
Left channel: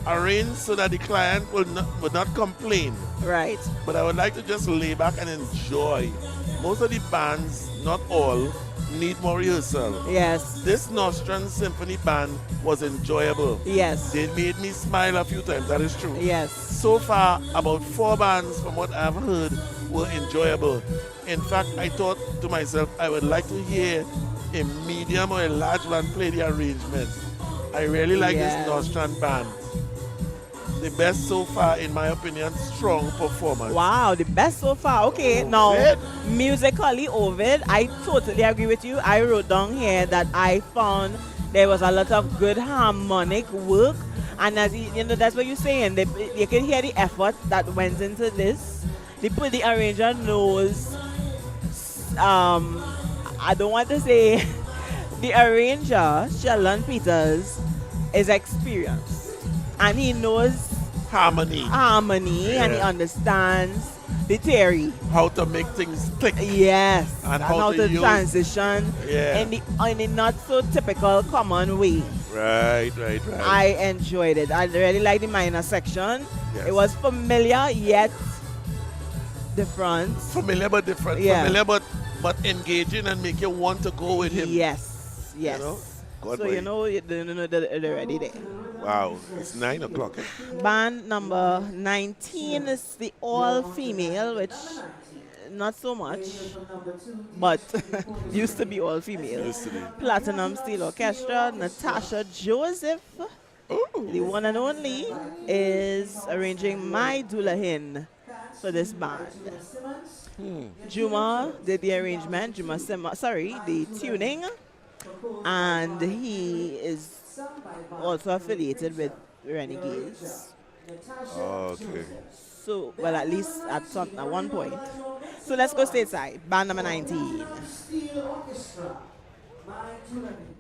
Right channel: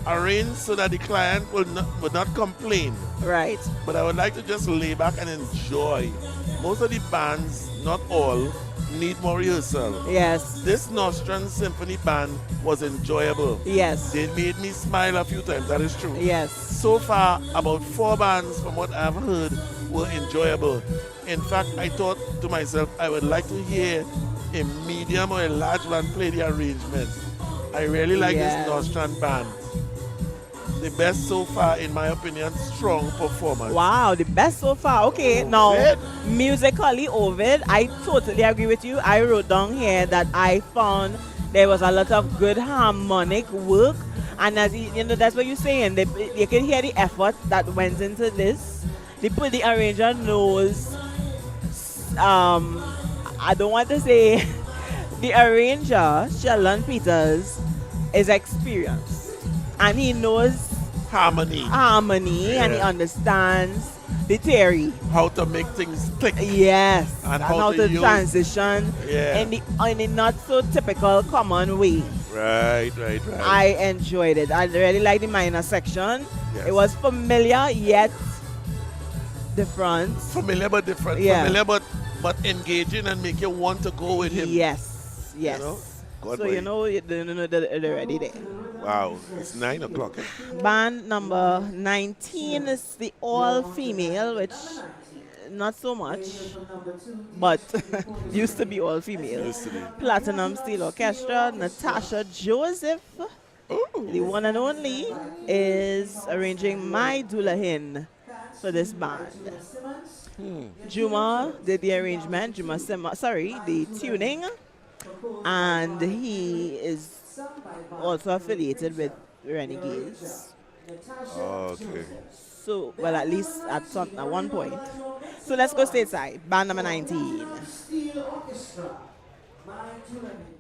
Arrange so that the client would not complain. Right. But I would like to just lay back and enjoy. Most of the bands, not all, need more rehearsal. Yes. This Nostran Symphony Band was enjoyable. Yes. They made me smile a few times, that is true. Yes. So far, about 4 bands from what I've heard were enjoyable. In fact, I thought to myself, I would like to hear a medium or a large band play the arrangement. I really like this Nostran band. The best so far, in my opinion, strong performance. Wow, the best so far. Okay, now musically, Ovid, I totally agree with you. I wrote down here that I found there was a lot of good harmonic work, and as you know, that's what you're saying. You can hear the effort that went into this. The arranger knows. I don't want to say the arranger, Sheldon Peters, is experienced, and he knows harmony, and he understands the theory, how to make things click. Yes, and how to use, transition in a not so typical common way. Right. I enjoyed it. I really liked the minor section. Yes. It was familiar yet different. Familiar but different. Yeah. Familiar but engaging and make you want to go with him. Yes. You know? So you know they're already there. Wow, it's 9 o'clock. Band number 19 is the all-female, which not so much, but used to be all-female. Used to be. Platinum Steel Orchestra, Natasha Joseph, the one and only, is arranging My Dulahin for this band. Juma did the arrangement, the tuning, and he is Sung by Bob also affiliated with Producer. Renegades. Natasha Okay. Joseph. So, well, at least at one point. So let's go stateside. Band number 19. Steel Orchestra. My Tyranny.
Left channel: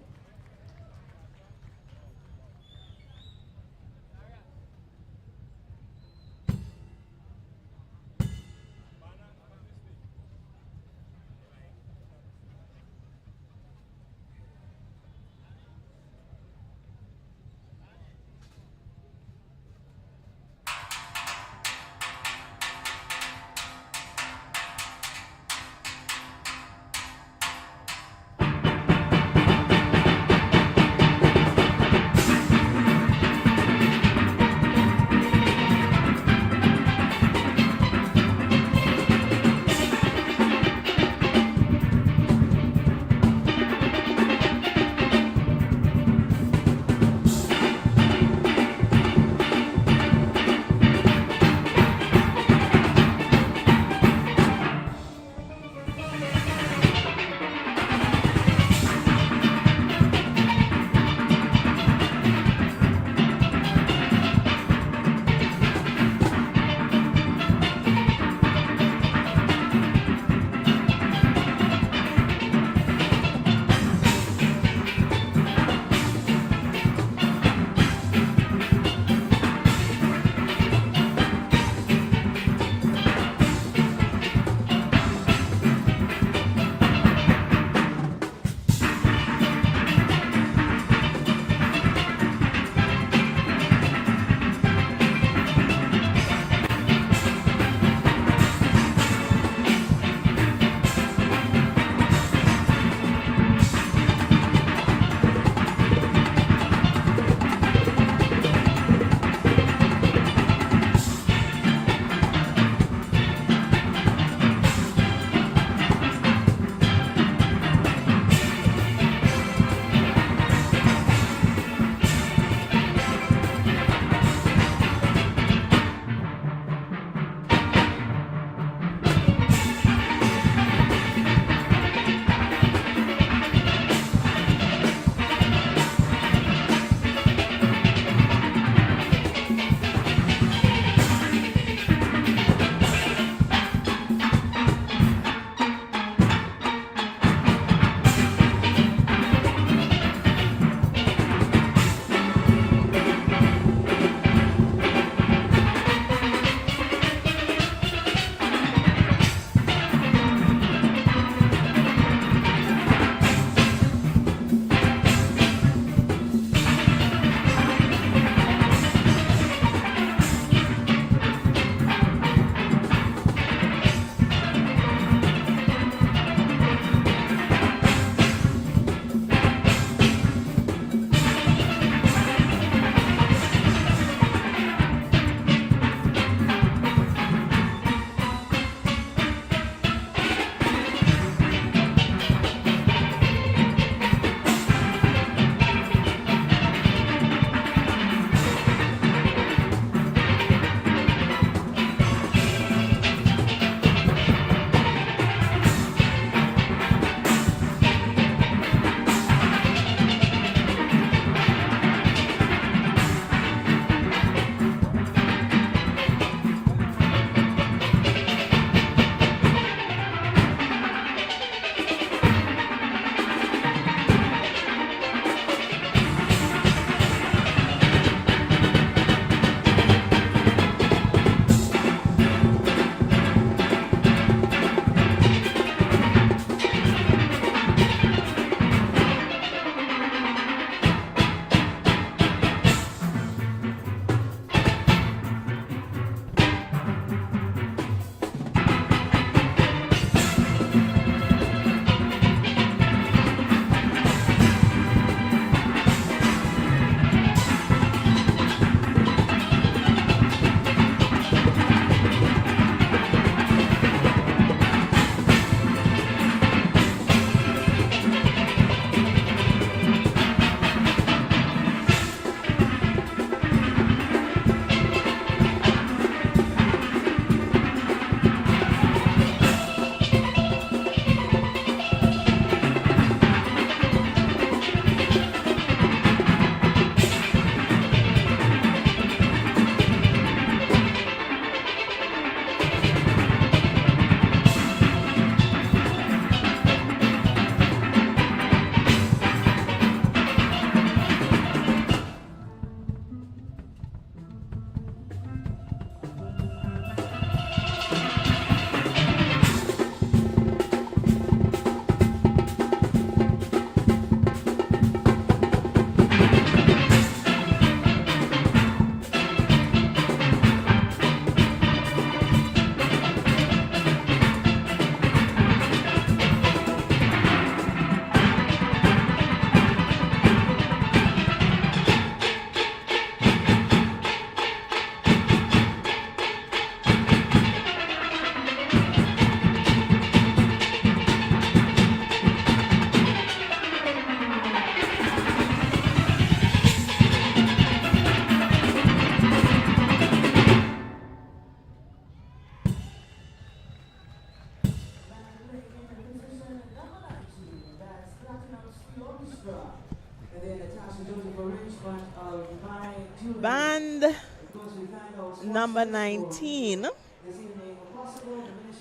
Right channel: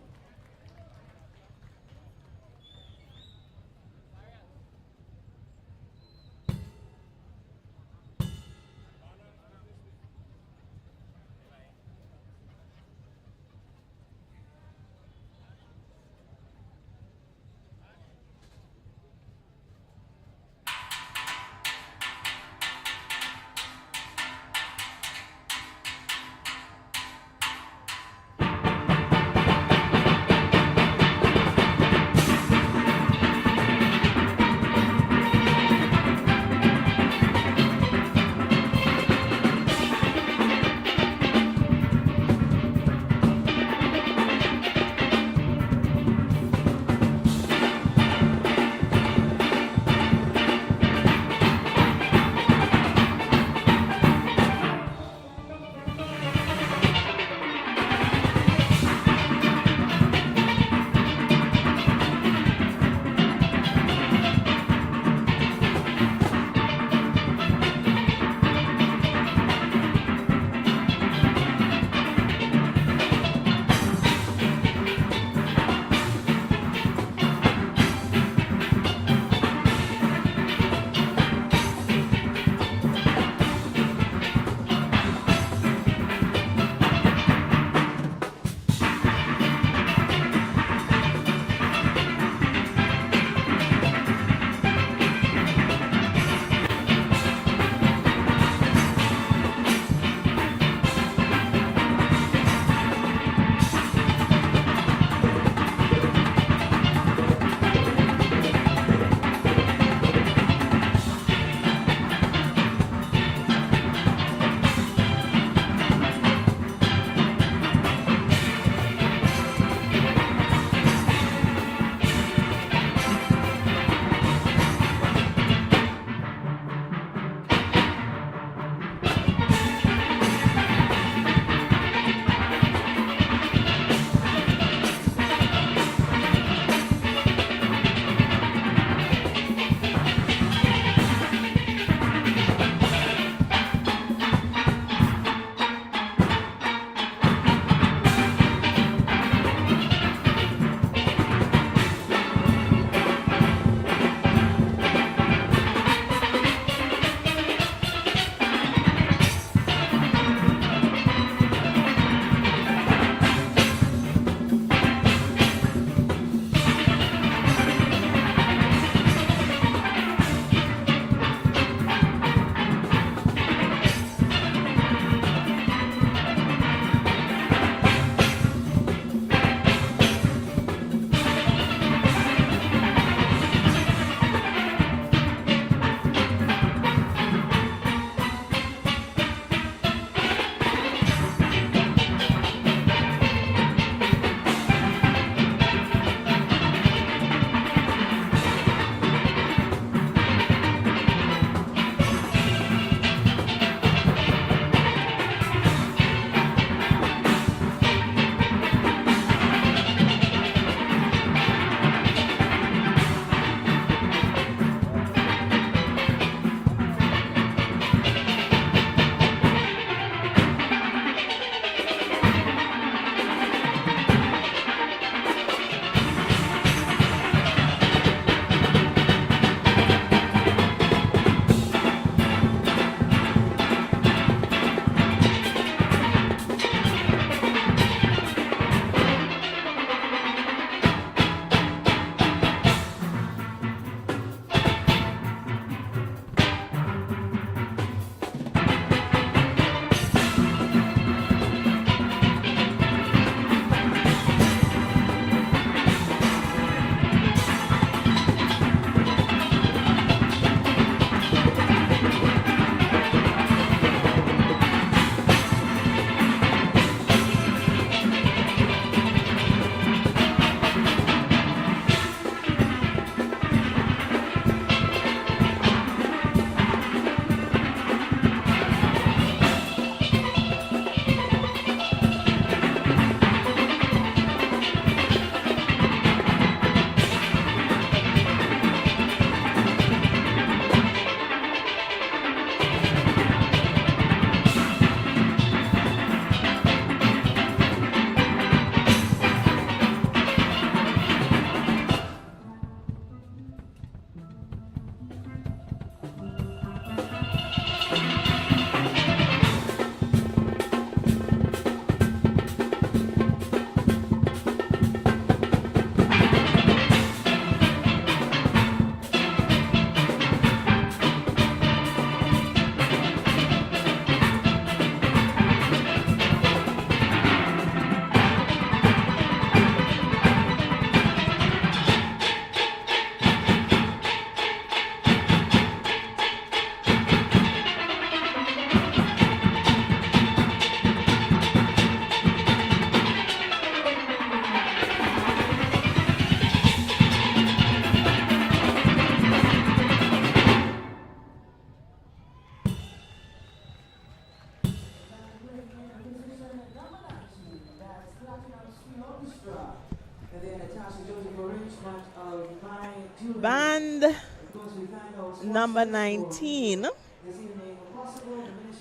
number 19.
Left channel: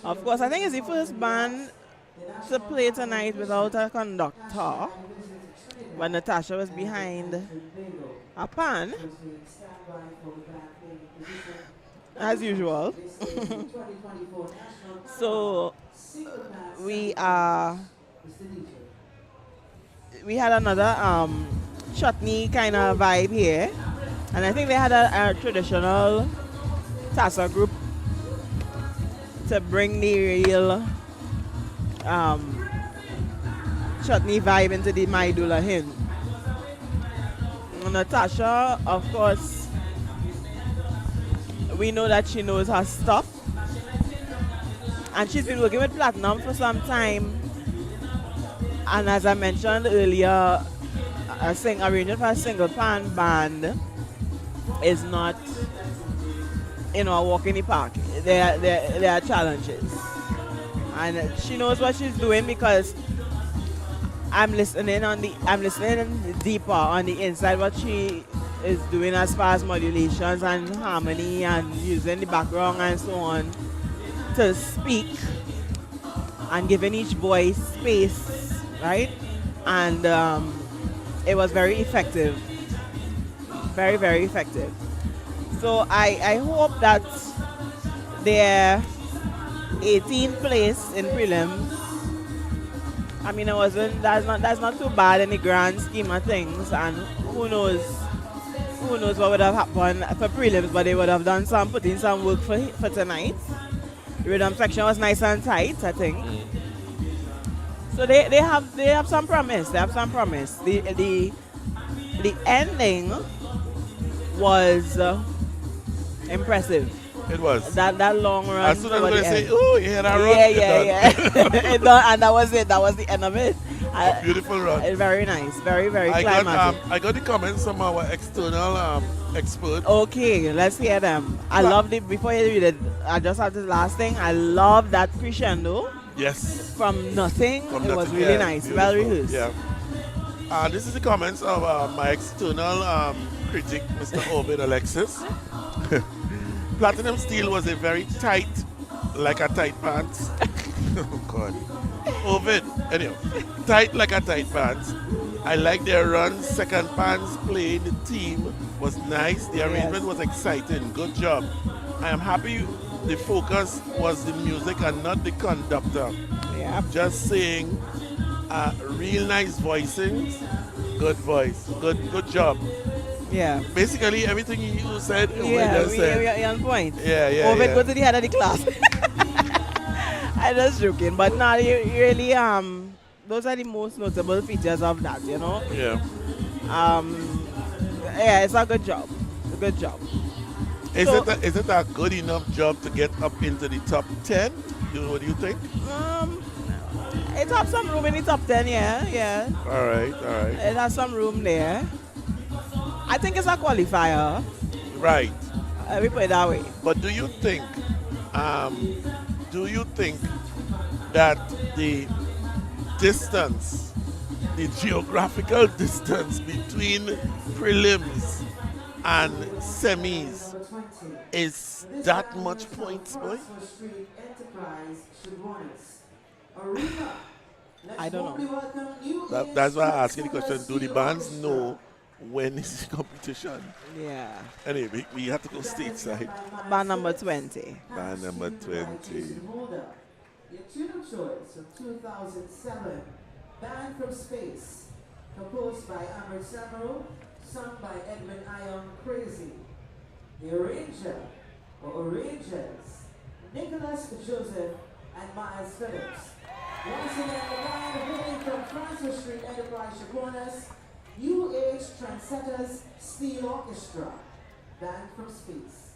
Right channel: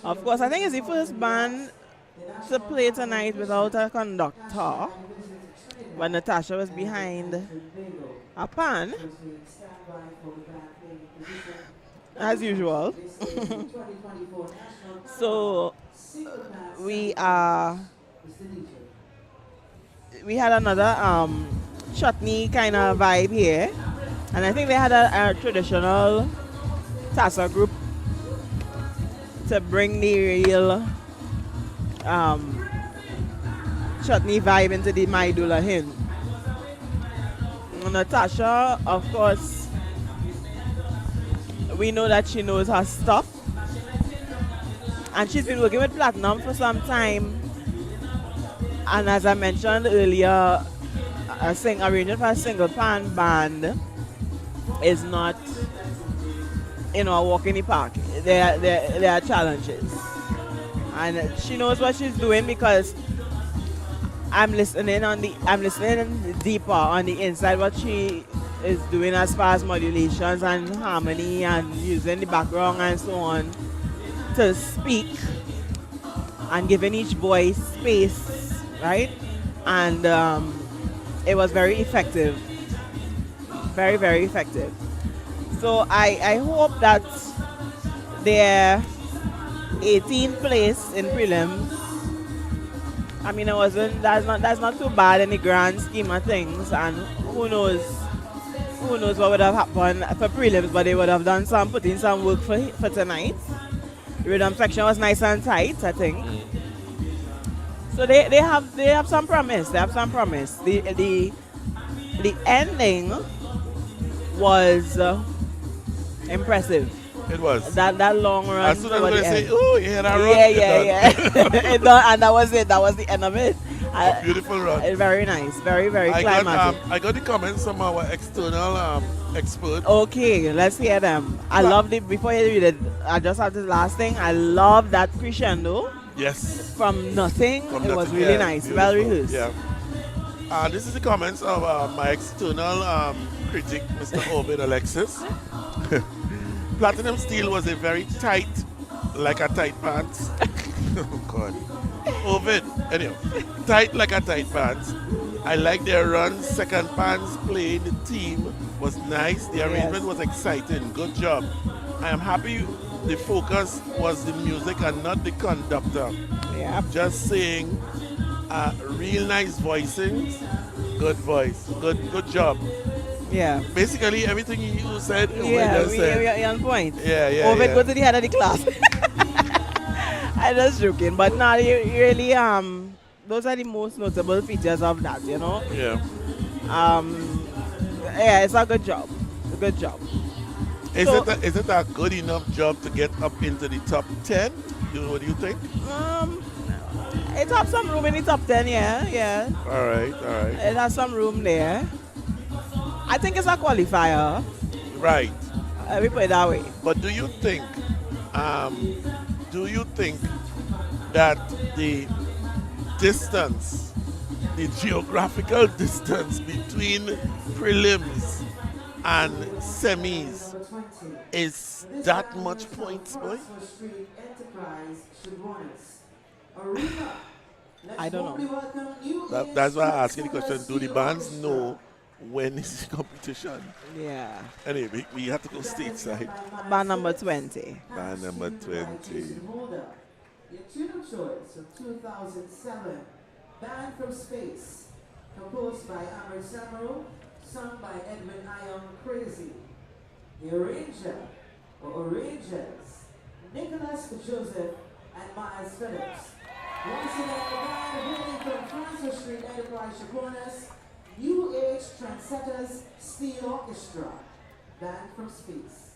Of course, I think it's the first band to play tonight without a conductor. When Natasha was behind a pan, as usual. So we had another chutney kind of vibe here, and I think they had a traditional Tassa group to bring the real chutney vibe into the Maidula hymn. Natasha, of course, we know that she knows her stuff, and she's been working with Platinum for some time. And as I mentioned earlier, arranging for a single pan band is not, a walk in the park. There are challenges, and she knows what she's doing because I'm listening deeper on the inside what she is doing as far as modulations and harmony and using the background and so on to speak and giving each voice space, right? And it was very effective, very, very effective. So I hope that their 18th place in prelims, I mean, that's not too bad in the grand scheme of things, and who knows what would have happened for prelims, but they would have put in some work for tonight. The rhythm section was nice and tight, I think. So they have some promise. They have some promise. The ending was impressive. It was. That long run. As soon as I was going to say, end. oh, you hear that run? Yeah. It done, and that was it. That was the end of it. A beautiful run. Very nice. Very, very climatic. I got the comments from our external expert. Okay, let's hear them. I love it. Before you read it, I just have this last thing. I love that crescendo. Yes. From nothing. From it was nothing, really yeah, nice. beautiful. Well rehearsed. Yeah. This is the comments of my external critic, Mr. Ovid Alexis. Platinum Steel was a very tight, like a tight pants. Oh God. Ovid, anyway, tight like a tight pants. I like their run. Second pants playing the team was nice. The arrangement was exciting. Good job. I am happy the focus was the music and not the conductor. Yeah. Just saying, real nice voicings. Good voice. Good job. Yeah. Basically, everything you said, yeah, said. We're on point. Yeah. Ovid, go to the head of the class. I'm just joking, but now really, those are the most notable features of that, Yeah. Yeah, it's a good job. A good job. Is it a good enough job to get up into the top 10? What do you think? It has some room in the top 10, yeah. All right. It has some room there. I think it's a qualifier. Right. We put it that way. But do you think that the distance, the geographical distance between prelims and semis is that much points, boy? I don't know. That's why I asked you the question. Do the bands know when is the competition? Yeah. Anyway, we have to go stateside. Band number 20. Band number 20. Your tune of choice of 2007, Band from Space, composed by Amrit Samaro, sung by Edwin Ion Crazy. The arranger, or arrangers, Nicholas Joseph and Miles Phillips. Once again, the band hailing from Francis Street Enterprise Chaponas, New Age Trendsetters Steel Orchestra, Band from Space.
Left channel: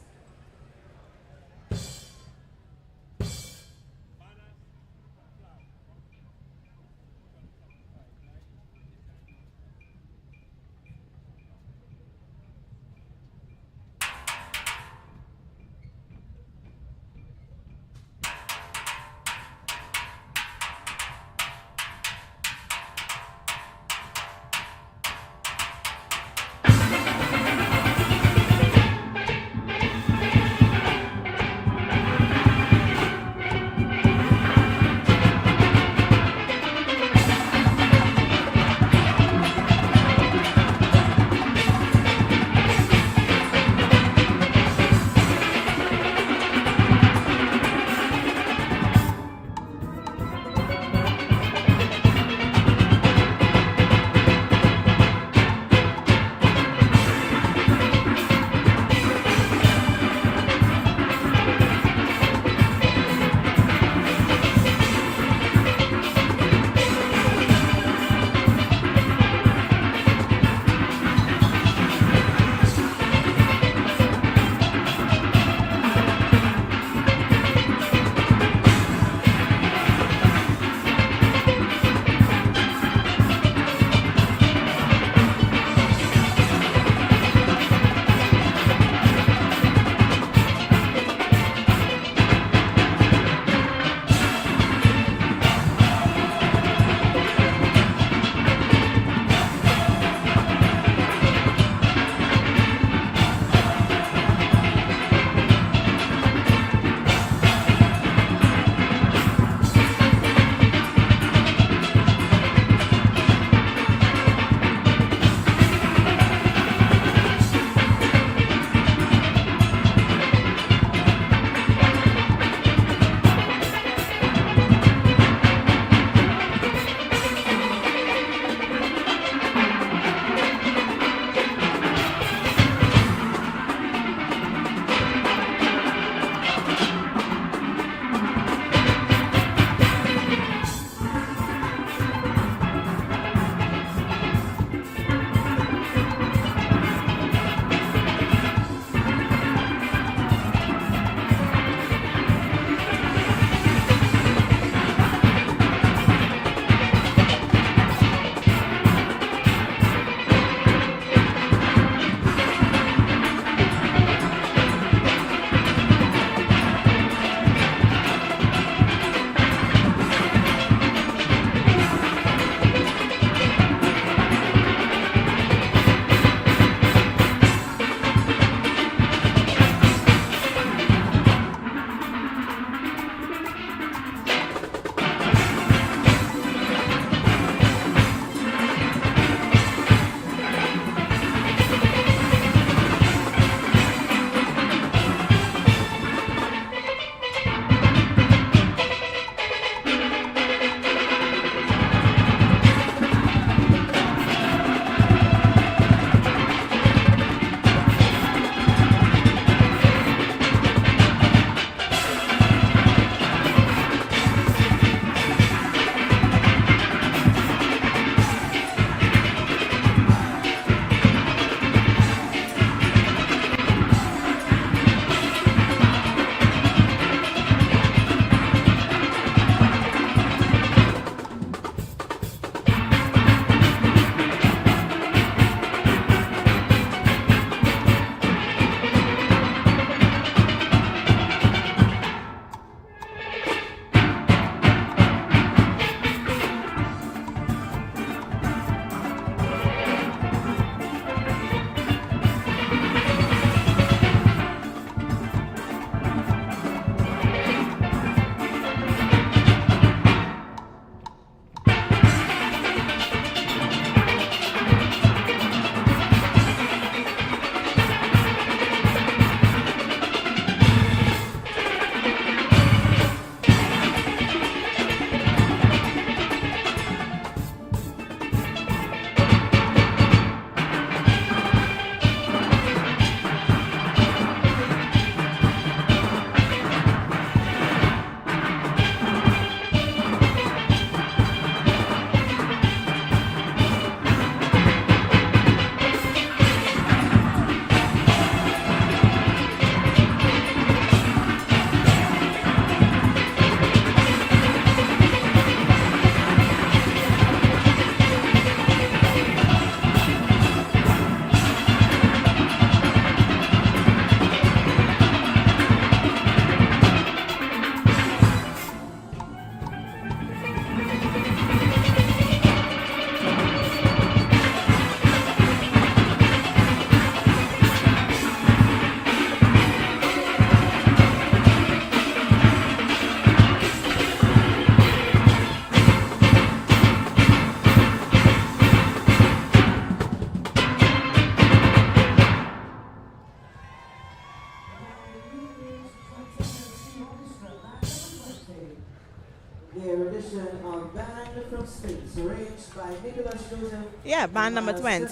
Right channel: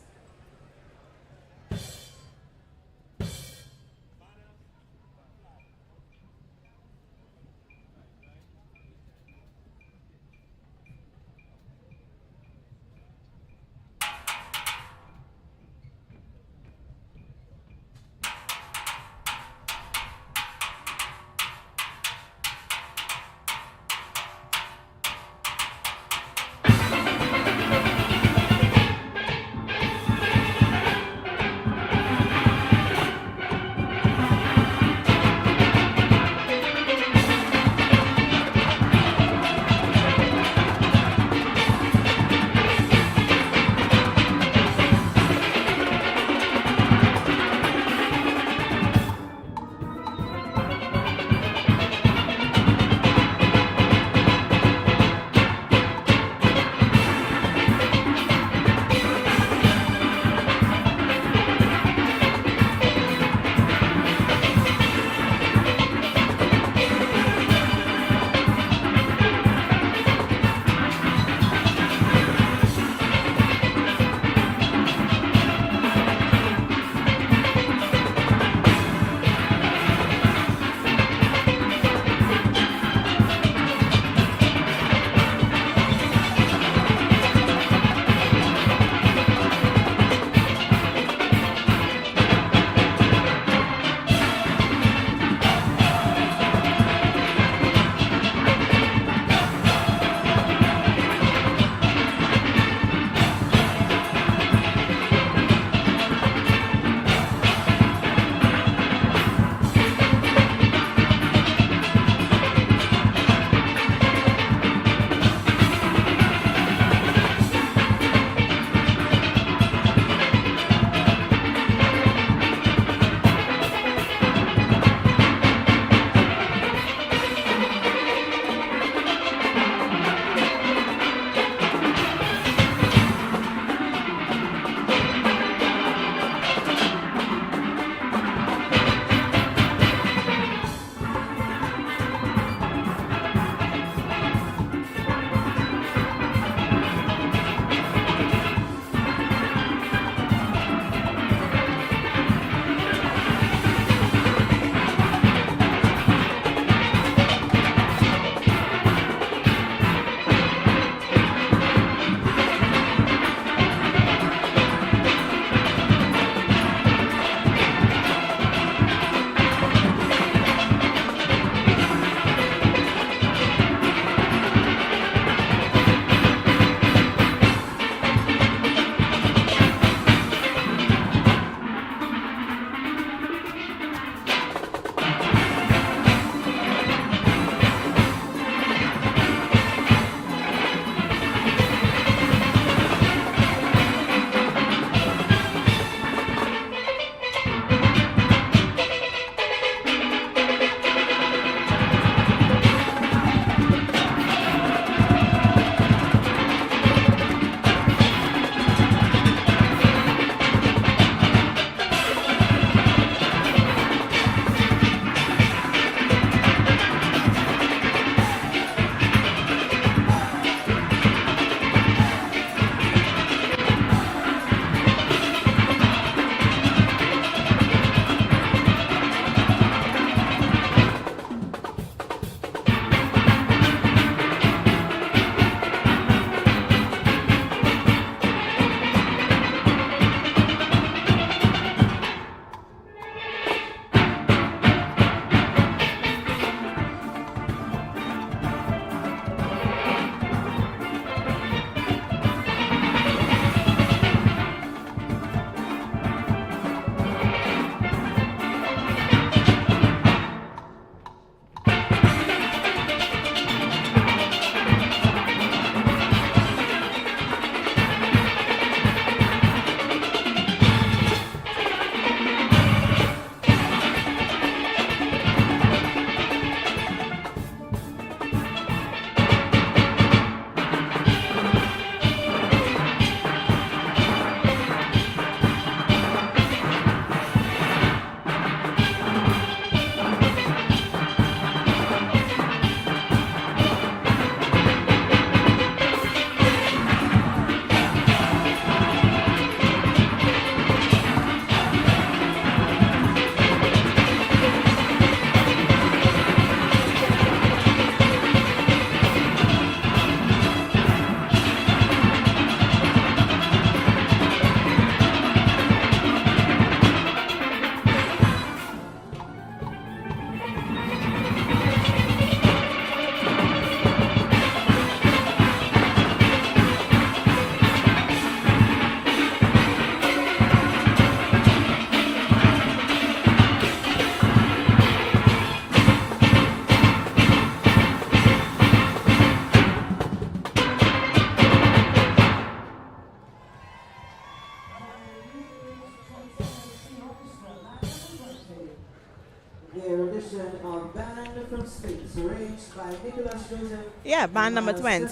edition of Band from States, arranged by Nicholas Joseph. Yeah, band number 20.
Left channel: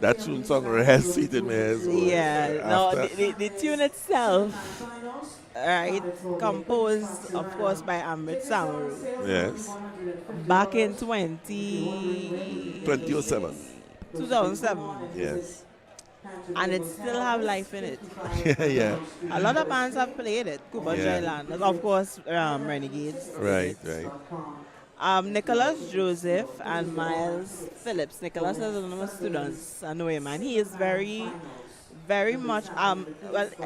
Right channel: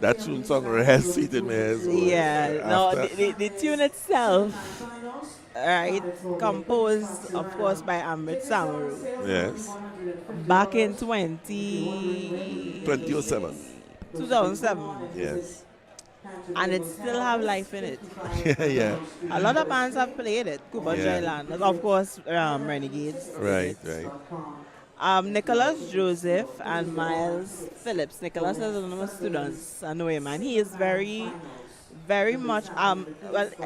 That tune song resonated me as well. Yeah, no, After- the tune itself, right, composed, of course, by Amrit Samaru Yes. back in 2007. 2007. Yes. And it still have life in it. Yeah. A lot of bands have played it. Cooper Yeah. Island, of course, Renegades. Right, right. Nicholas Joseph and Miles Phillips. Nicholas is one of my students. I know him, and he is very, very much. Well,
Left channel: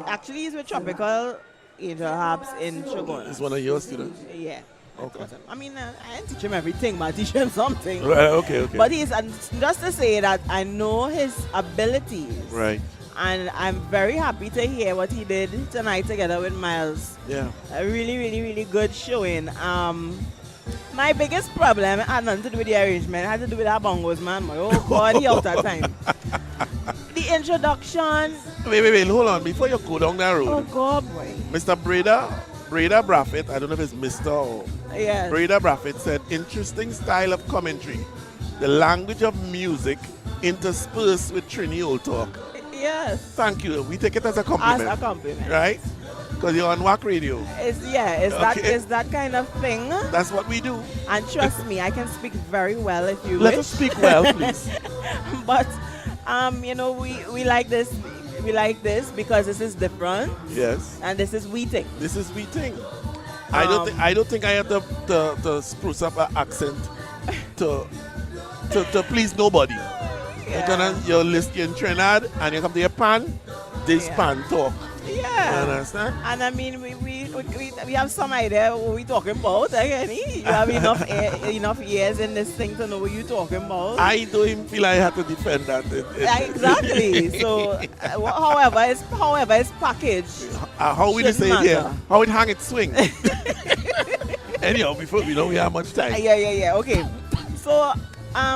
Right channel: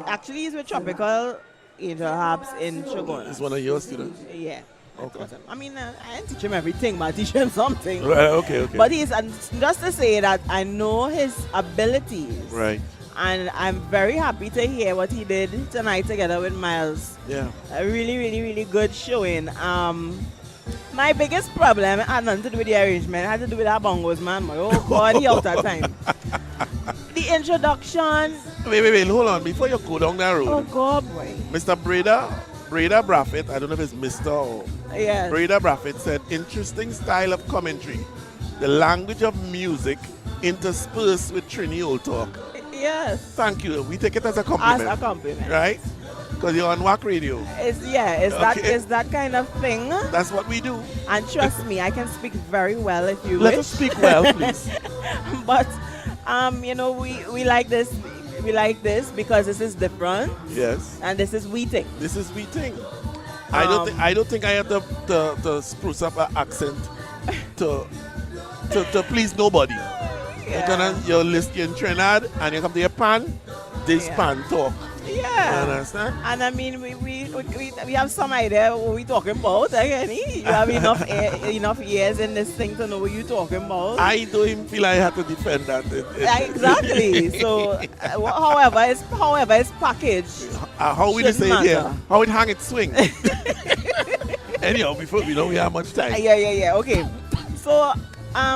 actually, he's with Tropical Angel Harps in Shogun. He's one of your students? Yeah. Okay. I mean, I didn't teach him everything, but I teach him something. Right, okay. But he's, and just to say that I know his abilities. Right. And I'm very happy to hear what he did tonight together with Miles. Yeah. A really, really, really good showing. My biggest problem had nothing to do with the arrangement. It had to do with our bongos, man. Oh, God, he out of time. The introduction. Wait, hold on. Before you go down that road, Oh, God, boy. Mr. Breda Braffett, I don't know if it's Mr. or Yes. Breda Braffett said, interesting style of commentary. The language of music interspersed with Trini old talk. Yes. Thank you. We take it as a compliment. As a compliment. Right? Because you're on WACK Radio. It's that kind of thing. That's what we do. And trust me, I can speak very well if you Let wish. us speak well, please. But you know, we like this. We like this because this is different. Yes. And this is we think. This is we think. I don't think I have to spruce up an accent to please nobody. Yeah. You're in Trinidad and you come to your pan, this Yeah. pan talk. Yeah. You understand? And I mean, we have some idea what we're talking about. Again, you have enough years in this thing to know what you're talking about. I don't even feel I have to defend that. Exactly. So, however it's packaged. How we shouldn't say it here? matter. How it hang it swing? Anyhow, before we know we have much time. Yeah. Okay. So,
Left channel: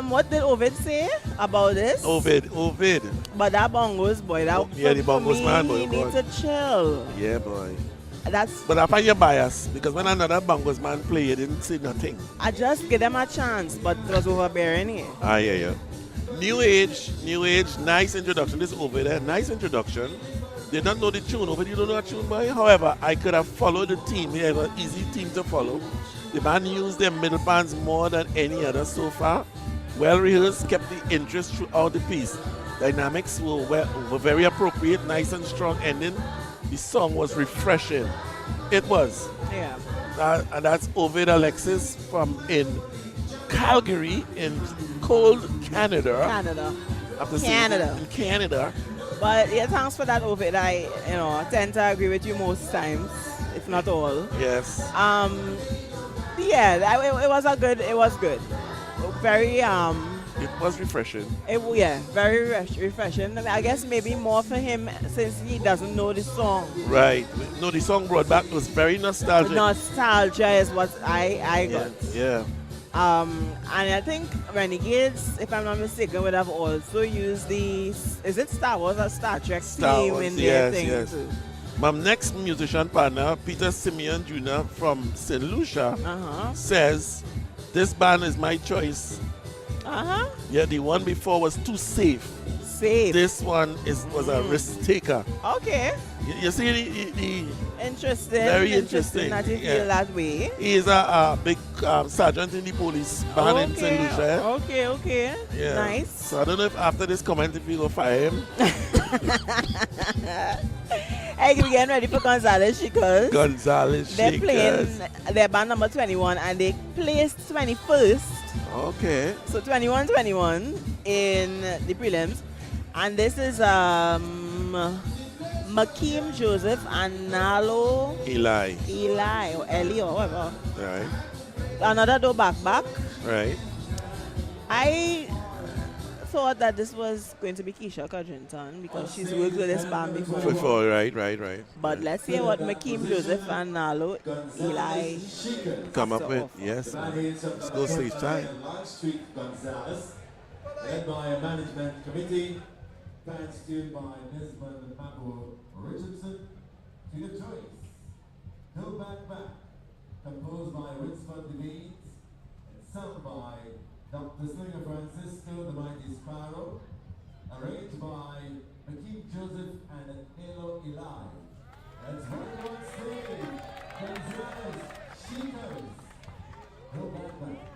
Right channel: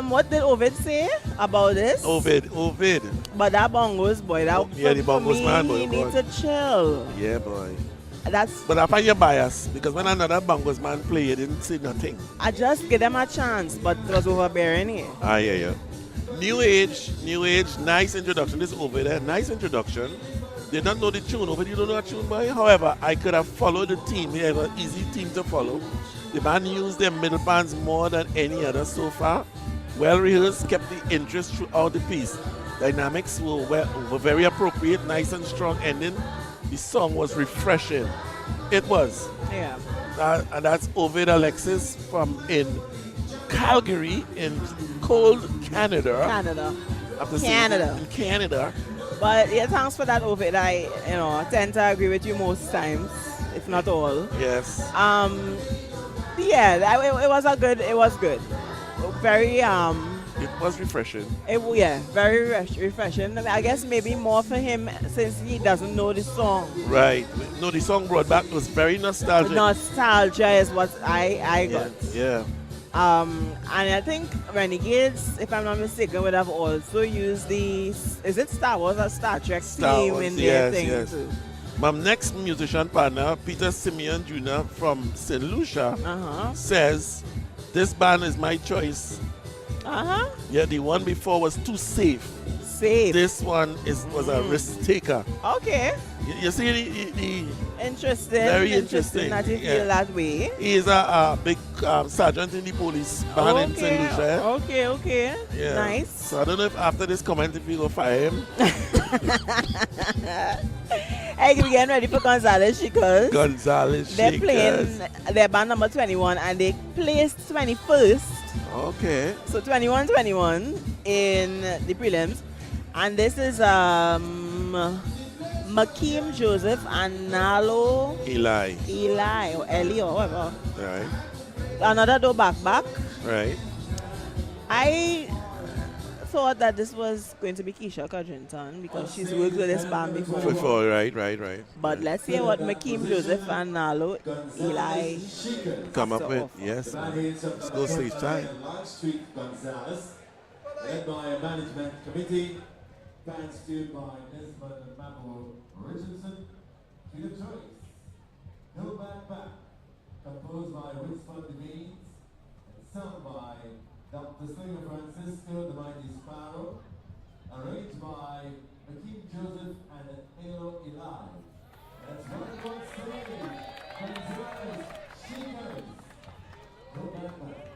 what did Ovid say about this? Ovid. But that bongos boy, that Yeah, the for bongos me, man, boy, he needs boy. to chill. Yeah, boy. That's. But I find you biased because when another bongos man play, you didn't say nothing. I just give them a chance, but it was overbearing here. Yeah. New age, nice introduction. This over there, nice introduction. They don't know the tune, over you don't know the tune, boy. However, I could have followed the team. We have an easy team to follow. The band used their middle bands more than any other so far. Well rehearsed, kept the interest throughout the piece. Dynamics were very appropriate, nice and strong ending. The song was refreshing. It was. Yeah. And that's Ovid Alexis from in Calgary in cold Canada. In Canada. But yeah, thanks for that, Ovid. I tend to agree with you most times, if not all. Yes. Yeah, it was good. Very It was refreshing. very refreshing. I guess maybe more for him since he doesn't know the song. Right. No, the song brought back was very nostalgic. Nostalgia is what I got. Yeah. And I think Renegades, if I'm not mistaken, would have also used is it Star Wars or Star Trek theme in their thing too? My next musician partner, Peter Simeon Jr. from St. Lucia, says, this band is my choice. Yeah, the one before was too safe. This one was a risk taker. Okay. You see the interesting. Very interesting. That you feel that way. He is a big sergeant in the police band in St. Lucia. Okay. Yeah. Nice. So I don't know if after this comment if you go fire him. Hey, we're getting ready for Gonzalez Shakers. They're playing their band number 21 and they placed 21st. Okay. So 21 in the prelims. And this is Makeem Joseph and Nalo Eli or Eli or whatever. Right. Another do back. Right. I thought that this was going to be Keisha Codrington because she's worked with this band before. Right. But let's hear what Makeem Joseph and Nalo Eli come up with. offer. Yes. Let's go stage time. Long Street Gonzalez, led by a management committee, band steered by Desmond Mapo Richardson, to the choice. Go back. composed by Winsford Devines, and sung by Dr. Slinger Francisco, the mighty Sparrow, arranged by McKeith Joseph and Halo Eli. That's one stage, and it's Sheepers. No banter.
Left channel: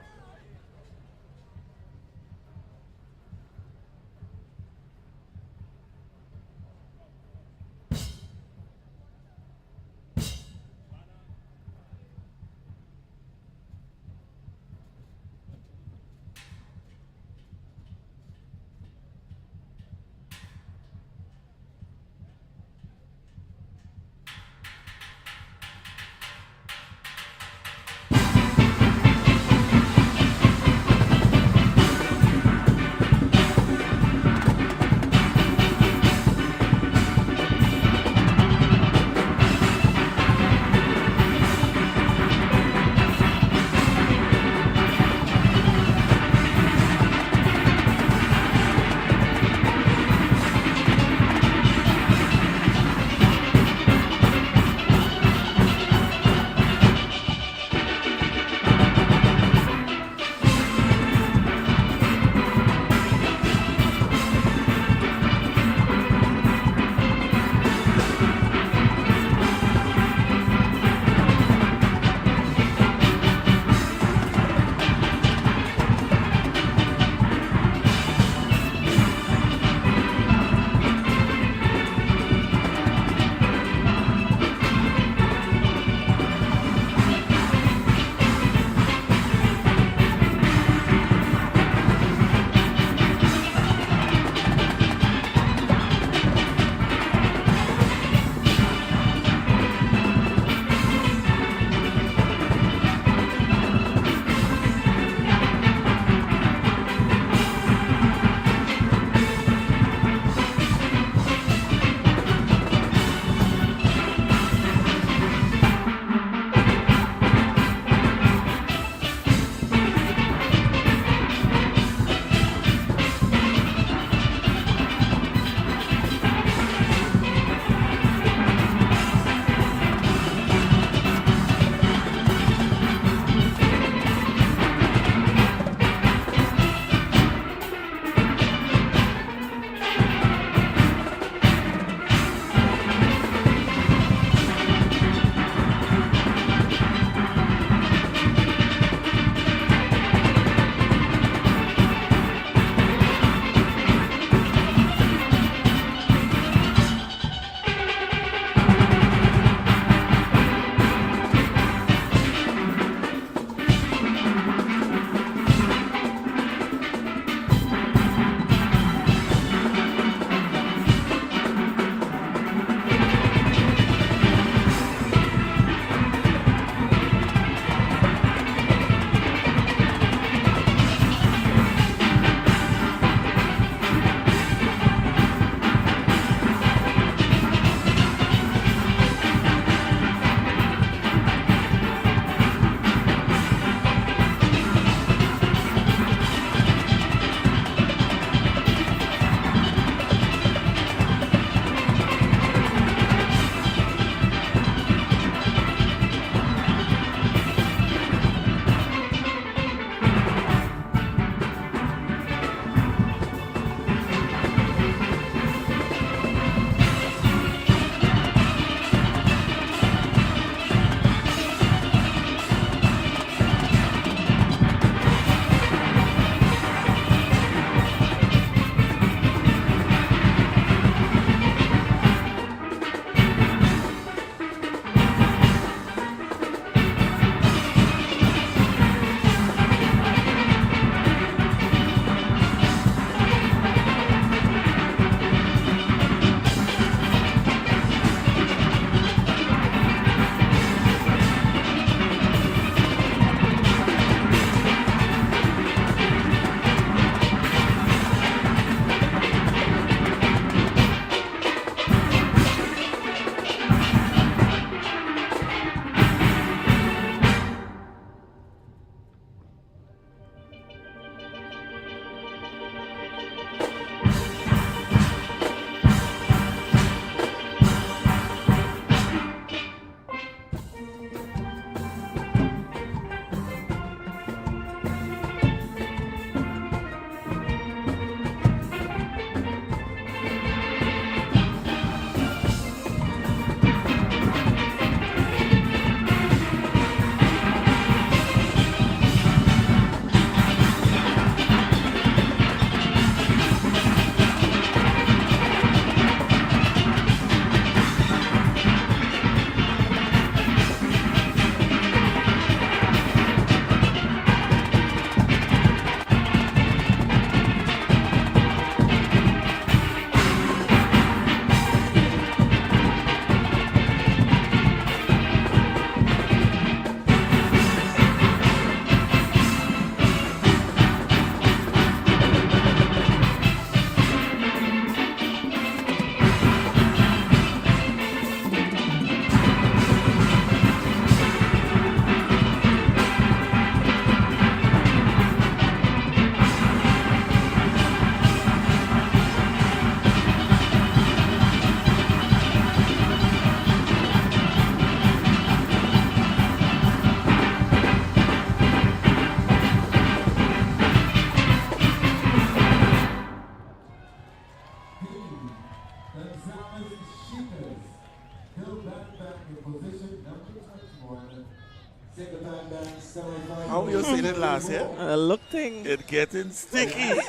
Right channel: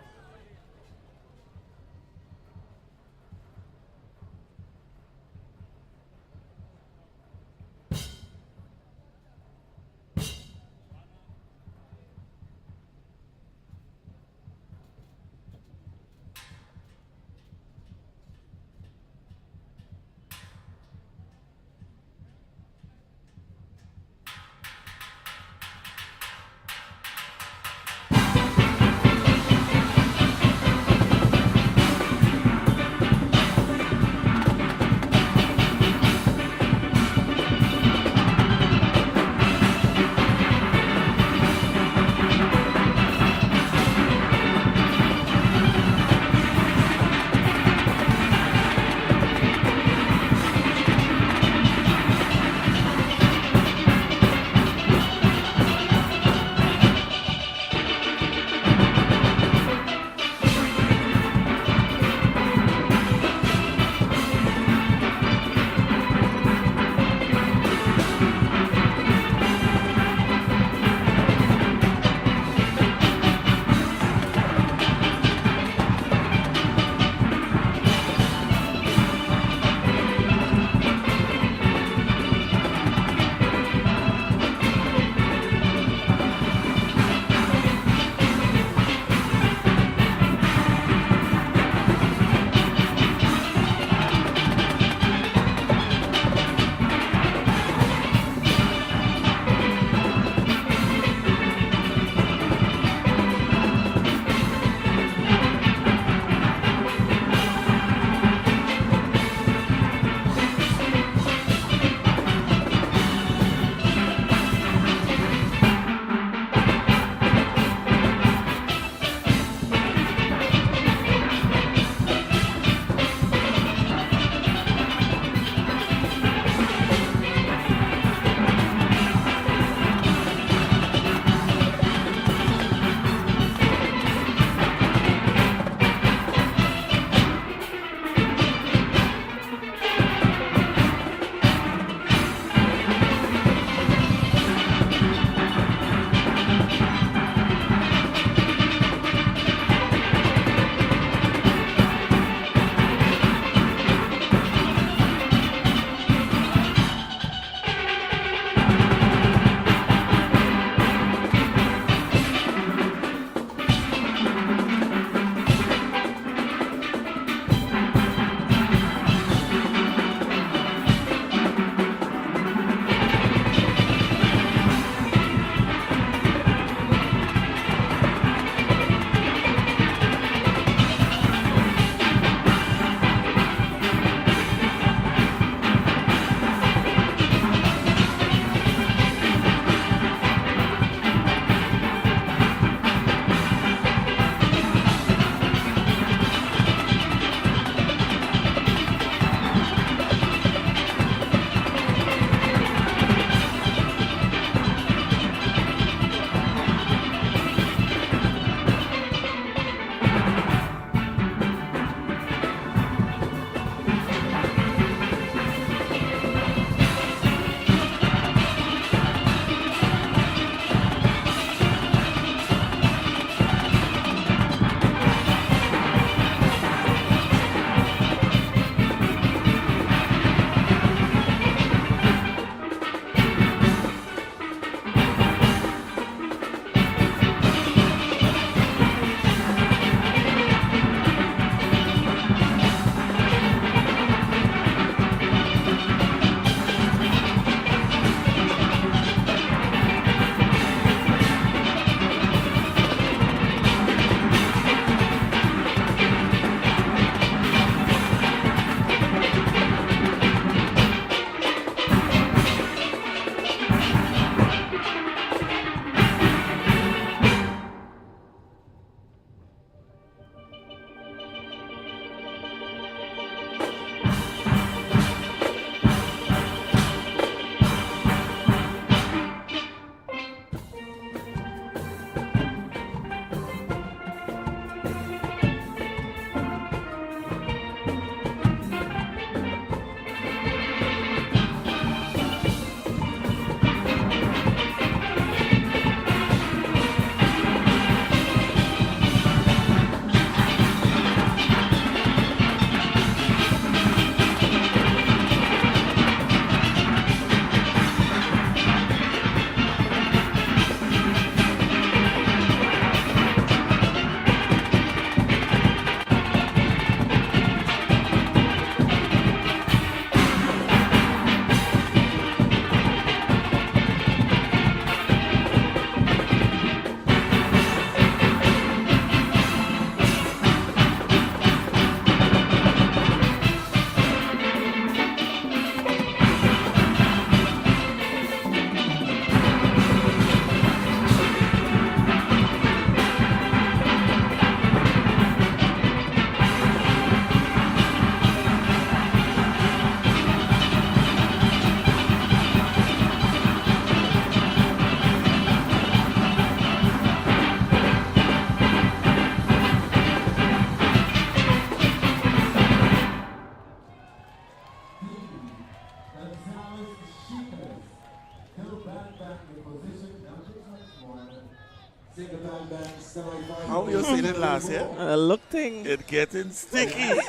How you seen it last year? Look thing. It getting sticky.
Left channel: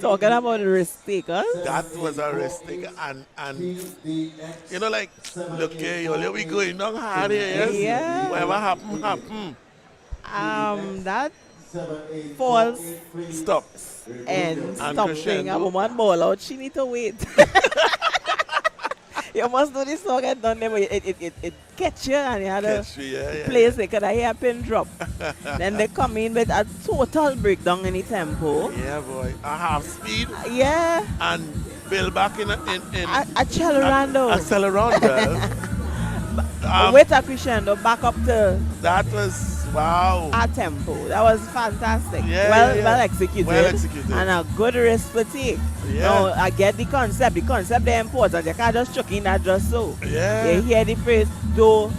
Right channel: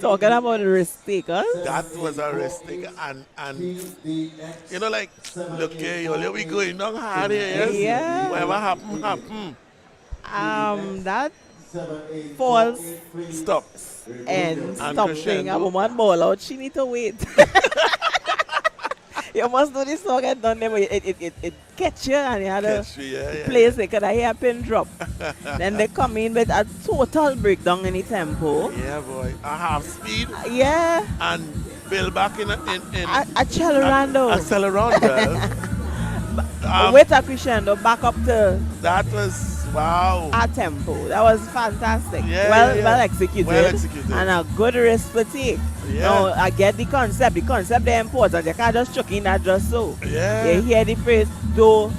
Talking about the risk takers. That was a risk taker. And you know, like, look here, yo, we going down hard here, yes? Yeah. Whatever happen. That false Stop. and stop thing. crescendo. A woman ball out, she need to wait. You must know this song get done there, but it catch you and you had to Catch me, yeah. place it, because I hear a pin drop. Then they come in with a total breakdown in the tempo. Yeah, boy. A half speed Yeah, and build back in accelerando. accelerando. With a crescendo back up to That was wow. our tempo. That was fantastic. Yeah, well, yeah. well executed. Well executed. And a good risk to take. Yeah. No, I get the concept. The concept is important. You can't just chuck in that just so. Yeah. You hear the phrase, do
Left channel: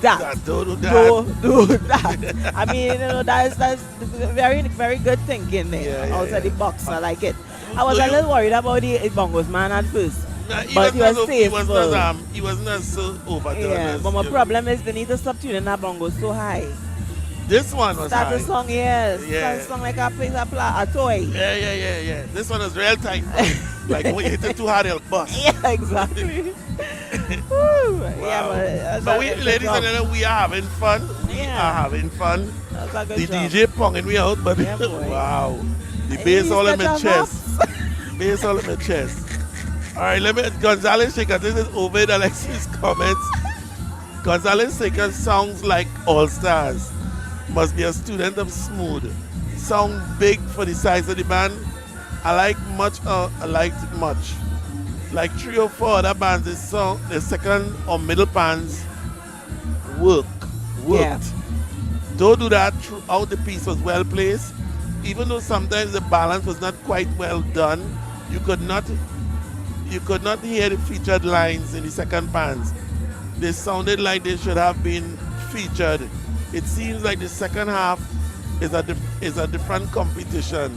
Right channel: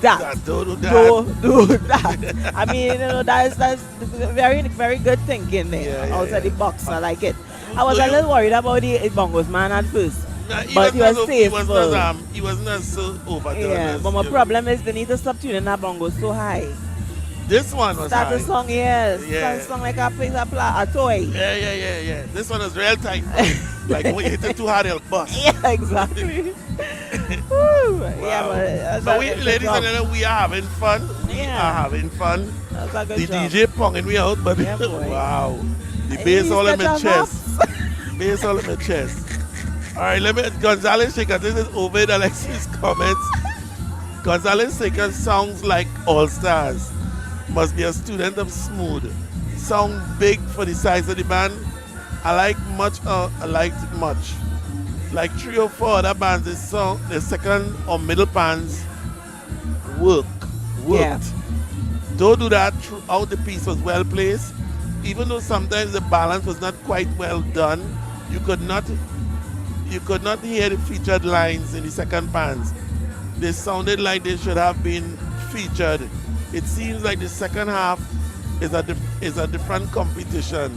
that. Don't do that. Do that. I mean, you know, that's very, very good thinking there. Yeah, Outside yeah. the box. I like it. I was Do a you- little worried about the bongos man at first. Nah, But he was he faithful. wasn't as so overdone. Yeah, as, but my you know. problem is they need to stop tuning that bongo so high. This one was Start high. the song, yes. Yeah. Start the song like a piece of a toy. Yeah. This one is real tight. Like when you hit it too hard, it'll bust. Yeah, exactly. Woo. Yeah, But we, ladies and gentlemen, we are having fun. We Yeah. are having fun. that's a good The job. DJ ponging me out, but Yeah, boy. wow. The Hey, bass all in my special chest. Bass all in my chest. All right, Gonzalez Shaker, this is Ovid Alexis' comments. Gonzalez Shaker sounds like All Stars. Must be a student of Smooth. Sound big for the size of the band. I liked it much. Like 3 or 4 other bands, the second or middle bands worked. Yeah. Don't do that throughout the piece was well placed. Even though sometimes the balance was not quite well done, you could not hear the featured lines in the second bands. They sounded like they should have been featured. It seems like the second half is a different competition.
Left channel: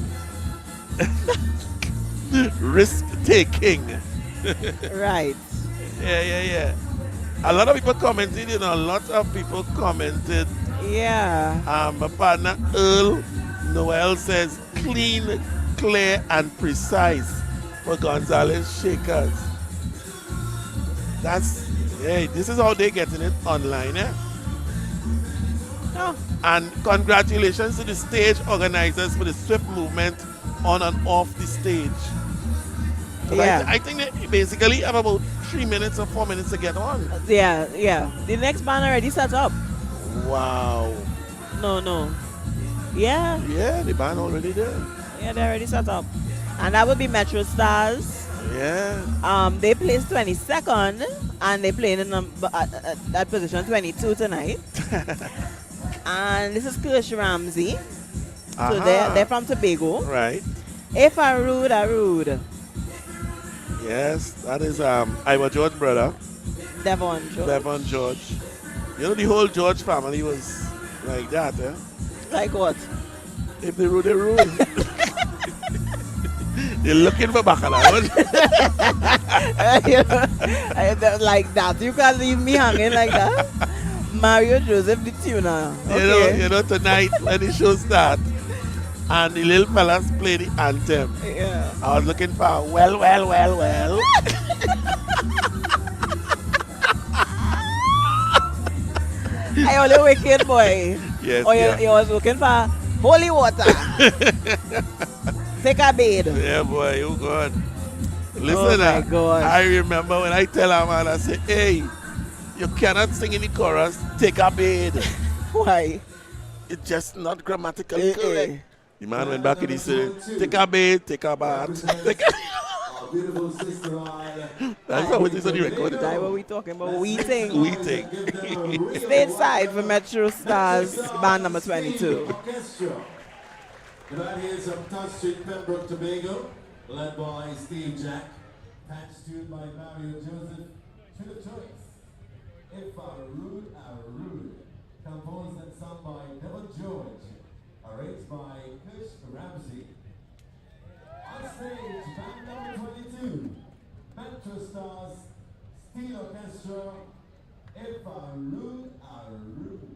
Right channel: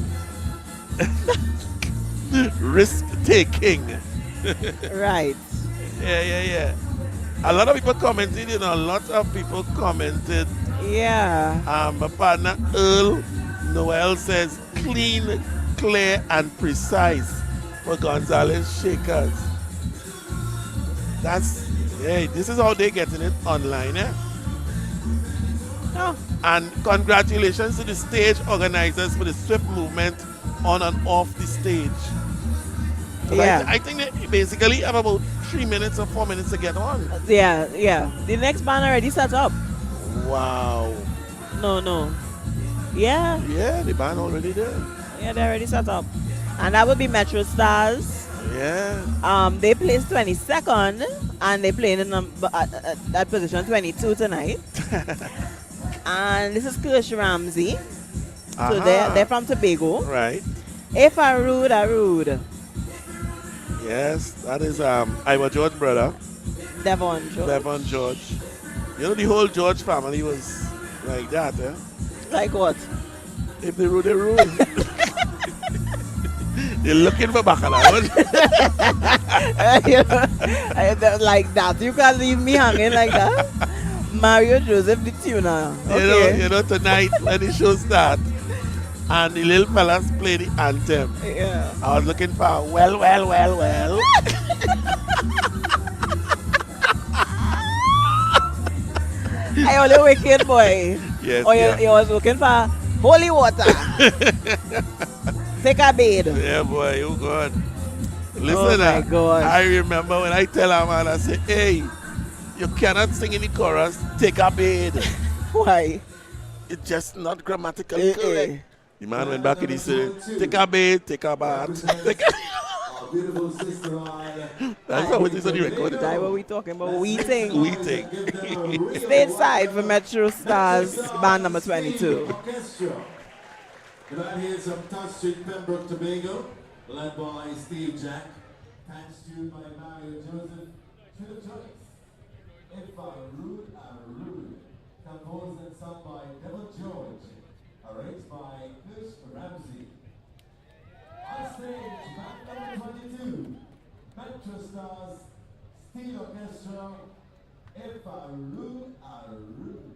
Risk taking. Right. Yeah. A lot of people commented, a lot of people commented. Yeah. My partner Earl Noel says clean, clear, and precise for Gonzalez Shakers. This is how they're getting it online, eh? Oh, And congratulations to the stage organizers for the swift movement on and off the stage. yeah. I think they basically have about 3 minutes or 4 minutes to get on. Yeah. The next band already set up. Wow. No. Yeah. Yeah, the band already there. Yeah, they already set up. And that would be Metro Stars. Yeah. They placed 22nd, and they played in that position 22 tonight. And this is Kirsch Ramsey. So Aha. they're from Tobago. Right. If I rude. Yes, that is Iowa George brother, Devon George. Devon George. You know the whole George family was like that, eh? Like what? If they rule, they rule. They're looking for bacala. Like that. You can't leave me hanging like that. Mario Joseph the tuner. Okay. You know, tonight when the show starts and the little fellas play the anthem, Yeah. I was looking for well. I only wicked boy. Yes, Or yeah. you was looking for holy water. Take a bathe. Yeah, boy, you good. Oh Listen, my gosh. I remember when I tell a man, I say, hey, you cannot sing in the chorus, take a bed. Why? It's just not grammatically correct. Eh. The man went back and he said, take a bed, take a bath. Our beautiful sister Ida. That's how it is on the record. That's what we talking about. We think. We think. Stateside for Metro Stars, band number 22. Orchestra. Tonight here's some Touch Street, Pembroke, Tobago, led by Steve Jack. Patch tuned by Mario Joseph. To the choice. If I'm rude, I'm rude. Composed and sung by Devon George. Arranged by Kirsch Ramsey. On stage, band number 22. Metro Stars, Steel Orchestra. If I'm rude, I'm rude.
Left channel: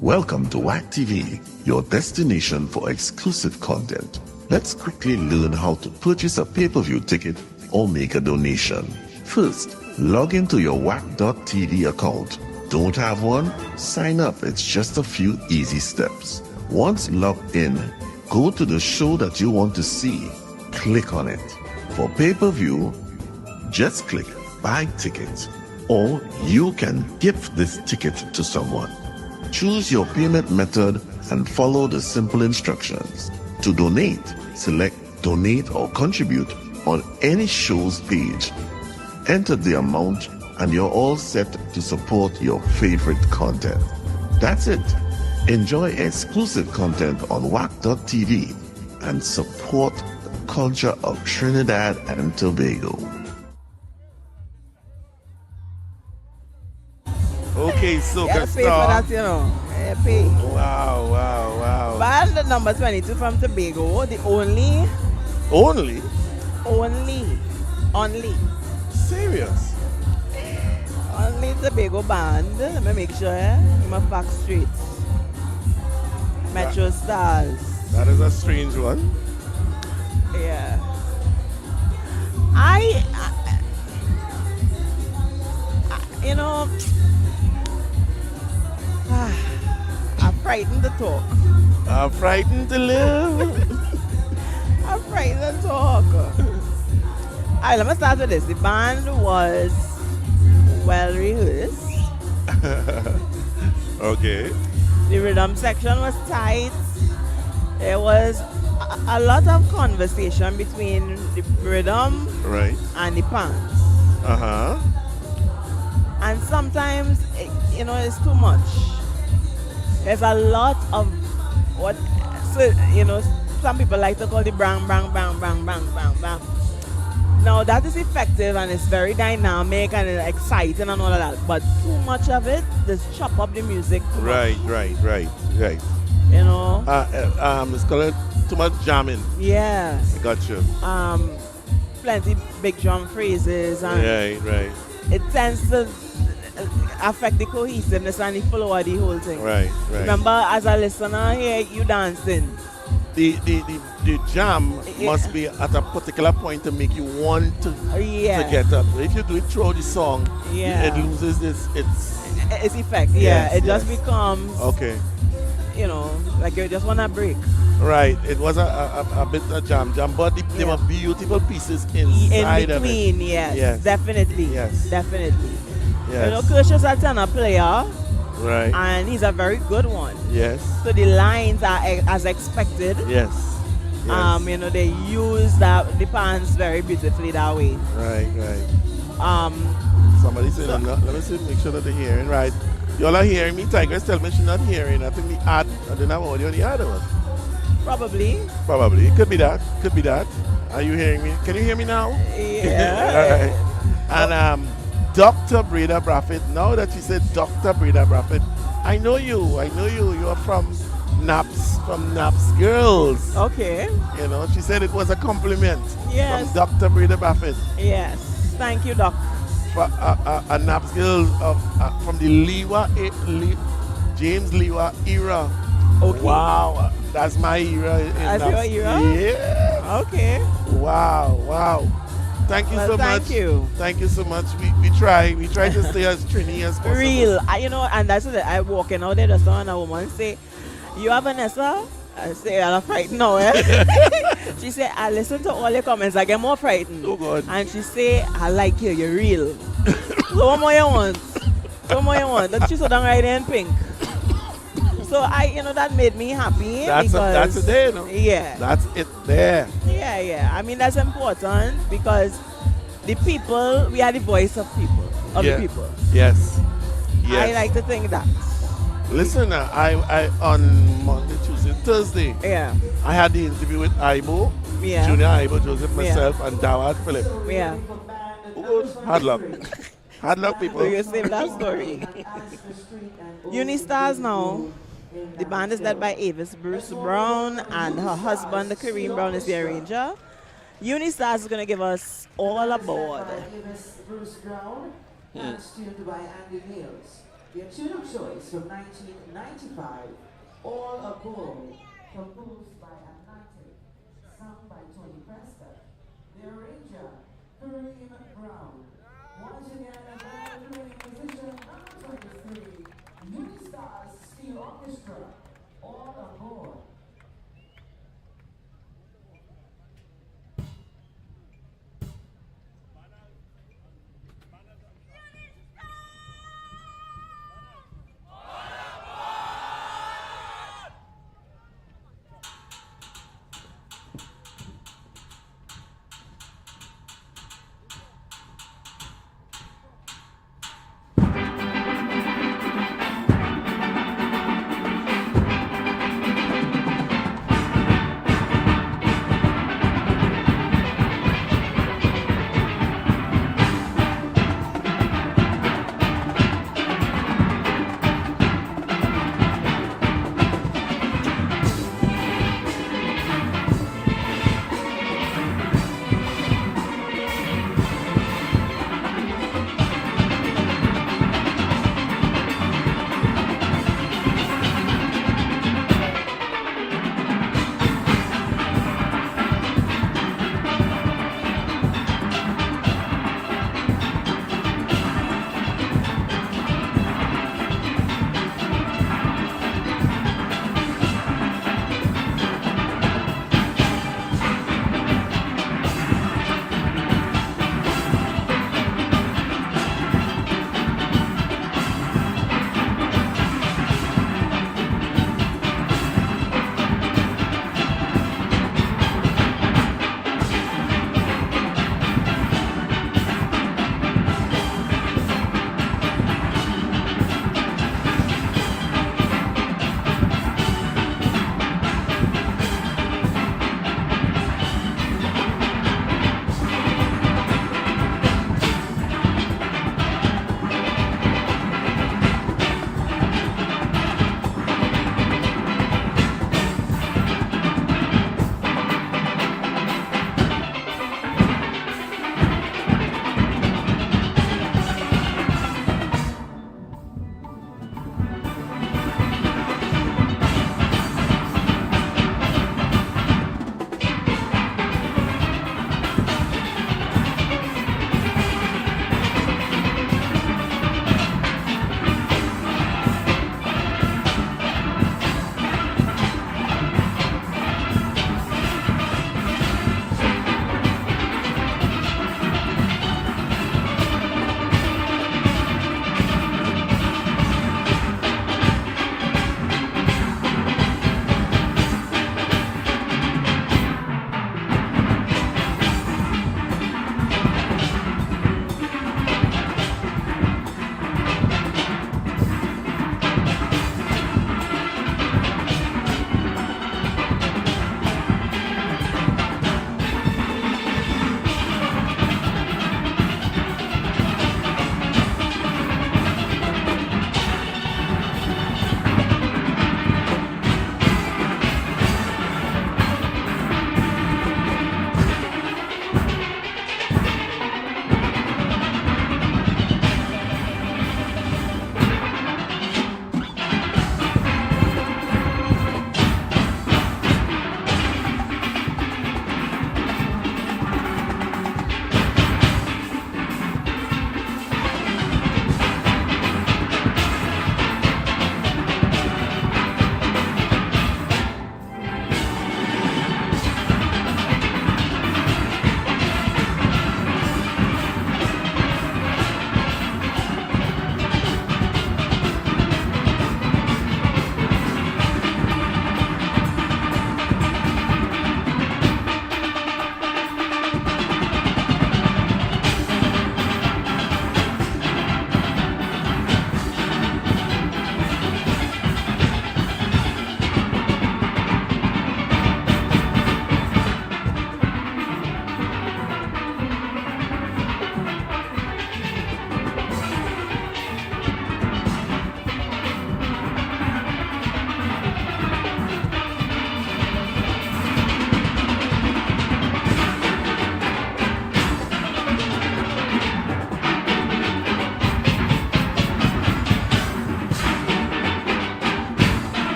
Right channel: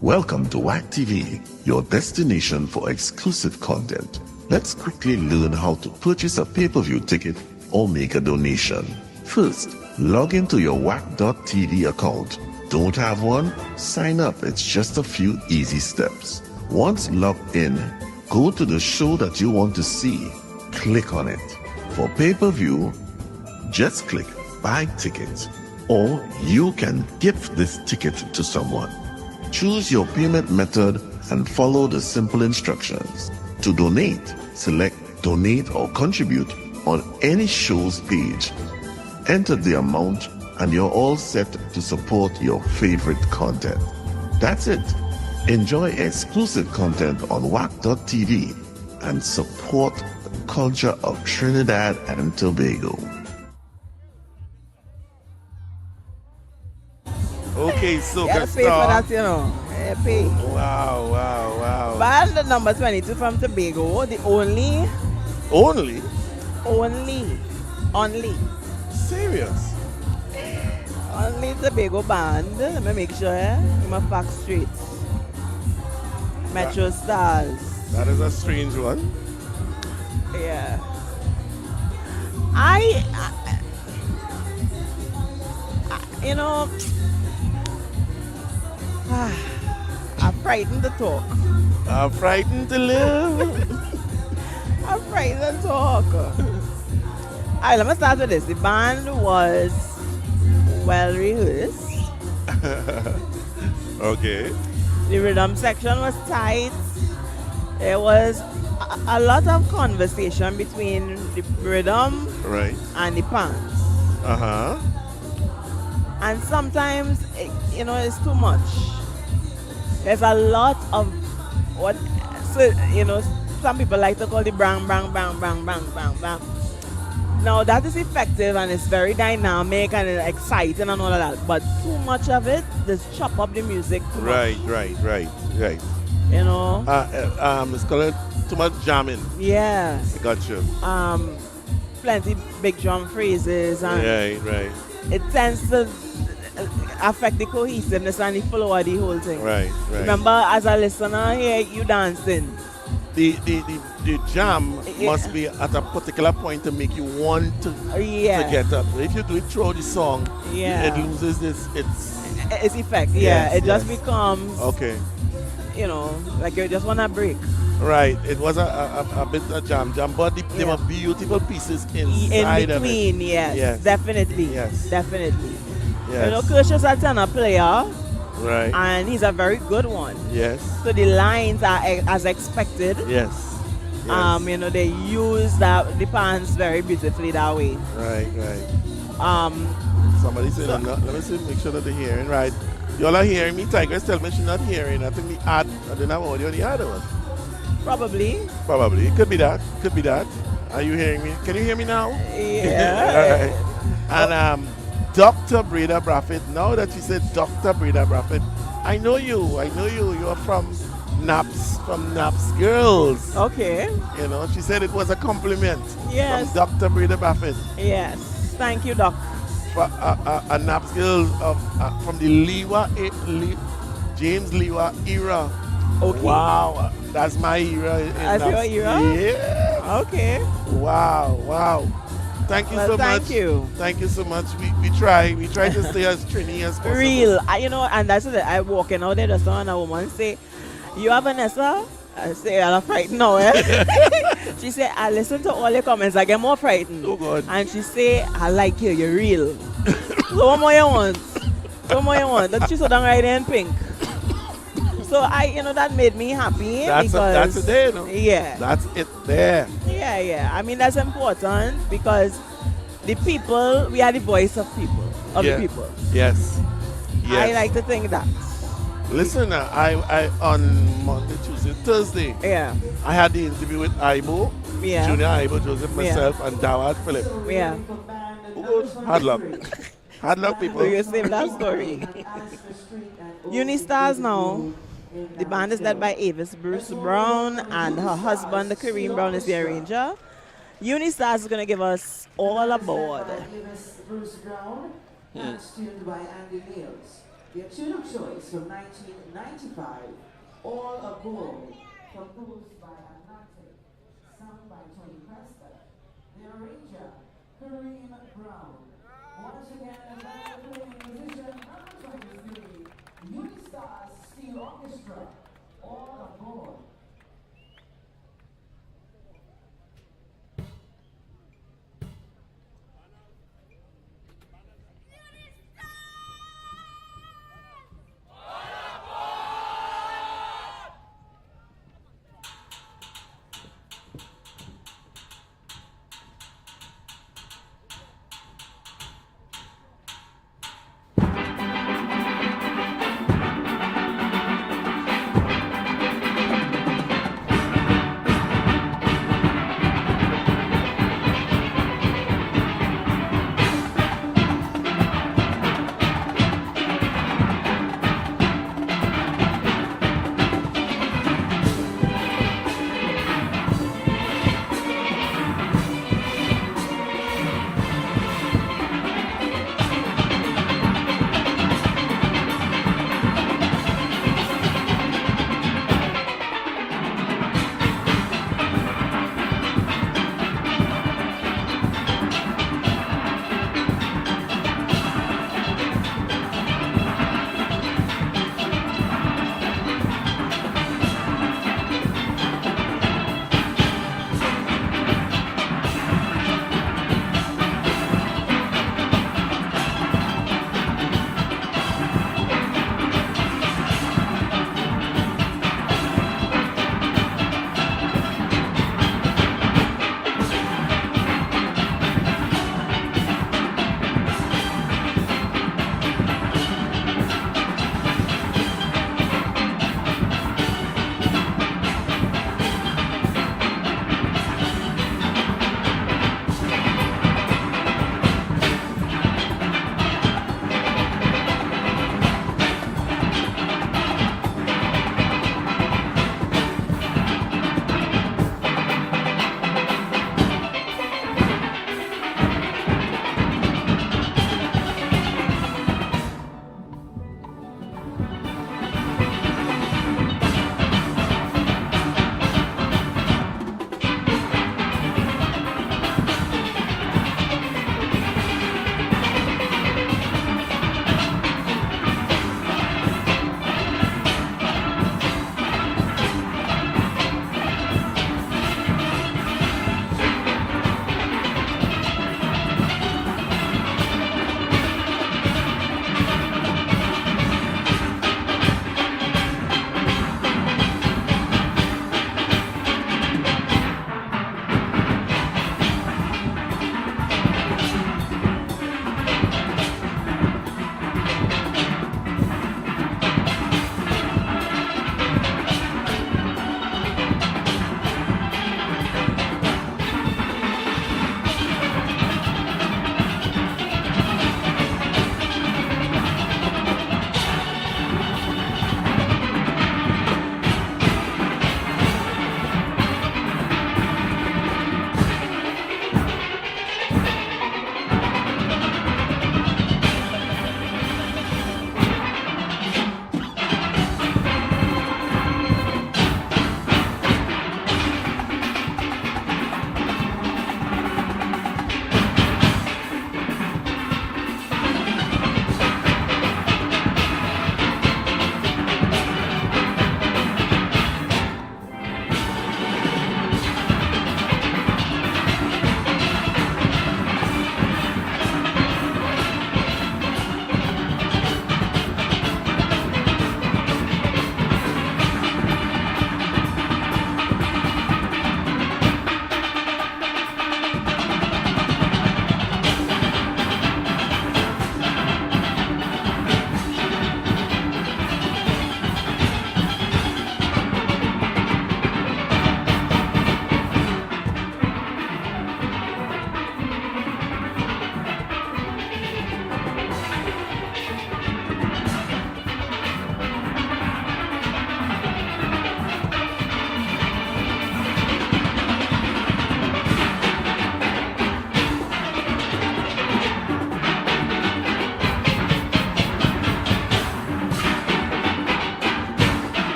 Welcome to WACK TV, your destination for exclusive content. Let's quickly learn how to purchase a pay-per-view ticket or make a donation. First, log into your WACK.tv account. Don't have one? Sign up. It's just a few easy steps. Once logged in, go to the show that you want to see. Click on it. For pay-per-view, just click Buy Ticket, or you can gift this ticket to someone. Choose your payment method and follow the simple instructions. To donate, select Donate or Contribute on any show's page. Enter the amount and you're all set to support your favorite content. That's it. Enjoy exclusive content on WACK.tv and support the culture of Trinidad and Tobago. Okay, so You gotta pay for that, you know. Yeah, pay. Wow. Band number 22 from Tobago, the only Serious? only Tobago band. Let me make sure, I'm a fact straight. Metro Stars. That is a strange one. Yeah. I you know, I'm frightened to talk. I'm frightened to live. I'm frightened to talk. Alright, let me start with this. The band was well rehearsed. Okay. The rhythm section was tight. There was a lot of conversation between the rhythm Right. and the pants. Uh-huh. And sometimes, it's too much. There's a lot of what, so, some people like to call the bang, bang, bang, bang, bang, bang, bang. Now that is effective and it's very dynamic and it's exciting and all of that. But too much of it, just chop up the music too much. Right. You know? It's called too much jamming. Yeah. I got you. Plenty big drum phrases and Right. it tends to affect the cohesiveness and the flow of the whole thing. Right. Remember, as a listener here, you dancing. The jam must be at a particular point to make you want to get up. If you do it throughout the song, it loses its effect. Yes, it just becomes okay. Like you just want to break. Right. It was a bit of jam, but there were beautiful pieces inside in between, of it. yes. Definitely. Yes. Definitely. Yes. Kirsch is a tenor player. Right. And he's a very good one. Yes. So the lines are as expected. Yes. They use the pants very beautifully that way. Right. Somebody said, let me see, make sure that they're hearing. Right. Y'all are hearing me. Tigress tell me she's not hearing. I think the ad, I didn't have audio on the other one. Probably. It could be that. Are you hearing me? Can you hear me now? Yeah. All right. And Dr. Breda Braffett, now that you said Dr. Breda Braffett, I know you. You're from Naps Girls. Okay. She said it was a compliment. Yes. From Dr. Breda Braffett. Yes. Thank you, Doc. For a Naps Girl from the James Lewa era. Okay. Wow. That's my era. That's your era? Yeah. Okay. Wow. Thank you so much. Thank you. Thank you so much. We try to stay as trini as possible. Real. And that's it. I walking out there, just saw a woman say, "You have Vanessa?" I say, "I'm frightened now." She said, "I listen to all your comments. I get more frightened." Oh God. And she say, "I like you. You're real." So what more you want? That she so down right there in pink. So that made me happy. That's it there, Yeah. That's it there. Yeah. I mean, that's important because the people, we are the voice of people, the people. Yes. I like to think that. Listen, I on Monday, Tuesday, Thursday, I had the interview with Ibo, Junior Ibo, Joseph, myself, and Dawad Philip. Yeah. Hard luck. Hard luck, people. So you save that story. Unistars now. The band is led by Avis Bruce Brown, and her husband, Kareem Brown, is the arranger. Unistars is going to give us All Aboard. Bruce Brown, tuned by Andy Mills. Their tune of choice from 1995, All a Gold, composed by Atlantic, sung by Tony Prescott. The arranger, Kareem Brown. Once again, a playing musician number 23, Unistar Steel Orchestra, All a Gold.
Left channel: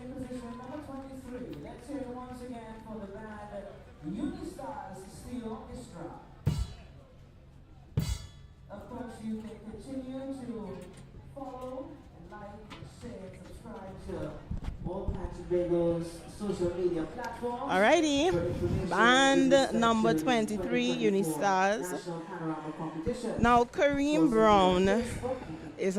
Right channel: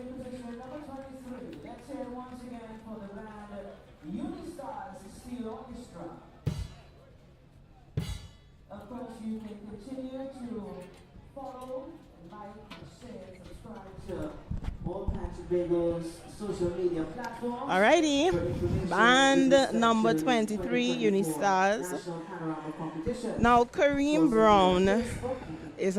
in position number 23. Let's hear it once again for the band Unistars Steel Orchestra. Of course, you can continue to follow, like, share, subscribe to all Patrick Bagel's social media platforms. Alrighty, band number 23, Unistars. National Panorama Competition. Now Kareem Brown is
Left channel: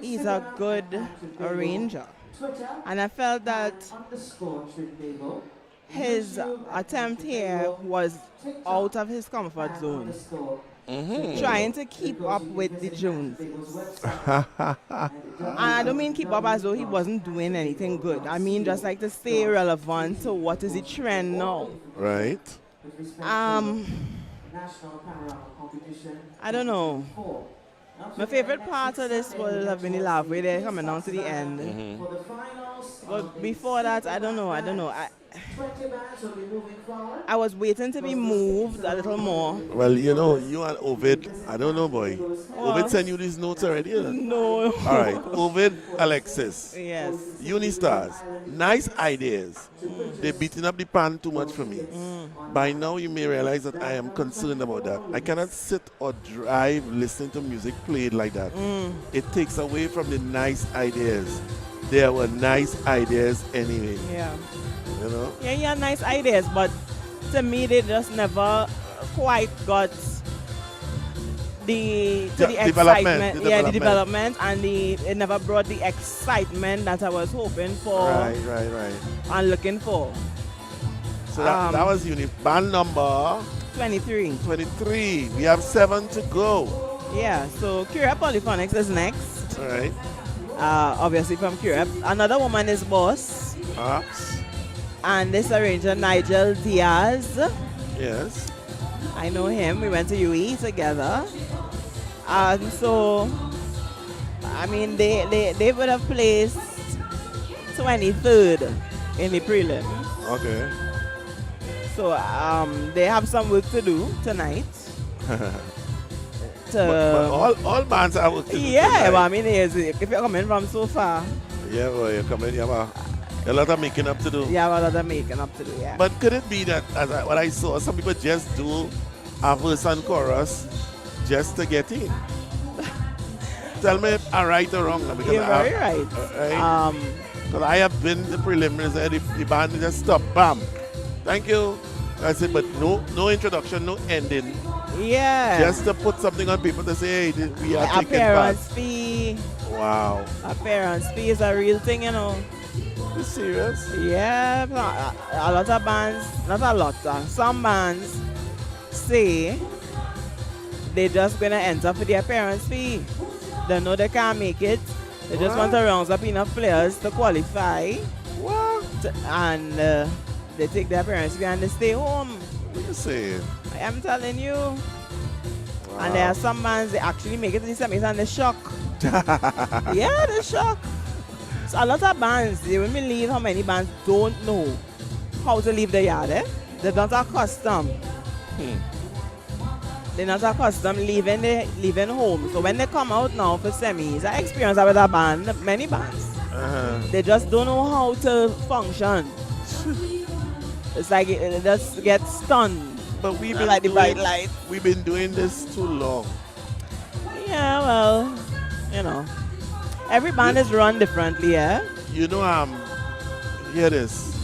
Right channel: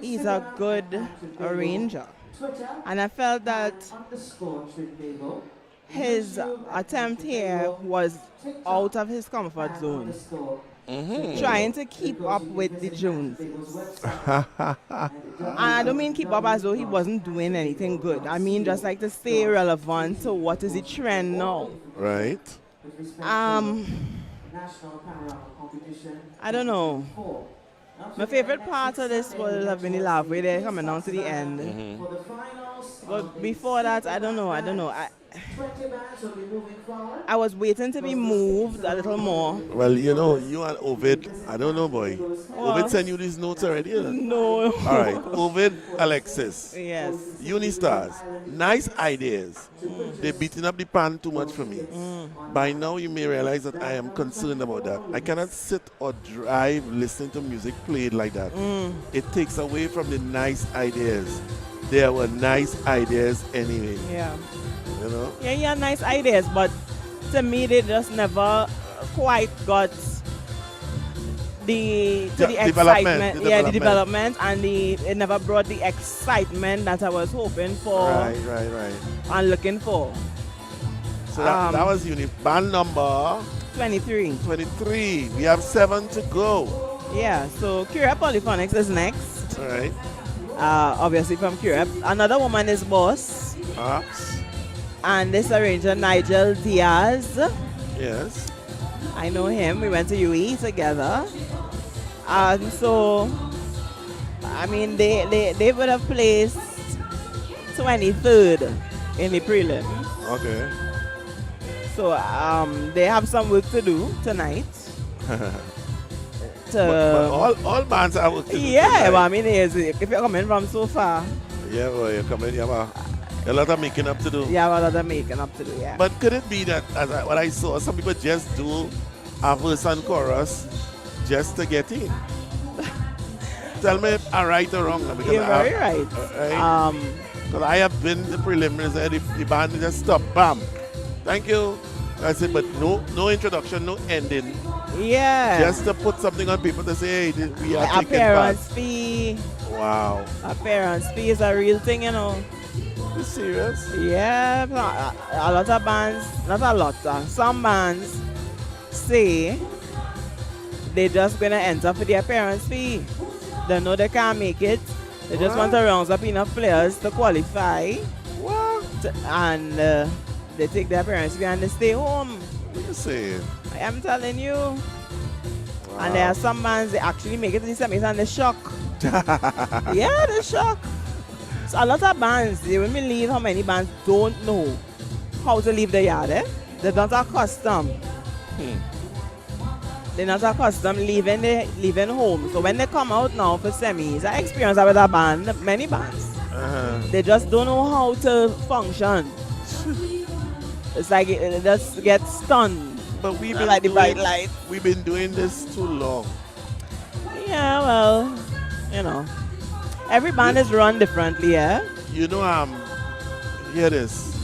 he's a good arranger, and I felt that his attempt here was out of his comfort zone, trying to keep up with the Joneses. And I don't mean keep up as though he wasn't doing anything good. I mean just like to stay relevant to what is the trend now. Right. I don't know. My favorite part of this would have been the laugh where they're coming down to the end. But before that, I don't know. I was waiting to be moved a little more. Well, you know, you and Ovid, I don't know, boy. Ovid sent you these notes already? No. All right. Ovid, Alexis. Yes. Unistars. Nice ideas. They're beating up the pan too much for me. By now, you may realize that I am concerned about that. I cannot sit or drive listening to music played like that. It takes away from the nice ideas. There were nice ideas anyway. Yeah. You know? Yeah, nice ideas, but to me, they just never quite got the excitement. The development, and it never brought the excitement that I was hoping for. Right. And looking for. So that was band number 23. 23. We have 7 to go. Yeah, so Curep Polyphonics is next. All right. Obviously from Curep. Another woman is Boss. Perhaps. And this arranger, Nigel Diaz. Yes. I know him. We went to UE together. So, I mean, they would have placed 23rd in the prelims. Okay. So, they have some work to do tonight. But all bands have work to do. Yeah, but I mean, if you're coming from so far. Yeah, well, you're coming, you have a lot of making up to do. Yeah, a lot of making up to do, yeah. But could it be that, what I saw, some people just do a verse and chorus just to get in? Tell me if I'm right or wrong. Because You're very right. Because I have been the preliminaries and the band just stop, bam. Thank you. I said, but no introduction, no ending. Yeah. Just to put something on paper to say, hey, we are taking appearance part. fee. Wow. Appearance fee is a real thing, you know. You serious? Yeah, a lot of bands, not a lot, some bands say they just gonna enter for the appearance fee. They know they can't make it. They just want to round up enough players to qualify. What? And they take the appearance fee and they stay home. What are you saying? I am telling you. Wow. And there are some bands they actually make it to the semis and they shock. Yeah, they shock. So a lot of bands, you wouldn't believe how many bands don't know how to leave the yard. They're not accustomed. They're not accustomed leaving home. So when they come out now for semis, I experienced that with a band, many bands. They just don't know how to function. It's like it just gets stunned. But we've been like the bright light. We've been doing this too long. Yeah, well, you know. Every band is run differently, yeah? You know, hear this.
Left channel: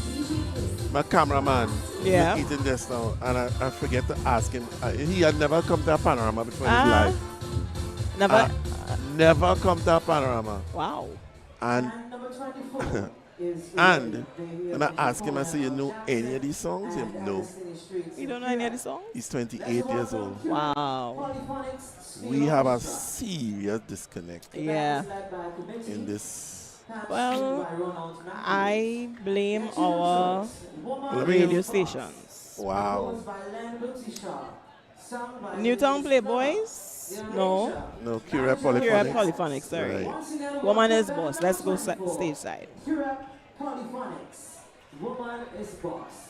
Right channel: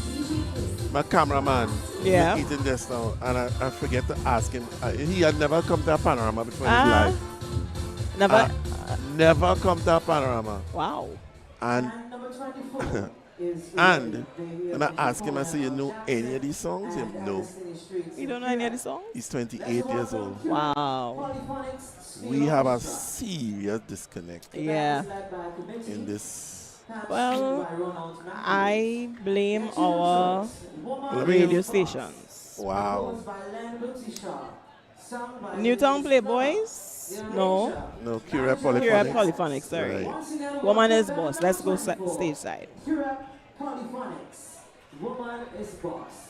My cameraman Yeah. was eating just now, and I forget to ask him. He had never come to a panorama before in his life. Never? Never come to a panorama. Wow. And and when I ask him, I say, you know any of these songs? He said, no. You don't know any of the songs? He's 28 years old. Wow. We have a serious disconnect Yeah. in this. Well, I blame our radio stations. Wow. Newtown Playboys? No. No, Curep Polyphonics. Curep Polyphonics, sorry. Right. Woman is Boss. Let's go stage side. Curep Polyphonics. Woman is Boss.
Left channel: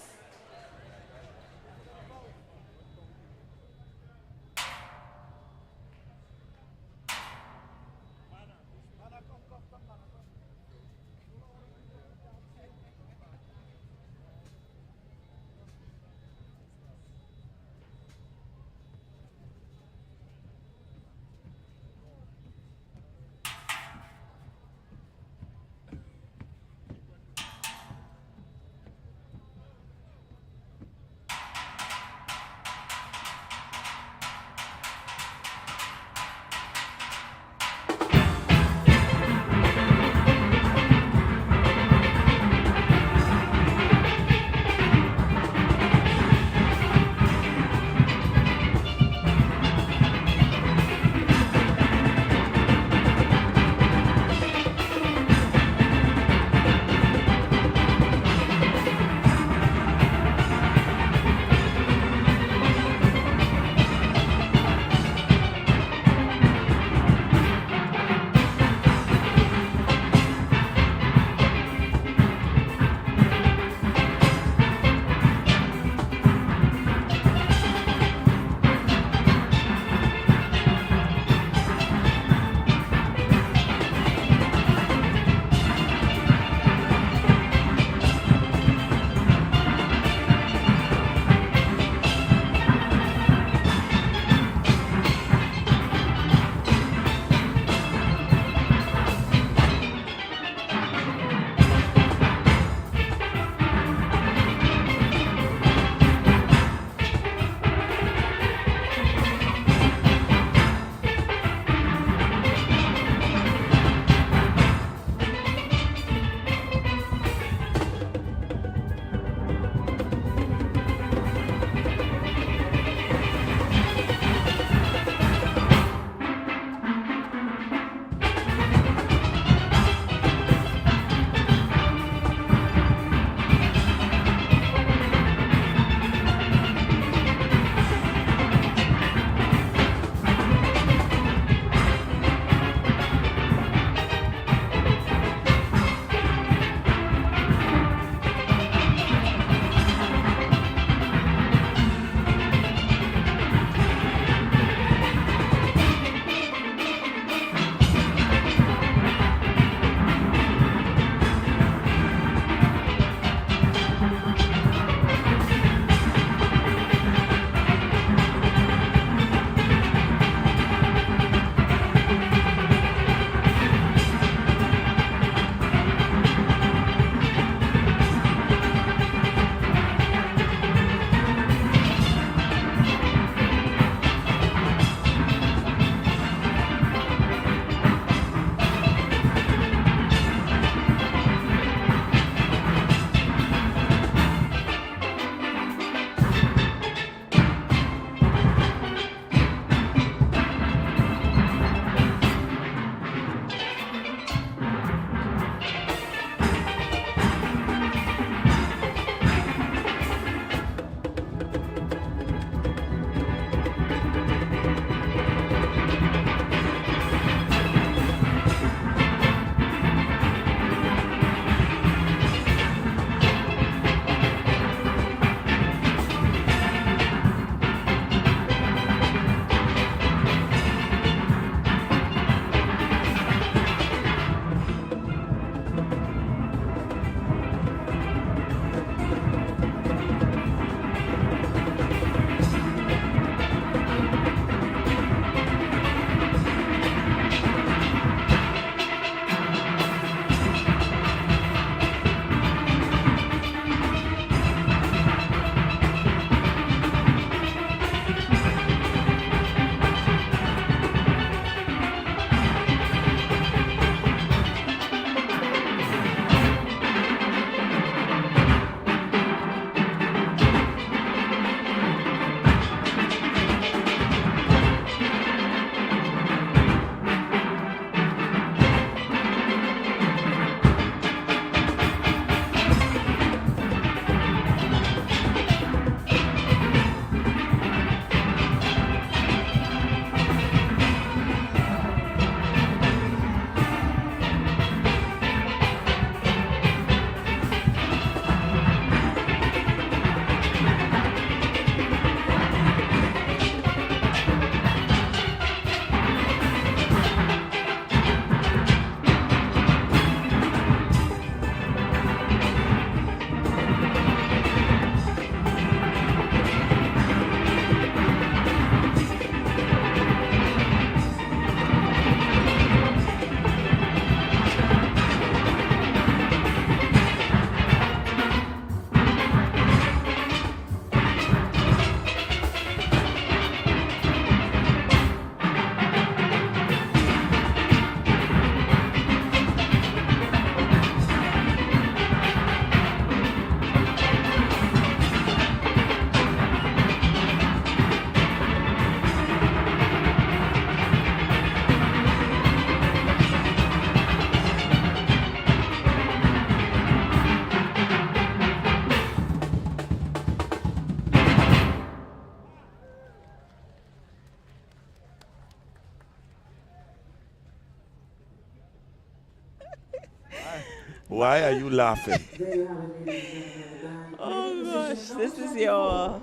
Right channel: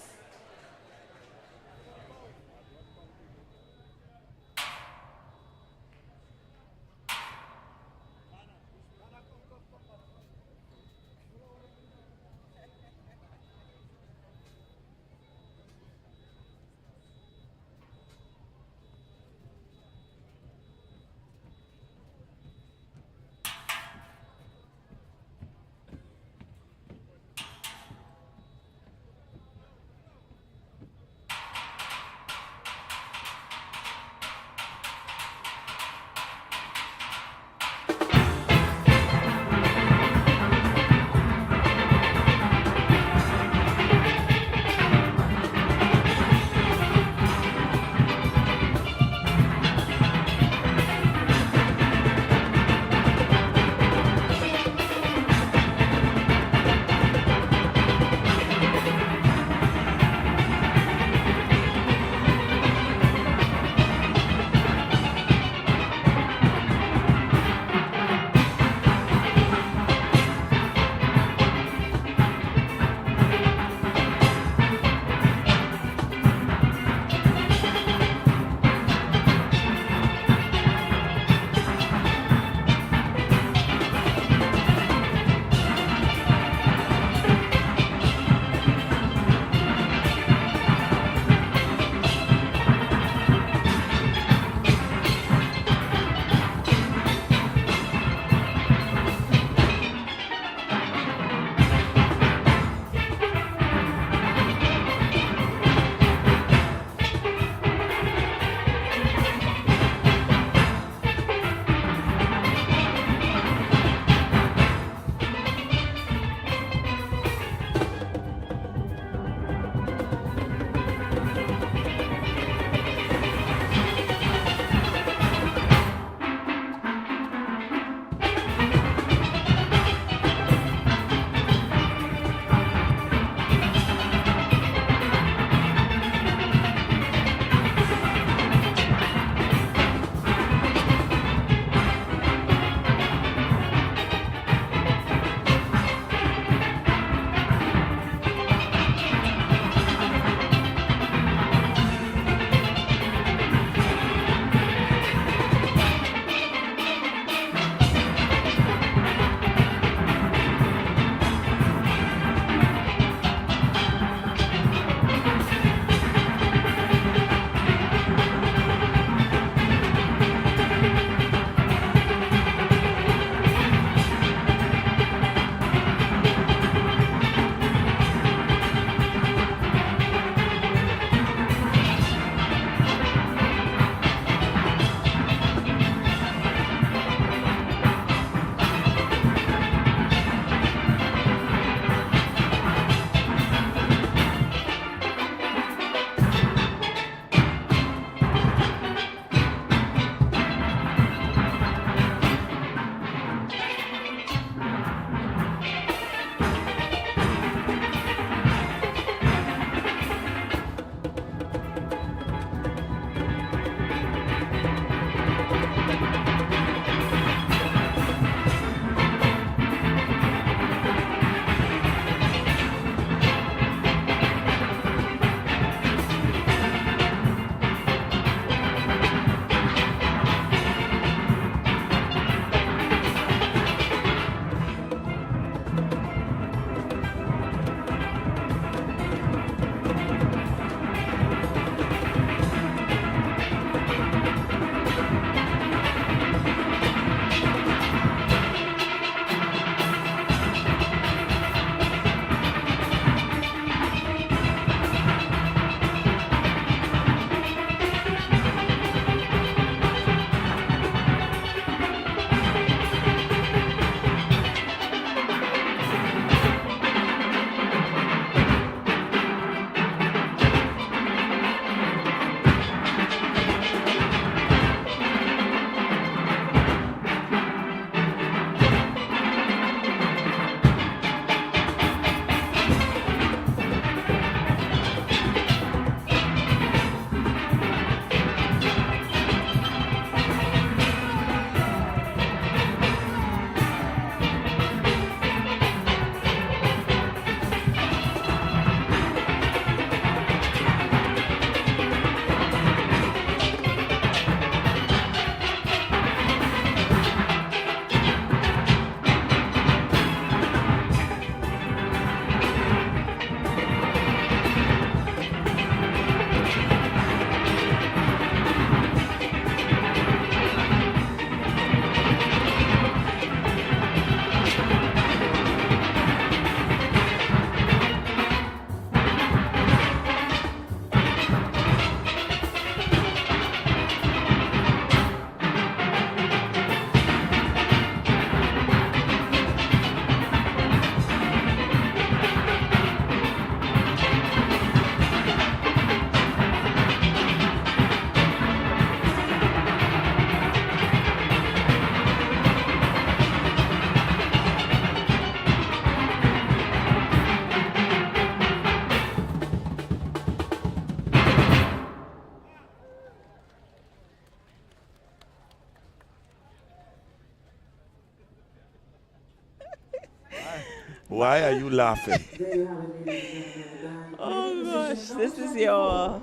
Why are you laughing? There you have it, ladies and gentlemen. Oh gosh, this is your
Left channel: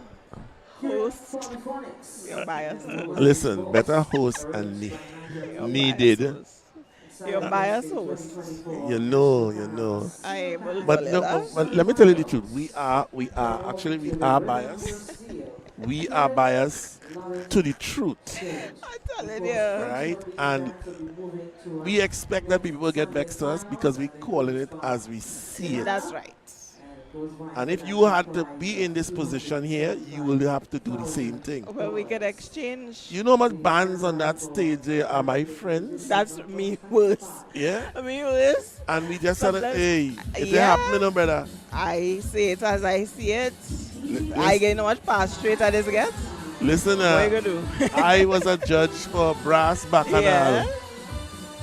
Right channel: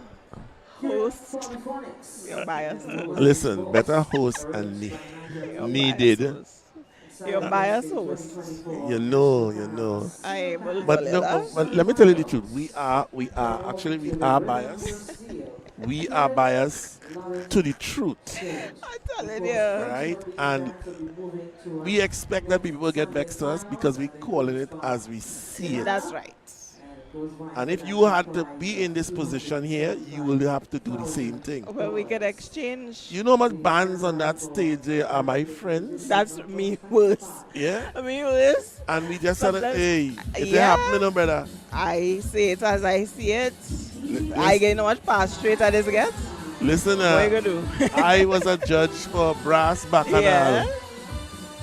host, Polyphonics. your biased host, Listen, better host and your needed. biased host. Your biased host. You know. I will But tell no, you that. but let me tell you the truth. We are biased. We are biased to the truth, I'm telling you. right? And we expect that people will get vexed to us because we calling it as we see it. That's right. And if you had to be in this position here, you will have to do the same thing. Well, we could exchange. You know how much bands on that stage there are my friends? That's me worse. Yeah? Me worse. And we just said, Sometimes- hey, if Yeah. they happening, no brother. I say it as I see it. I get how much pass straight at this get. Listen, What you gonna do? I was a judge for Brass Bacchanal. Yeah.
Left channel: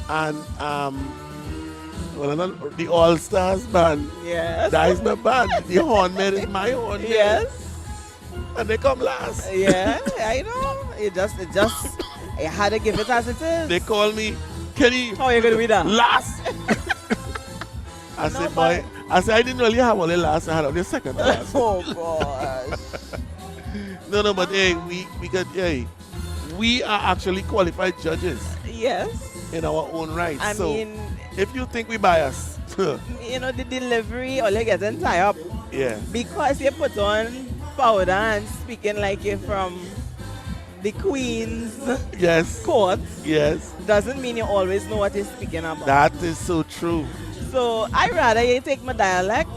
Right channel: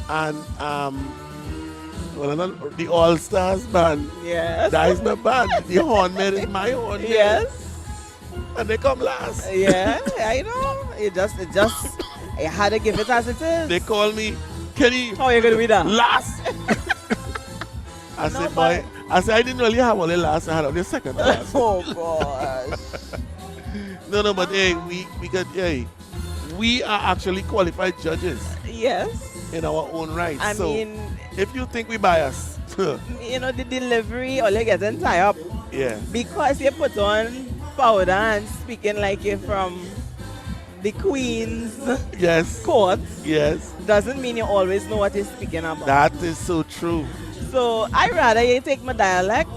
And the All Stars band. Yes. That is my band. The horn man is my horn man. Yes. And they come last. Yeah. I know. You had to give it as it is. They call me Kenny How you gonna be that? last. I No, said, but- boy, I didn't really have only last. I had only second last. Oh gosh. No, but hey, we are actually qualified judges Yes. in our own right. I So mean, if you think we bias, you know, the delivery, all you getting tied up yeah, because you put on powder and speaking like you're from the Queen's yes, court yes, doesn't mean you always know what you're speaking about. that is so true. So I rather you take my dialect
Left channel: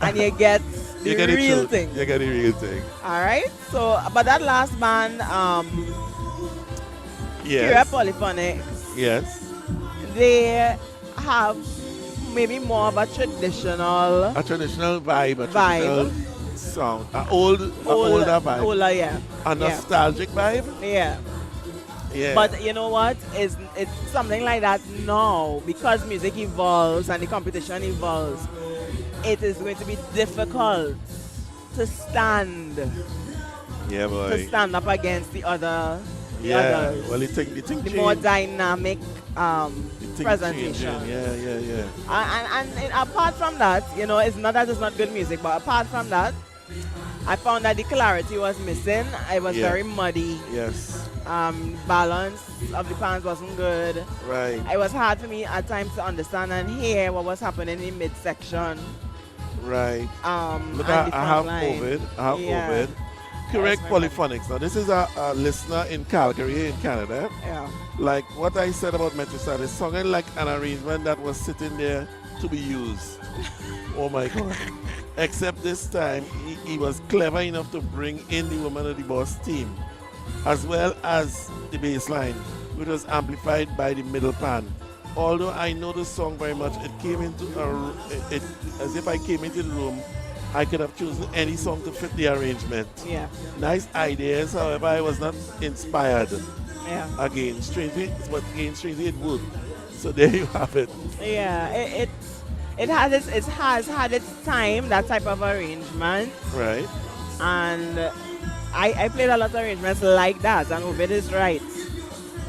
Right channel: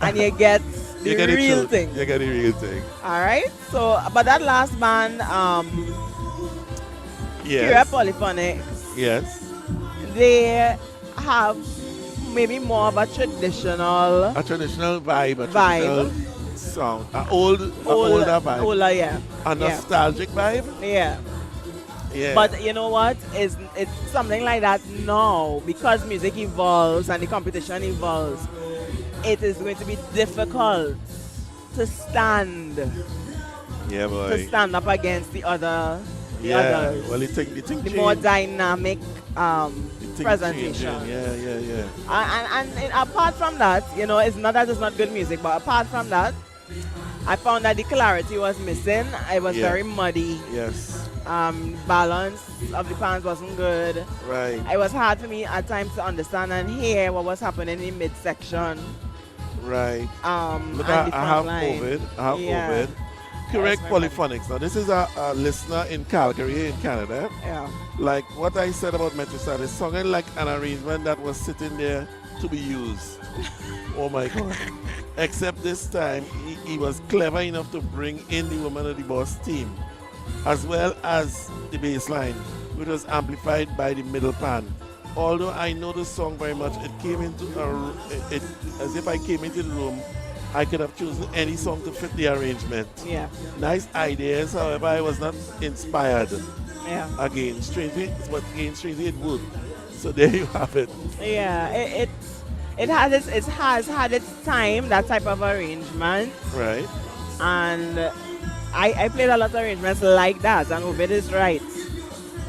and you get the You get it real true. thing. You get the real thing. All right. So, but that last band, Pure Yes, Polyphonics, yes. they have maybe more of a traditional A traditional vibe, a Vibe. traditional sound, older vibe, older, yeah. a nostalgic vibe. Yeah. Yeah, But you know what? It's something like that now because music evolves and the competition evolves. It is going to be difficult to stand yeah, boy. up against the other. Yeah, Others. well, The more dynamic presentation. Yeah. And apart from that, you know, it's not that it's not good music, but apart from that, I found that the clarity was missing. It was Yeah. very muddy. Yes, Balance of the pans wasn't good. right, It was hard for me at times to understand and hear what was happening in midsection. right. Look, And the I have front line. COVID. I have Yeah. COVID. Correct Yes, polyphonics. Now, this is a listener in Calgary, in Canada. Yeah. Like what I said about Metrostar, it sounded like an arrangement that was sitting there to be used. Oh my God. Except this time, he was clever enough to bring in the Woman of the Boss team, as well as the bass line, which was amplified by the middle pan. Although I know the song very much, it came into as if I came into the room, I could have chosen any song to fit the arrangement. Yeah. Nice ideas, however, I was not inspired. Yeah. Again, strangely it worked. So there you have it. Yeah. It has had its time, that type of arrangement. Right? And I played a lot of arrangements like that, and Obed is right.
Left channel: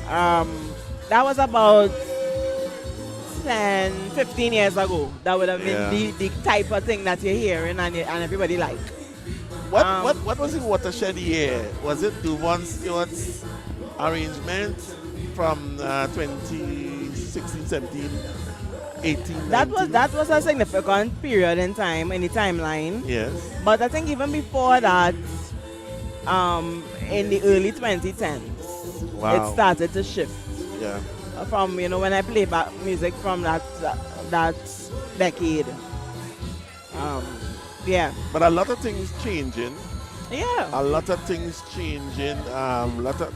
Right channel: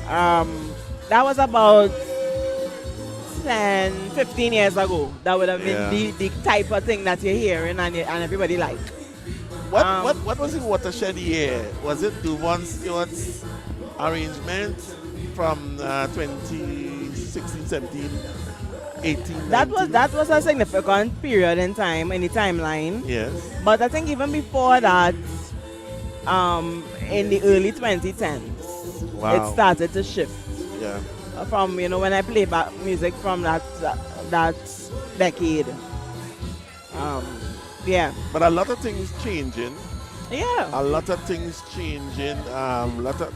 That was about 10, 15 years ago. That would have been Yeah. the type of thing that you're hearing and everybody like. What was in Watershed year? Was it Duvon Stewart's arrangement from 2016, 17, 18? That 19? was a significant period in time, in the timeline. Yes. But I think even before that, in the early 2010s, Wow. it started to shift. Yeah. From, you know, when I play back music from that decade. Yeah. But a lot of things changing. Yeah. A lot of things changing.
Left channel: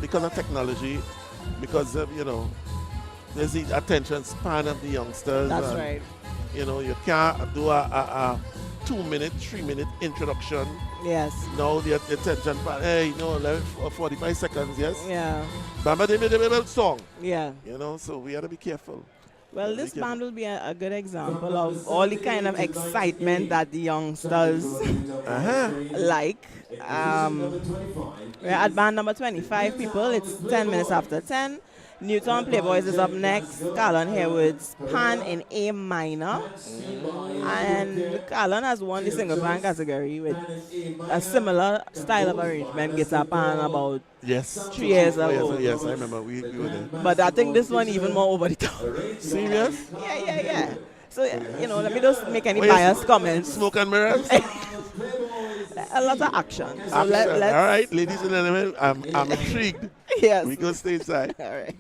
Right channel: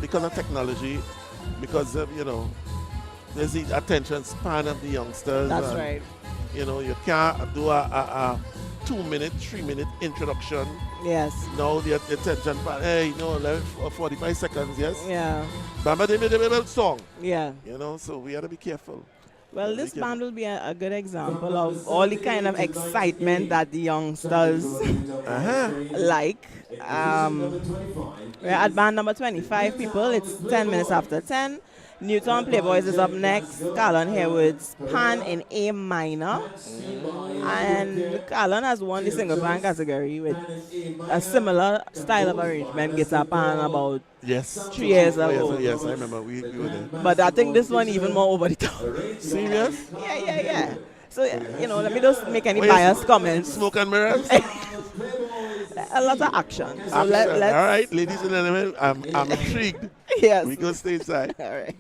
Because of technology, because of, you know, there's the attention span of the youngsters. That's and, right. You know, you can't do a 2-minute, 3-minute introduction. Yes. Now the attention span, hey, no, 45 seconds, yes? Yeah. Bamba de song. Yeah. You know, so we have to be careful. Well, this band will be a good example of all the kind of excitement that the youngsters like. We're at band number 25, people. It's 10 minutes after 10. Newton Playboys is up next. Carlon Harewood's Pan in A minor. And Carlon has won the single pan category with a similar style of arrangement, guitar pan, about Yes. 3 years Oh, ago. yes, I remember. We were there. But I think this one even more over the top. Serious? Yeah. So, let me just make any Oh, yes. biased comments. Smoke and mirrors? A lot of action. So Action. let's. All right, ladies and gentlemen, I'm intrigued. Yes. We go stateside. All right.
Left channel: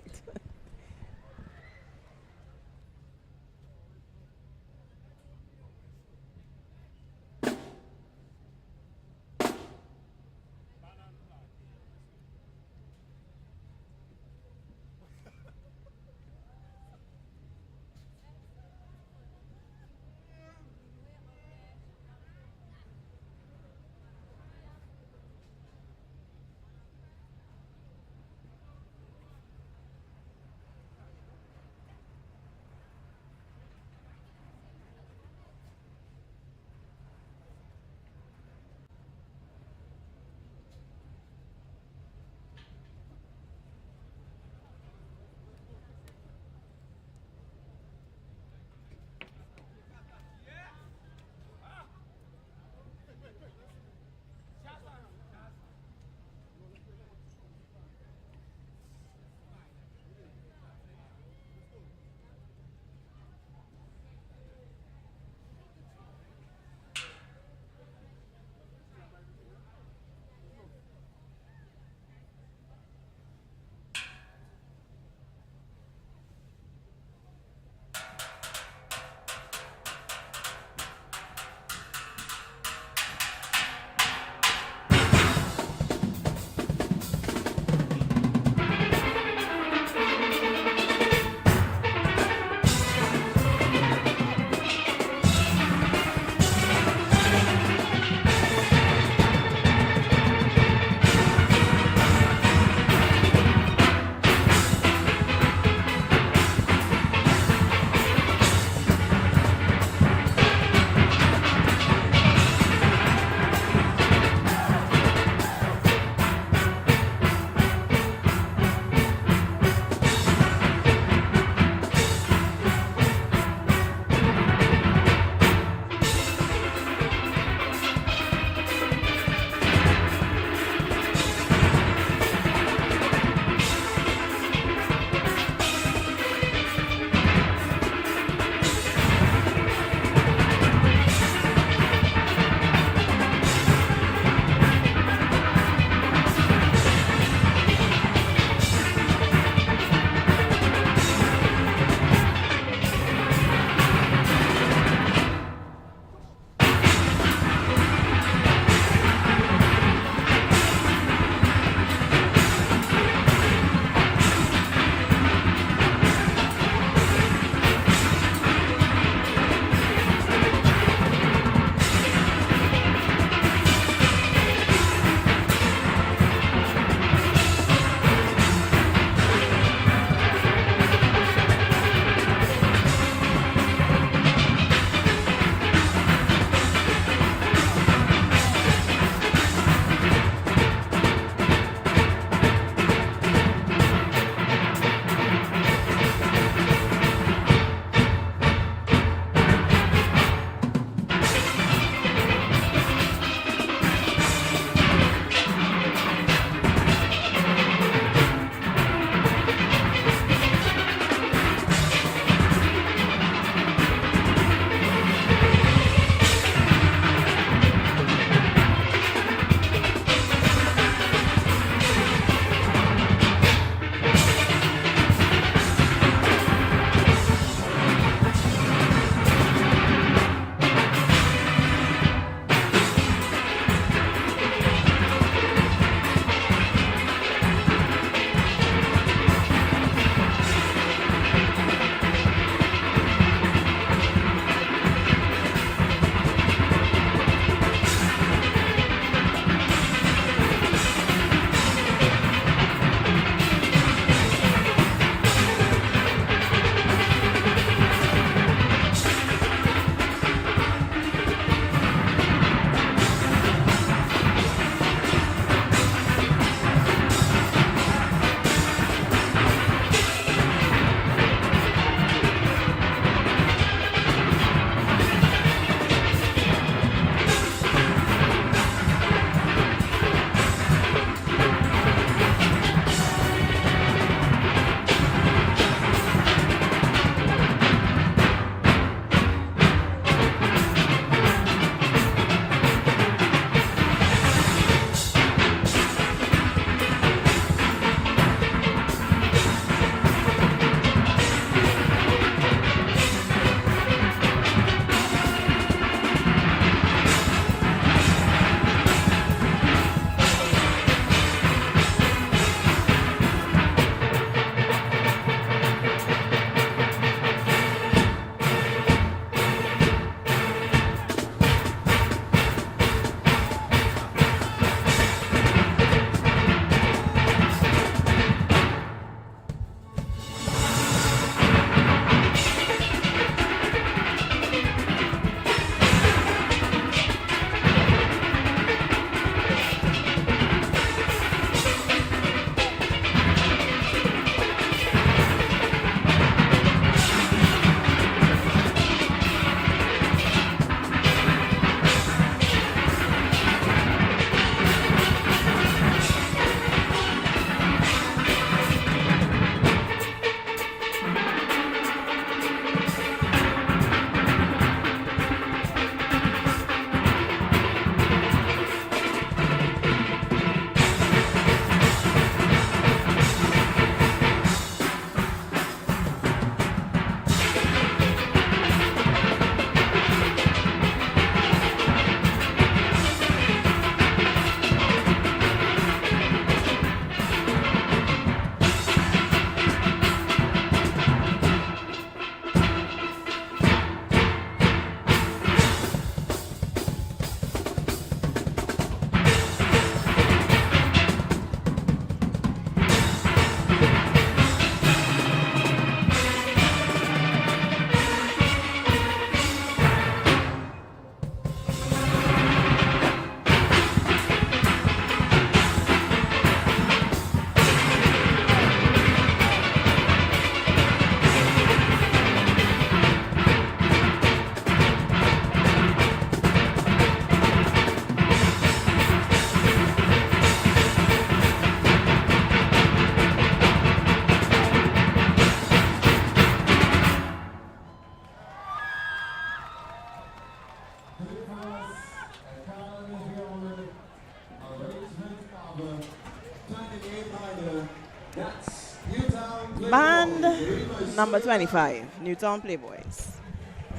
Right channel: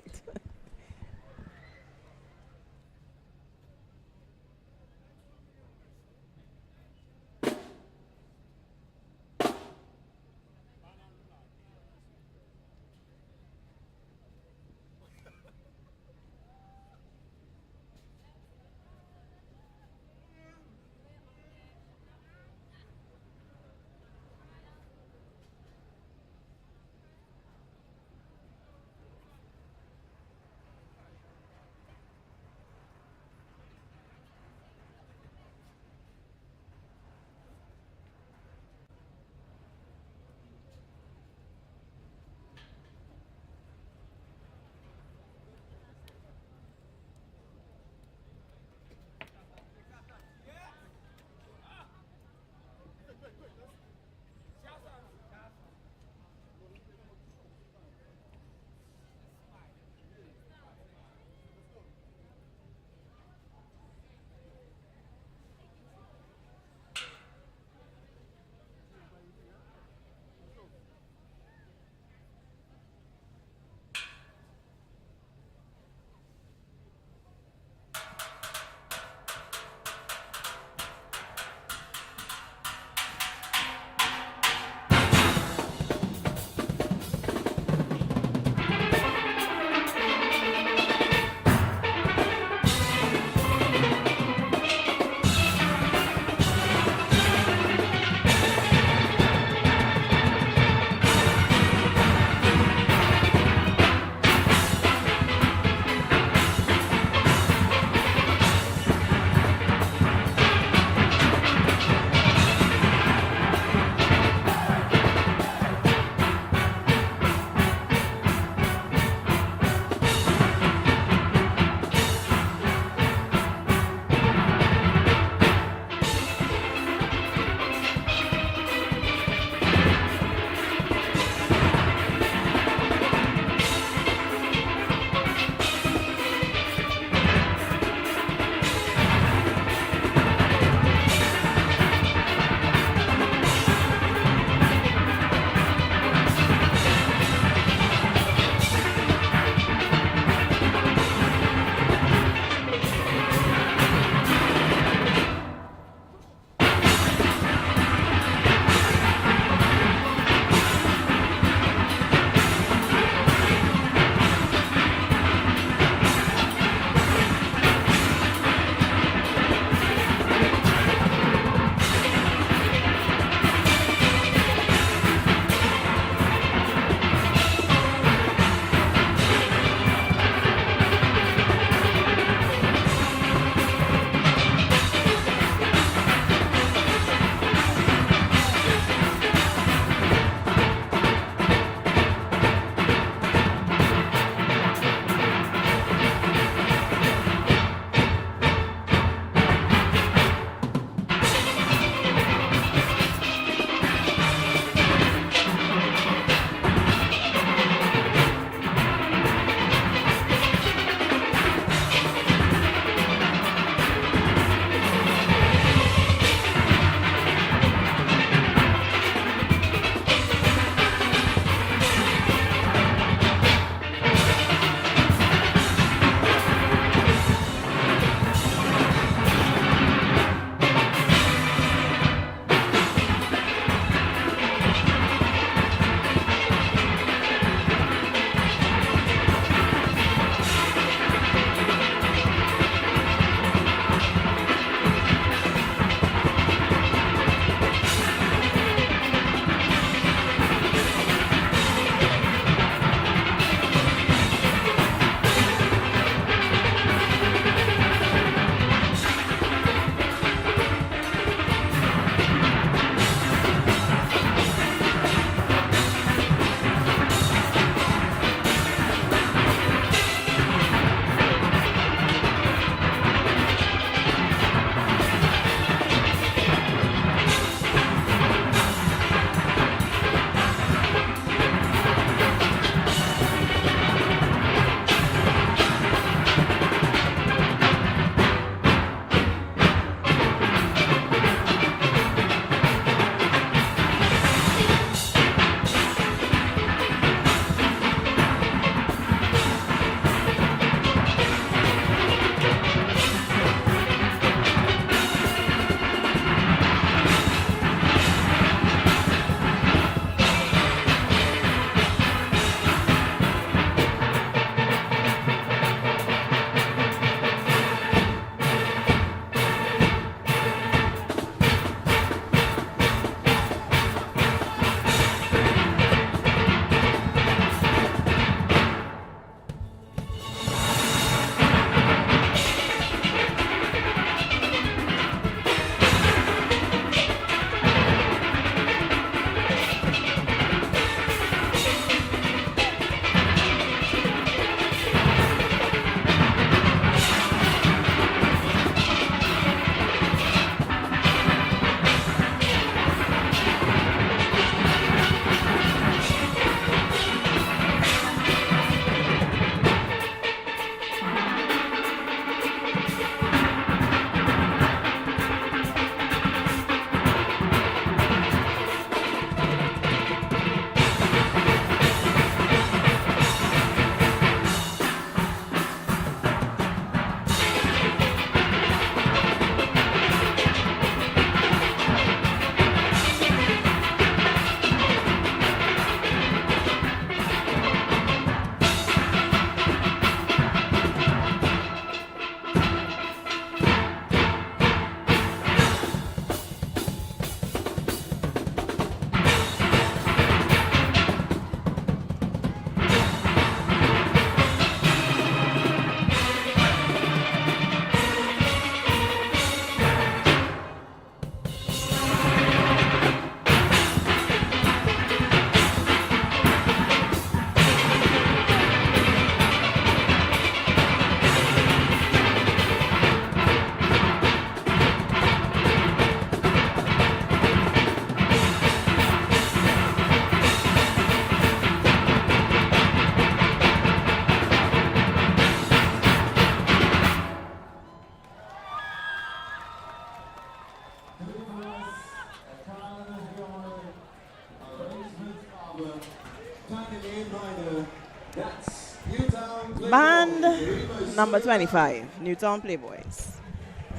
Band number 25, Newtown Playboys.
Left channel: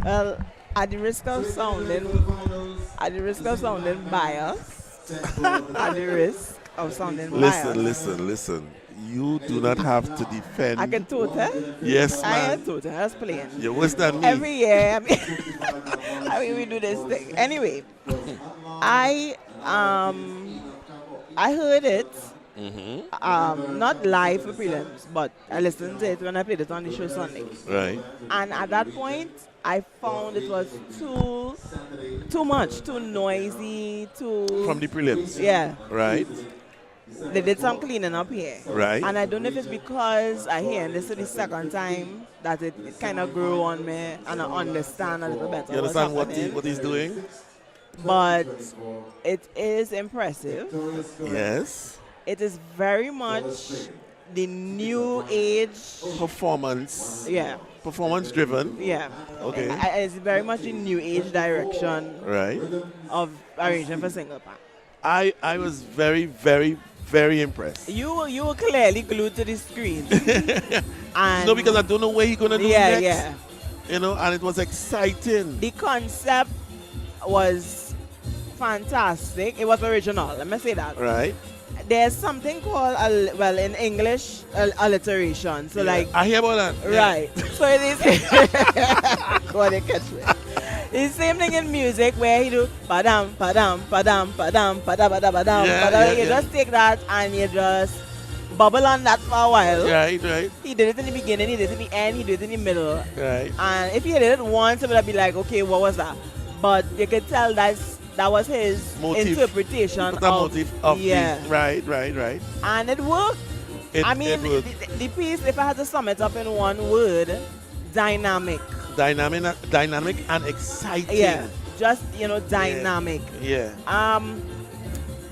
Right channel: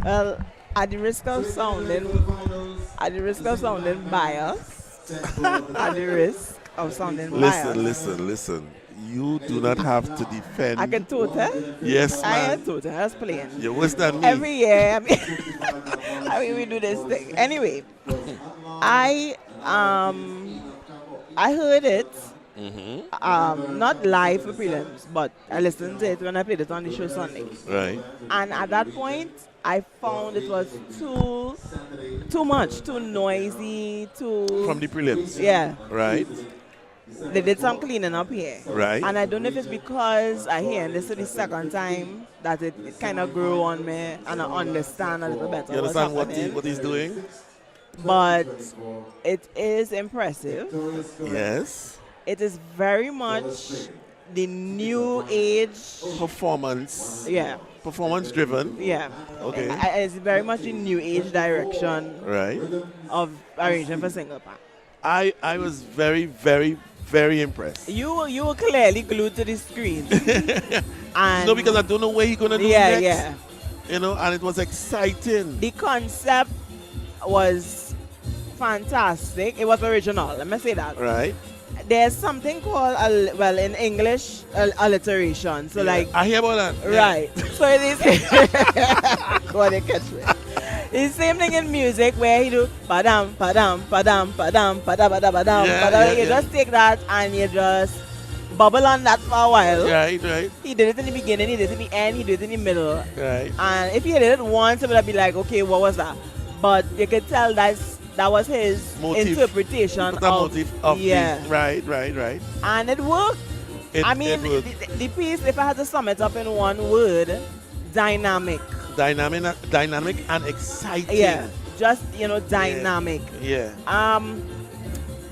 Well, at the risk of sounding biased, at the risk of sounding biased. Listen. You do not have to defend. I can total. Yes, I man. can total. That's playing. You're worse than me. Every year, I mean, we do this thing. Anyway, I heard it. Not live for prelims, but I listened to it when I played it on the show Sunday. Right. And at that point, I found it was too much, too noisy, too. From the prelims. Yeah. Right. They did some cleaning up here. Right. And I don't know if it's because I hear this is the second time that it kind of grew on me and I understand a little better. You understand what's happening. what he's doing? But it is impressive. Yes. It is very much the new age Performance. Yeah. Performance driven. Yeah. Okay. It's very much the new age direction Right. of arranging for single pan. I was very, very, very impressed. You were clearly glued to the screen. And No, because I don't know where he's gonna do yeah, next. yeah. You know, and it was exciting. The concept was fantastic. It was original. Let me say that. Right. There's something called, well, in English, alliteration. So, like, I hear about that. Yeah. right. So it is. God, they catch me. It's the same thing in music where you do padam, padam, padam, padam, padam, padam, padam, Yeah, padam. yeah, You yeah. just take that and you just bubble on that for a while. Right. He did it in the beginning, he did it in the end, he did it in the middle. Right. And if he did it once, it would be like, okay, what was that? But you could tell that was his Motive. interpretation The motive of yeah. the, right. And it worked. I mean, it worked. the piece, if I had to sum it up in one word, dynamic. Dynamic and exciting. Yeah, just, dynamic. Yeah.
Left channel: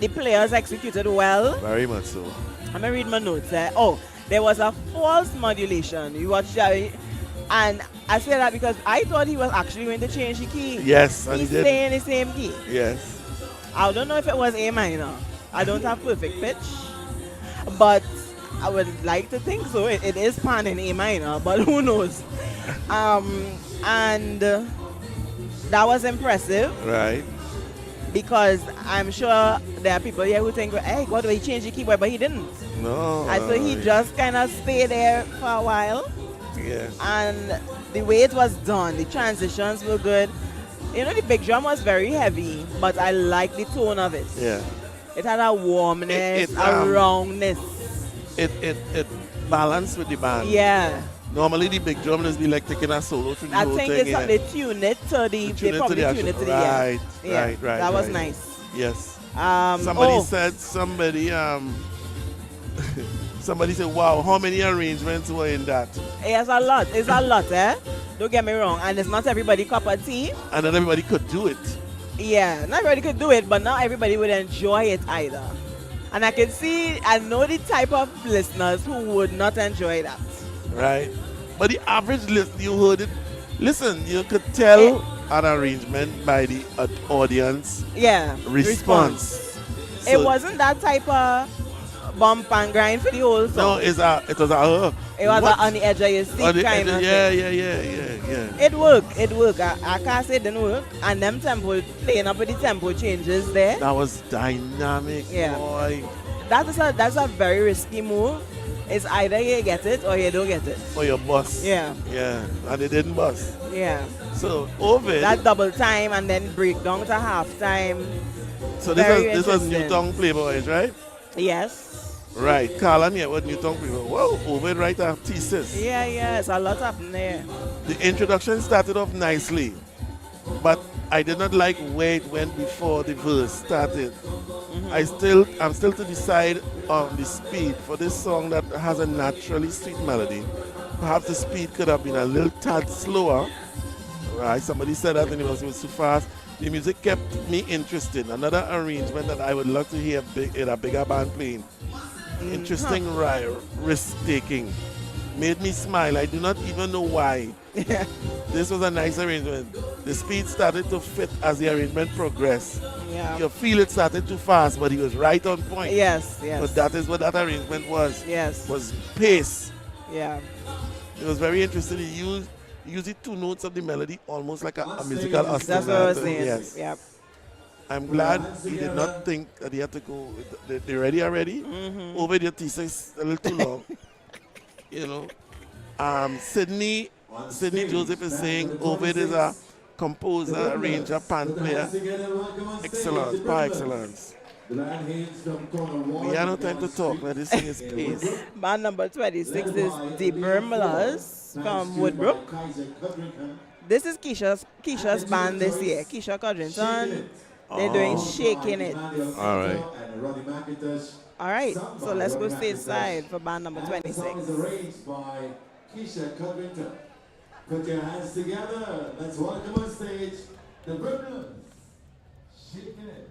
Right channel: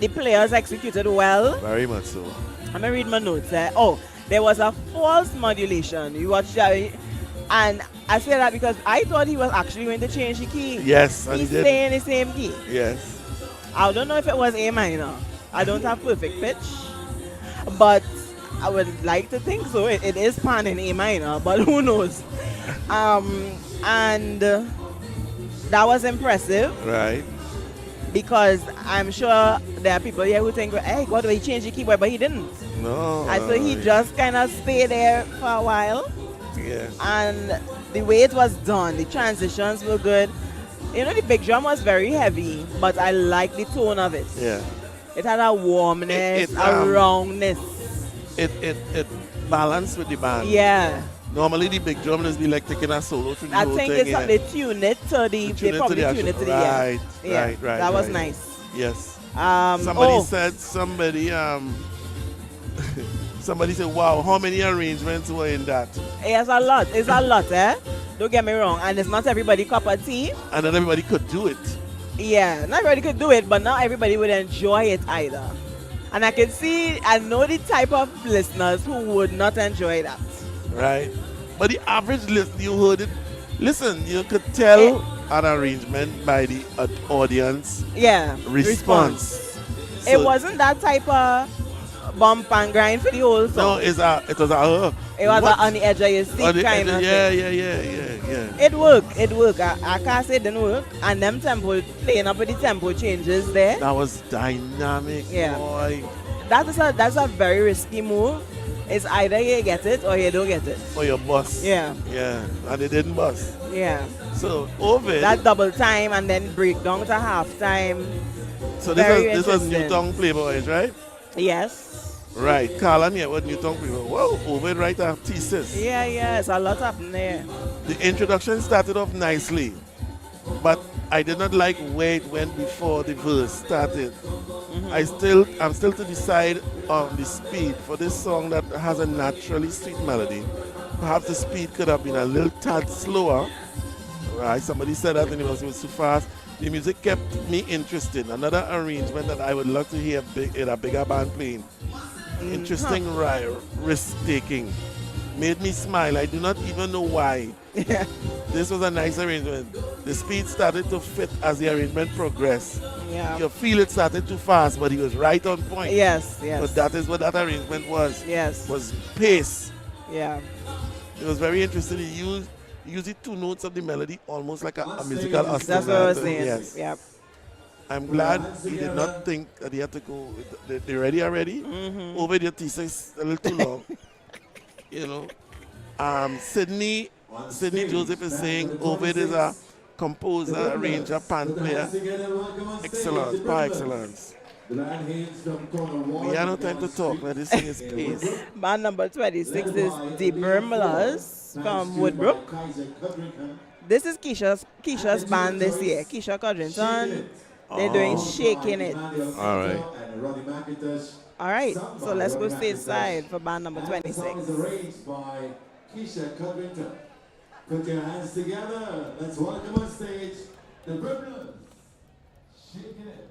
The players executed well. Very much so. Let me read my notes. There was a false modulation. You watched that, and I say that because I thought he was actually going to change the key. Yes, and He's he did. staying the same key. Yes. I don't know if it was A minor. I don't have perfect pitch, but I would like to think so. It is pan in A minor, but who knows? And that was impressive. Right. Because I'm sure there are people here who think, hey, God, he changed the keyboard, but he didn't. No. And so he just kind of stayed there for a while. Yeah. And the way it was done, the transitions were good. The big drum was very heavy, but I like the tone of it. Yeah. It had a warmness, It, a roundness. It balanced with the band. Yeah. Normally the big drum is be like taking a solo through the I whole think thing. they tuned it to the, they probably tuned it to the, yeah. Right. That was nice. Yes. Somebody said, somebody said, wow, how many arrangements were in that? It's a lot. It's a lot, eh? Don't get me wrong. And it's not everybody cup of tea. And not everybody could do it. Yeah, not everybody could do it, but not everybody would enjoy it either. And I know the type of listeners who would not enjoy that. Right. But the average listener, you heard it. Listen, you could tell an arrangement by the audience response. It So- wasn't that type of bump and grind for the whole No, song. it was It was what? on the edge of your seat kind of Yeah. thing. It worked. I can't say it didn't work. And them playing up with the tempo changes there. That was dynamic, Yeah. boy. That's a very risky move. It's either you get it or you don't get it. For your boss. Yeah. Yeah. And it didn't bust. Yeah. So Ovid. That double time and then break down to half time. So very this was interesting. Newtown Playboys, right? Yes. Right. Carlan here with Newtown Playboys. Whoa, Ovid write a thesis. Yeah, it's a lot happening there. The introduction started off nicely, but I did not like where it went before the verse started. I'm still to decide on the speed for this song that has a naturally sweet melody. Perhaps the speed could have been a little tad slower. Right? Somebody said that and it was too fast. The music kept me interested. Another arrangement that I would love to hear in a bigger band playing. Interesting risk taking. made me smile. I do not even know why. This was a nice arrangement. The speed started to fit as the arrangement progressed. Yeah. You feel it started too fast, but he was right on point. Yes, yes. But that is what that arrangement was. Yes. Was pace. Yeah. It was very interesting. He used the two notes of the melody almost like a musical That's what I was ostinato. saying. Yes. Yep. I'm glad he did not think that he had to go. They ready already? Over the thesis a little too long. You know. Sydney Joseph is saying Ovid is a composer, arranger, pan player. Excellence, par excellence. We have no time to talk. Let us sing his pace. Band number 26 is the Burmlas from Woodbrook. This is Keisha's band this year. Keisha Codrington. They're doing Shaking It. All right. All right, so let's go stateside for band number 26. Arranged by Keisha Codrington. Put your hands together. Let's welcome on stage the Burmlas. Shaking It.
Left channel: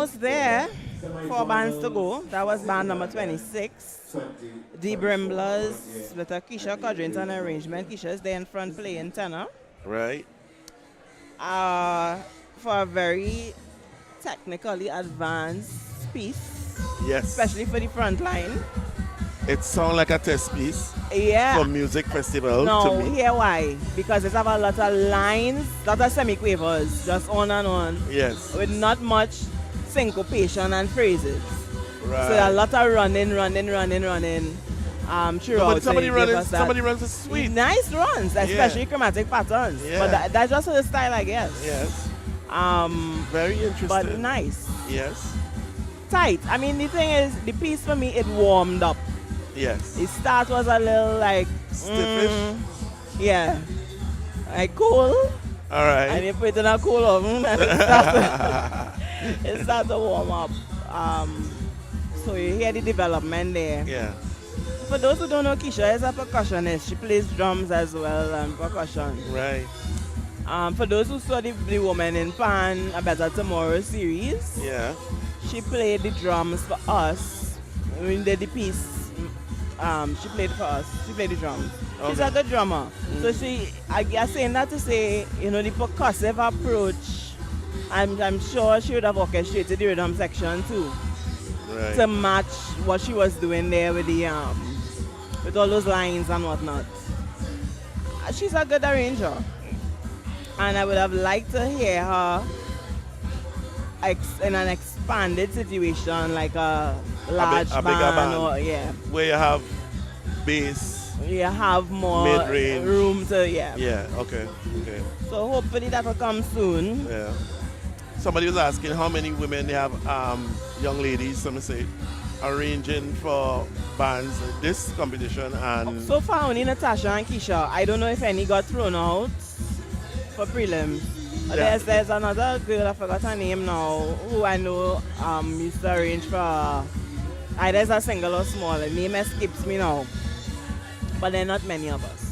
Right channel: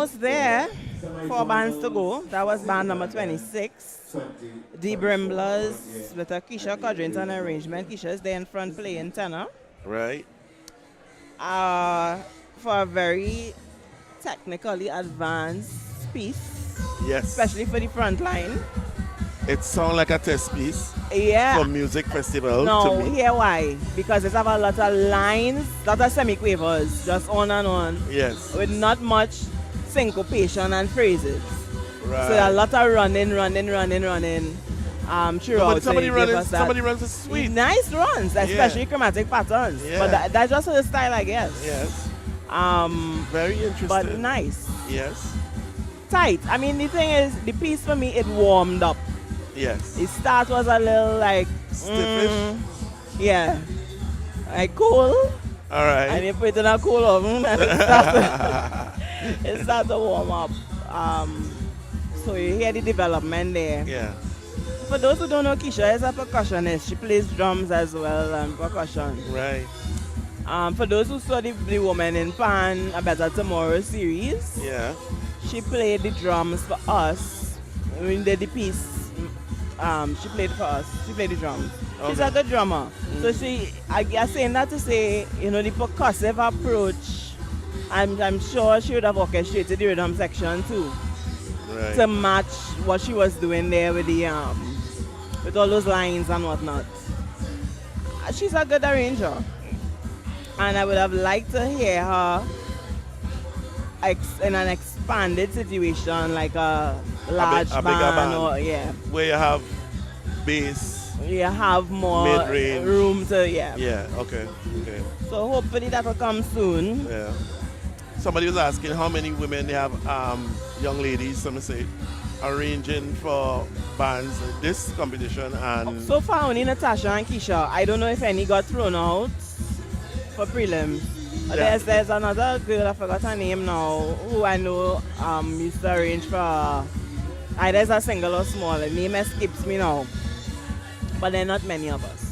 almost there. 4 bands to go. That was band number 26. The Brimblers with a Keisha Codrington arrangement. Keisha is there in front playing tenor. Right. For a very technically advanced piece, Yes. especially for the front line. It sounds like a test piece Yeah. for music festival No, to me. here why? Because it have a lot of lines, lot of semiquavers, just on and on, Yes. with not much syncopation and phrases. Right. So a lot of running. Throughout. But somebody so it give us that runs a sweet. nice runs, especially chromatic patterns. Yeah. But that's just the style, I guess. Yes. Very interesting. But nice, Yes. tight. I mean, the thing is, the piece for me, it warmed up. Yes. The start was a little like Stiffish. yeah, like cool. All right. And you put it in a cool oven and it starts to warm up. So you hear the development there. Yeah. For those who don't know, Keisha is a percussionist. She plays drums as well and percussion. Right. For those who saw the Woman in Pan, A Better Tomorrow series, Yeah. she played the drums for us. We did the piece. She played for us. She played the drums. She's a good drummer. So I guess saying that to say, you know, the percussive approach, I'm sure she would have orchestrated the rhythm section too, Right. to match what she was doing there with the with all those lines and whatnot. She's a good arranger, and I would have liked to hear her in an expanded situation, like a large a bigger band, band. or yeah, Where you have bass. you have more Mid-range. room to yeah. Yeah. Okay. Okay. So hopefully that will come soon. Yeah. Somebody was asking how many women they have, young ladies, some say, arranging for bands at this competition, and So far only Natasha and Keisha. I don't know if any got thrown out for prelim. Yeah. There's another girl, I forgot her name now, who I know used to arrange for either as a single or small. The name escapes me now. But there are not many of us.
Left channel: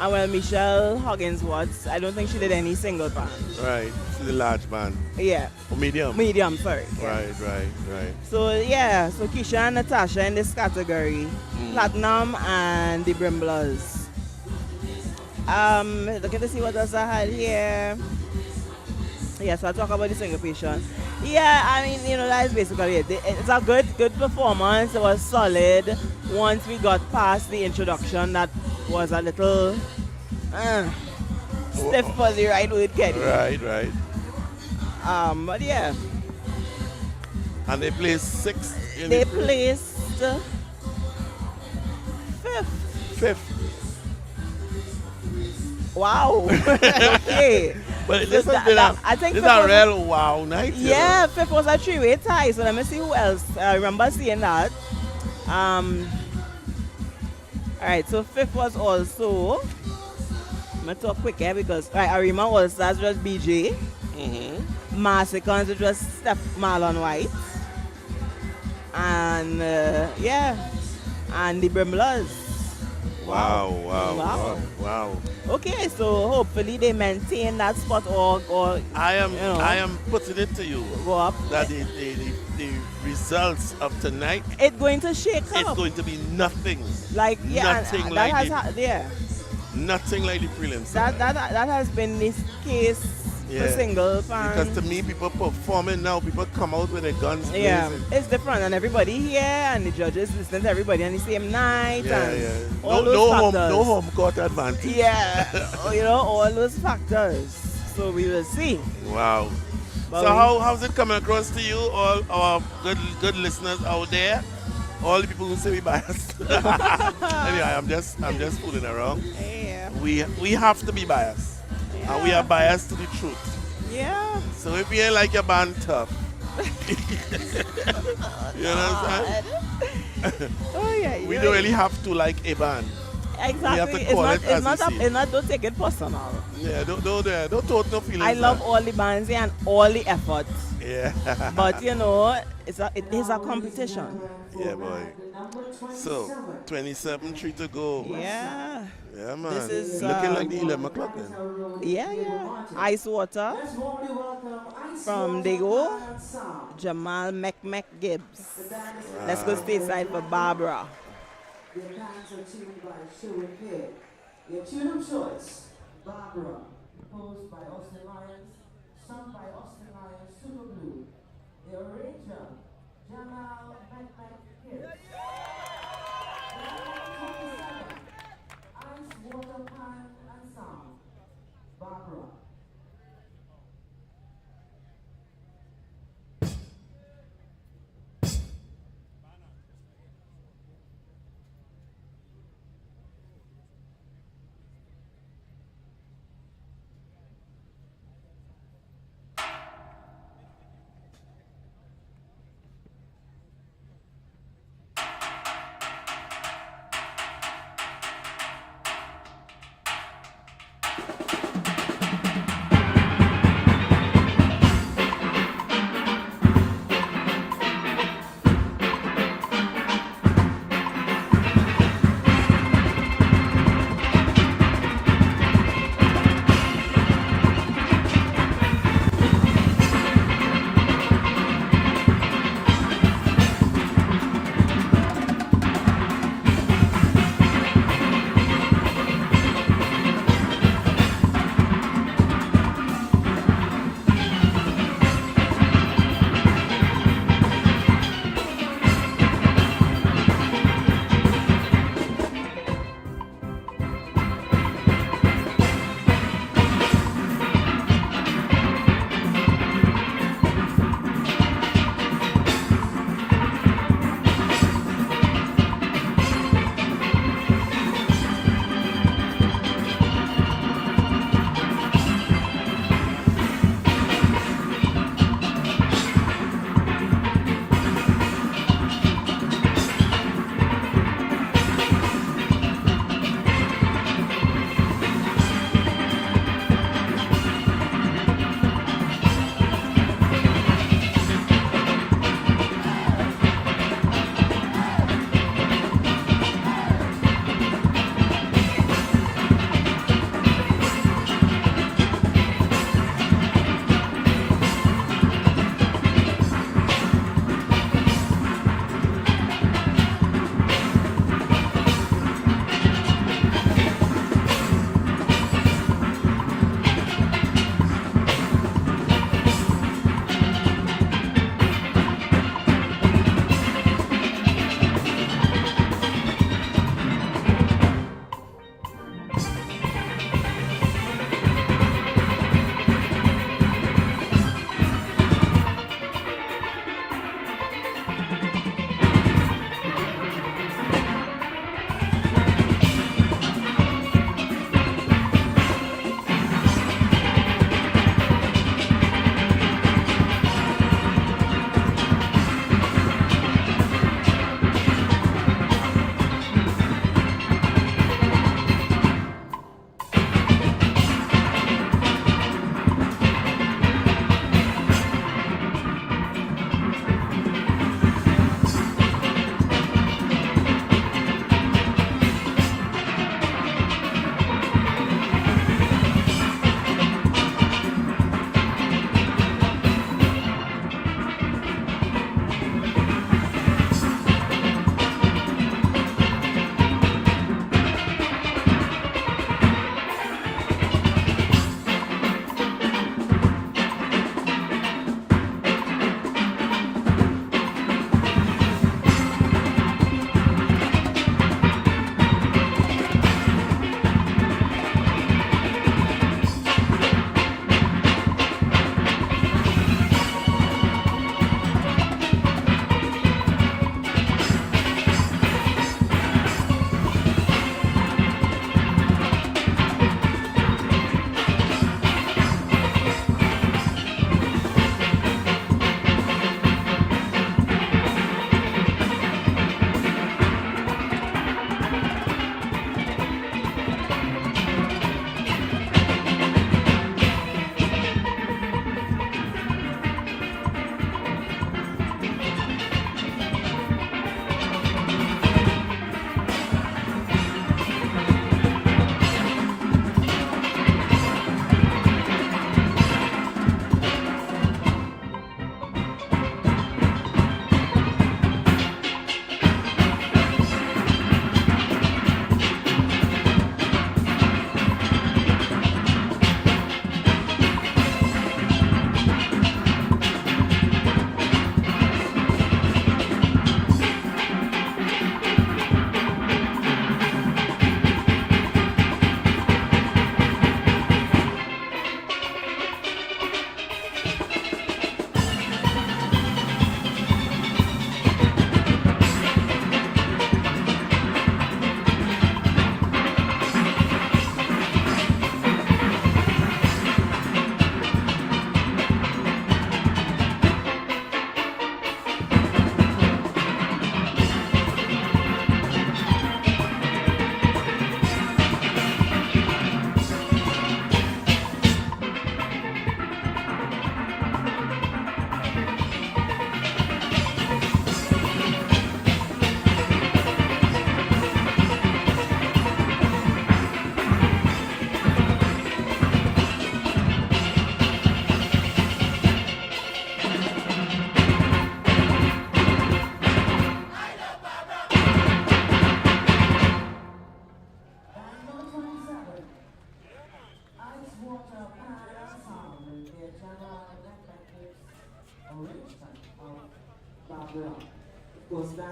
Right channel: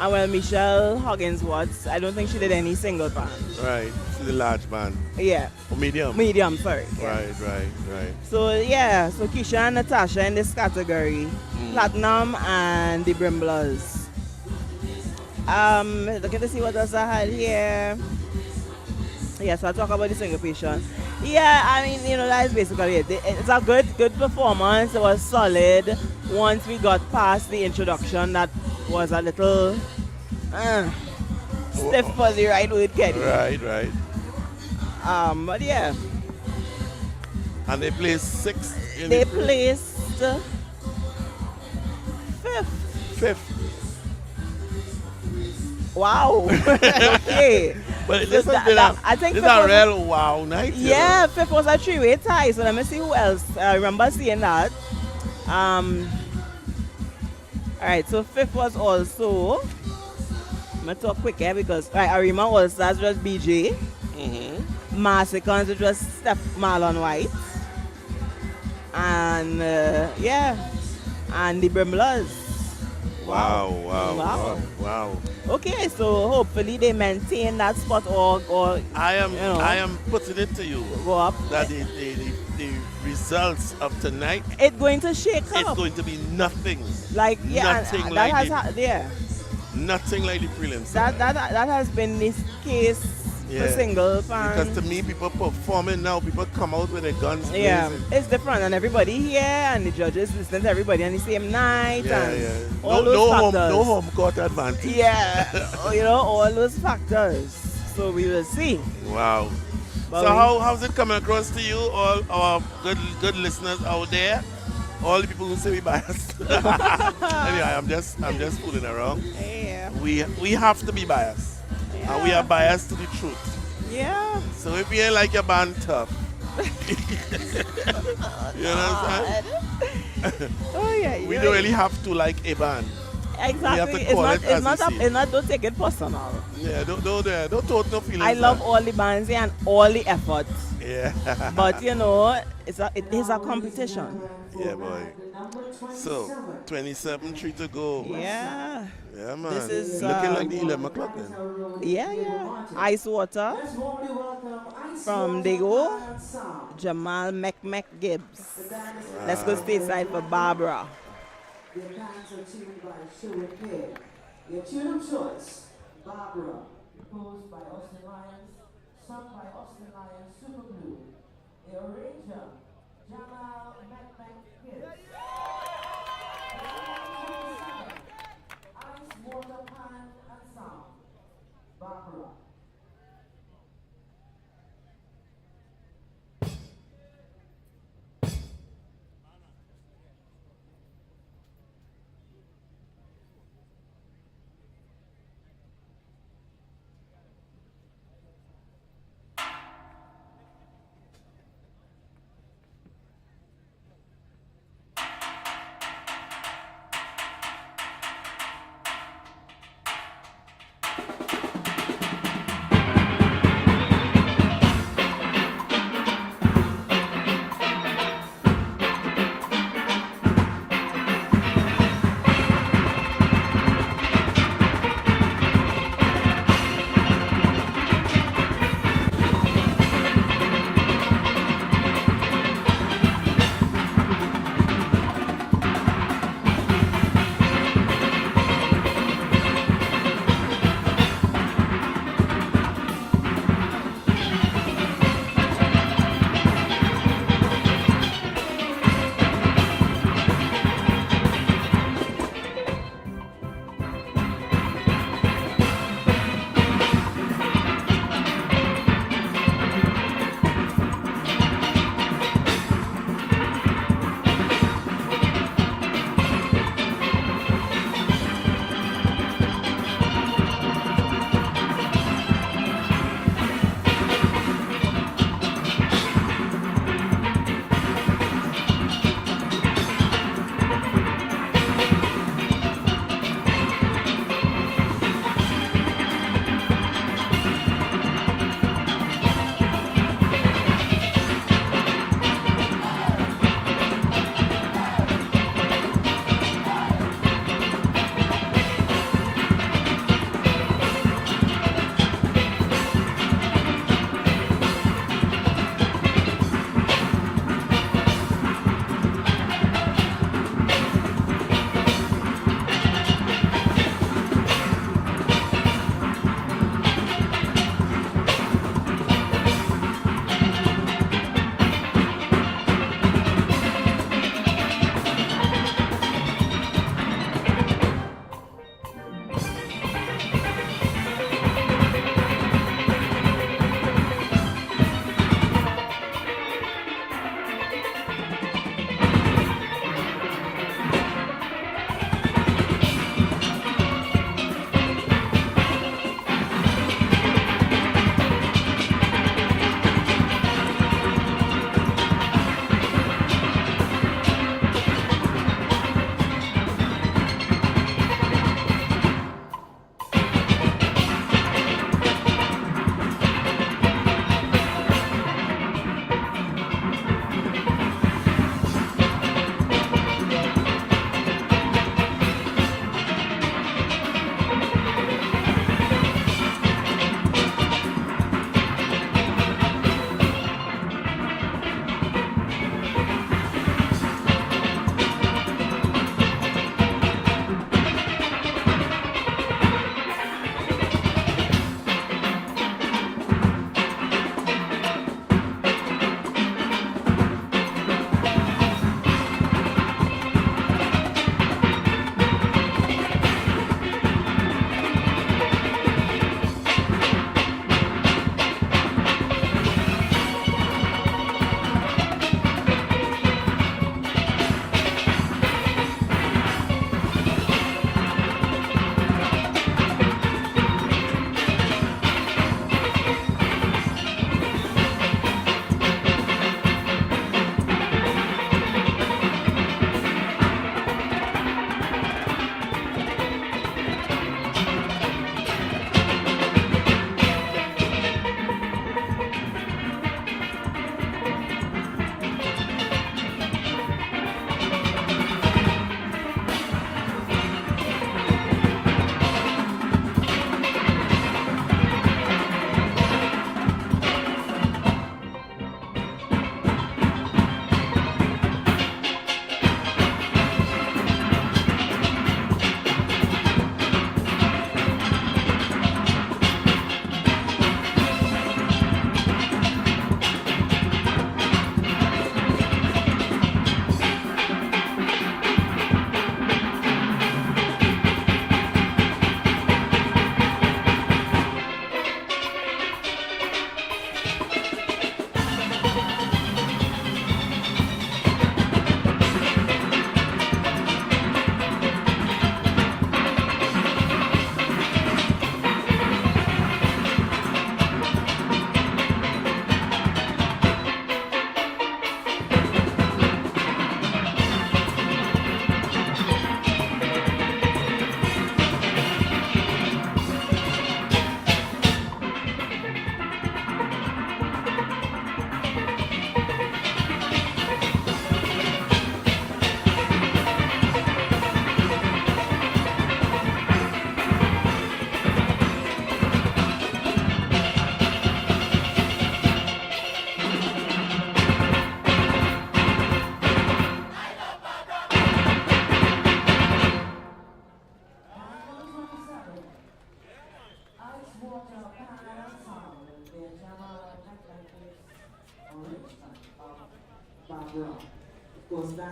And well, Michelle Hogginsworth, I don't think she did any single band. right, the large band, Yeah, or medium. medium, sorry. Yeah. Right. So yeah, so Keisha and Natasha in this category, Platinum and the Brimblers. Looking to see what else I had here. Yes, I'll talk about the syncopation. Yeah, I mean, you know, that is basically it. It's a good performance. It was solid. Once we got past the introduction, that was a little stiff for the right word, Kenny. Right. But yeah, And they placed 6th. they placed fifth. 5th. Wow. Okay. But So this has been I think this fifth a was real wow night. you yeah, know. fifth was a three-way tie. So let me see who else. I remember seeing that. All right, so fifth was also. I'm gonna talk quick here because Arima All Stars was BJ. Massacons, it was Steph Marlon White. And and the Brimblers. Wow. Okay, so hopefully they maintain that spot or I am you know, I am putting it to you go up. that the results of tonight It's going to shake it's up. going to be nothing. Like nothing that like has it. Nothing like the prelims. that has been this case for Yeah. single fan. Because to me, people performing now, people come out with their guns Yeah, blazing. it's different, and everybody here and the judges listen to everybody on the same night, and all those no factors. home court advantage. Yeah, you know, all those factors. So we will see. Wow. But So we- how's it coming across to you, all our good listeners out there, all the people who say we biased? Anyway, I'm just fooling around. Yeah. We have to be biased, and we are biased to the truth. Yeah. So if you ain't like your band tough, you know what I'm saying? Oh yeah. We don't really have to like a band. Exactly. call it as we see it. Don't take it personal. Yeah, don't tote no feelings. I love man. all the bands here and all the effort Yeah. But you know, it is a competition. Yeah, boy. So, 27, 3 to go. Yeah. Yeah, This man. is Looking like the 11 o'clock then. yeah. Ice water Let's warmly welcome Ice from Water Dago, and Sound. Jamal Mc Gibbs. The band is Let's go stateside for Barbara. Their bands are tuned by Sherwood Head. Your tune of choice, Barbara, composed by Austin Lyons, sung by Austin Lyons, Super Blue. The arranger, Jamal Gibbs. Ice, water, pan, and sound. Barbara.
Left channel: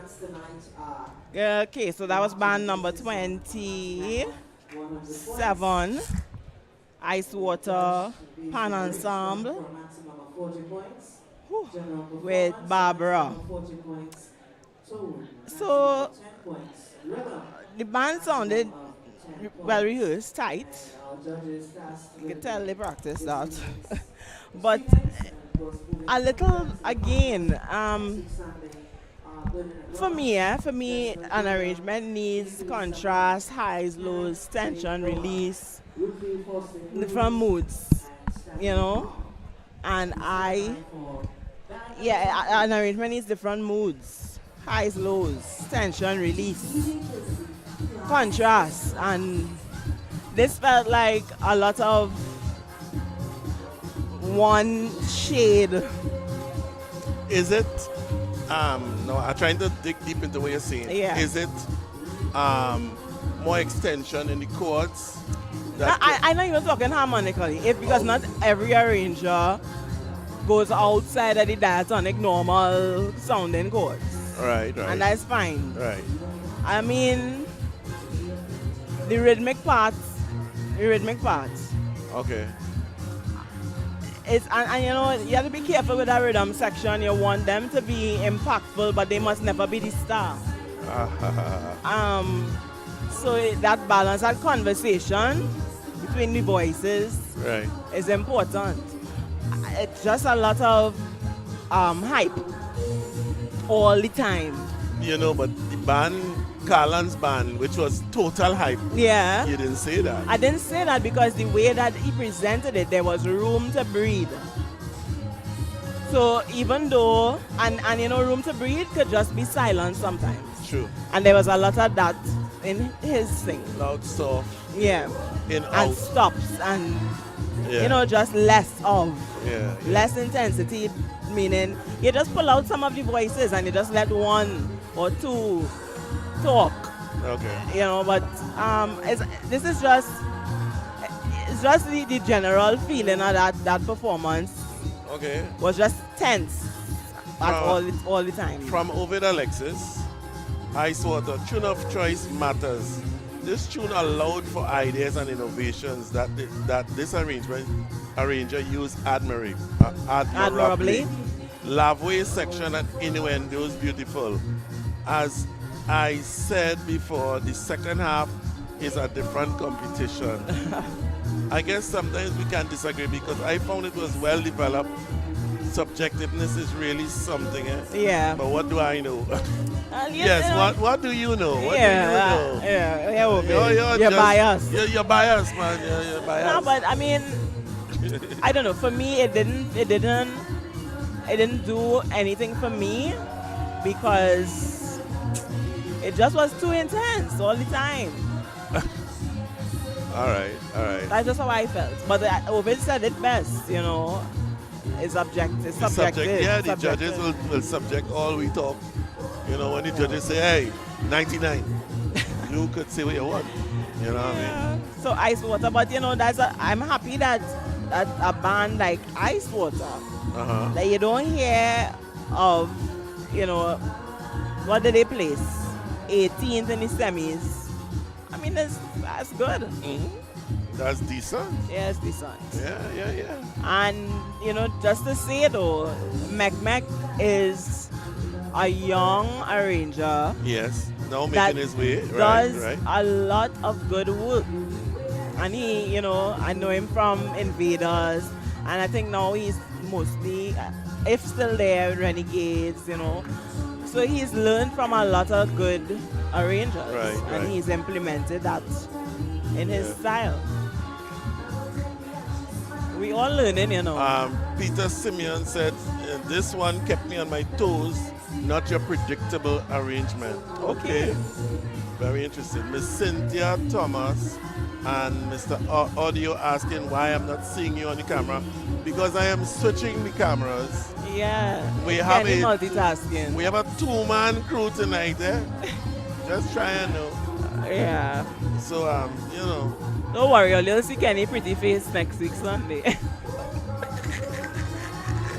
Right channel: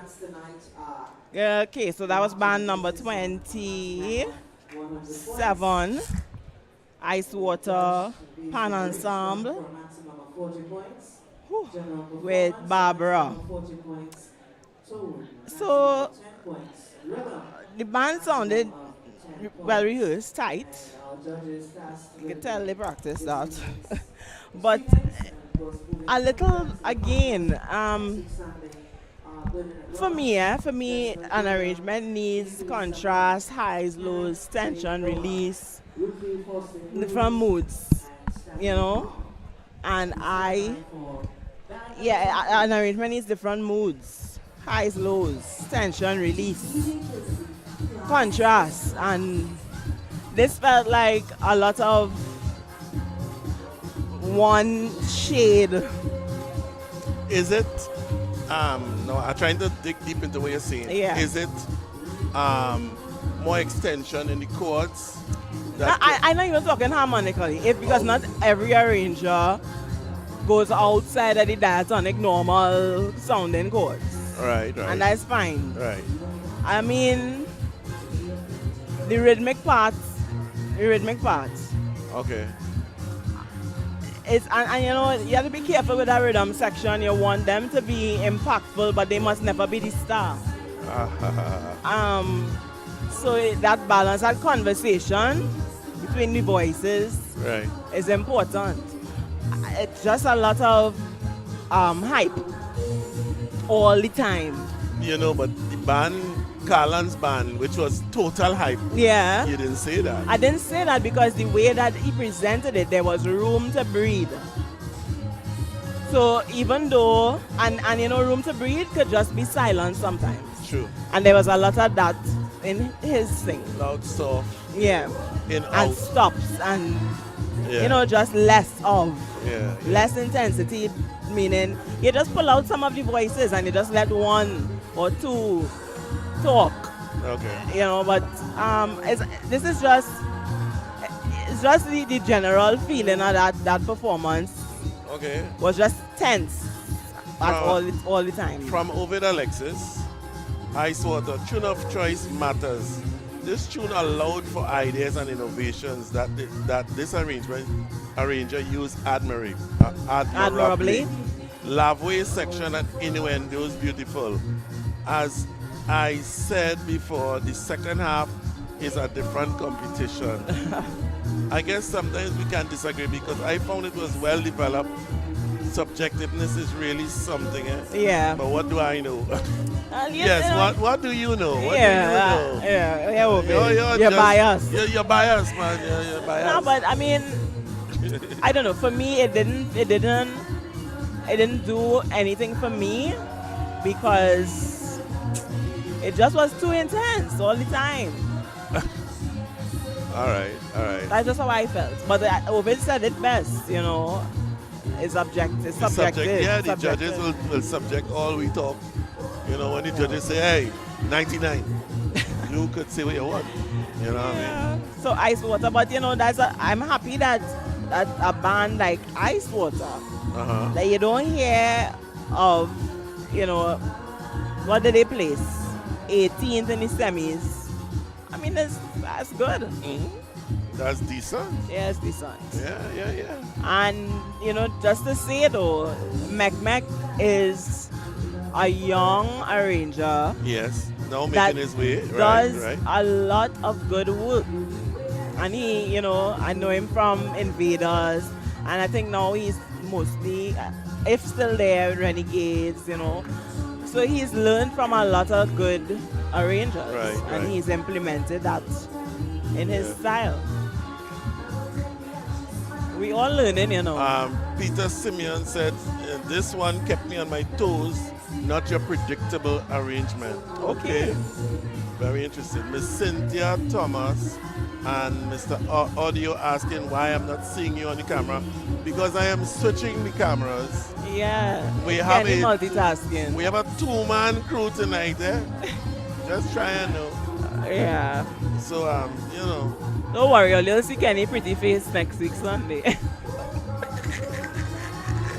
bands tonight are Okay, so that was band number 27, Ice Water Pan Ensemble for a maximum of 40 points. Whew. General With performance, Barbara. maximum 40 points. Tune, So, maximum 10 points. Rhythm, The band sounded maximum of 10 well points. rehearsed, tight. Our judges tasked You can with tell they practiced that. this But performance, and of course, moving a little again, Sunday, good in a for me, an arrangement needs contrast, highs, lows, tension, release, different moods, you know. And an arrangement needs different moods, highs, lows, tension, release, contrast, and this felt like a lot of one shade. Is it? No, I'm trying to dig deep into what you're saying. Yeah. Is it more extension in the chords? I know you're talking harmonically, because not every arranger goes outside of the diatonic normal sounding chords, Right. and that's fine. Right. I mean, the rhythmic parts. Okay. And you know, you have to be careful with that rhythm section. You want them to be impactful, but they must never be the star. So that balance, that conversation between the voices Right. is important. It's just a lot of hype all the time. You know, but the band, Carlan's band, which was total hype. Yeah. You didn't say that. I didn't say that because the way that he presented it, there was room to breathe. So even though, and you know, room to breathe could just be silence sometimes. True. And there was a lot of that in his thing. Loud, soft, Yeah. in, And out. stops and, Yeah. you know, just less of. Yeah. Less intensity, meaning you just pull out some of the voices and you just let one or two talk. Okay. You know, but this is just the general feeling of that performance Okay. was just tense at all the time. From Ovid Alexis, Ice Water, tune of choice matters. This tune allowed for ideas and innovations that this arranger used admirably. Lavway section and innuendos beautiful. As I said before, the second half is a different competition. I guess sometimes we can disagree because I found it was well developed. Subjectiveness is really something. Yeah. But what do I know? Yes, Yes, you know, what do you know? What yeah, do you know? yeah, okay. You're just- biased. You're biased, man. You're biased. No, but I mean, I don't know. For me, it didn't do anything for me because it just was too intense all the time. All right. That's just how I felt. But Ovid said it best, you know. It's subjective. It's The subjective. subject, yeah, the subjective. judges will subject all we talk. You know, when the judges say, hey, 99, you could say what you want. You know what I mean? Yeah. So Ice Water, but you know, I'm happy that a band like Ice Water, Uh-huh. that you don't hear of, you know, what did they place? 18th in the semis. I mean, that's good. That's decent. Yes, decent. Yeah. And, you know, just to say though, Mek is a young arranger Yes. Now that making his way. does Right. a lot of good work. And he, you know, I know him from Invaders, and I think now he's mostly, if still there, Renegades, you know. So he's learned from a lot of good arrangers, and Right. he's implemented that in his style. We all learning, you know. Peter Simeon said, this one kept me on my toes, not your predictable arrangement. Okay. Very interesting. Miss Cynthia Thomas and Mr. Audio asking why I'm not seeing you on the camera. Because I am switching the cameras. Yeah. We have Kenny a multitasking. We have a two-man crew tonight, eh? Just try and know. Yeah. So, you know. Don't worry, you'll see Kenny pretty face next week Sunday.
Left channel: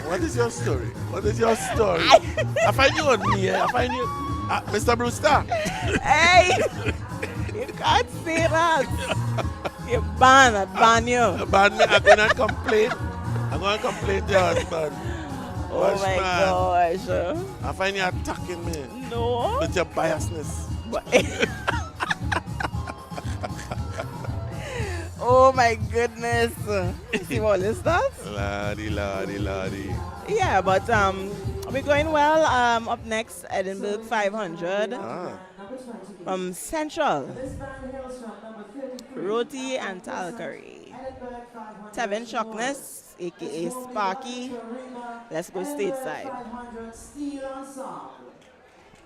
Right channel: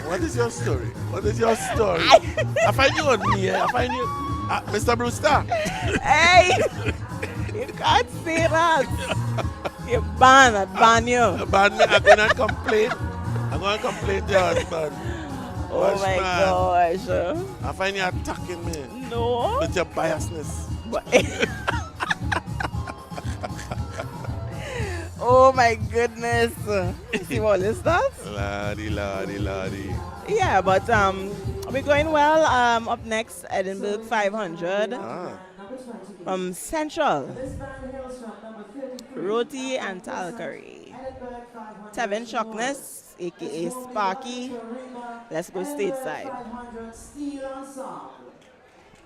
What is your story? I find you on me, eh? I find you. Mr. Brewster. Hey! You can't say that. You ban you. Ban me, I'm gonna complain. I'm gonna complain to your husband. Oh Hush, my man. gosh. I find you attacking me No. with your biasness. But oh my goodness. See all this stuff? Lordy. Yeah, but we're going well. Up next, Edinburgh 500 Ah. from Central. This band hails from number 33. Roti and Talcary. Edinburgh 500. Tevin Shockness, aka Sparky. Let's go stateside. 500 Steel Ensemble.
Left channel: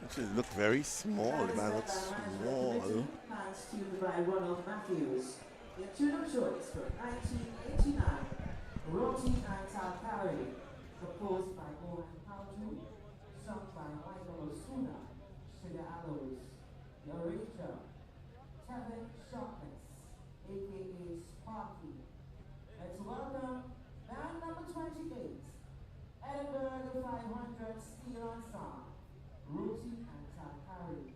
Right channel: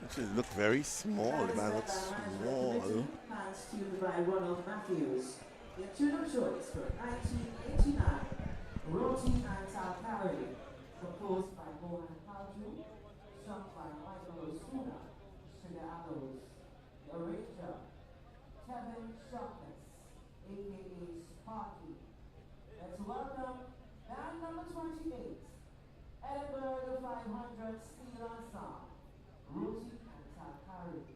Actually, it look very small. The band looks small. Plans tuned by Ronald Matthews. The tune of choice for 1989, Roti and Talcary, composed by Mohan Palju, sung by Michael Osuna, Sugar Aloes, the arranger, Kevin Shockness, aka Sparky. Let's welcome band number 28, Edinburgh 500 Steel Ensemble, Roti and Talcary.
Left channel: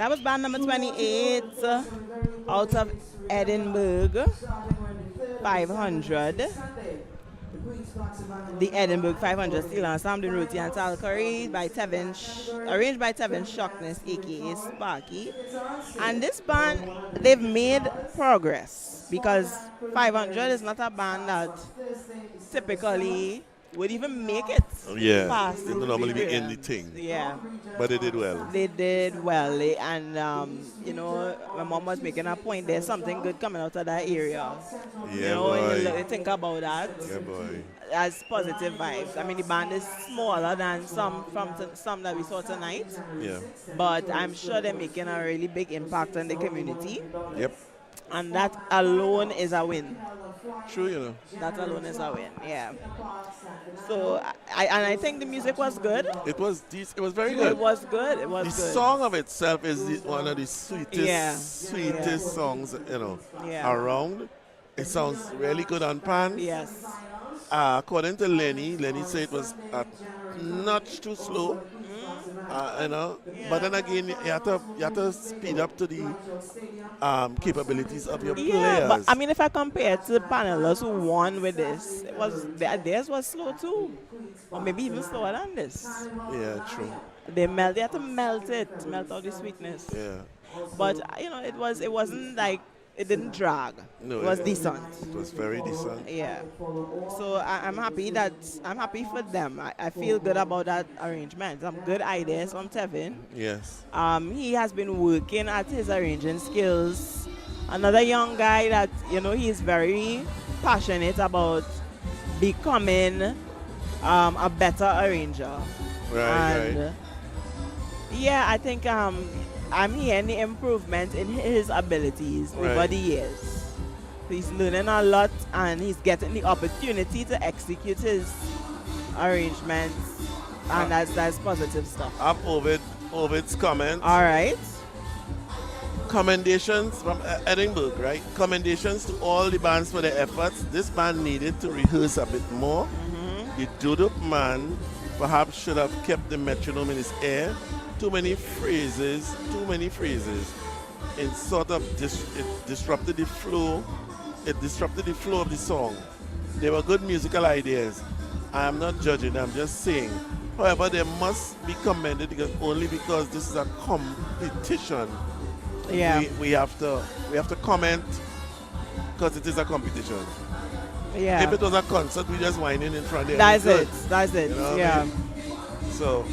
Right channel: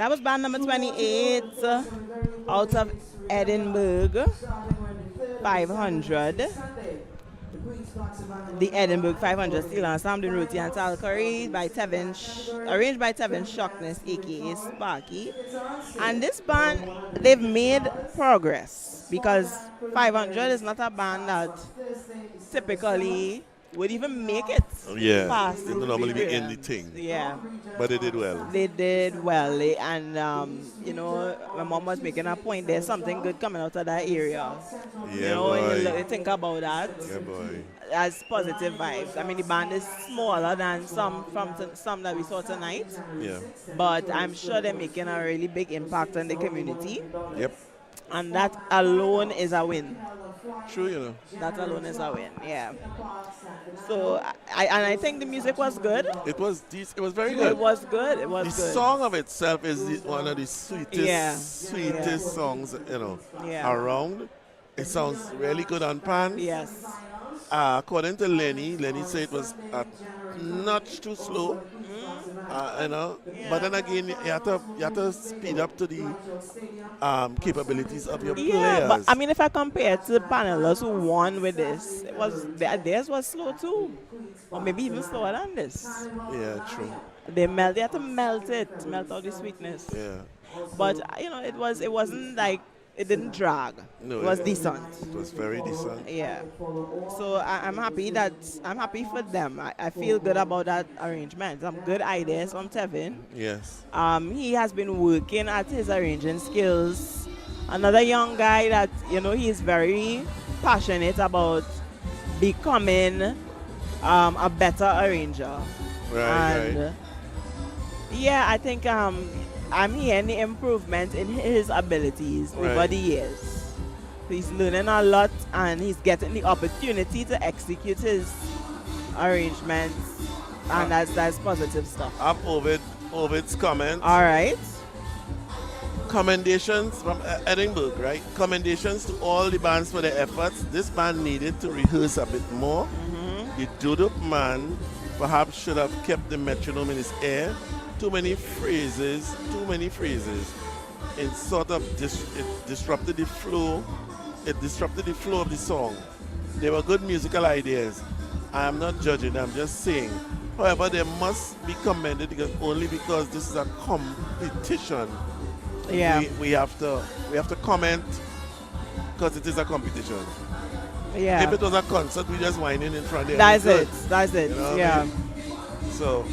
That was band number 28 out of Edinburgh, 500. The Edinburgh 500 Steel Ensemble Ruti and Talcurry by Tevin, arranged by Tevin Shockness, aka Sparky. And this band, they've made progress because 500 is not a band that typically would even make it past. They don't normally be in the thing. Yeah. But they did well. They did well. And, you know, my mom was making a point. There's something good coming out of that area. Yeah, you know, boy. when you think about that. Yeah, boy. As positive vibes. I mean, the band is smaller than some that we saw tonight. Yeah. But I'm sure they're making a really big impact on the community. Yep. And that alone is a win. True, you know. That alone is a win, yeah. So, I think the music was good. It was very good. It was good. It was the good. song of itself is one of the sweetest, Yeah. sweetest songs, you know, Yeah. around. It sounds really good on pan. Yes. According to Lenny said it was a notch too slow. You know, but then again, you have to speed up to the capabilities of your Yeah, players. but I mean, if I compare to the panelists who won with this, theirs was slow too, or maybe even slower than this. Yeah, true. They had to melt out the sweetness. Yeah. But you know, it wasn't like it didn't drag. No, it was decent. It was very decent. Yeah. So I'm happy for them. I feel good about that arrangement. Some good ideas from Tevin. Yes. He has been working at his arranging skills. Another young guy that, you know, he's very passionate about becoming a better arranger. Right. Yeah, I think I'm hearing the improvement in his abilities over the years. He's learning a lot and he's getting the opportunity to execute his arrangements, and that's positive stuff. Up Ovid's comment. All right. Commendations from Edinburgh, right? Commendations to all the bands for their efforts. This band needed to rehearse a bit more. The Dodo man perhaps should have kept the metronome in his ear. Too many phrases. It sort of disrupted the flow. It disrupted the flow of the song. They were good musical ideas. I am not judging, I'm just saying. However, they must be commended because this is a competition. Yeah. We have to comment because it is a competition. Yeah. If it was a concert, we just whining in front of That's it. You know yeah. I mean? So.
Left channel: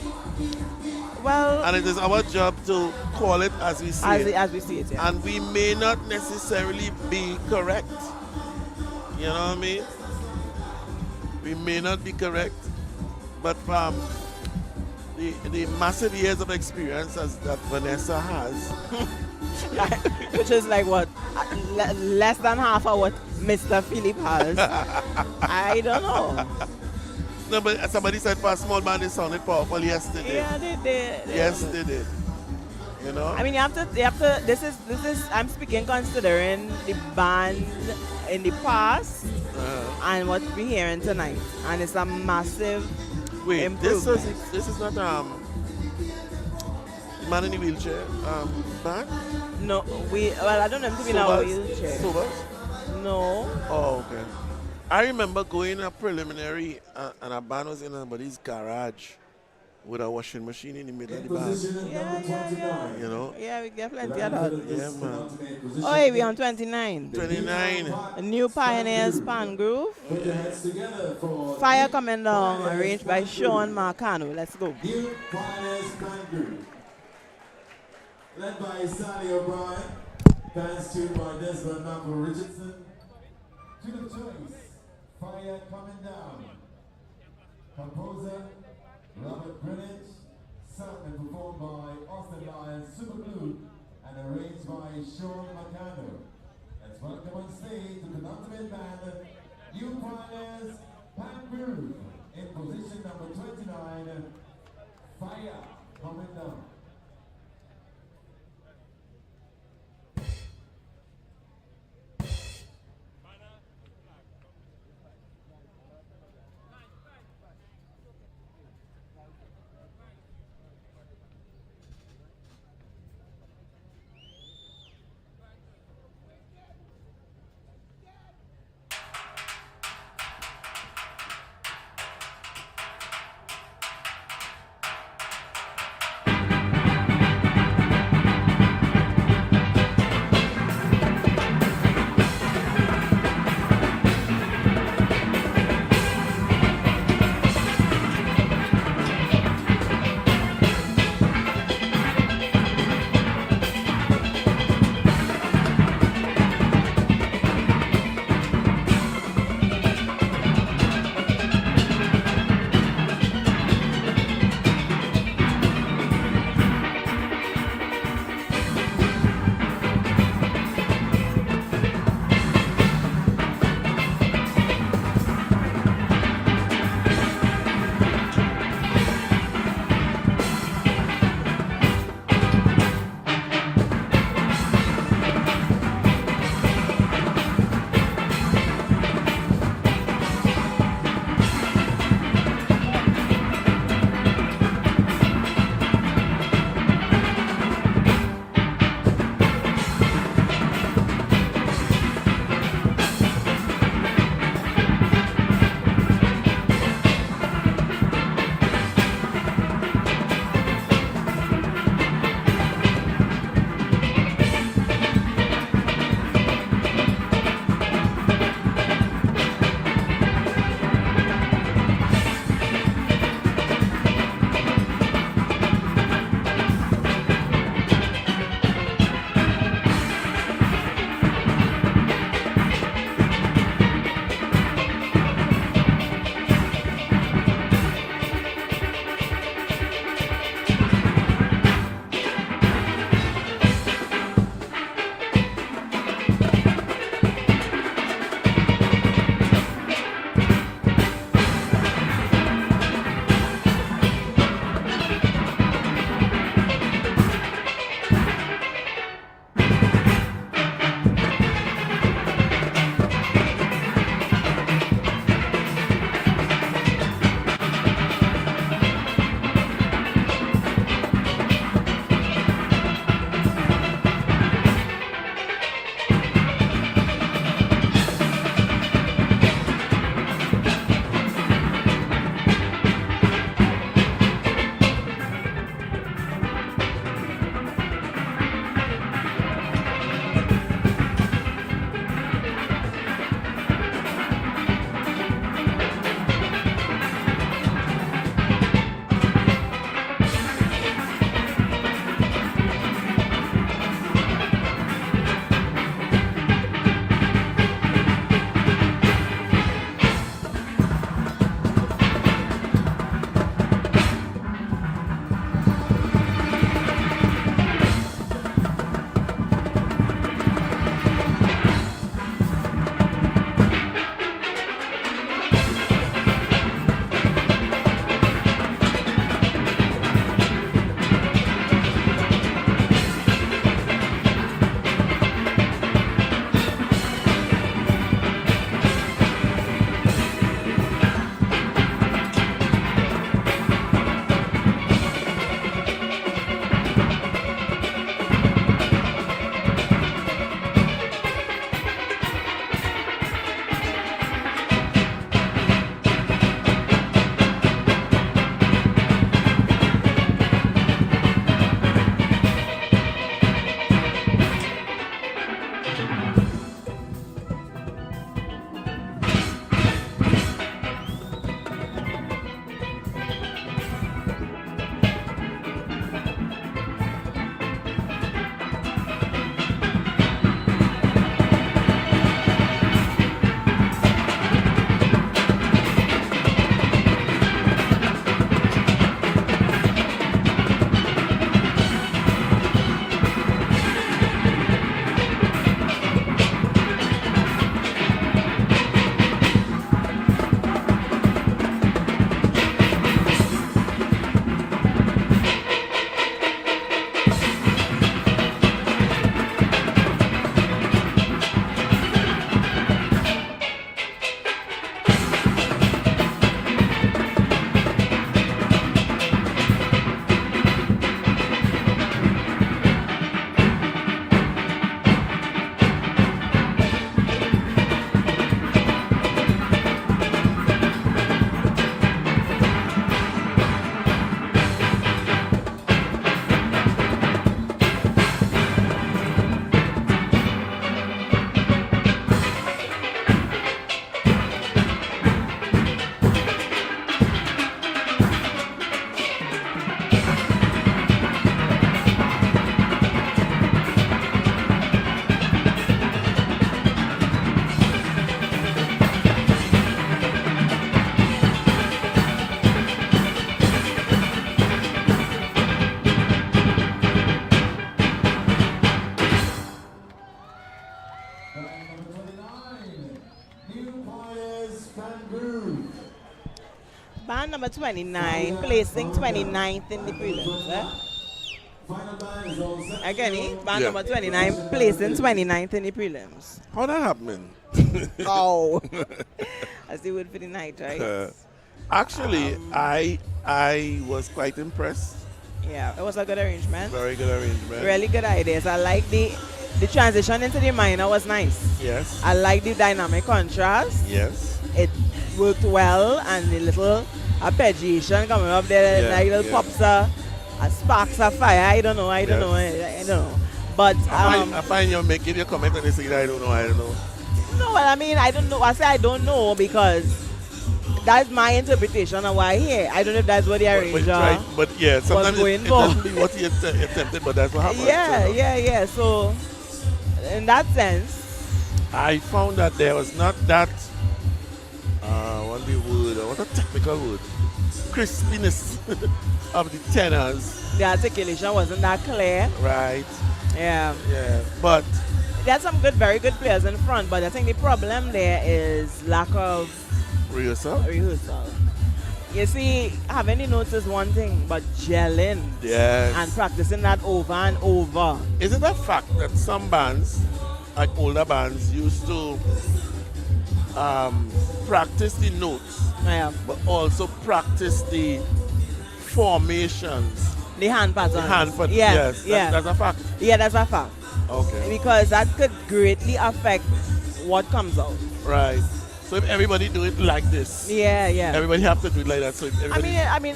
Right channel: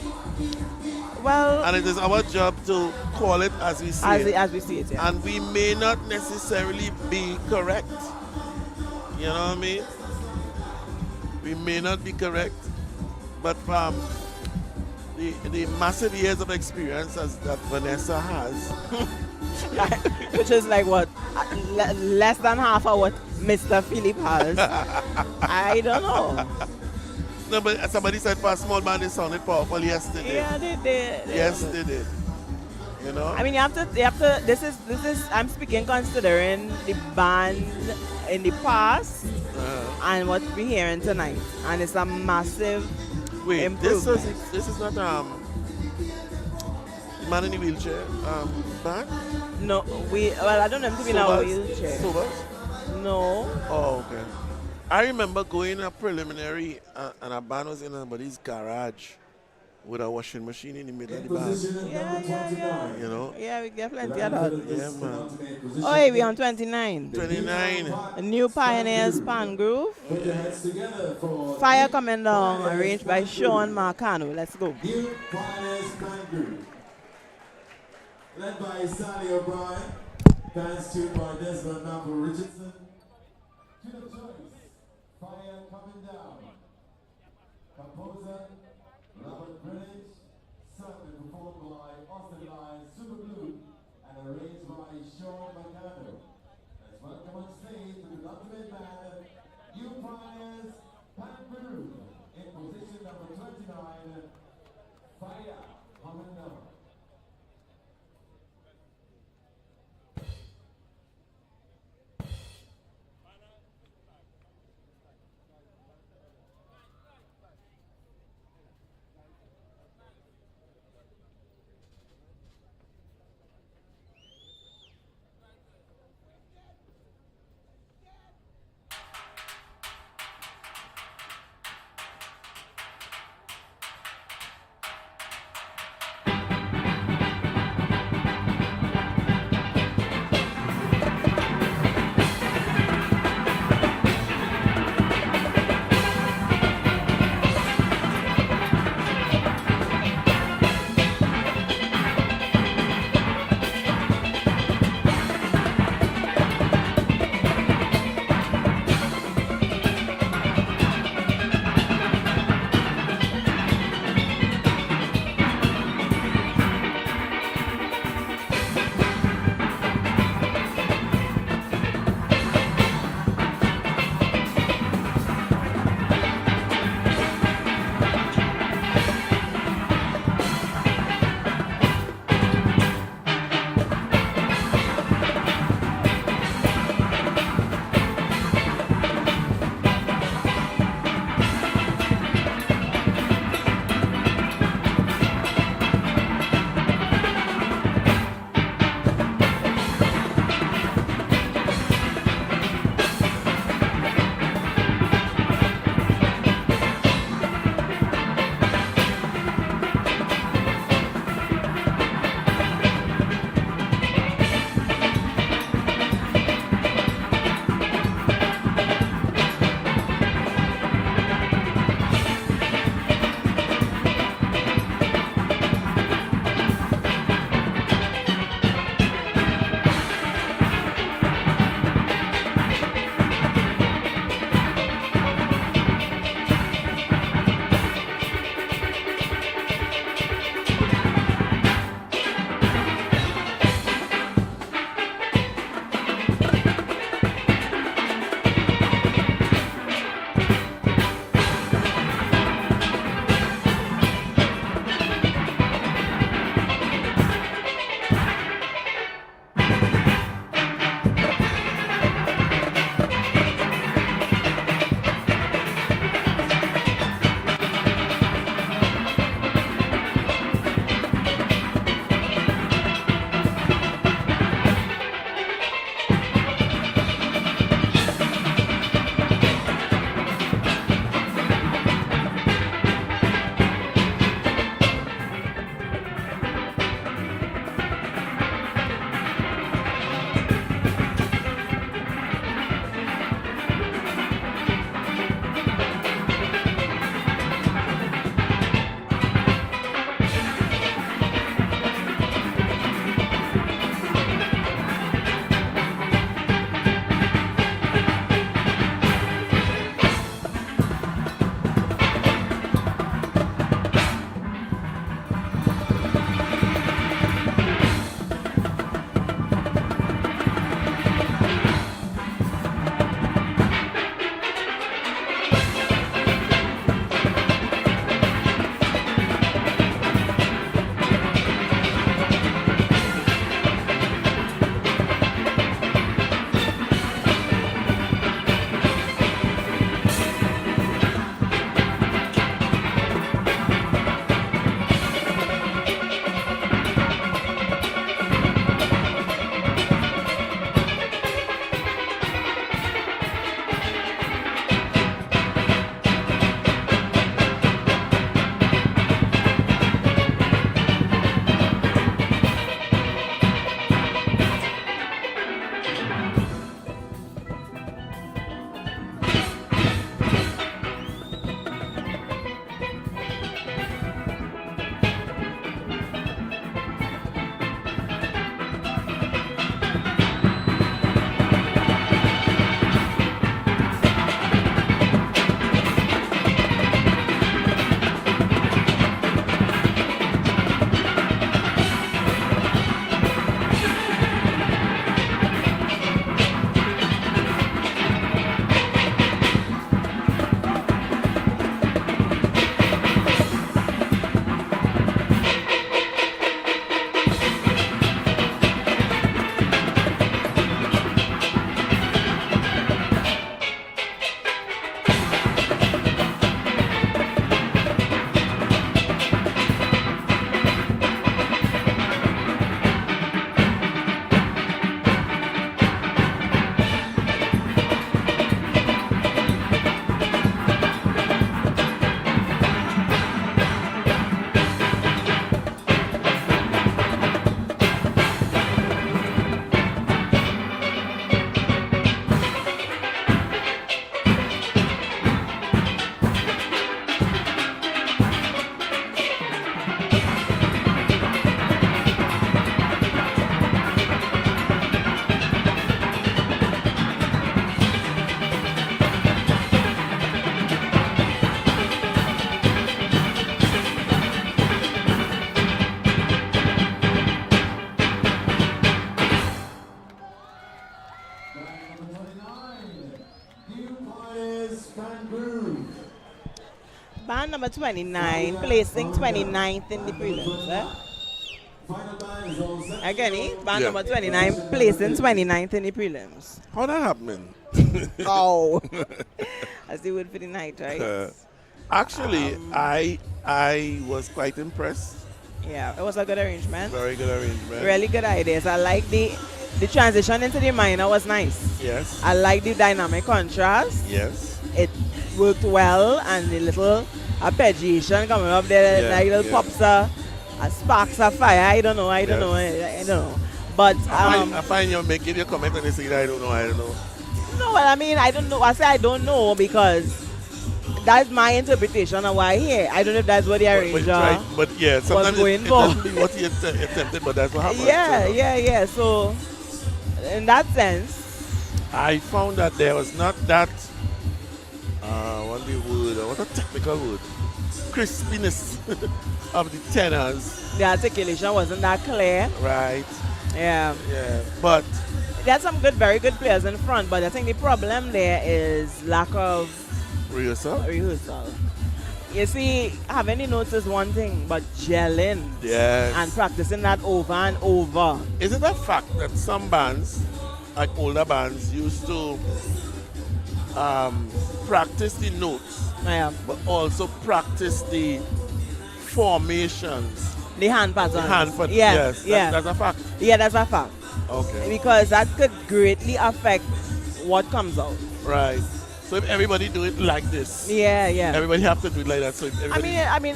Well. And it is our job to call it as we see it. As we see it, yeah. And we may not necessarily be correct. You know what I mean? We may not be correct, but from the massive years of experience that Vanessa has, which is like what, less than half of what Mr. Philip has. I don't know. No, but somebody said for a small band it sounded powerful. Yes, they did. Yeah, they did. Yes, they did. You know. I mean, you have to. This is. I'm speaking considering the band in the past and what we're hearing tonight, and it's a massive improvement. This is not the man in the wheelchair band. No, I don't know him to be in a wheelchair. Sobers? No. Oh, okay. I remember going a preliminary and a band was in somebody's garage with a washing machine in the middle of the band. Yeah. You know? Yeah, we get plenty of that. Yeah, man. Oh, hey, we on 29. 29. A new Pioneers Pan Groove. Fire Coming Down, arranged by Sean Marcano. Let's go. New Pioneers Pan Groove. Led by Sally O'Brien. Dance tuned by Desmond Malcolm Richardson. To the choice, Fire Coming Down. Composer, Robert Greenwich. Sung and performed by Austin Lyons, Superglue, and arranged by Sean Marcano. Let's welcome on stage to the penultimate band, New Pioneers Pan Groove. In position number 29, Fire Coming Down. New Pioneers can groove. Band number 29, placing 29th in the prelims. Final band is all set. Again, band Yeah. number 29, placing 29th in the prelims. How that happening? Oh, that's the word for the night, right? Actually, I was quite impressed. Yeah, it was a good arrangement. Very good arrangement. Really good ideas. I like the transition into the minor was nice. Yes. I like the dynamic contrast. Yes. It worked well, and the little arpeggiation coming up there, Yeah, like little yeah. pops sparks of fire. I don't know. I don't know. But I find you're making your comment on this thing. I don't know. no, well, I mean, I don't know. I say I don't know because that's my interpretation of why here. I don't know if that's what the arranger. But yeah, sometimes going it for. doesn't be what he attempted, but that's what happened. Yeah. So, in that sense, I found that there was not that, what a technical word, crispiness of the tenors, the articulation wasn't that clear. right? Yeah. Yeah, but There's some very good players in front, but I think the problem there is lack of rehearsal. rehearsal. You see, having the notes is one thing, but gelling Yes. and practicing that over and over. Is it a fact that some bands, like older bands, used to practice the notes, Yeah. but also practice the formations? The hand patterns. The hand pattern. Yeah. Yes, Yeah. that's a fact. Yeah, that's a fact. Okay. Because that could greatly affect what comes out. Right. So if everybody do it like this, Yeah. everybody have to do it like that. So if everybody I mean,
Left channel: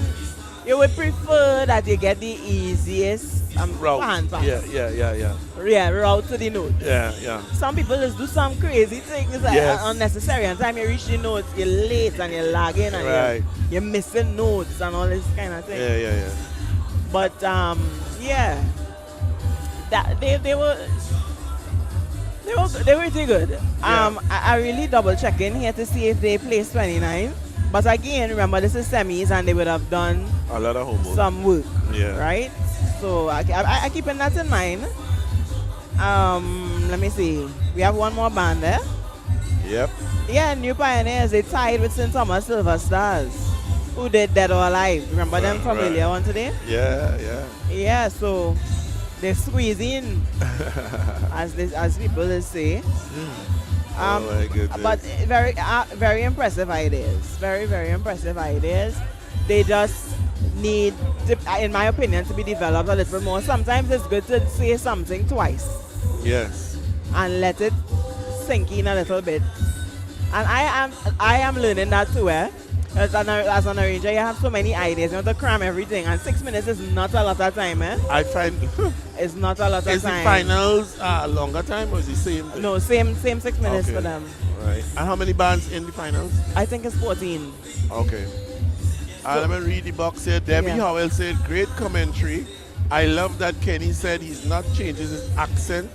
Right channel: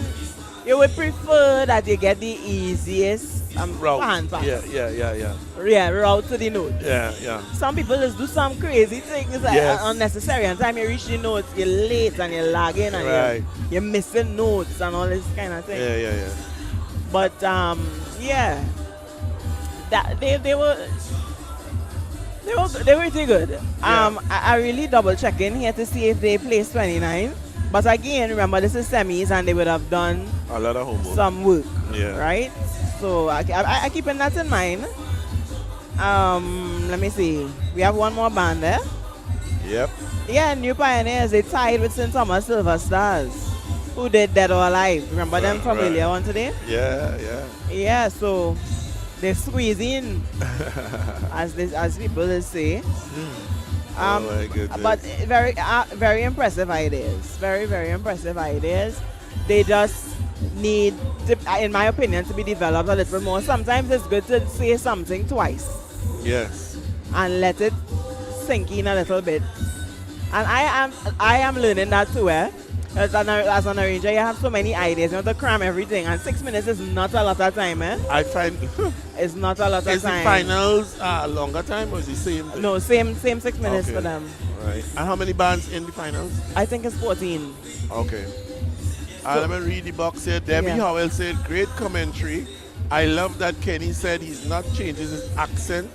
you would prefer that you get the easiest route. hand pass. Yeah. Route to the note. Yeah. Some people just do some crazy things that Yes. are unnecessary. And time you reach the notes, you're late and you're lagging and Right. you're missing notes and all this kind of thing. Yeah. But yeah, that they were pretty good. I really double check in here to see if they placed 29. But again, remember this is semis and they would have done A lot of homework. some work, Yeah. right? So I keeping that in mind. Let me see. We have one more band there. Yep. Yeah, New Pioneers. They tied with St. Thomas Silver Stars, who did Dead or Alive. Remember them from Right. earlier on today? Yeah. Yeah, so they squeeze in, as people will say. Oh my goodness. But very impressive ideas. Very impressive ideas. They just need, to, in my opinion, to be developed a little more. Sometimes it's good to say something twice Yes. and let it sink in a little bit. And I am learning that too. As an arranger, you have so many ideas. You want to cram everything, and 6 minutes is not a lot of time. I find It's not a lot of is the time. finals a longer time or is the same? thing? No, same 6 minutes Okay. for them. Right. And how many bands in the finals? I think it's 14. Okay. Let me read the box here. Debbie Yeah. Howell said, great commentary. I love that Kenny said he's not changing his accent.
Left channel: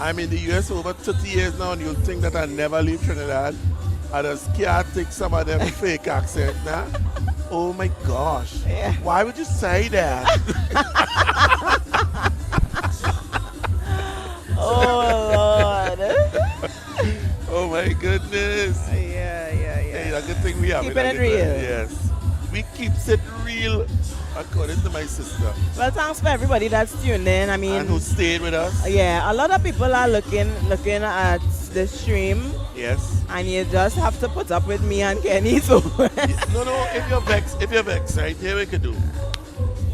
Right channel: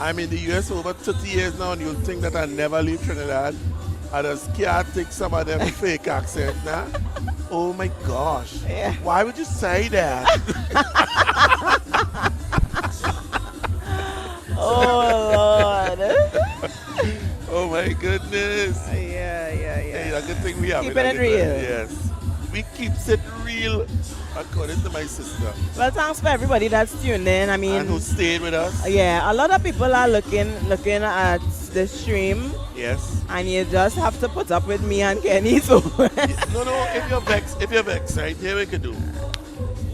I'm in the US for over 30 years now, and you'll think that I never leave Trinidad. I just can't take some of them fake accent now. Oh my gosh. Yeah. Why would you say that? Oh, Lord. Oh my goodness. Yeah. Hey, a good thing we have Keeping it real. Yes. We keeps it real, according to my sister. Well, thanks for everybody that's tuned in. I mean, And who stayed with us. yeah, a lot of people are looking at the stream, Yes. and you just have to put up with me and Kenny. So No, if you're vexed, right, here we can do.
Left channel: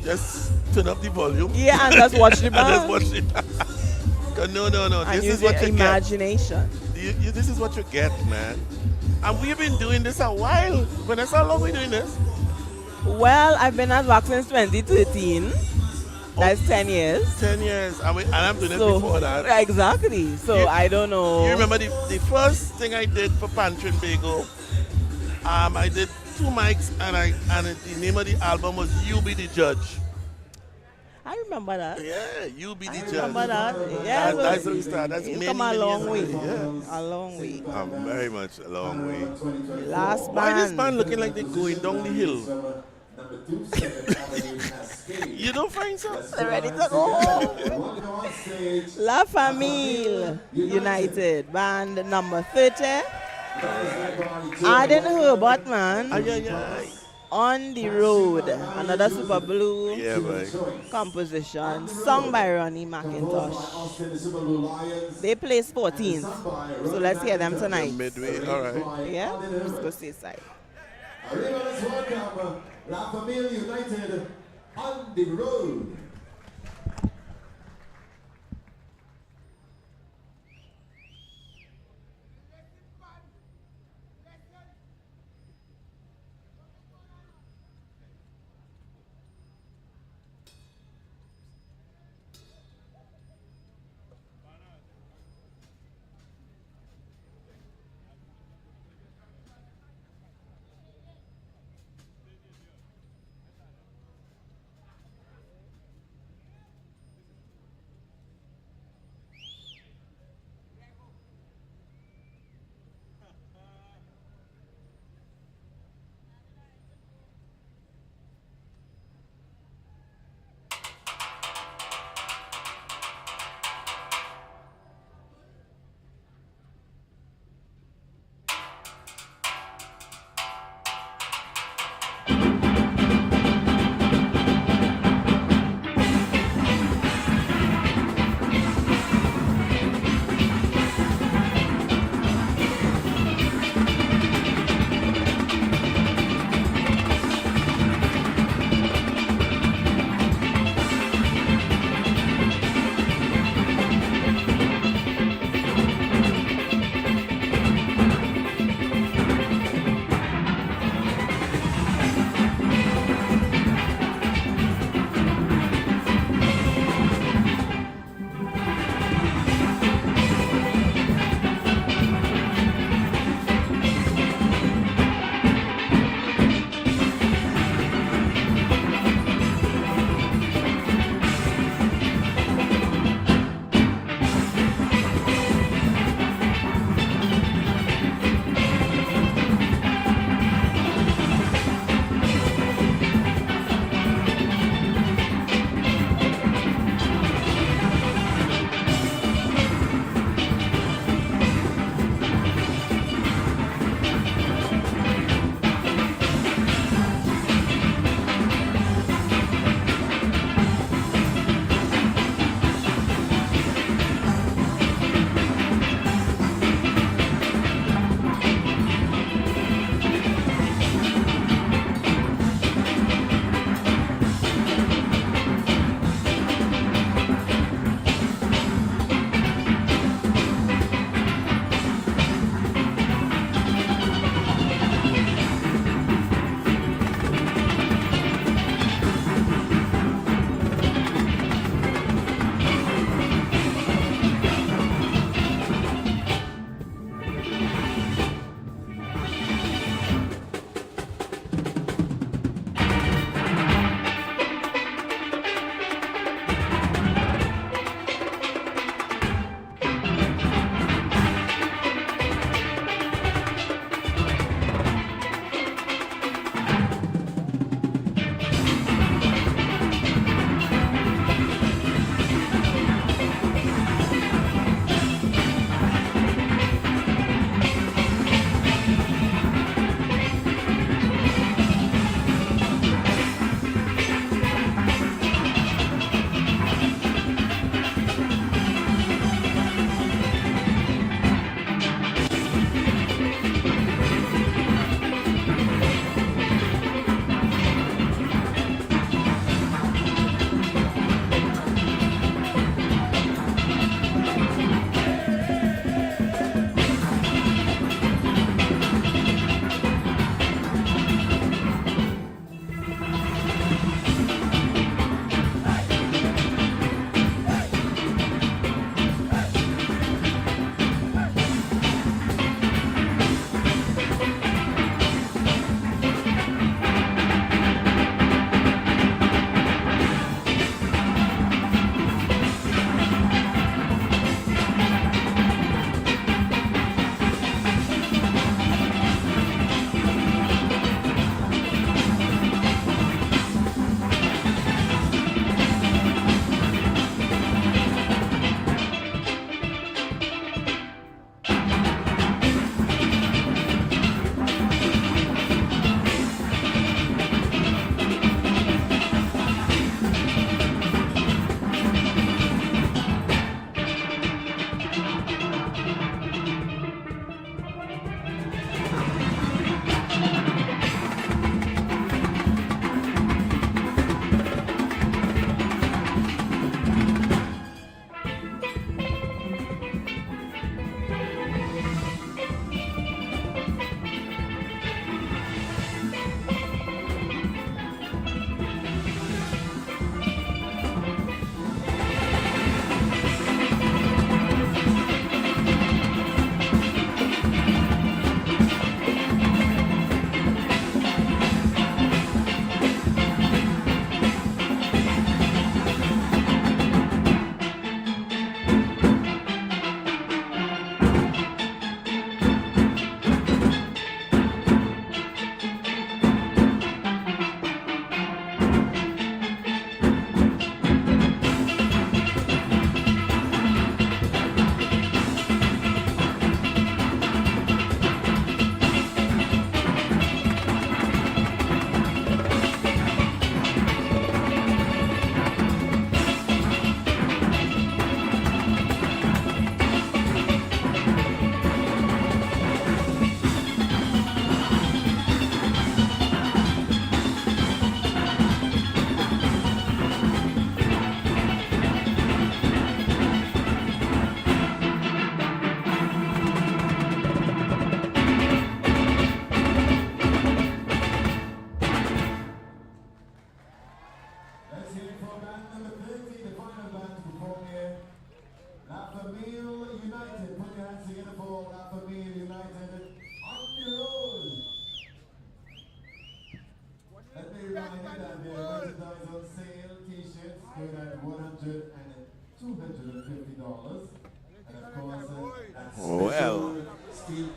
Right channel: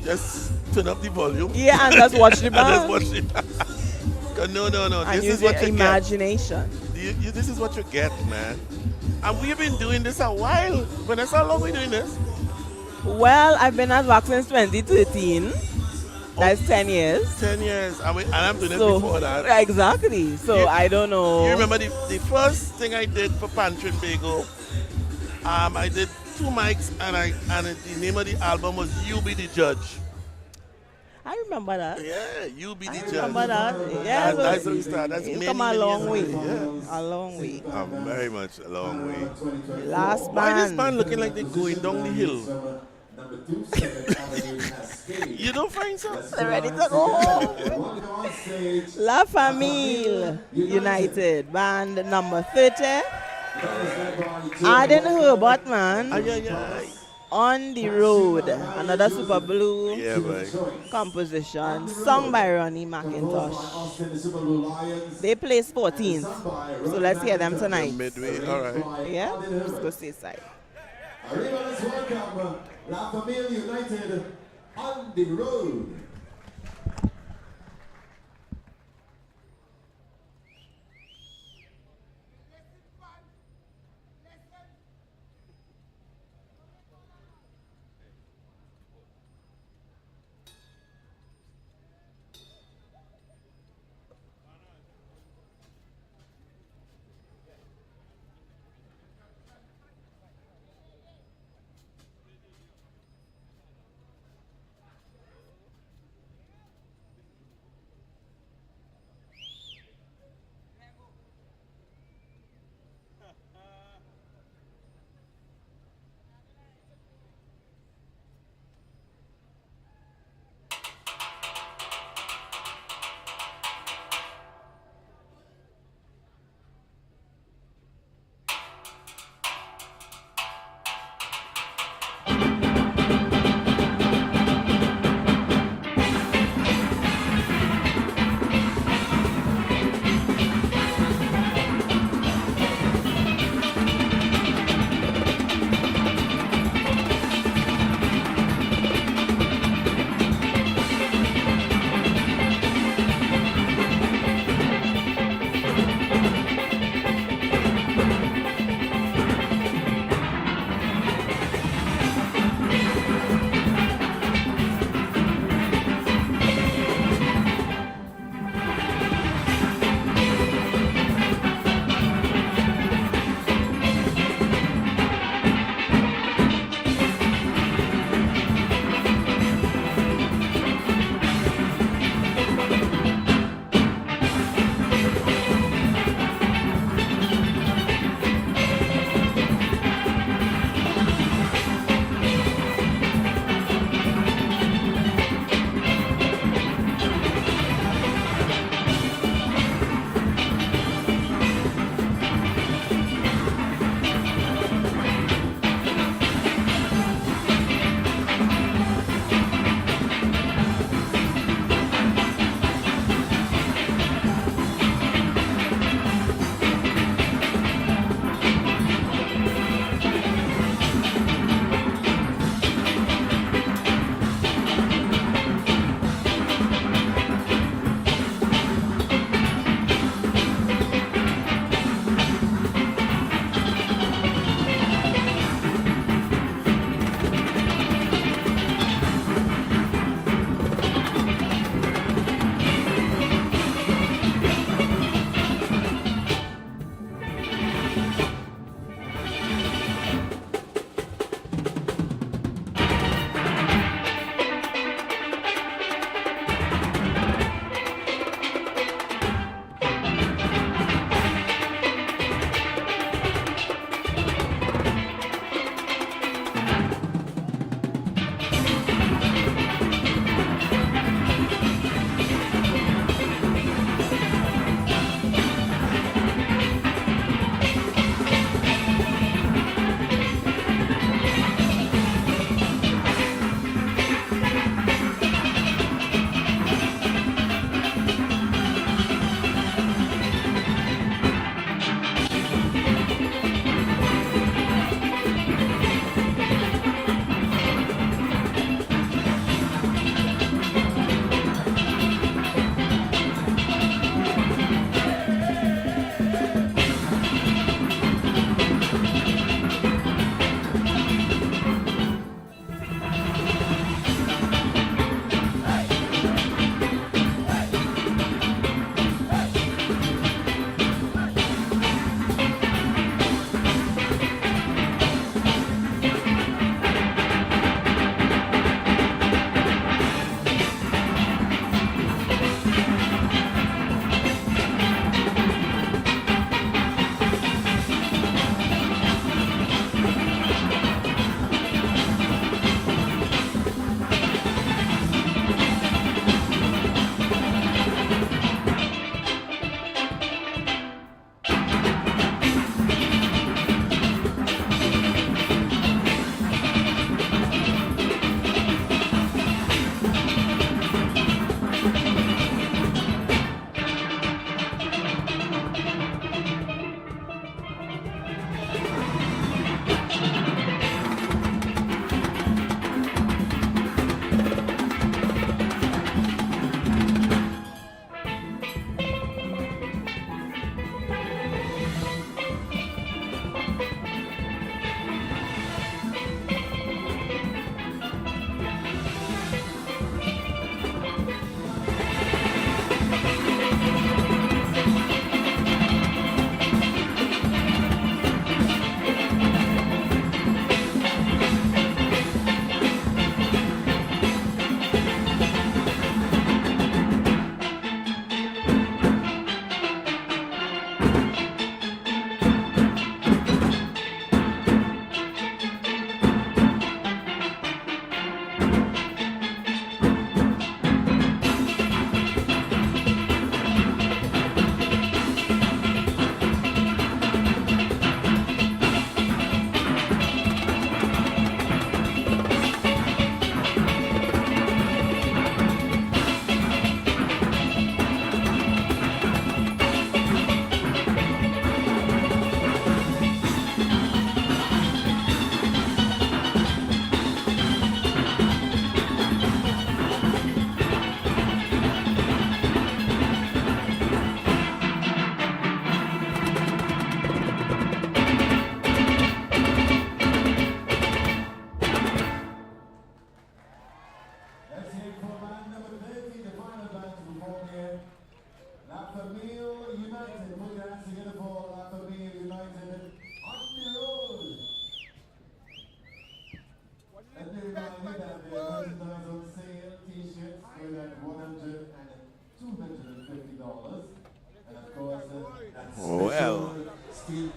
Just turn up the volume. yeah, and just watch the And band just watch it. 'Cause no. and This use is what your you imagination. get. This is what you get, man. And we've been doing this a while. Vanessa, how long we doing this? Well, I've been at WACK since 2013. That's 10 years. 10 years. And I'm doing it So before that. exactly. So You- I don't know. You remember the first thing I did for Pantry Bagel? I did 2 mics and the name of the album was You Be the Judge. I remember that. Yeah, You Be the I Judge. remember that. Yeah, That's how we started. That's it's many, come a many long years way. ago. A long way. Very much a long way. Last Why this band. band looking like they're going down the hill? Number 27 Avenue Cascade. You don't find so? They're ready to go home. Welcome on stage. La Famille United, band number 30. Aden Herbert, man. Ay, ay, ay. On the Road. Another Super Blue Yeah, boy. composition. Sung by Ronnie McIntosh. They placed 14th. So let's hear them They're tonight. midway. All right. Yeah? Let's go see side. Arriba, let's welcome La Familia United on the road.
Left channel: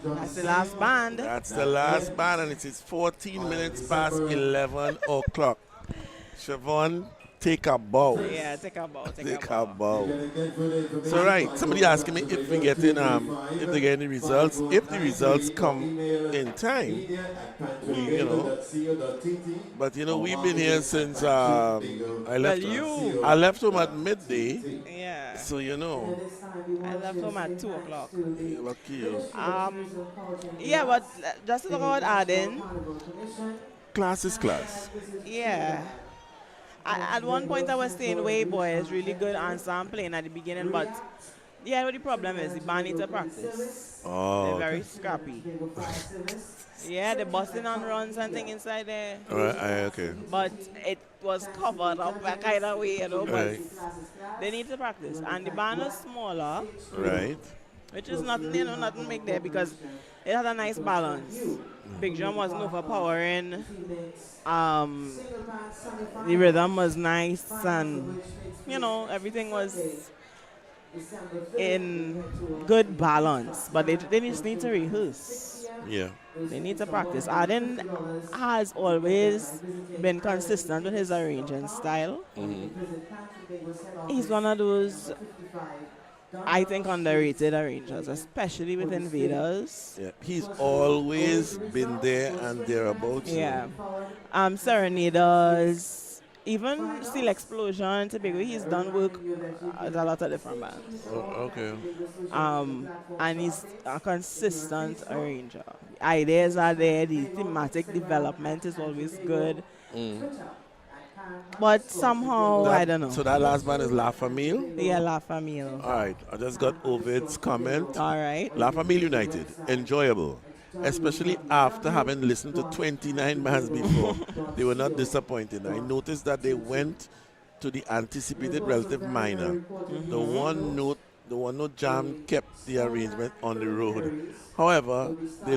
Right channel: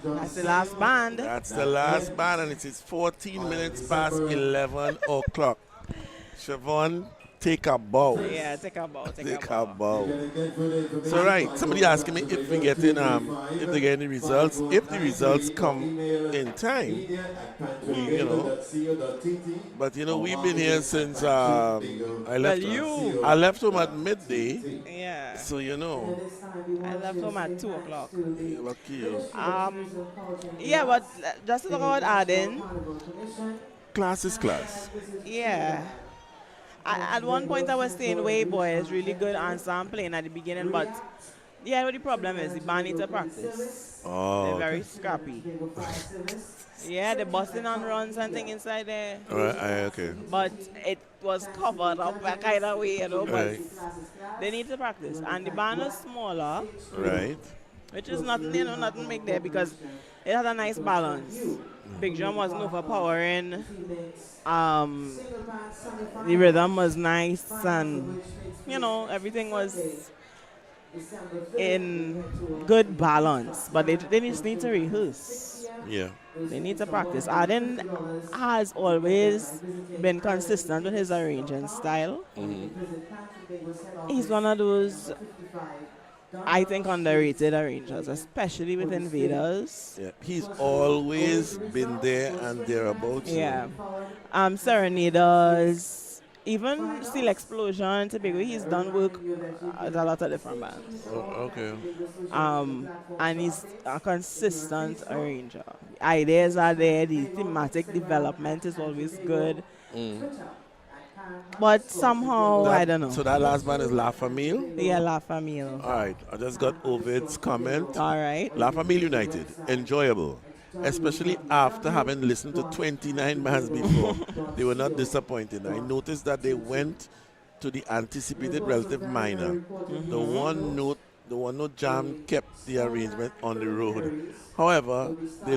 That's the last band. That's the last band, and it is 14 minutes past 11 o'clock. Siobhan, take a bow. Yeah, take a bow. Take a bow. So right, somebody asking me if we get in, if they get any results. If the results come in time, we, but we've been here since I left. I left home at midday. Yeah. So I left home at 2 o'clock. Lucky you. Yeah, but just to talk about adding. Class is class. Yeah. At one point I was saying, "Way boy is really good and sampling at the beginning," but yeah, what the problem is the band needs to practice. Oh. They're very scrappy. Yeah, the busting and runs and thing inside there. Okay. But it was covered up a kind of way, but Right. they need to practice. And the band is smaller, Right. which is nothing, nothing big there because it had a nice balance. Big drum wasn't overpowering. The rhythm was nice, and everything was in good balance. But they just need to rehearse. Yeah. They need to practice. Arden has always been consistent with his arranging style. He's one of those, I think, underrated arrangers, especially with Invaders. Yeah. He's always been there and thereabouts. Yeah. Serenaders, even Steel Explosion, typically he's done work at a lot of different bands. Oh, okay. And he's a consistent arranger. Ideas are there, the thematic development is always good. But somehow, I don't know. So that last band is La Famille? Yeah, La Famille. All right. I just got Ovid's comment. All right. La Famille United, enjoyable. Especially after having listened to 29 bands before. They were not disappointed. I noticed that they went to the anticipated relative minor. The one note jam kept the arrangement on the road. However, they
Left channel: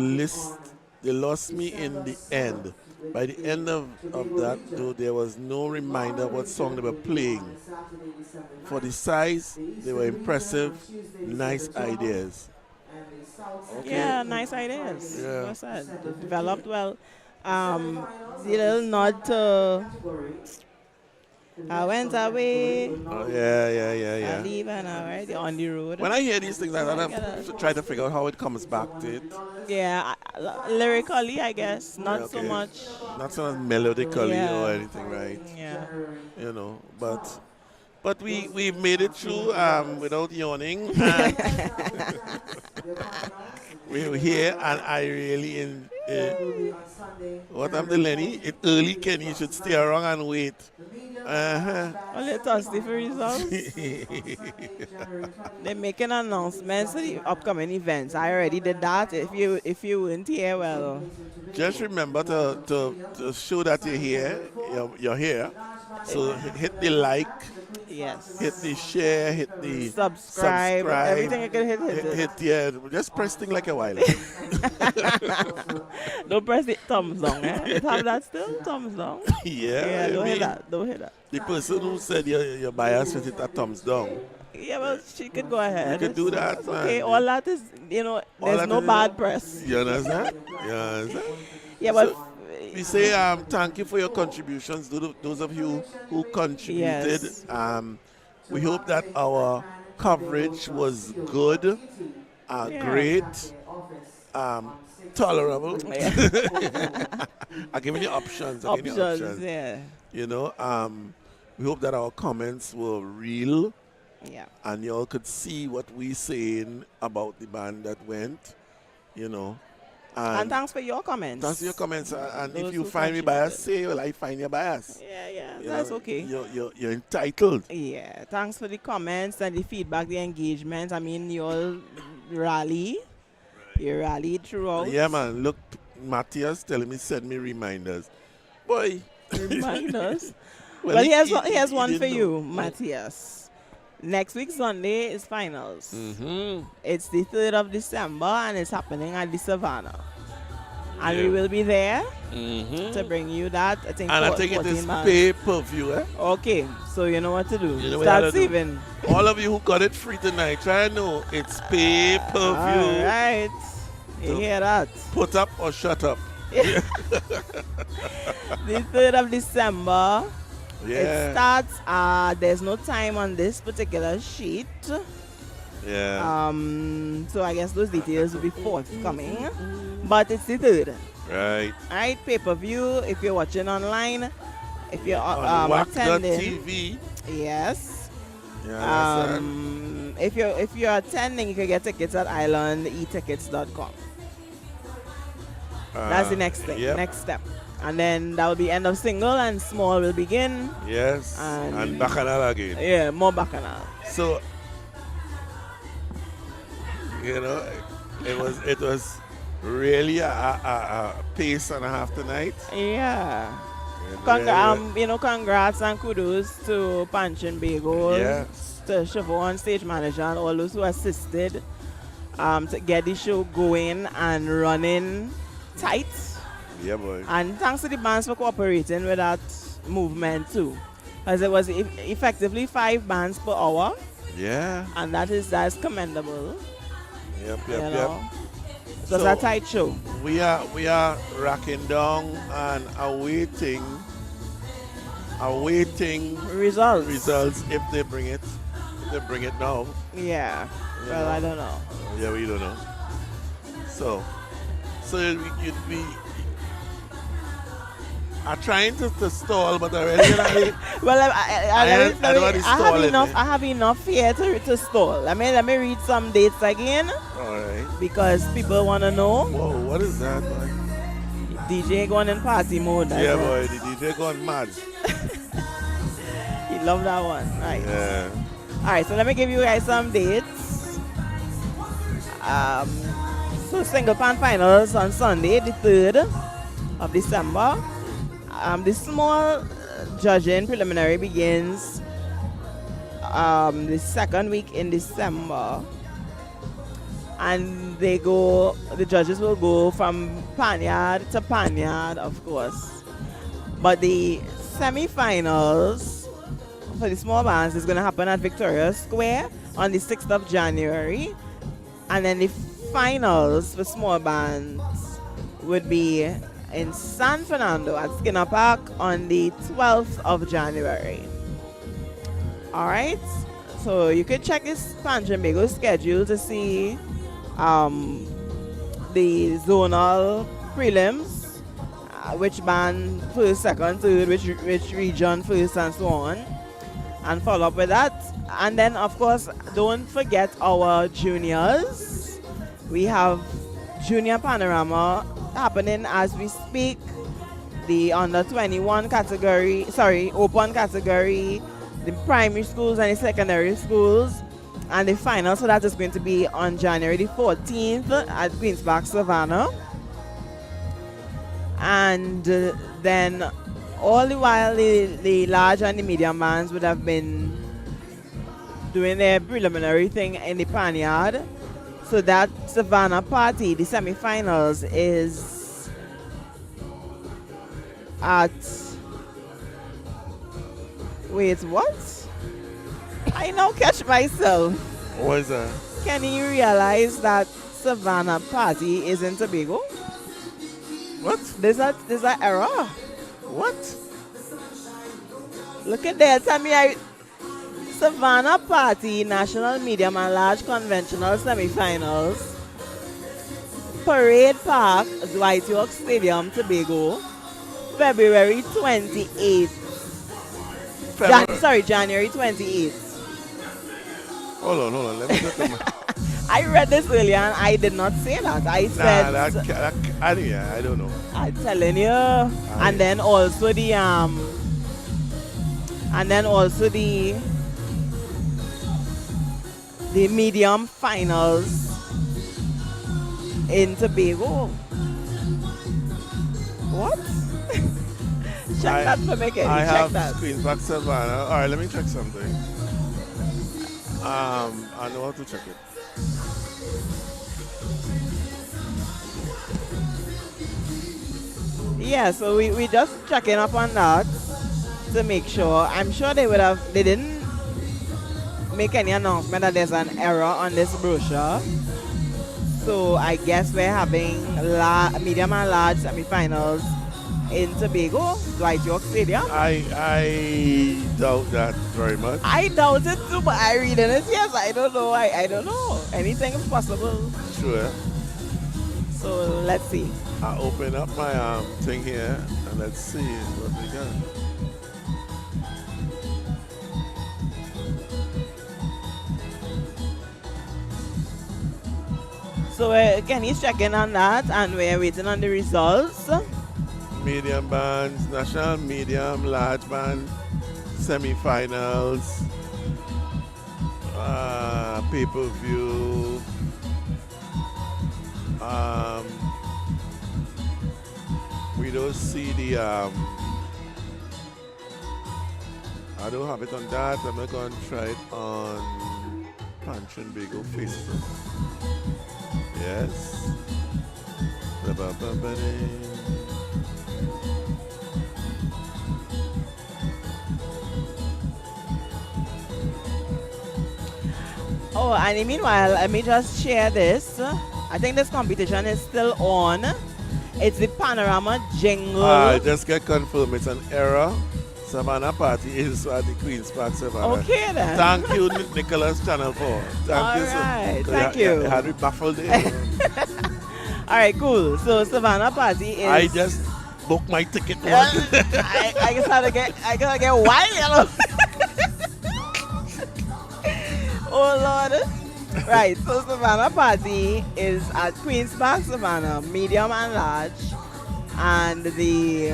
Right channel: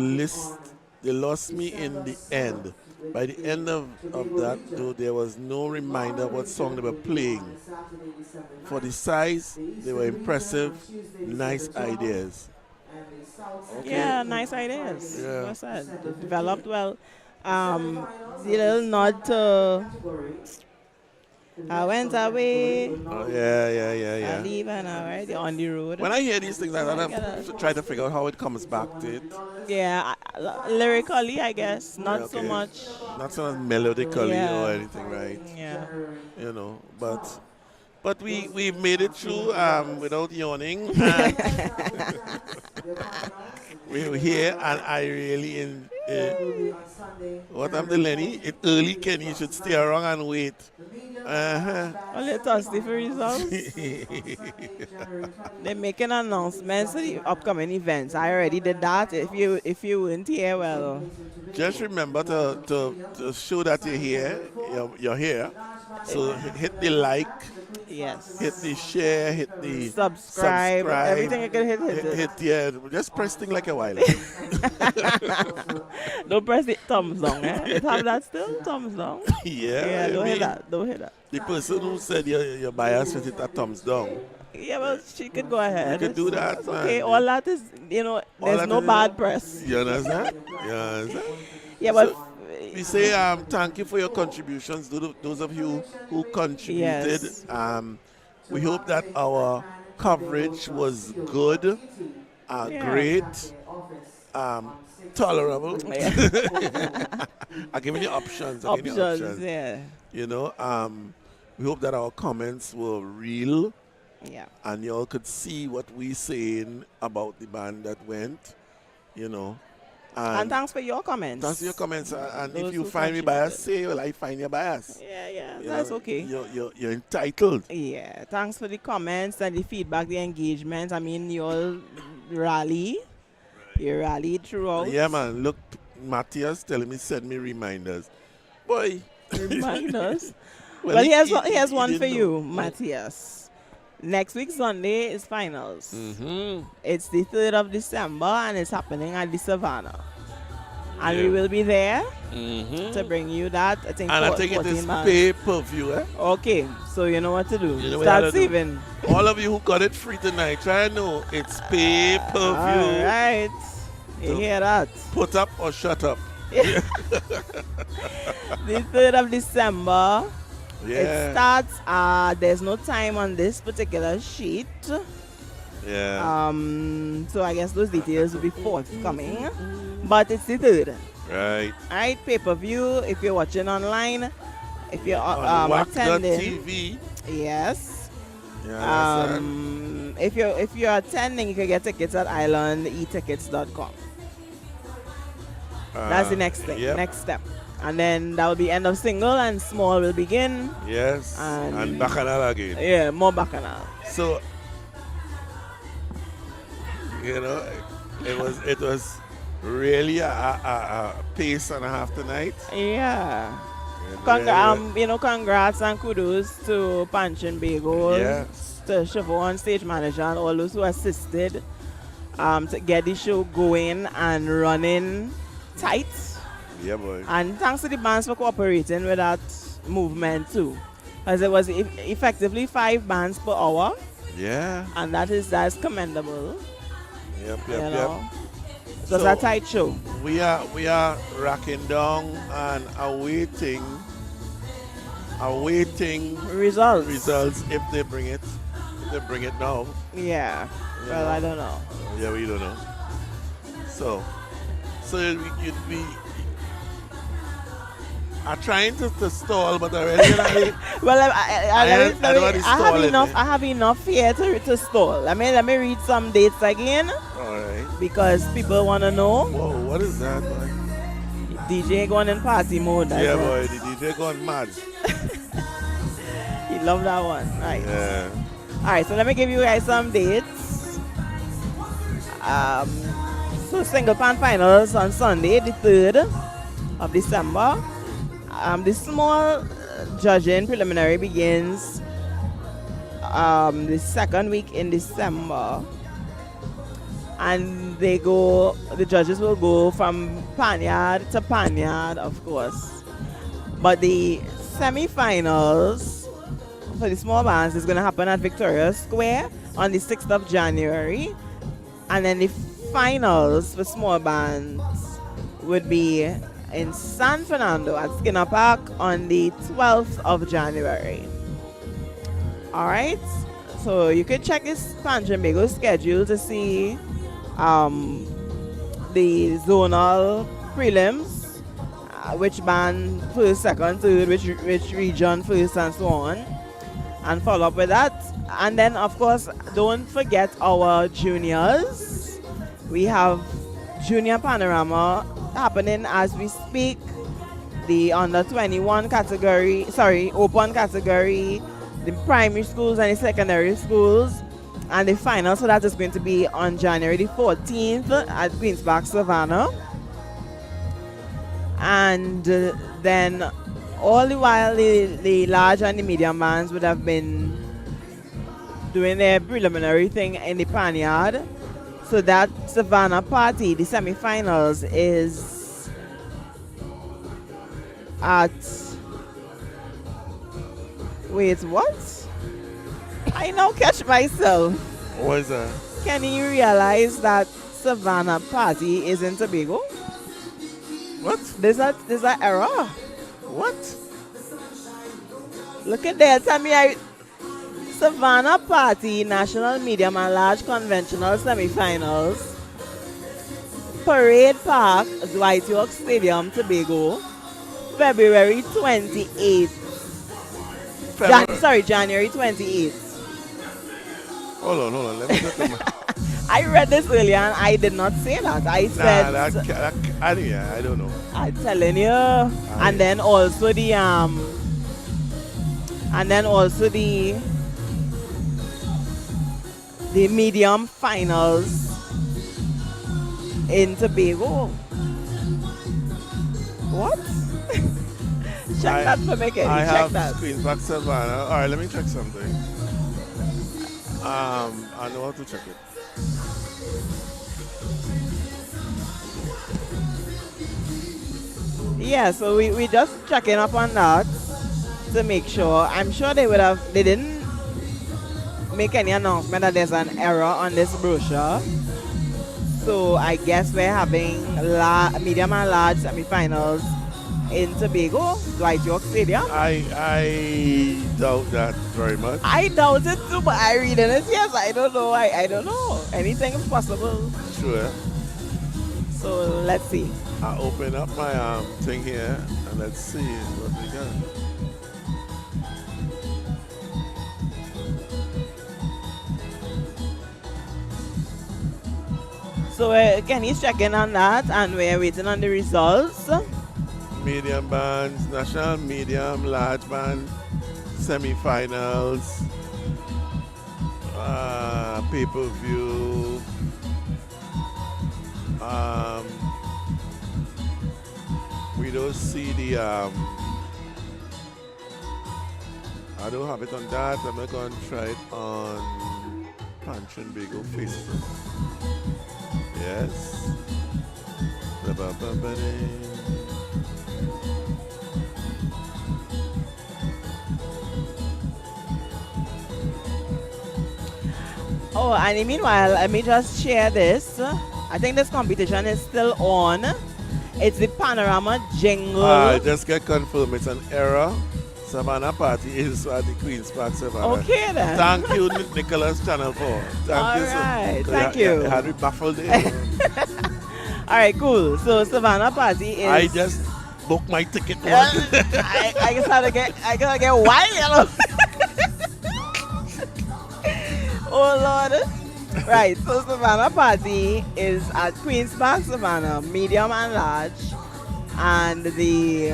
lost me in the end. By the end of that, though, there was no reminder of what song they were playing. For the size, they were impressive, nice ideas. Okay. Yeah, nice ideas. Yeah. Like I said, they developed well. The little nod to I went away. Oh, yeah. I leave and already on the road. When I hear these things, I try to figure out how it comes back to it. Yeah, lyrically, I guess, not so Okay. much. Not so much melodically Yeah. or anything, right? Yeah. But we've made it through without yawning. We're here, and I really what I'm telling Lenny, it's early, Ken. You should stay around and wait. Only Thursday for results. They're making announcements for the upcoming events. I already did that. If you weren't here, well, Just remember to show that you're here. You're here. So hit the like. yes. Hit the share, hit the Subscribe, everything you can hit it. Yeah, just press thing like a while. Don't press the thumbs down, eh? It have that still? Thumbs down? Yeah, Don't I hit mean, that. Don't hit that. The person who said your bias with it a thumbs down. Yeah, well, she could go ahead. You could do that, It's man. okay, all that is, All there's that no is- bad press. You understand? You understand? Yeah, but So, we say thank you for your contributions, those of you who contributed. Yes. We hope that our coverage was good, great, tolerable. I'm giving you options. options, yeah. We hope that our comments were real Yeah. and you all could see what we saying about the band that went, And thanks for your comments. Thanks for your comments. And Those if you who find me contributed. biased, say, well, I find you biased. Yeah, You that's know, okay. You're entitled. Yeah, thanks for the comments and the feedback, the engagement. I mean, you all rally. You rallied throughout. Yeah, man. Look, Matthias telling me, send me reminders. Boy. Reminders. Well, Well, he- here's he one didn't for know. you, Matthias. Next week, Sunday, is finals. It's the 3rd of December, and it's happening at the Savannah. And we Yeah. will be there to bring you that. I think, And I think it is 14 man. pay-per-view, eh? Okay, so you know what to do. You know what you Start gotta do. saving. All of you who got it free tonight, try to know it's pay-per-view. All right. You hear that? Put up or shut up. The 3rd of December. It Yeah. starts, there's no time on this particular sheet. Yeah. So I guess those details will be forthcoming. But it's the 3rd. Right. Alright, pay-per-view if you're watching online. If you're On attending. WACK.tv. Yes. Yeah, If you're attending, you can get tickets at islandetickets.com. That's the next thing, Yep. next step. And then that will be end of single and small will begin. Yes. And- And Bacchanal again. Yeah, more bacchanal. So, it was really a pace and a half tonight. Yeah. Really- Congrats and kudos to Panchin Bagel, Yes. to Siobhan, stage manager, and all those who assisted to get the show going and running tight. Yeah, boy. And thanks to the bands for cooperating with that movement too. As it was effectively 5 bands per hour, Yeah. and that's commendable. Yep, You yep, know. yep. It was So- a tight show. We are racking down and awaiting Results. if they bring it. If they bring it now. Yeah. Well, know. I don't know. Yeah, we don't know. So you'd be I'm trying to stall, but I really Well, I don't want to stall it, I have enough here to stall. Let me read some dates again Alright. because people want to know. Whoa, what is that, boy? DJ going in party mode. That's Yeah, what- boy, the DJ gone mad. He loved that one. Right. Yeah. All right, so let me give you guys some dates. So single pan finals on Sunday, the 3rd of December. The small judging preliminary begins the 2nd week in December. And the judges will go from Panyard to Panyard, of course. But the semi-finals for the small bands is going to happen at Victoria Square on the 6th of January. And then the finals for small bands would be in San Fernando at Skinner Park on the 12th of January. All right, so you could check this Panchin Bagel schedule to see the zonal prelims, which band first, second, third, which region first, and so on, and follow up with that. And then, of course, don't forget our juniors. We have Junior Panorama happening as we speak. The under 21 category, open category, the primary schools and the secondary schools. And the final, so that is going to be on January the 14th at Queen's Park, Savannah. And then all the while the large and the medium bands would have been doing their preliminary thing in the Panyard. So that Savannah party, the semi-finals, is at... Wait, what? I now catch myself. What is that? Can you realize that Savannah party is in Tobago? What? There's an error. What? Look at that. Tell me, Savannah party, national, medium, and large conventional semifinals. Parade Park, Dwight York Stadium, Tobago, February 28th. January 28th. Hold on. Let me get to my... I read this earlier and I did not say that. I said, I don't know. I'm telling you. And then also the medium finals in Tobago. What? Check that for me, Kenny. I Check have that. Queen's Park Savannah. All right, let me check something. I know how to check it. Yeah, so we just checking up on that to make sure. I'm sure they didn't make any announcement that there's an error on this brochure. So I guess we're having medium and large semi-finals in Tobago, Dwight York Stadium. I doubt that very much. I doubt it too, but I read in it. Yes, I don't know. I don't know. Anything is possible. Sure. So let's see. I open up my thing here and let's see what we got. So Kenny's checking on that, and we're waiting on the results. Medium bands, national medium, large band, semi-finals, pay-per-view. We don't see the I don't have it on that. I'm not going to try it on Punch and Bagel Facebook. Yes. Oh, and meanwhile, let me just share this. I think this competition is still on. It's the Panorama Jingle. I just get confirmed it's an error. Savannah Party is at the Queen's Park, Savannah. Okay then. Thank you, Nicholas Channel 4. Thank you, Alright, so, thank you. I had me baffled there. Alright, cool. So Savannah Party is... I just booked my ticket. I just gotta get wild. Oh Lord. Right, so Savannah Party is at Queen's Park, Savannah, medium and large. And the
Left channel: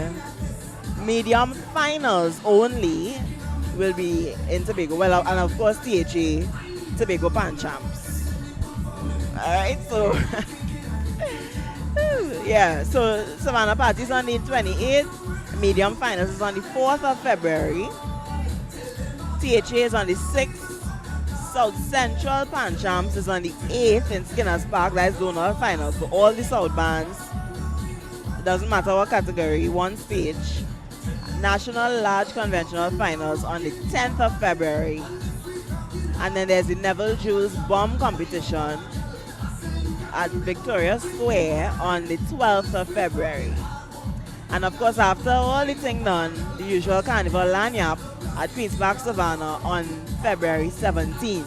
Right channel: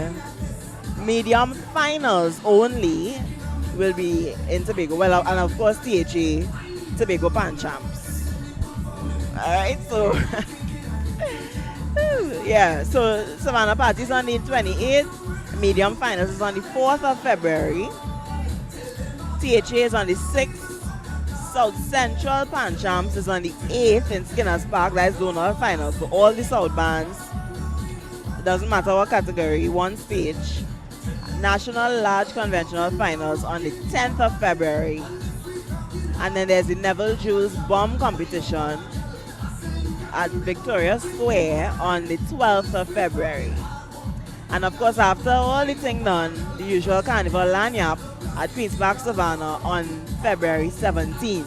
medium finals only will be in Tobago. Well, and of course THA, Tobago Pan Champs. Alright, so yeah, so Savannah Party is on the 28th, medium finals is on the 4th of February. THA is on the 6th. South Central Pan Champs is on the 8th in Skinners Park. That is zonal finals. So all the South bands, it doesn't matter what category, one stage. National Large Conventional Finals on the 10th of February. And then there's the Neville Jules Bomb Competition at Victoria Square on the 12th of February. And of course, after all the thing done, the usual carnival lanyap at Queen's Park Savannah on February 17th.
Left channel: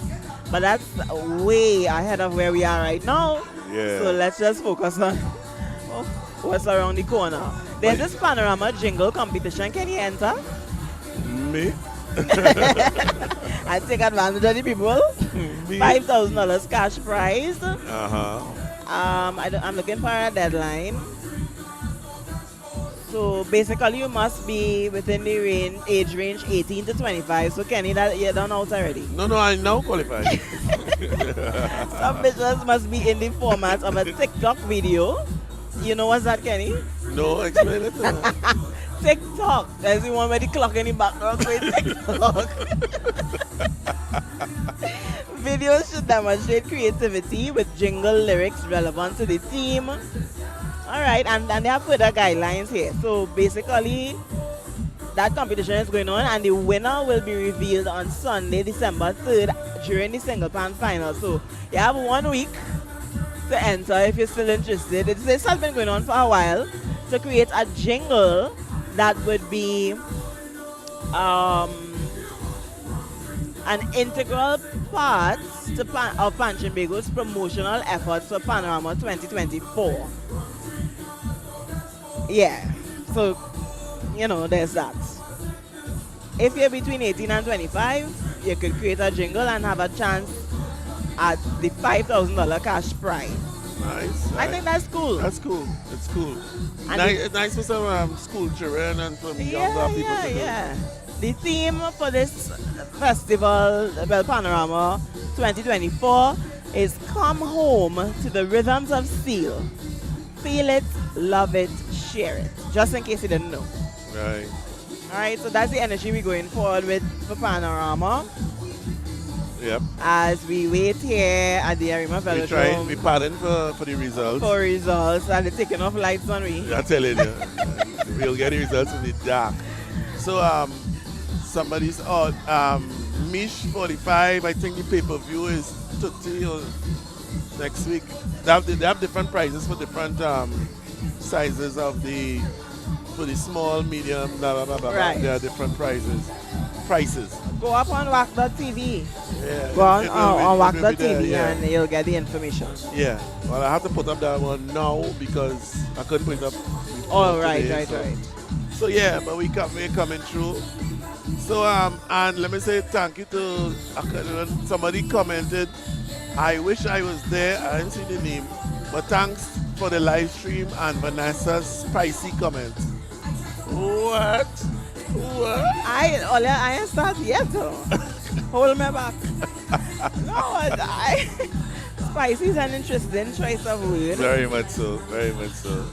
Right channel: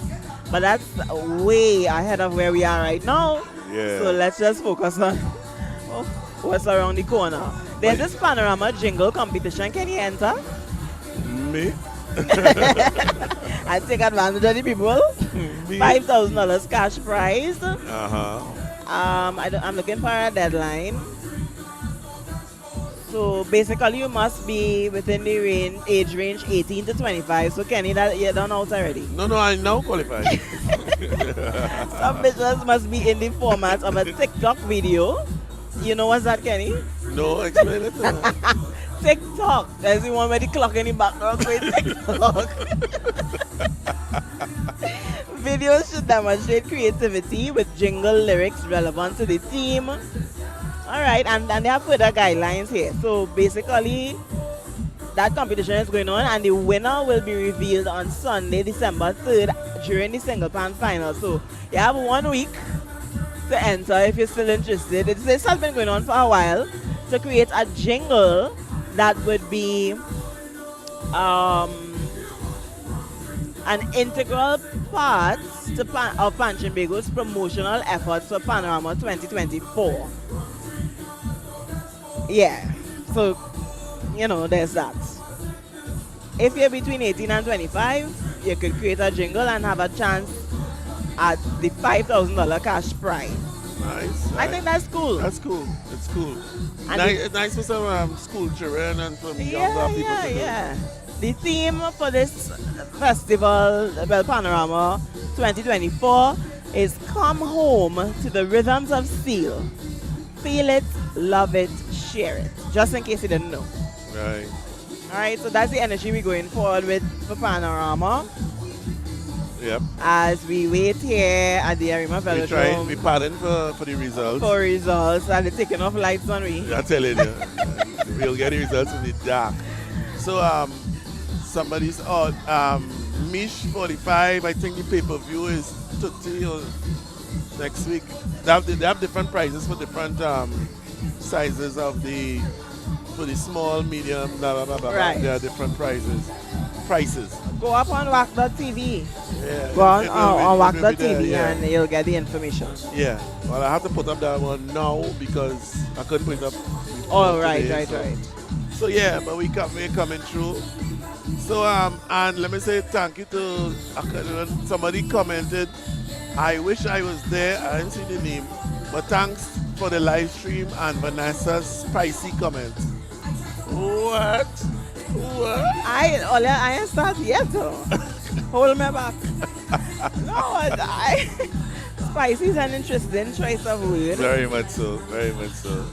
But that's way ahead of where we are right now. Yeah. So let's just focus on what's around the corner. There's this Panorama Jingle competition. Can you enter? Me? I take advantage of the people. $5,000 cash prize. I'm looking for a deadline. So basically, you must be within the age range 18 to 25. So Kenny, that you're done out already. No, I now qualified. Some pictures must be in the format of a TikTok video. You know what's that, Kenny? No, explain it to me. TikTok. There's the one with the clock in the background. So it's TikTok. Videos should demonstrate creativity with jingle lyrics relevant to the theme. Alright, and they have further guidelines here. So basically, that competition is going on, and the winner will be revealed on Sunday, December 3rd during the single pan final. So you have 1 week to enter if you're still interested. This has been going on for a while, to create a jingle that would be an integral part of Punch and Bagel's promotional efforts for Panorama 2024. Yeah, so, you know, there's that. If you're between 18 and 25, you could create a jingle and have a chance at the $5,000 cash prize. Nice. I think that's cool. That's cool. It's cool. And Nice for some school children and some younger people to do. Yeah. The theme for this festival, well, Panorama 2024, is Come Home to the Rhythms of Steel. Feel it, love it, share it. Just in case you didn't know. Right. Alright, so that's the energy we're going forward with for Panorama. Yep. As we wait here at the Arima Velodrome. We padding for the results. For results, and they're taking off lights on me. I tell you, we'll get the results in the dark. So somebody's Mish 45. I think the pay-per-view is 30 or next week. They have different prices for different sizes of for the small, medium, blah, blah, blah, blah. Right. There are different prices. Go up on WACK.tv. Yeah. Go on, it will on be there, WACK.tv yeah. and you'll get the information. Yeah. Well, I have to put up that one now because I couldn't put it up before Oh, right, today, right. So yeah, but we're coming through. So and let me say thank you to somebody commented. I wish I was there. I didn't see the name, but thanks for the live stream and Vanessa's spicy comment. What? I ain't started yet though. Hold me back. No, spicy is an interesting choice of word. Very much so. Very much so.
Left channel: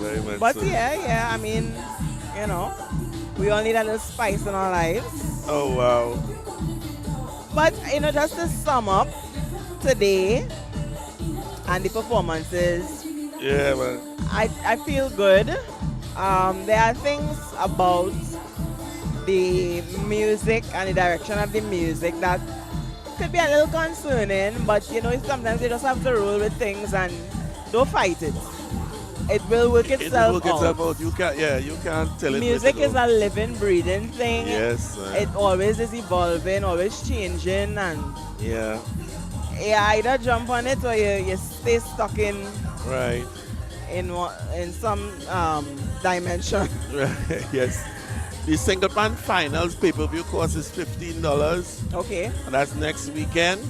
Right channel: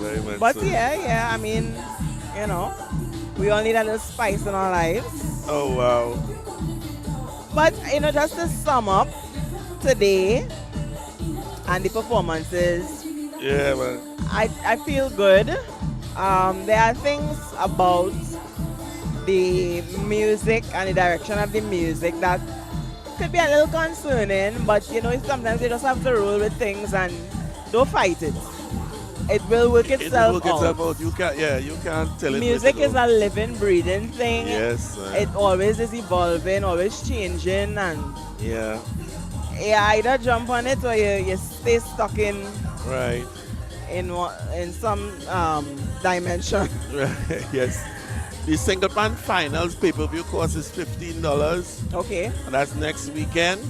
Very much But so. yeah, I mean, you know, we all need a little spice in our lives. Oh wow. But you know, just to sum up today and the performances, Yeah, man. I feel good. There are things about the music and the direction of the music that could be a little concerning, but you know, sometimes you just have to roll with things and don't fight it. It will work itself out. You can't tell it. Music is a living, breathing thing. Yes. Man. It always is evolving, always changing, and Yeah. you either jump on it or you stay stuck in Right. in some dimension. Right. Yes. The single band finals pay-per-view cost is $15. Okay. And that's next weekend.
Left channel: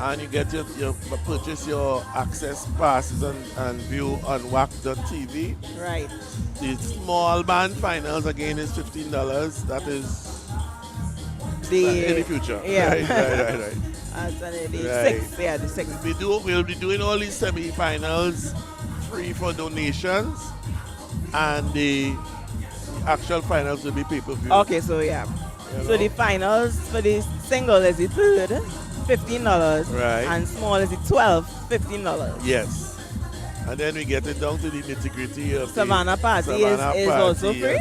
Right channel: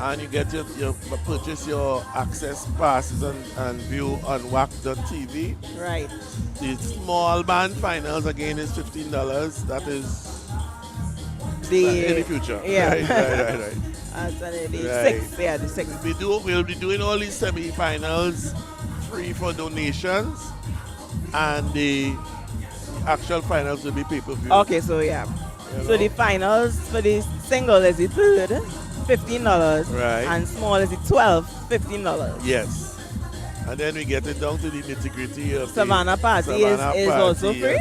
And you get your purchase your access passes and view on WACK.tv. Right. The small band finals again is $15. That is The in the future. Yeah. Right. That's the Right. sixth. Yeah, the sixth. We'll be doing all these semi-finals free for donations, and the actual finals will be pay-per-view. Okay, so yeah. You So know? the finals for the single is the third, $15. Right. And small is the 12, $15. Yes. And then we get it down to the nitty-gritty of Savannah the Party Savannah is Party, also free?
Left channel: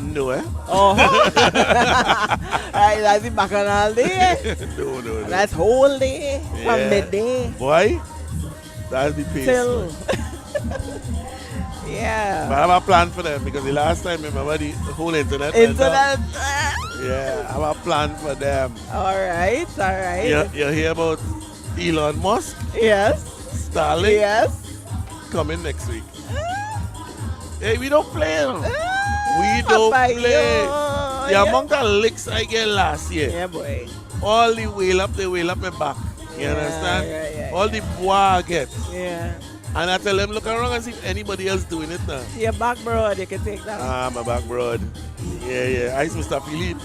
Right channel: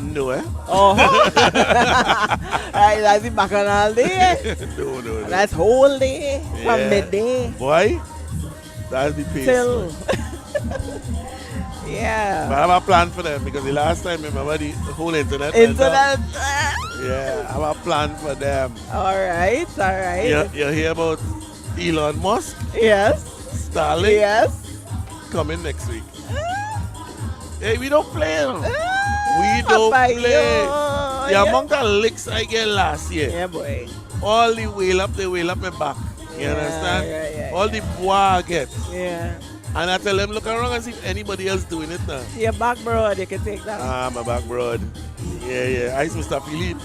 No, eh? Oh, right, that's the bacchanal day. No. That's whole day from Yeah. midday Boy, that's the pace. till. But Yeah. I have a plan for them because the last time, remember, the whole internet went Internet. down. Yeah, I have a plan for them. All right. You hear about Elon Musk, Yes. Starlink, Yes. coming next week. Hey, we don't play. We don't Papayo. play. The Yeah. amount of licks I get last year, Yeah, boy. all the wheel up my back. You Yeah, understand? yeah, All the bois I get. Yeah. And I tell them, look around and see if anybody else doing it now. Your back, bro, you can take that. Ah, my back broad. Yeah. I Mr. Philippe.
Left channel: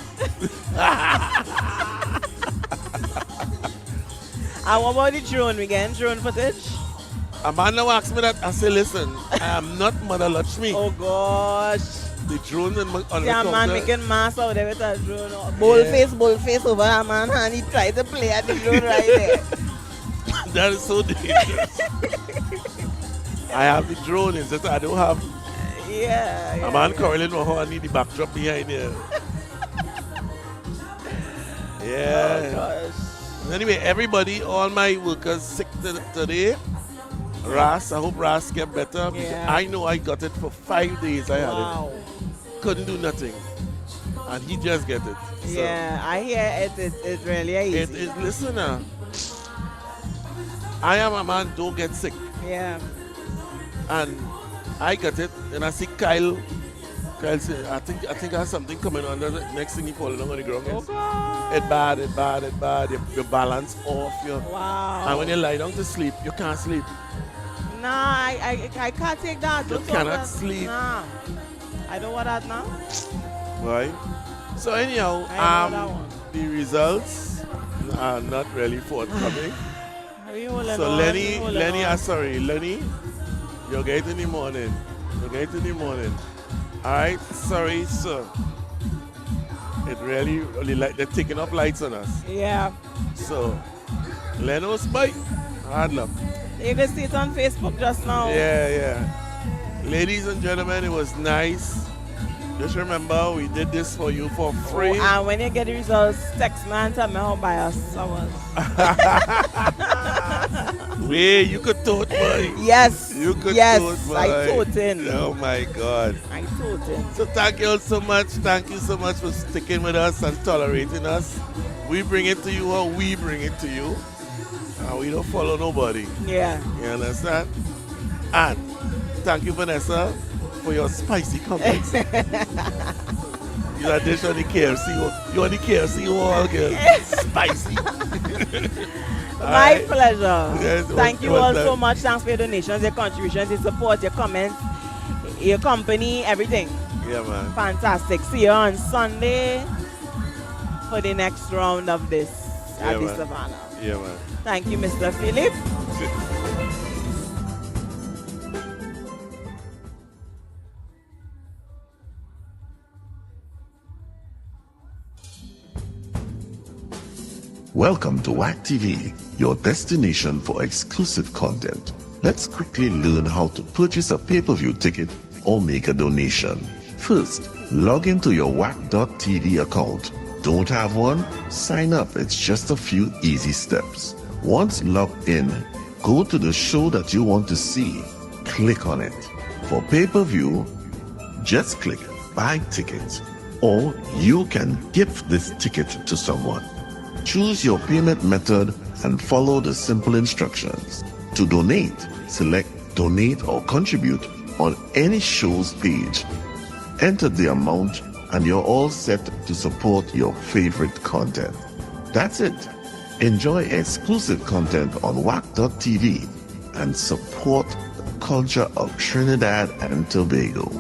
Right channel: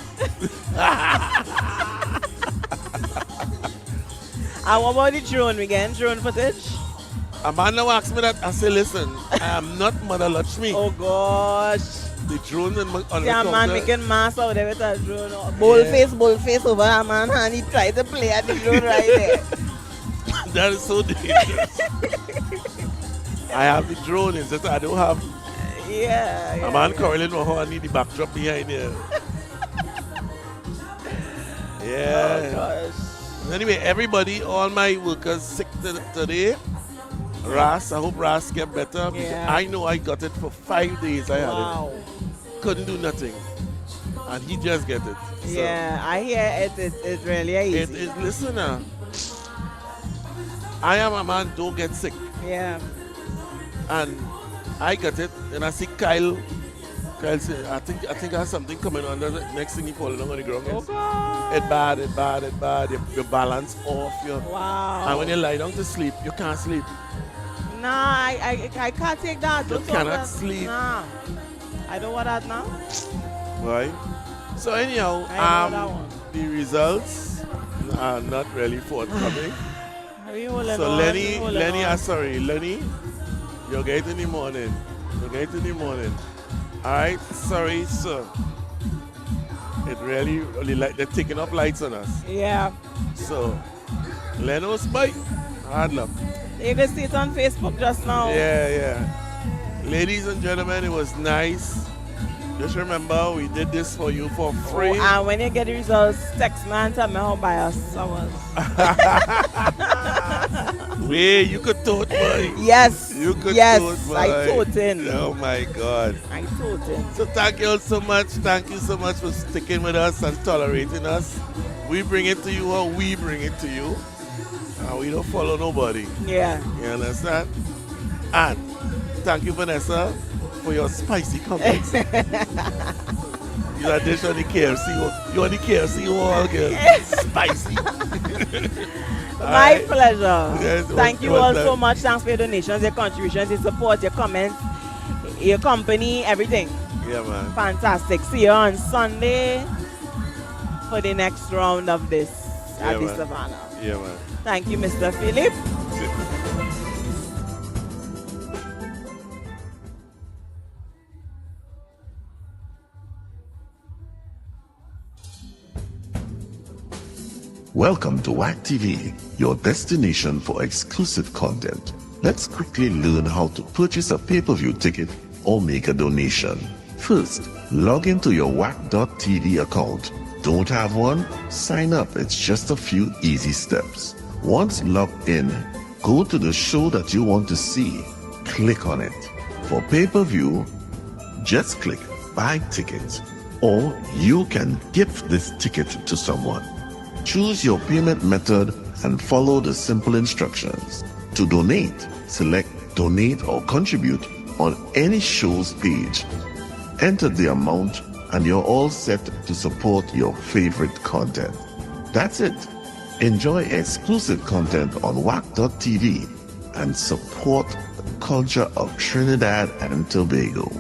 And what about the drone? We getting drone footage? A man now asked me that. I say, listen, I am not Mother Lakshmi. Oh gosh. The drone on Yeah, the man counter. making mass out there with a drone. Bullface over a man and he tried to play at the drone right there. That is so dangerous. I have the drone, it's just I don't have Yeah. a man curling my horn, I need the backdrop behind there. Yeah. Oh gosh. Anyway, everybody, all my workers sick today. Ras, I hope Ras get better. Because Yeah. I know I got it for 5 days. I had Wow. it. Couldn't do nothing. And he just get it. So Yeah, I hear it really easy. it is, listen now. I am a man, don't get sick. Yeah. And I got it, and I see Kyle. Kyle said, I think I have something coming on. The next thing he falling on the ground. Oh God. It bad. Your balance off. Wow. And when you lie down to sleep, you can't sleep. Nah, I can't take that. You Don't talk cannot that. sleep. Nah. I don't want that now. Right? So anyhow, I know that one. the results are not really forthcoming. Are you holding So on? Lenny, You holding on? Lenny, you'll get it in the morning. Alright, sorry, sir. It really like they're taking up lights on us. Yeah. So Leno's bye. Hard luck. You can see it on Facebook just now. Yeah. Ladies and gentlemen, it was nice Just remember, we did this for you for free. Oh, and when you get the results, text me and tell me how biased I was. Wait, you could tote, boy. Yes. You could yes, tote, boy. I tote in. Oh my God. I tote in. So thank you all so much. Thank you so much for sticking with us and tolerating us. We bring it to you or we bring it to you. And we don't follow nobody. Yeah. You understand? And thank you, Vanessa, for your spicy comments. You are dish on the KFC. You on the KFC wall, girl. Spicy. My pleasure. Yes, Thank you what's all that? so much. Thanks for your donations, your contributions, your support, your comments, your company, everything. Yeah, man. Fantastic. See you on Sunday for the next round of this at the man. Savannah. Yeah, man. Thank you, Mr. Philip. Welcome to WACK TV, your destination for exclusive content. Let's quickly learn how to purchase a pay-per-view ticket or make a donation. First, log into your WACK.tv account. Don't have one? Sign up. It's just a few easy steps. Once logged in, go to the show that you want to see. Click on it. For pay-per-view, just click Buy Ticket, or you can gift this ticket to someone. Choose your payment method and follow the simple instructions. To donate, select Donate or Contribute on any show's page. Enter the amount and you're all set to support your favorite content. That's it. Enjoy exclusive content on WACK.tv and support the culture of Trinidad and Tobago.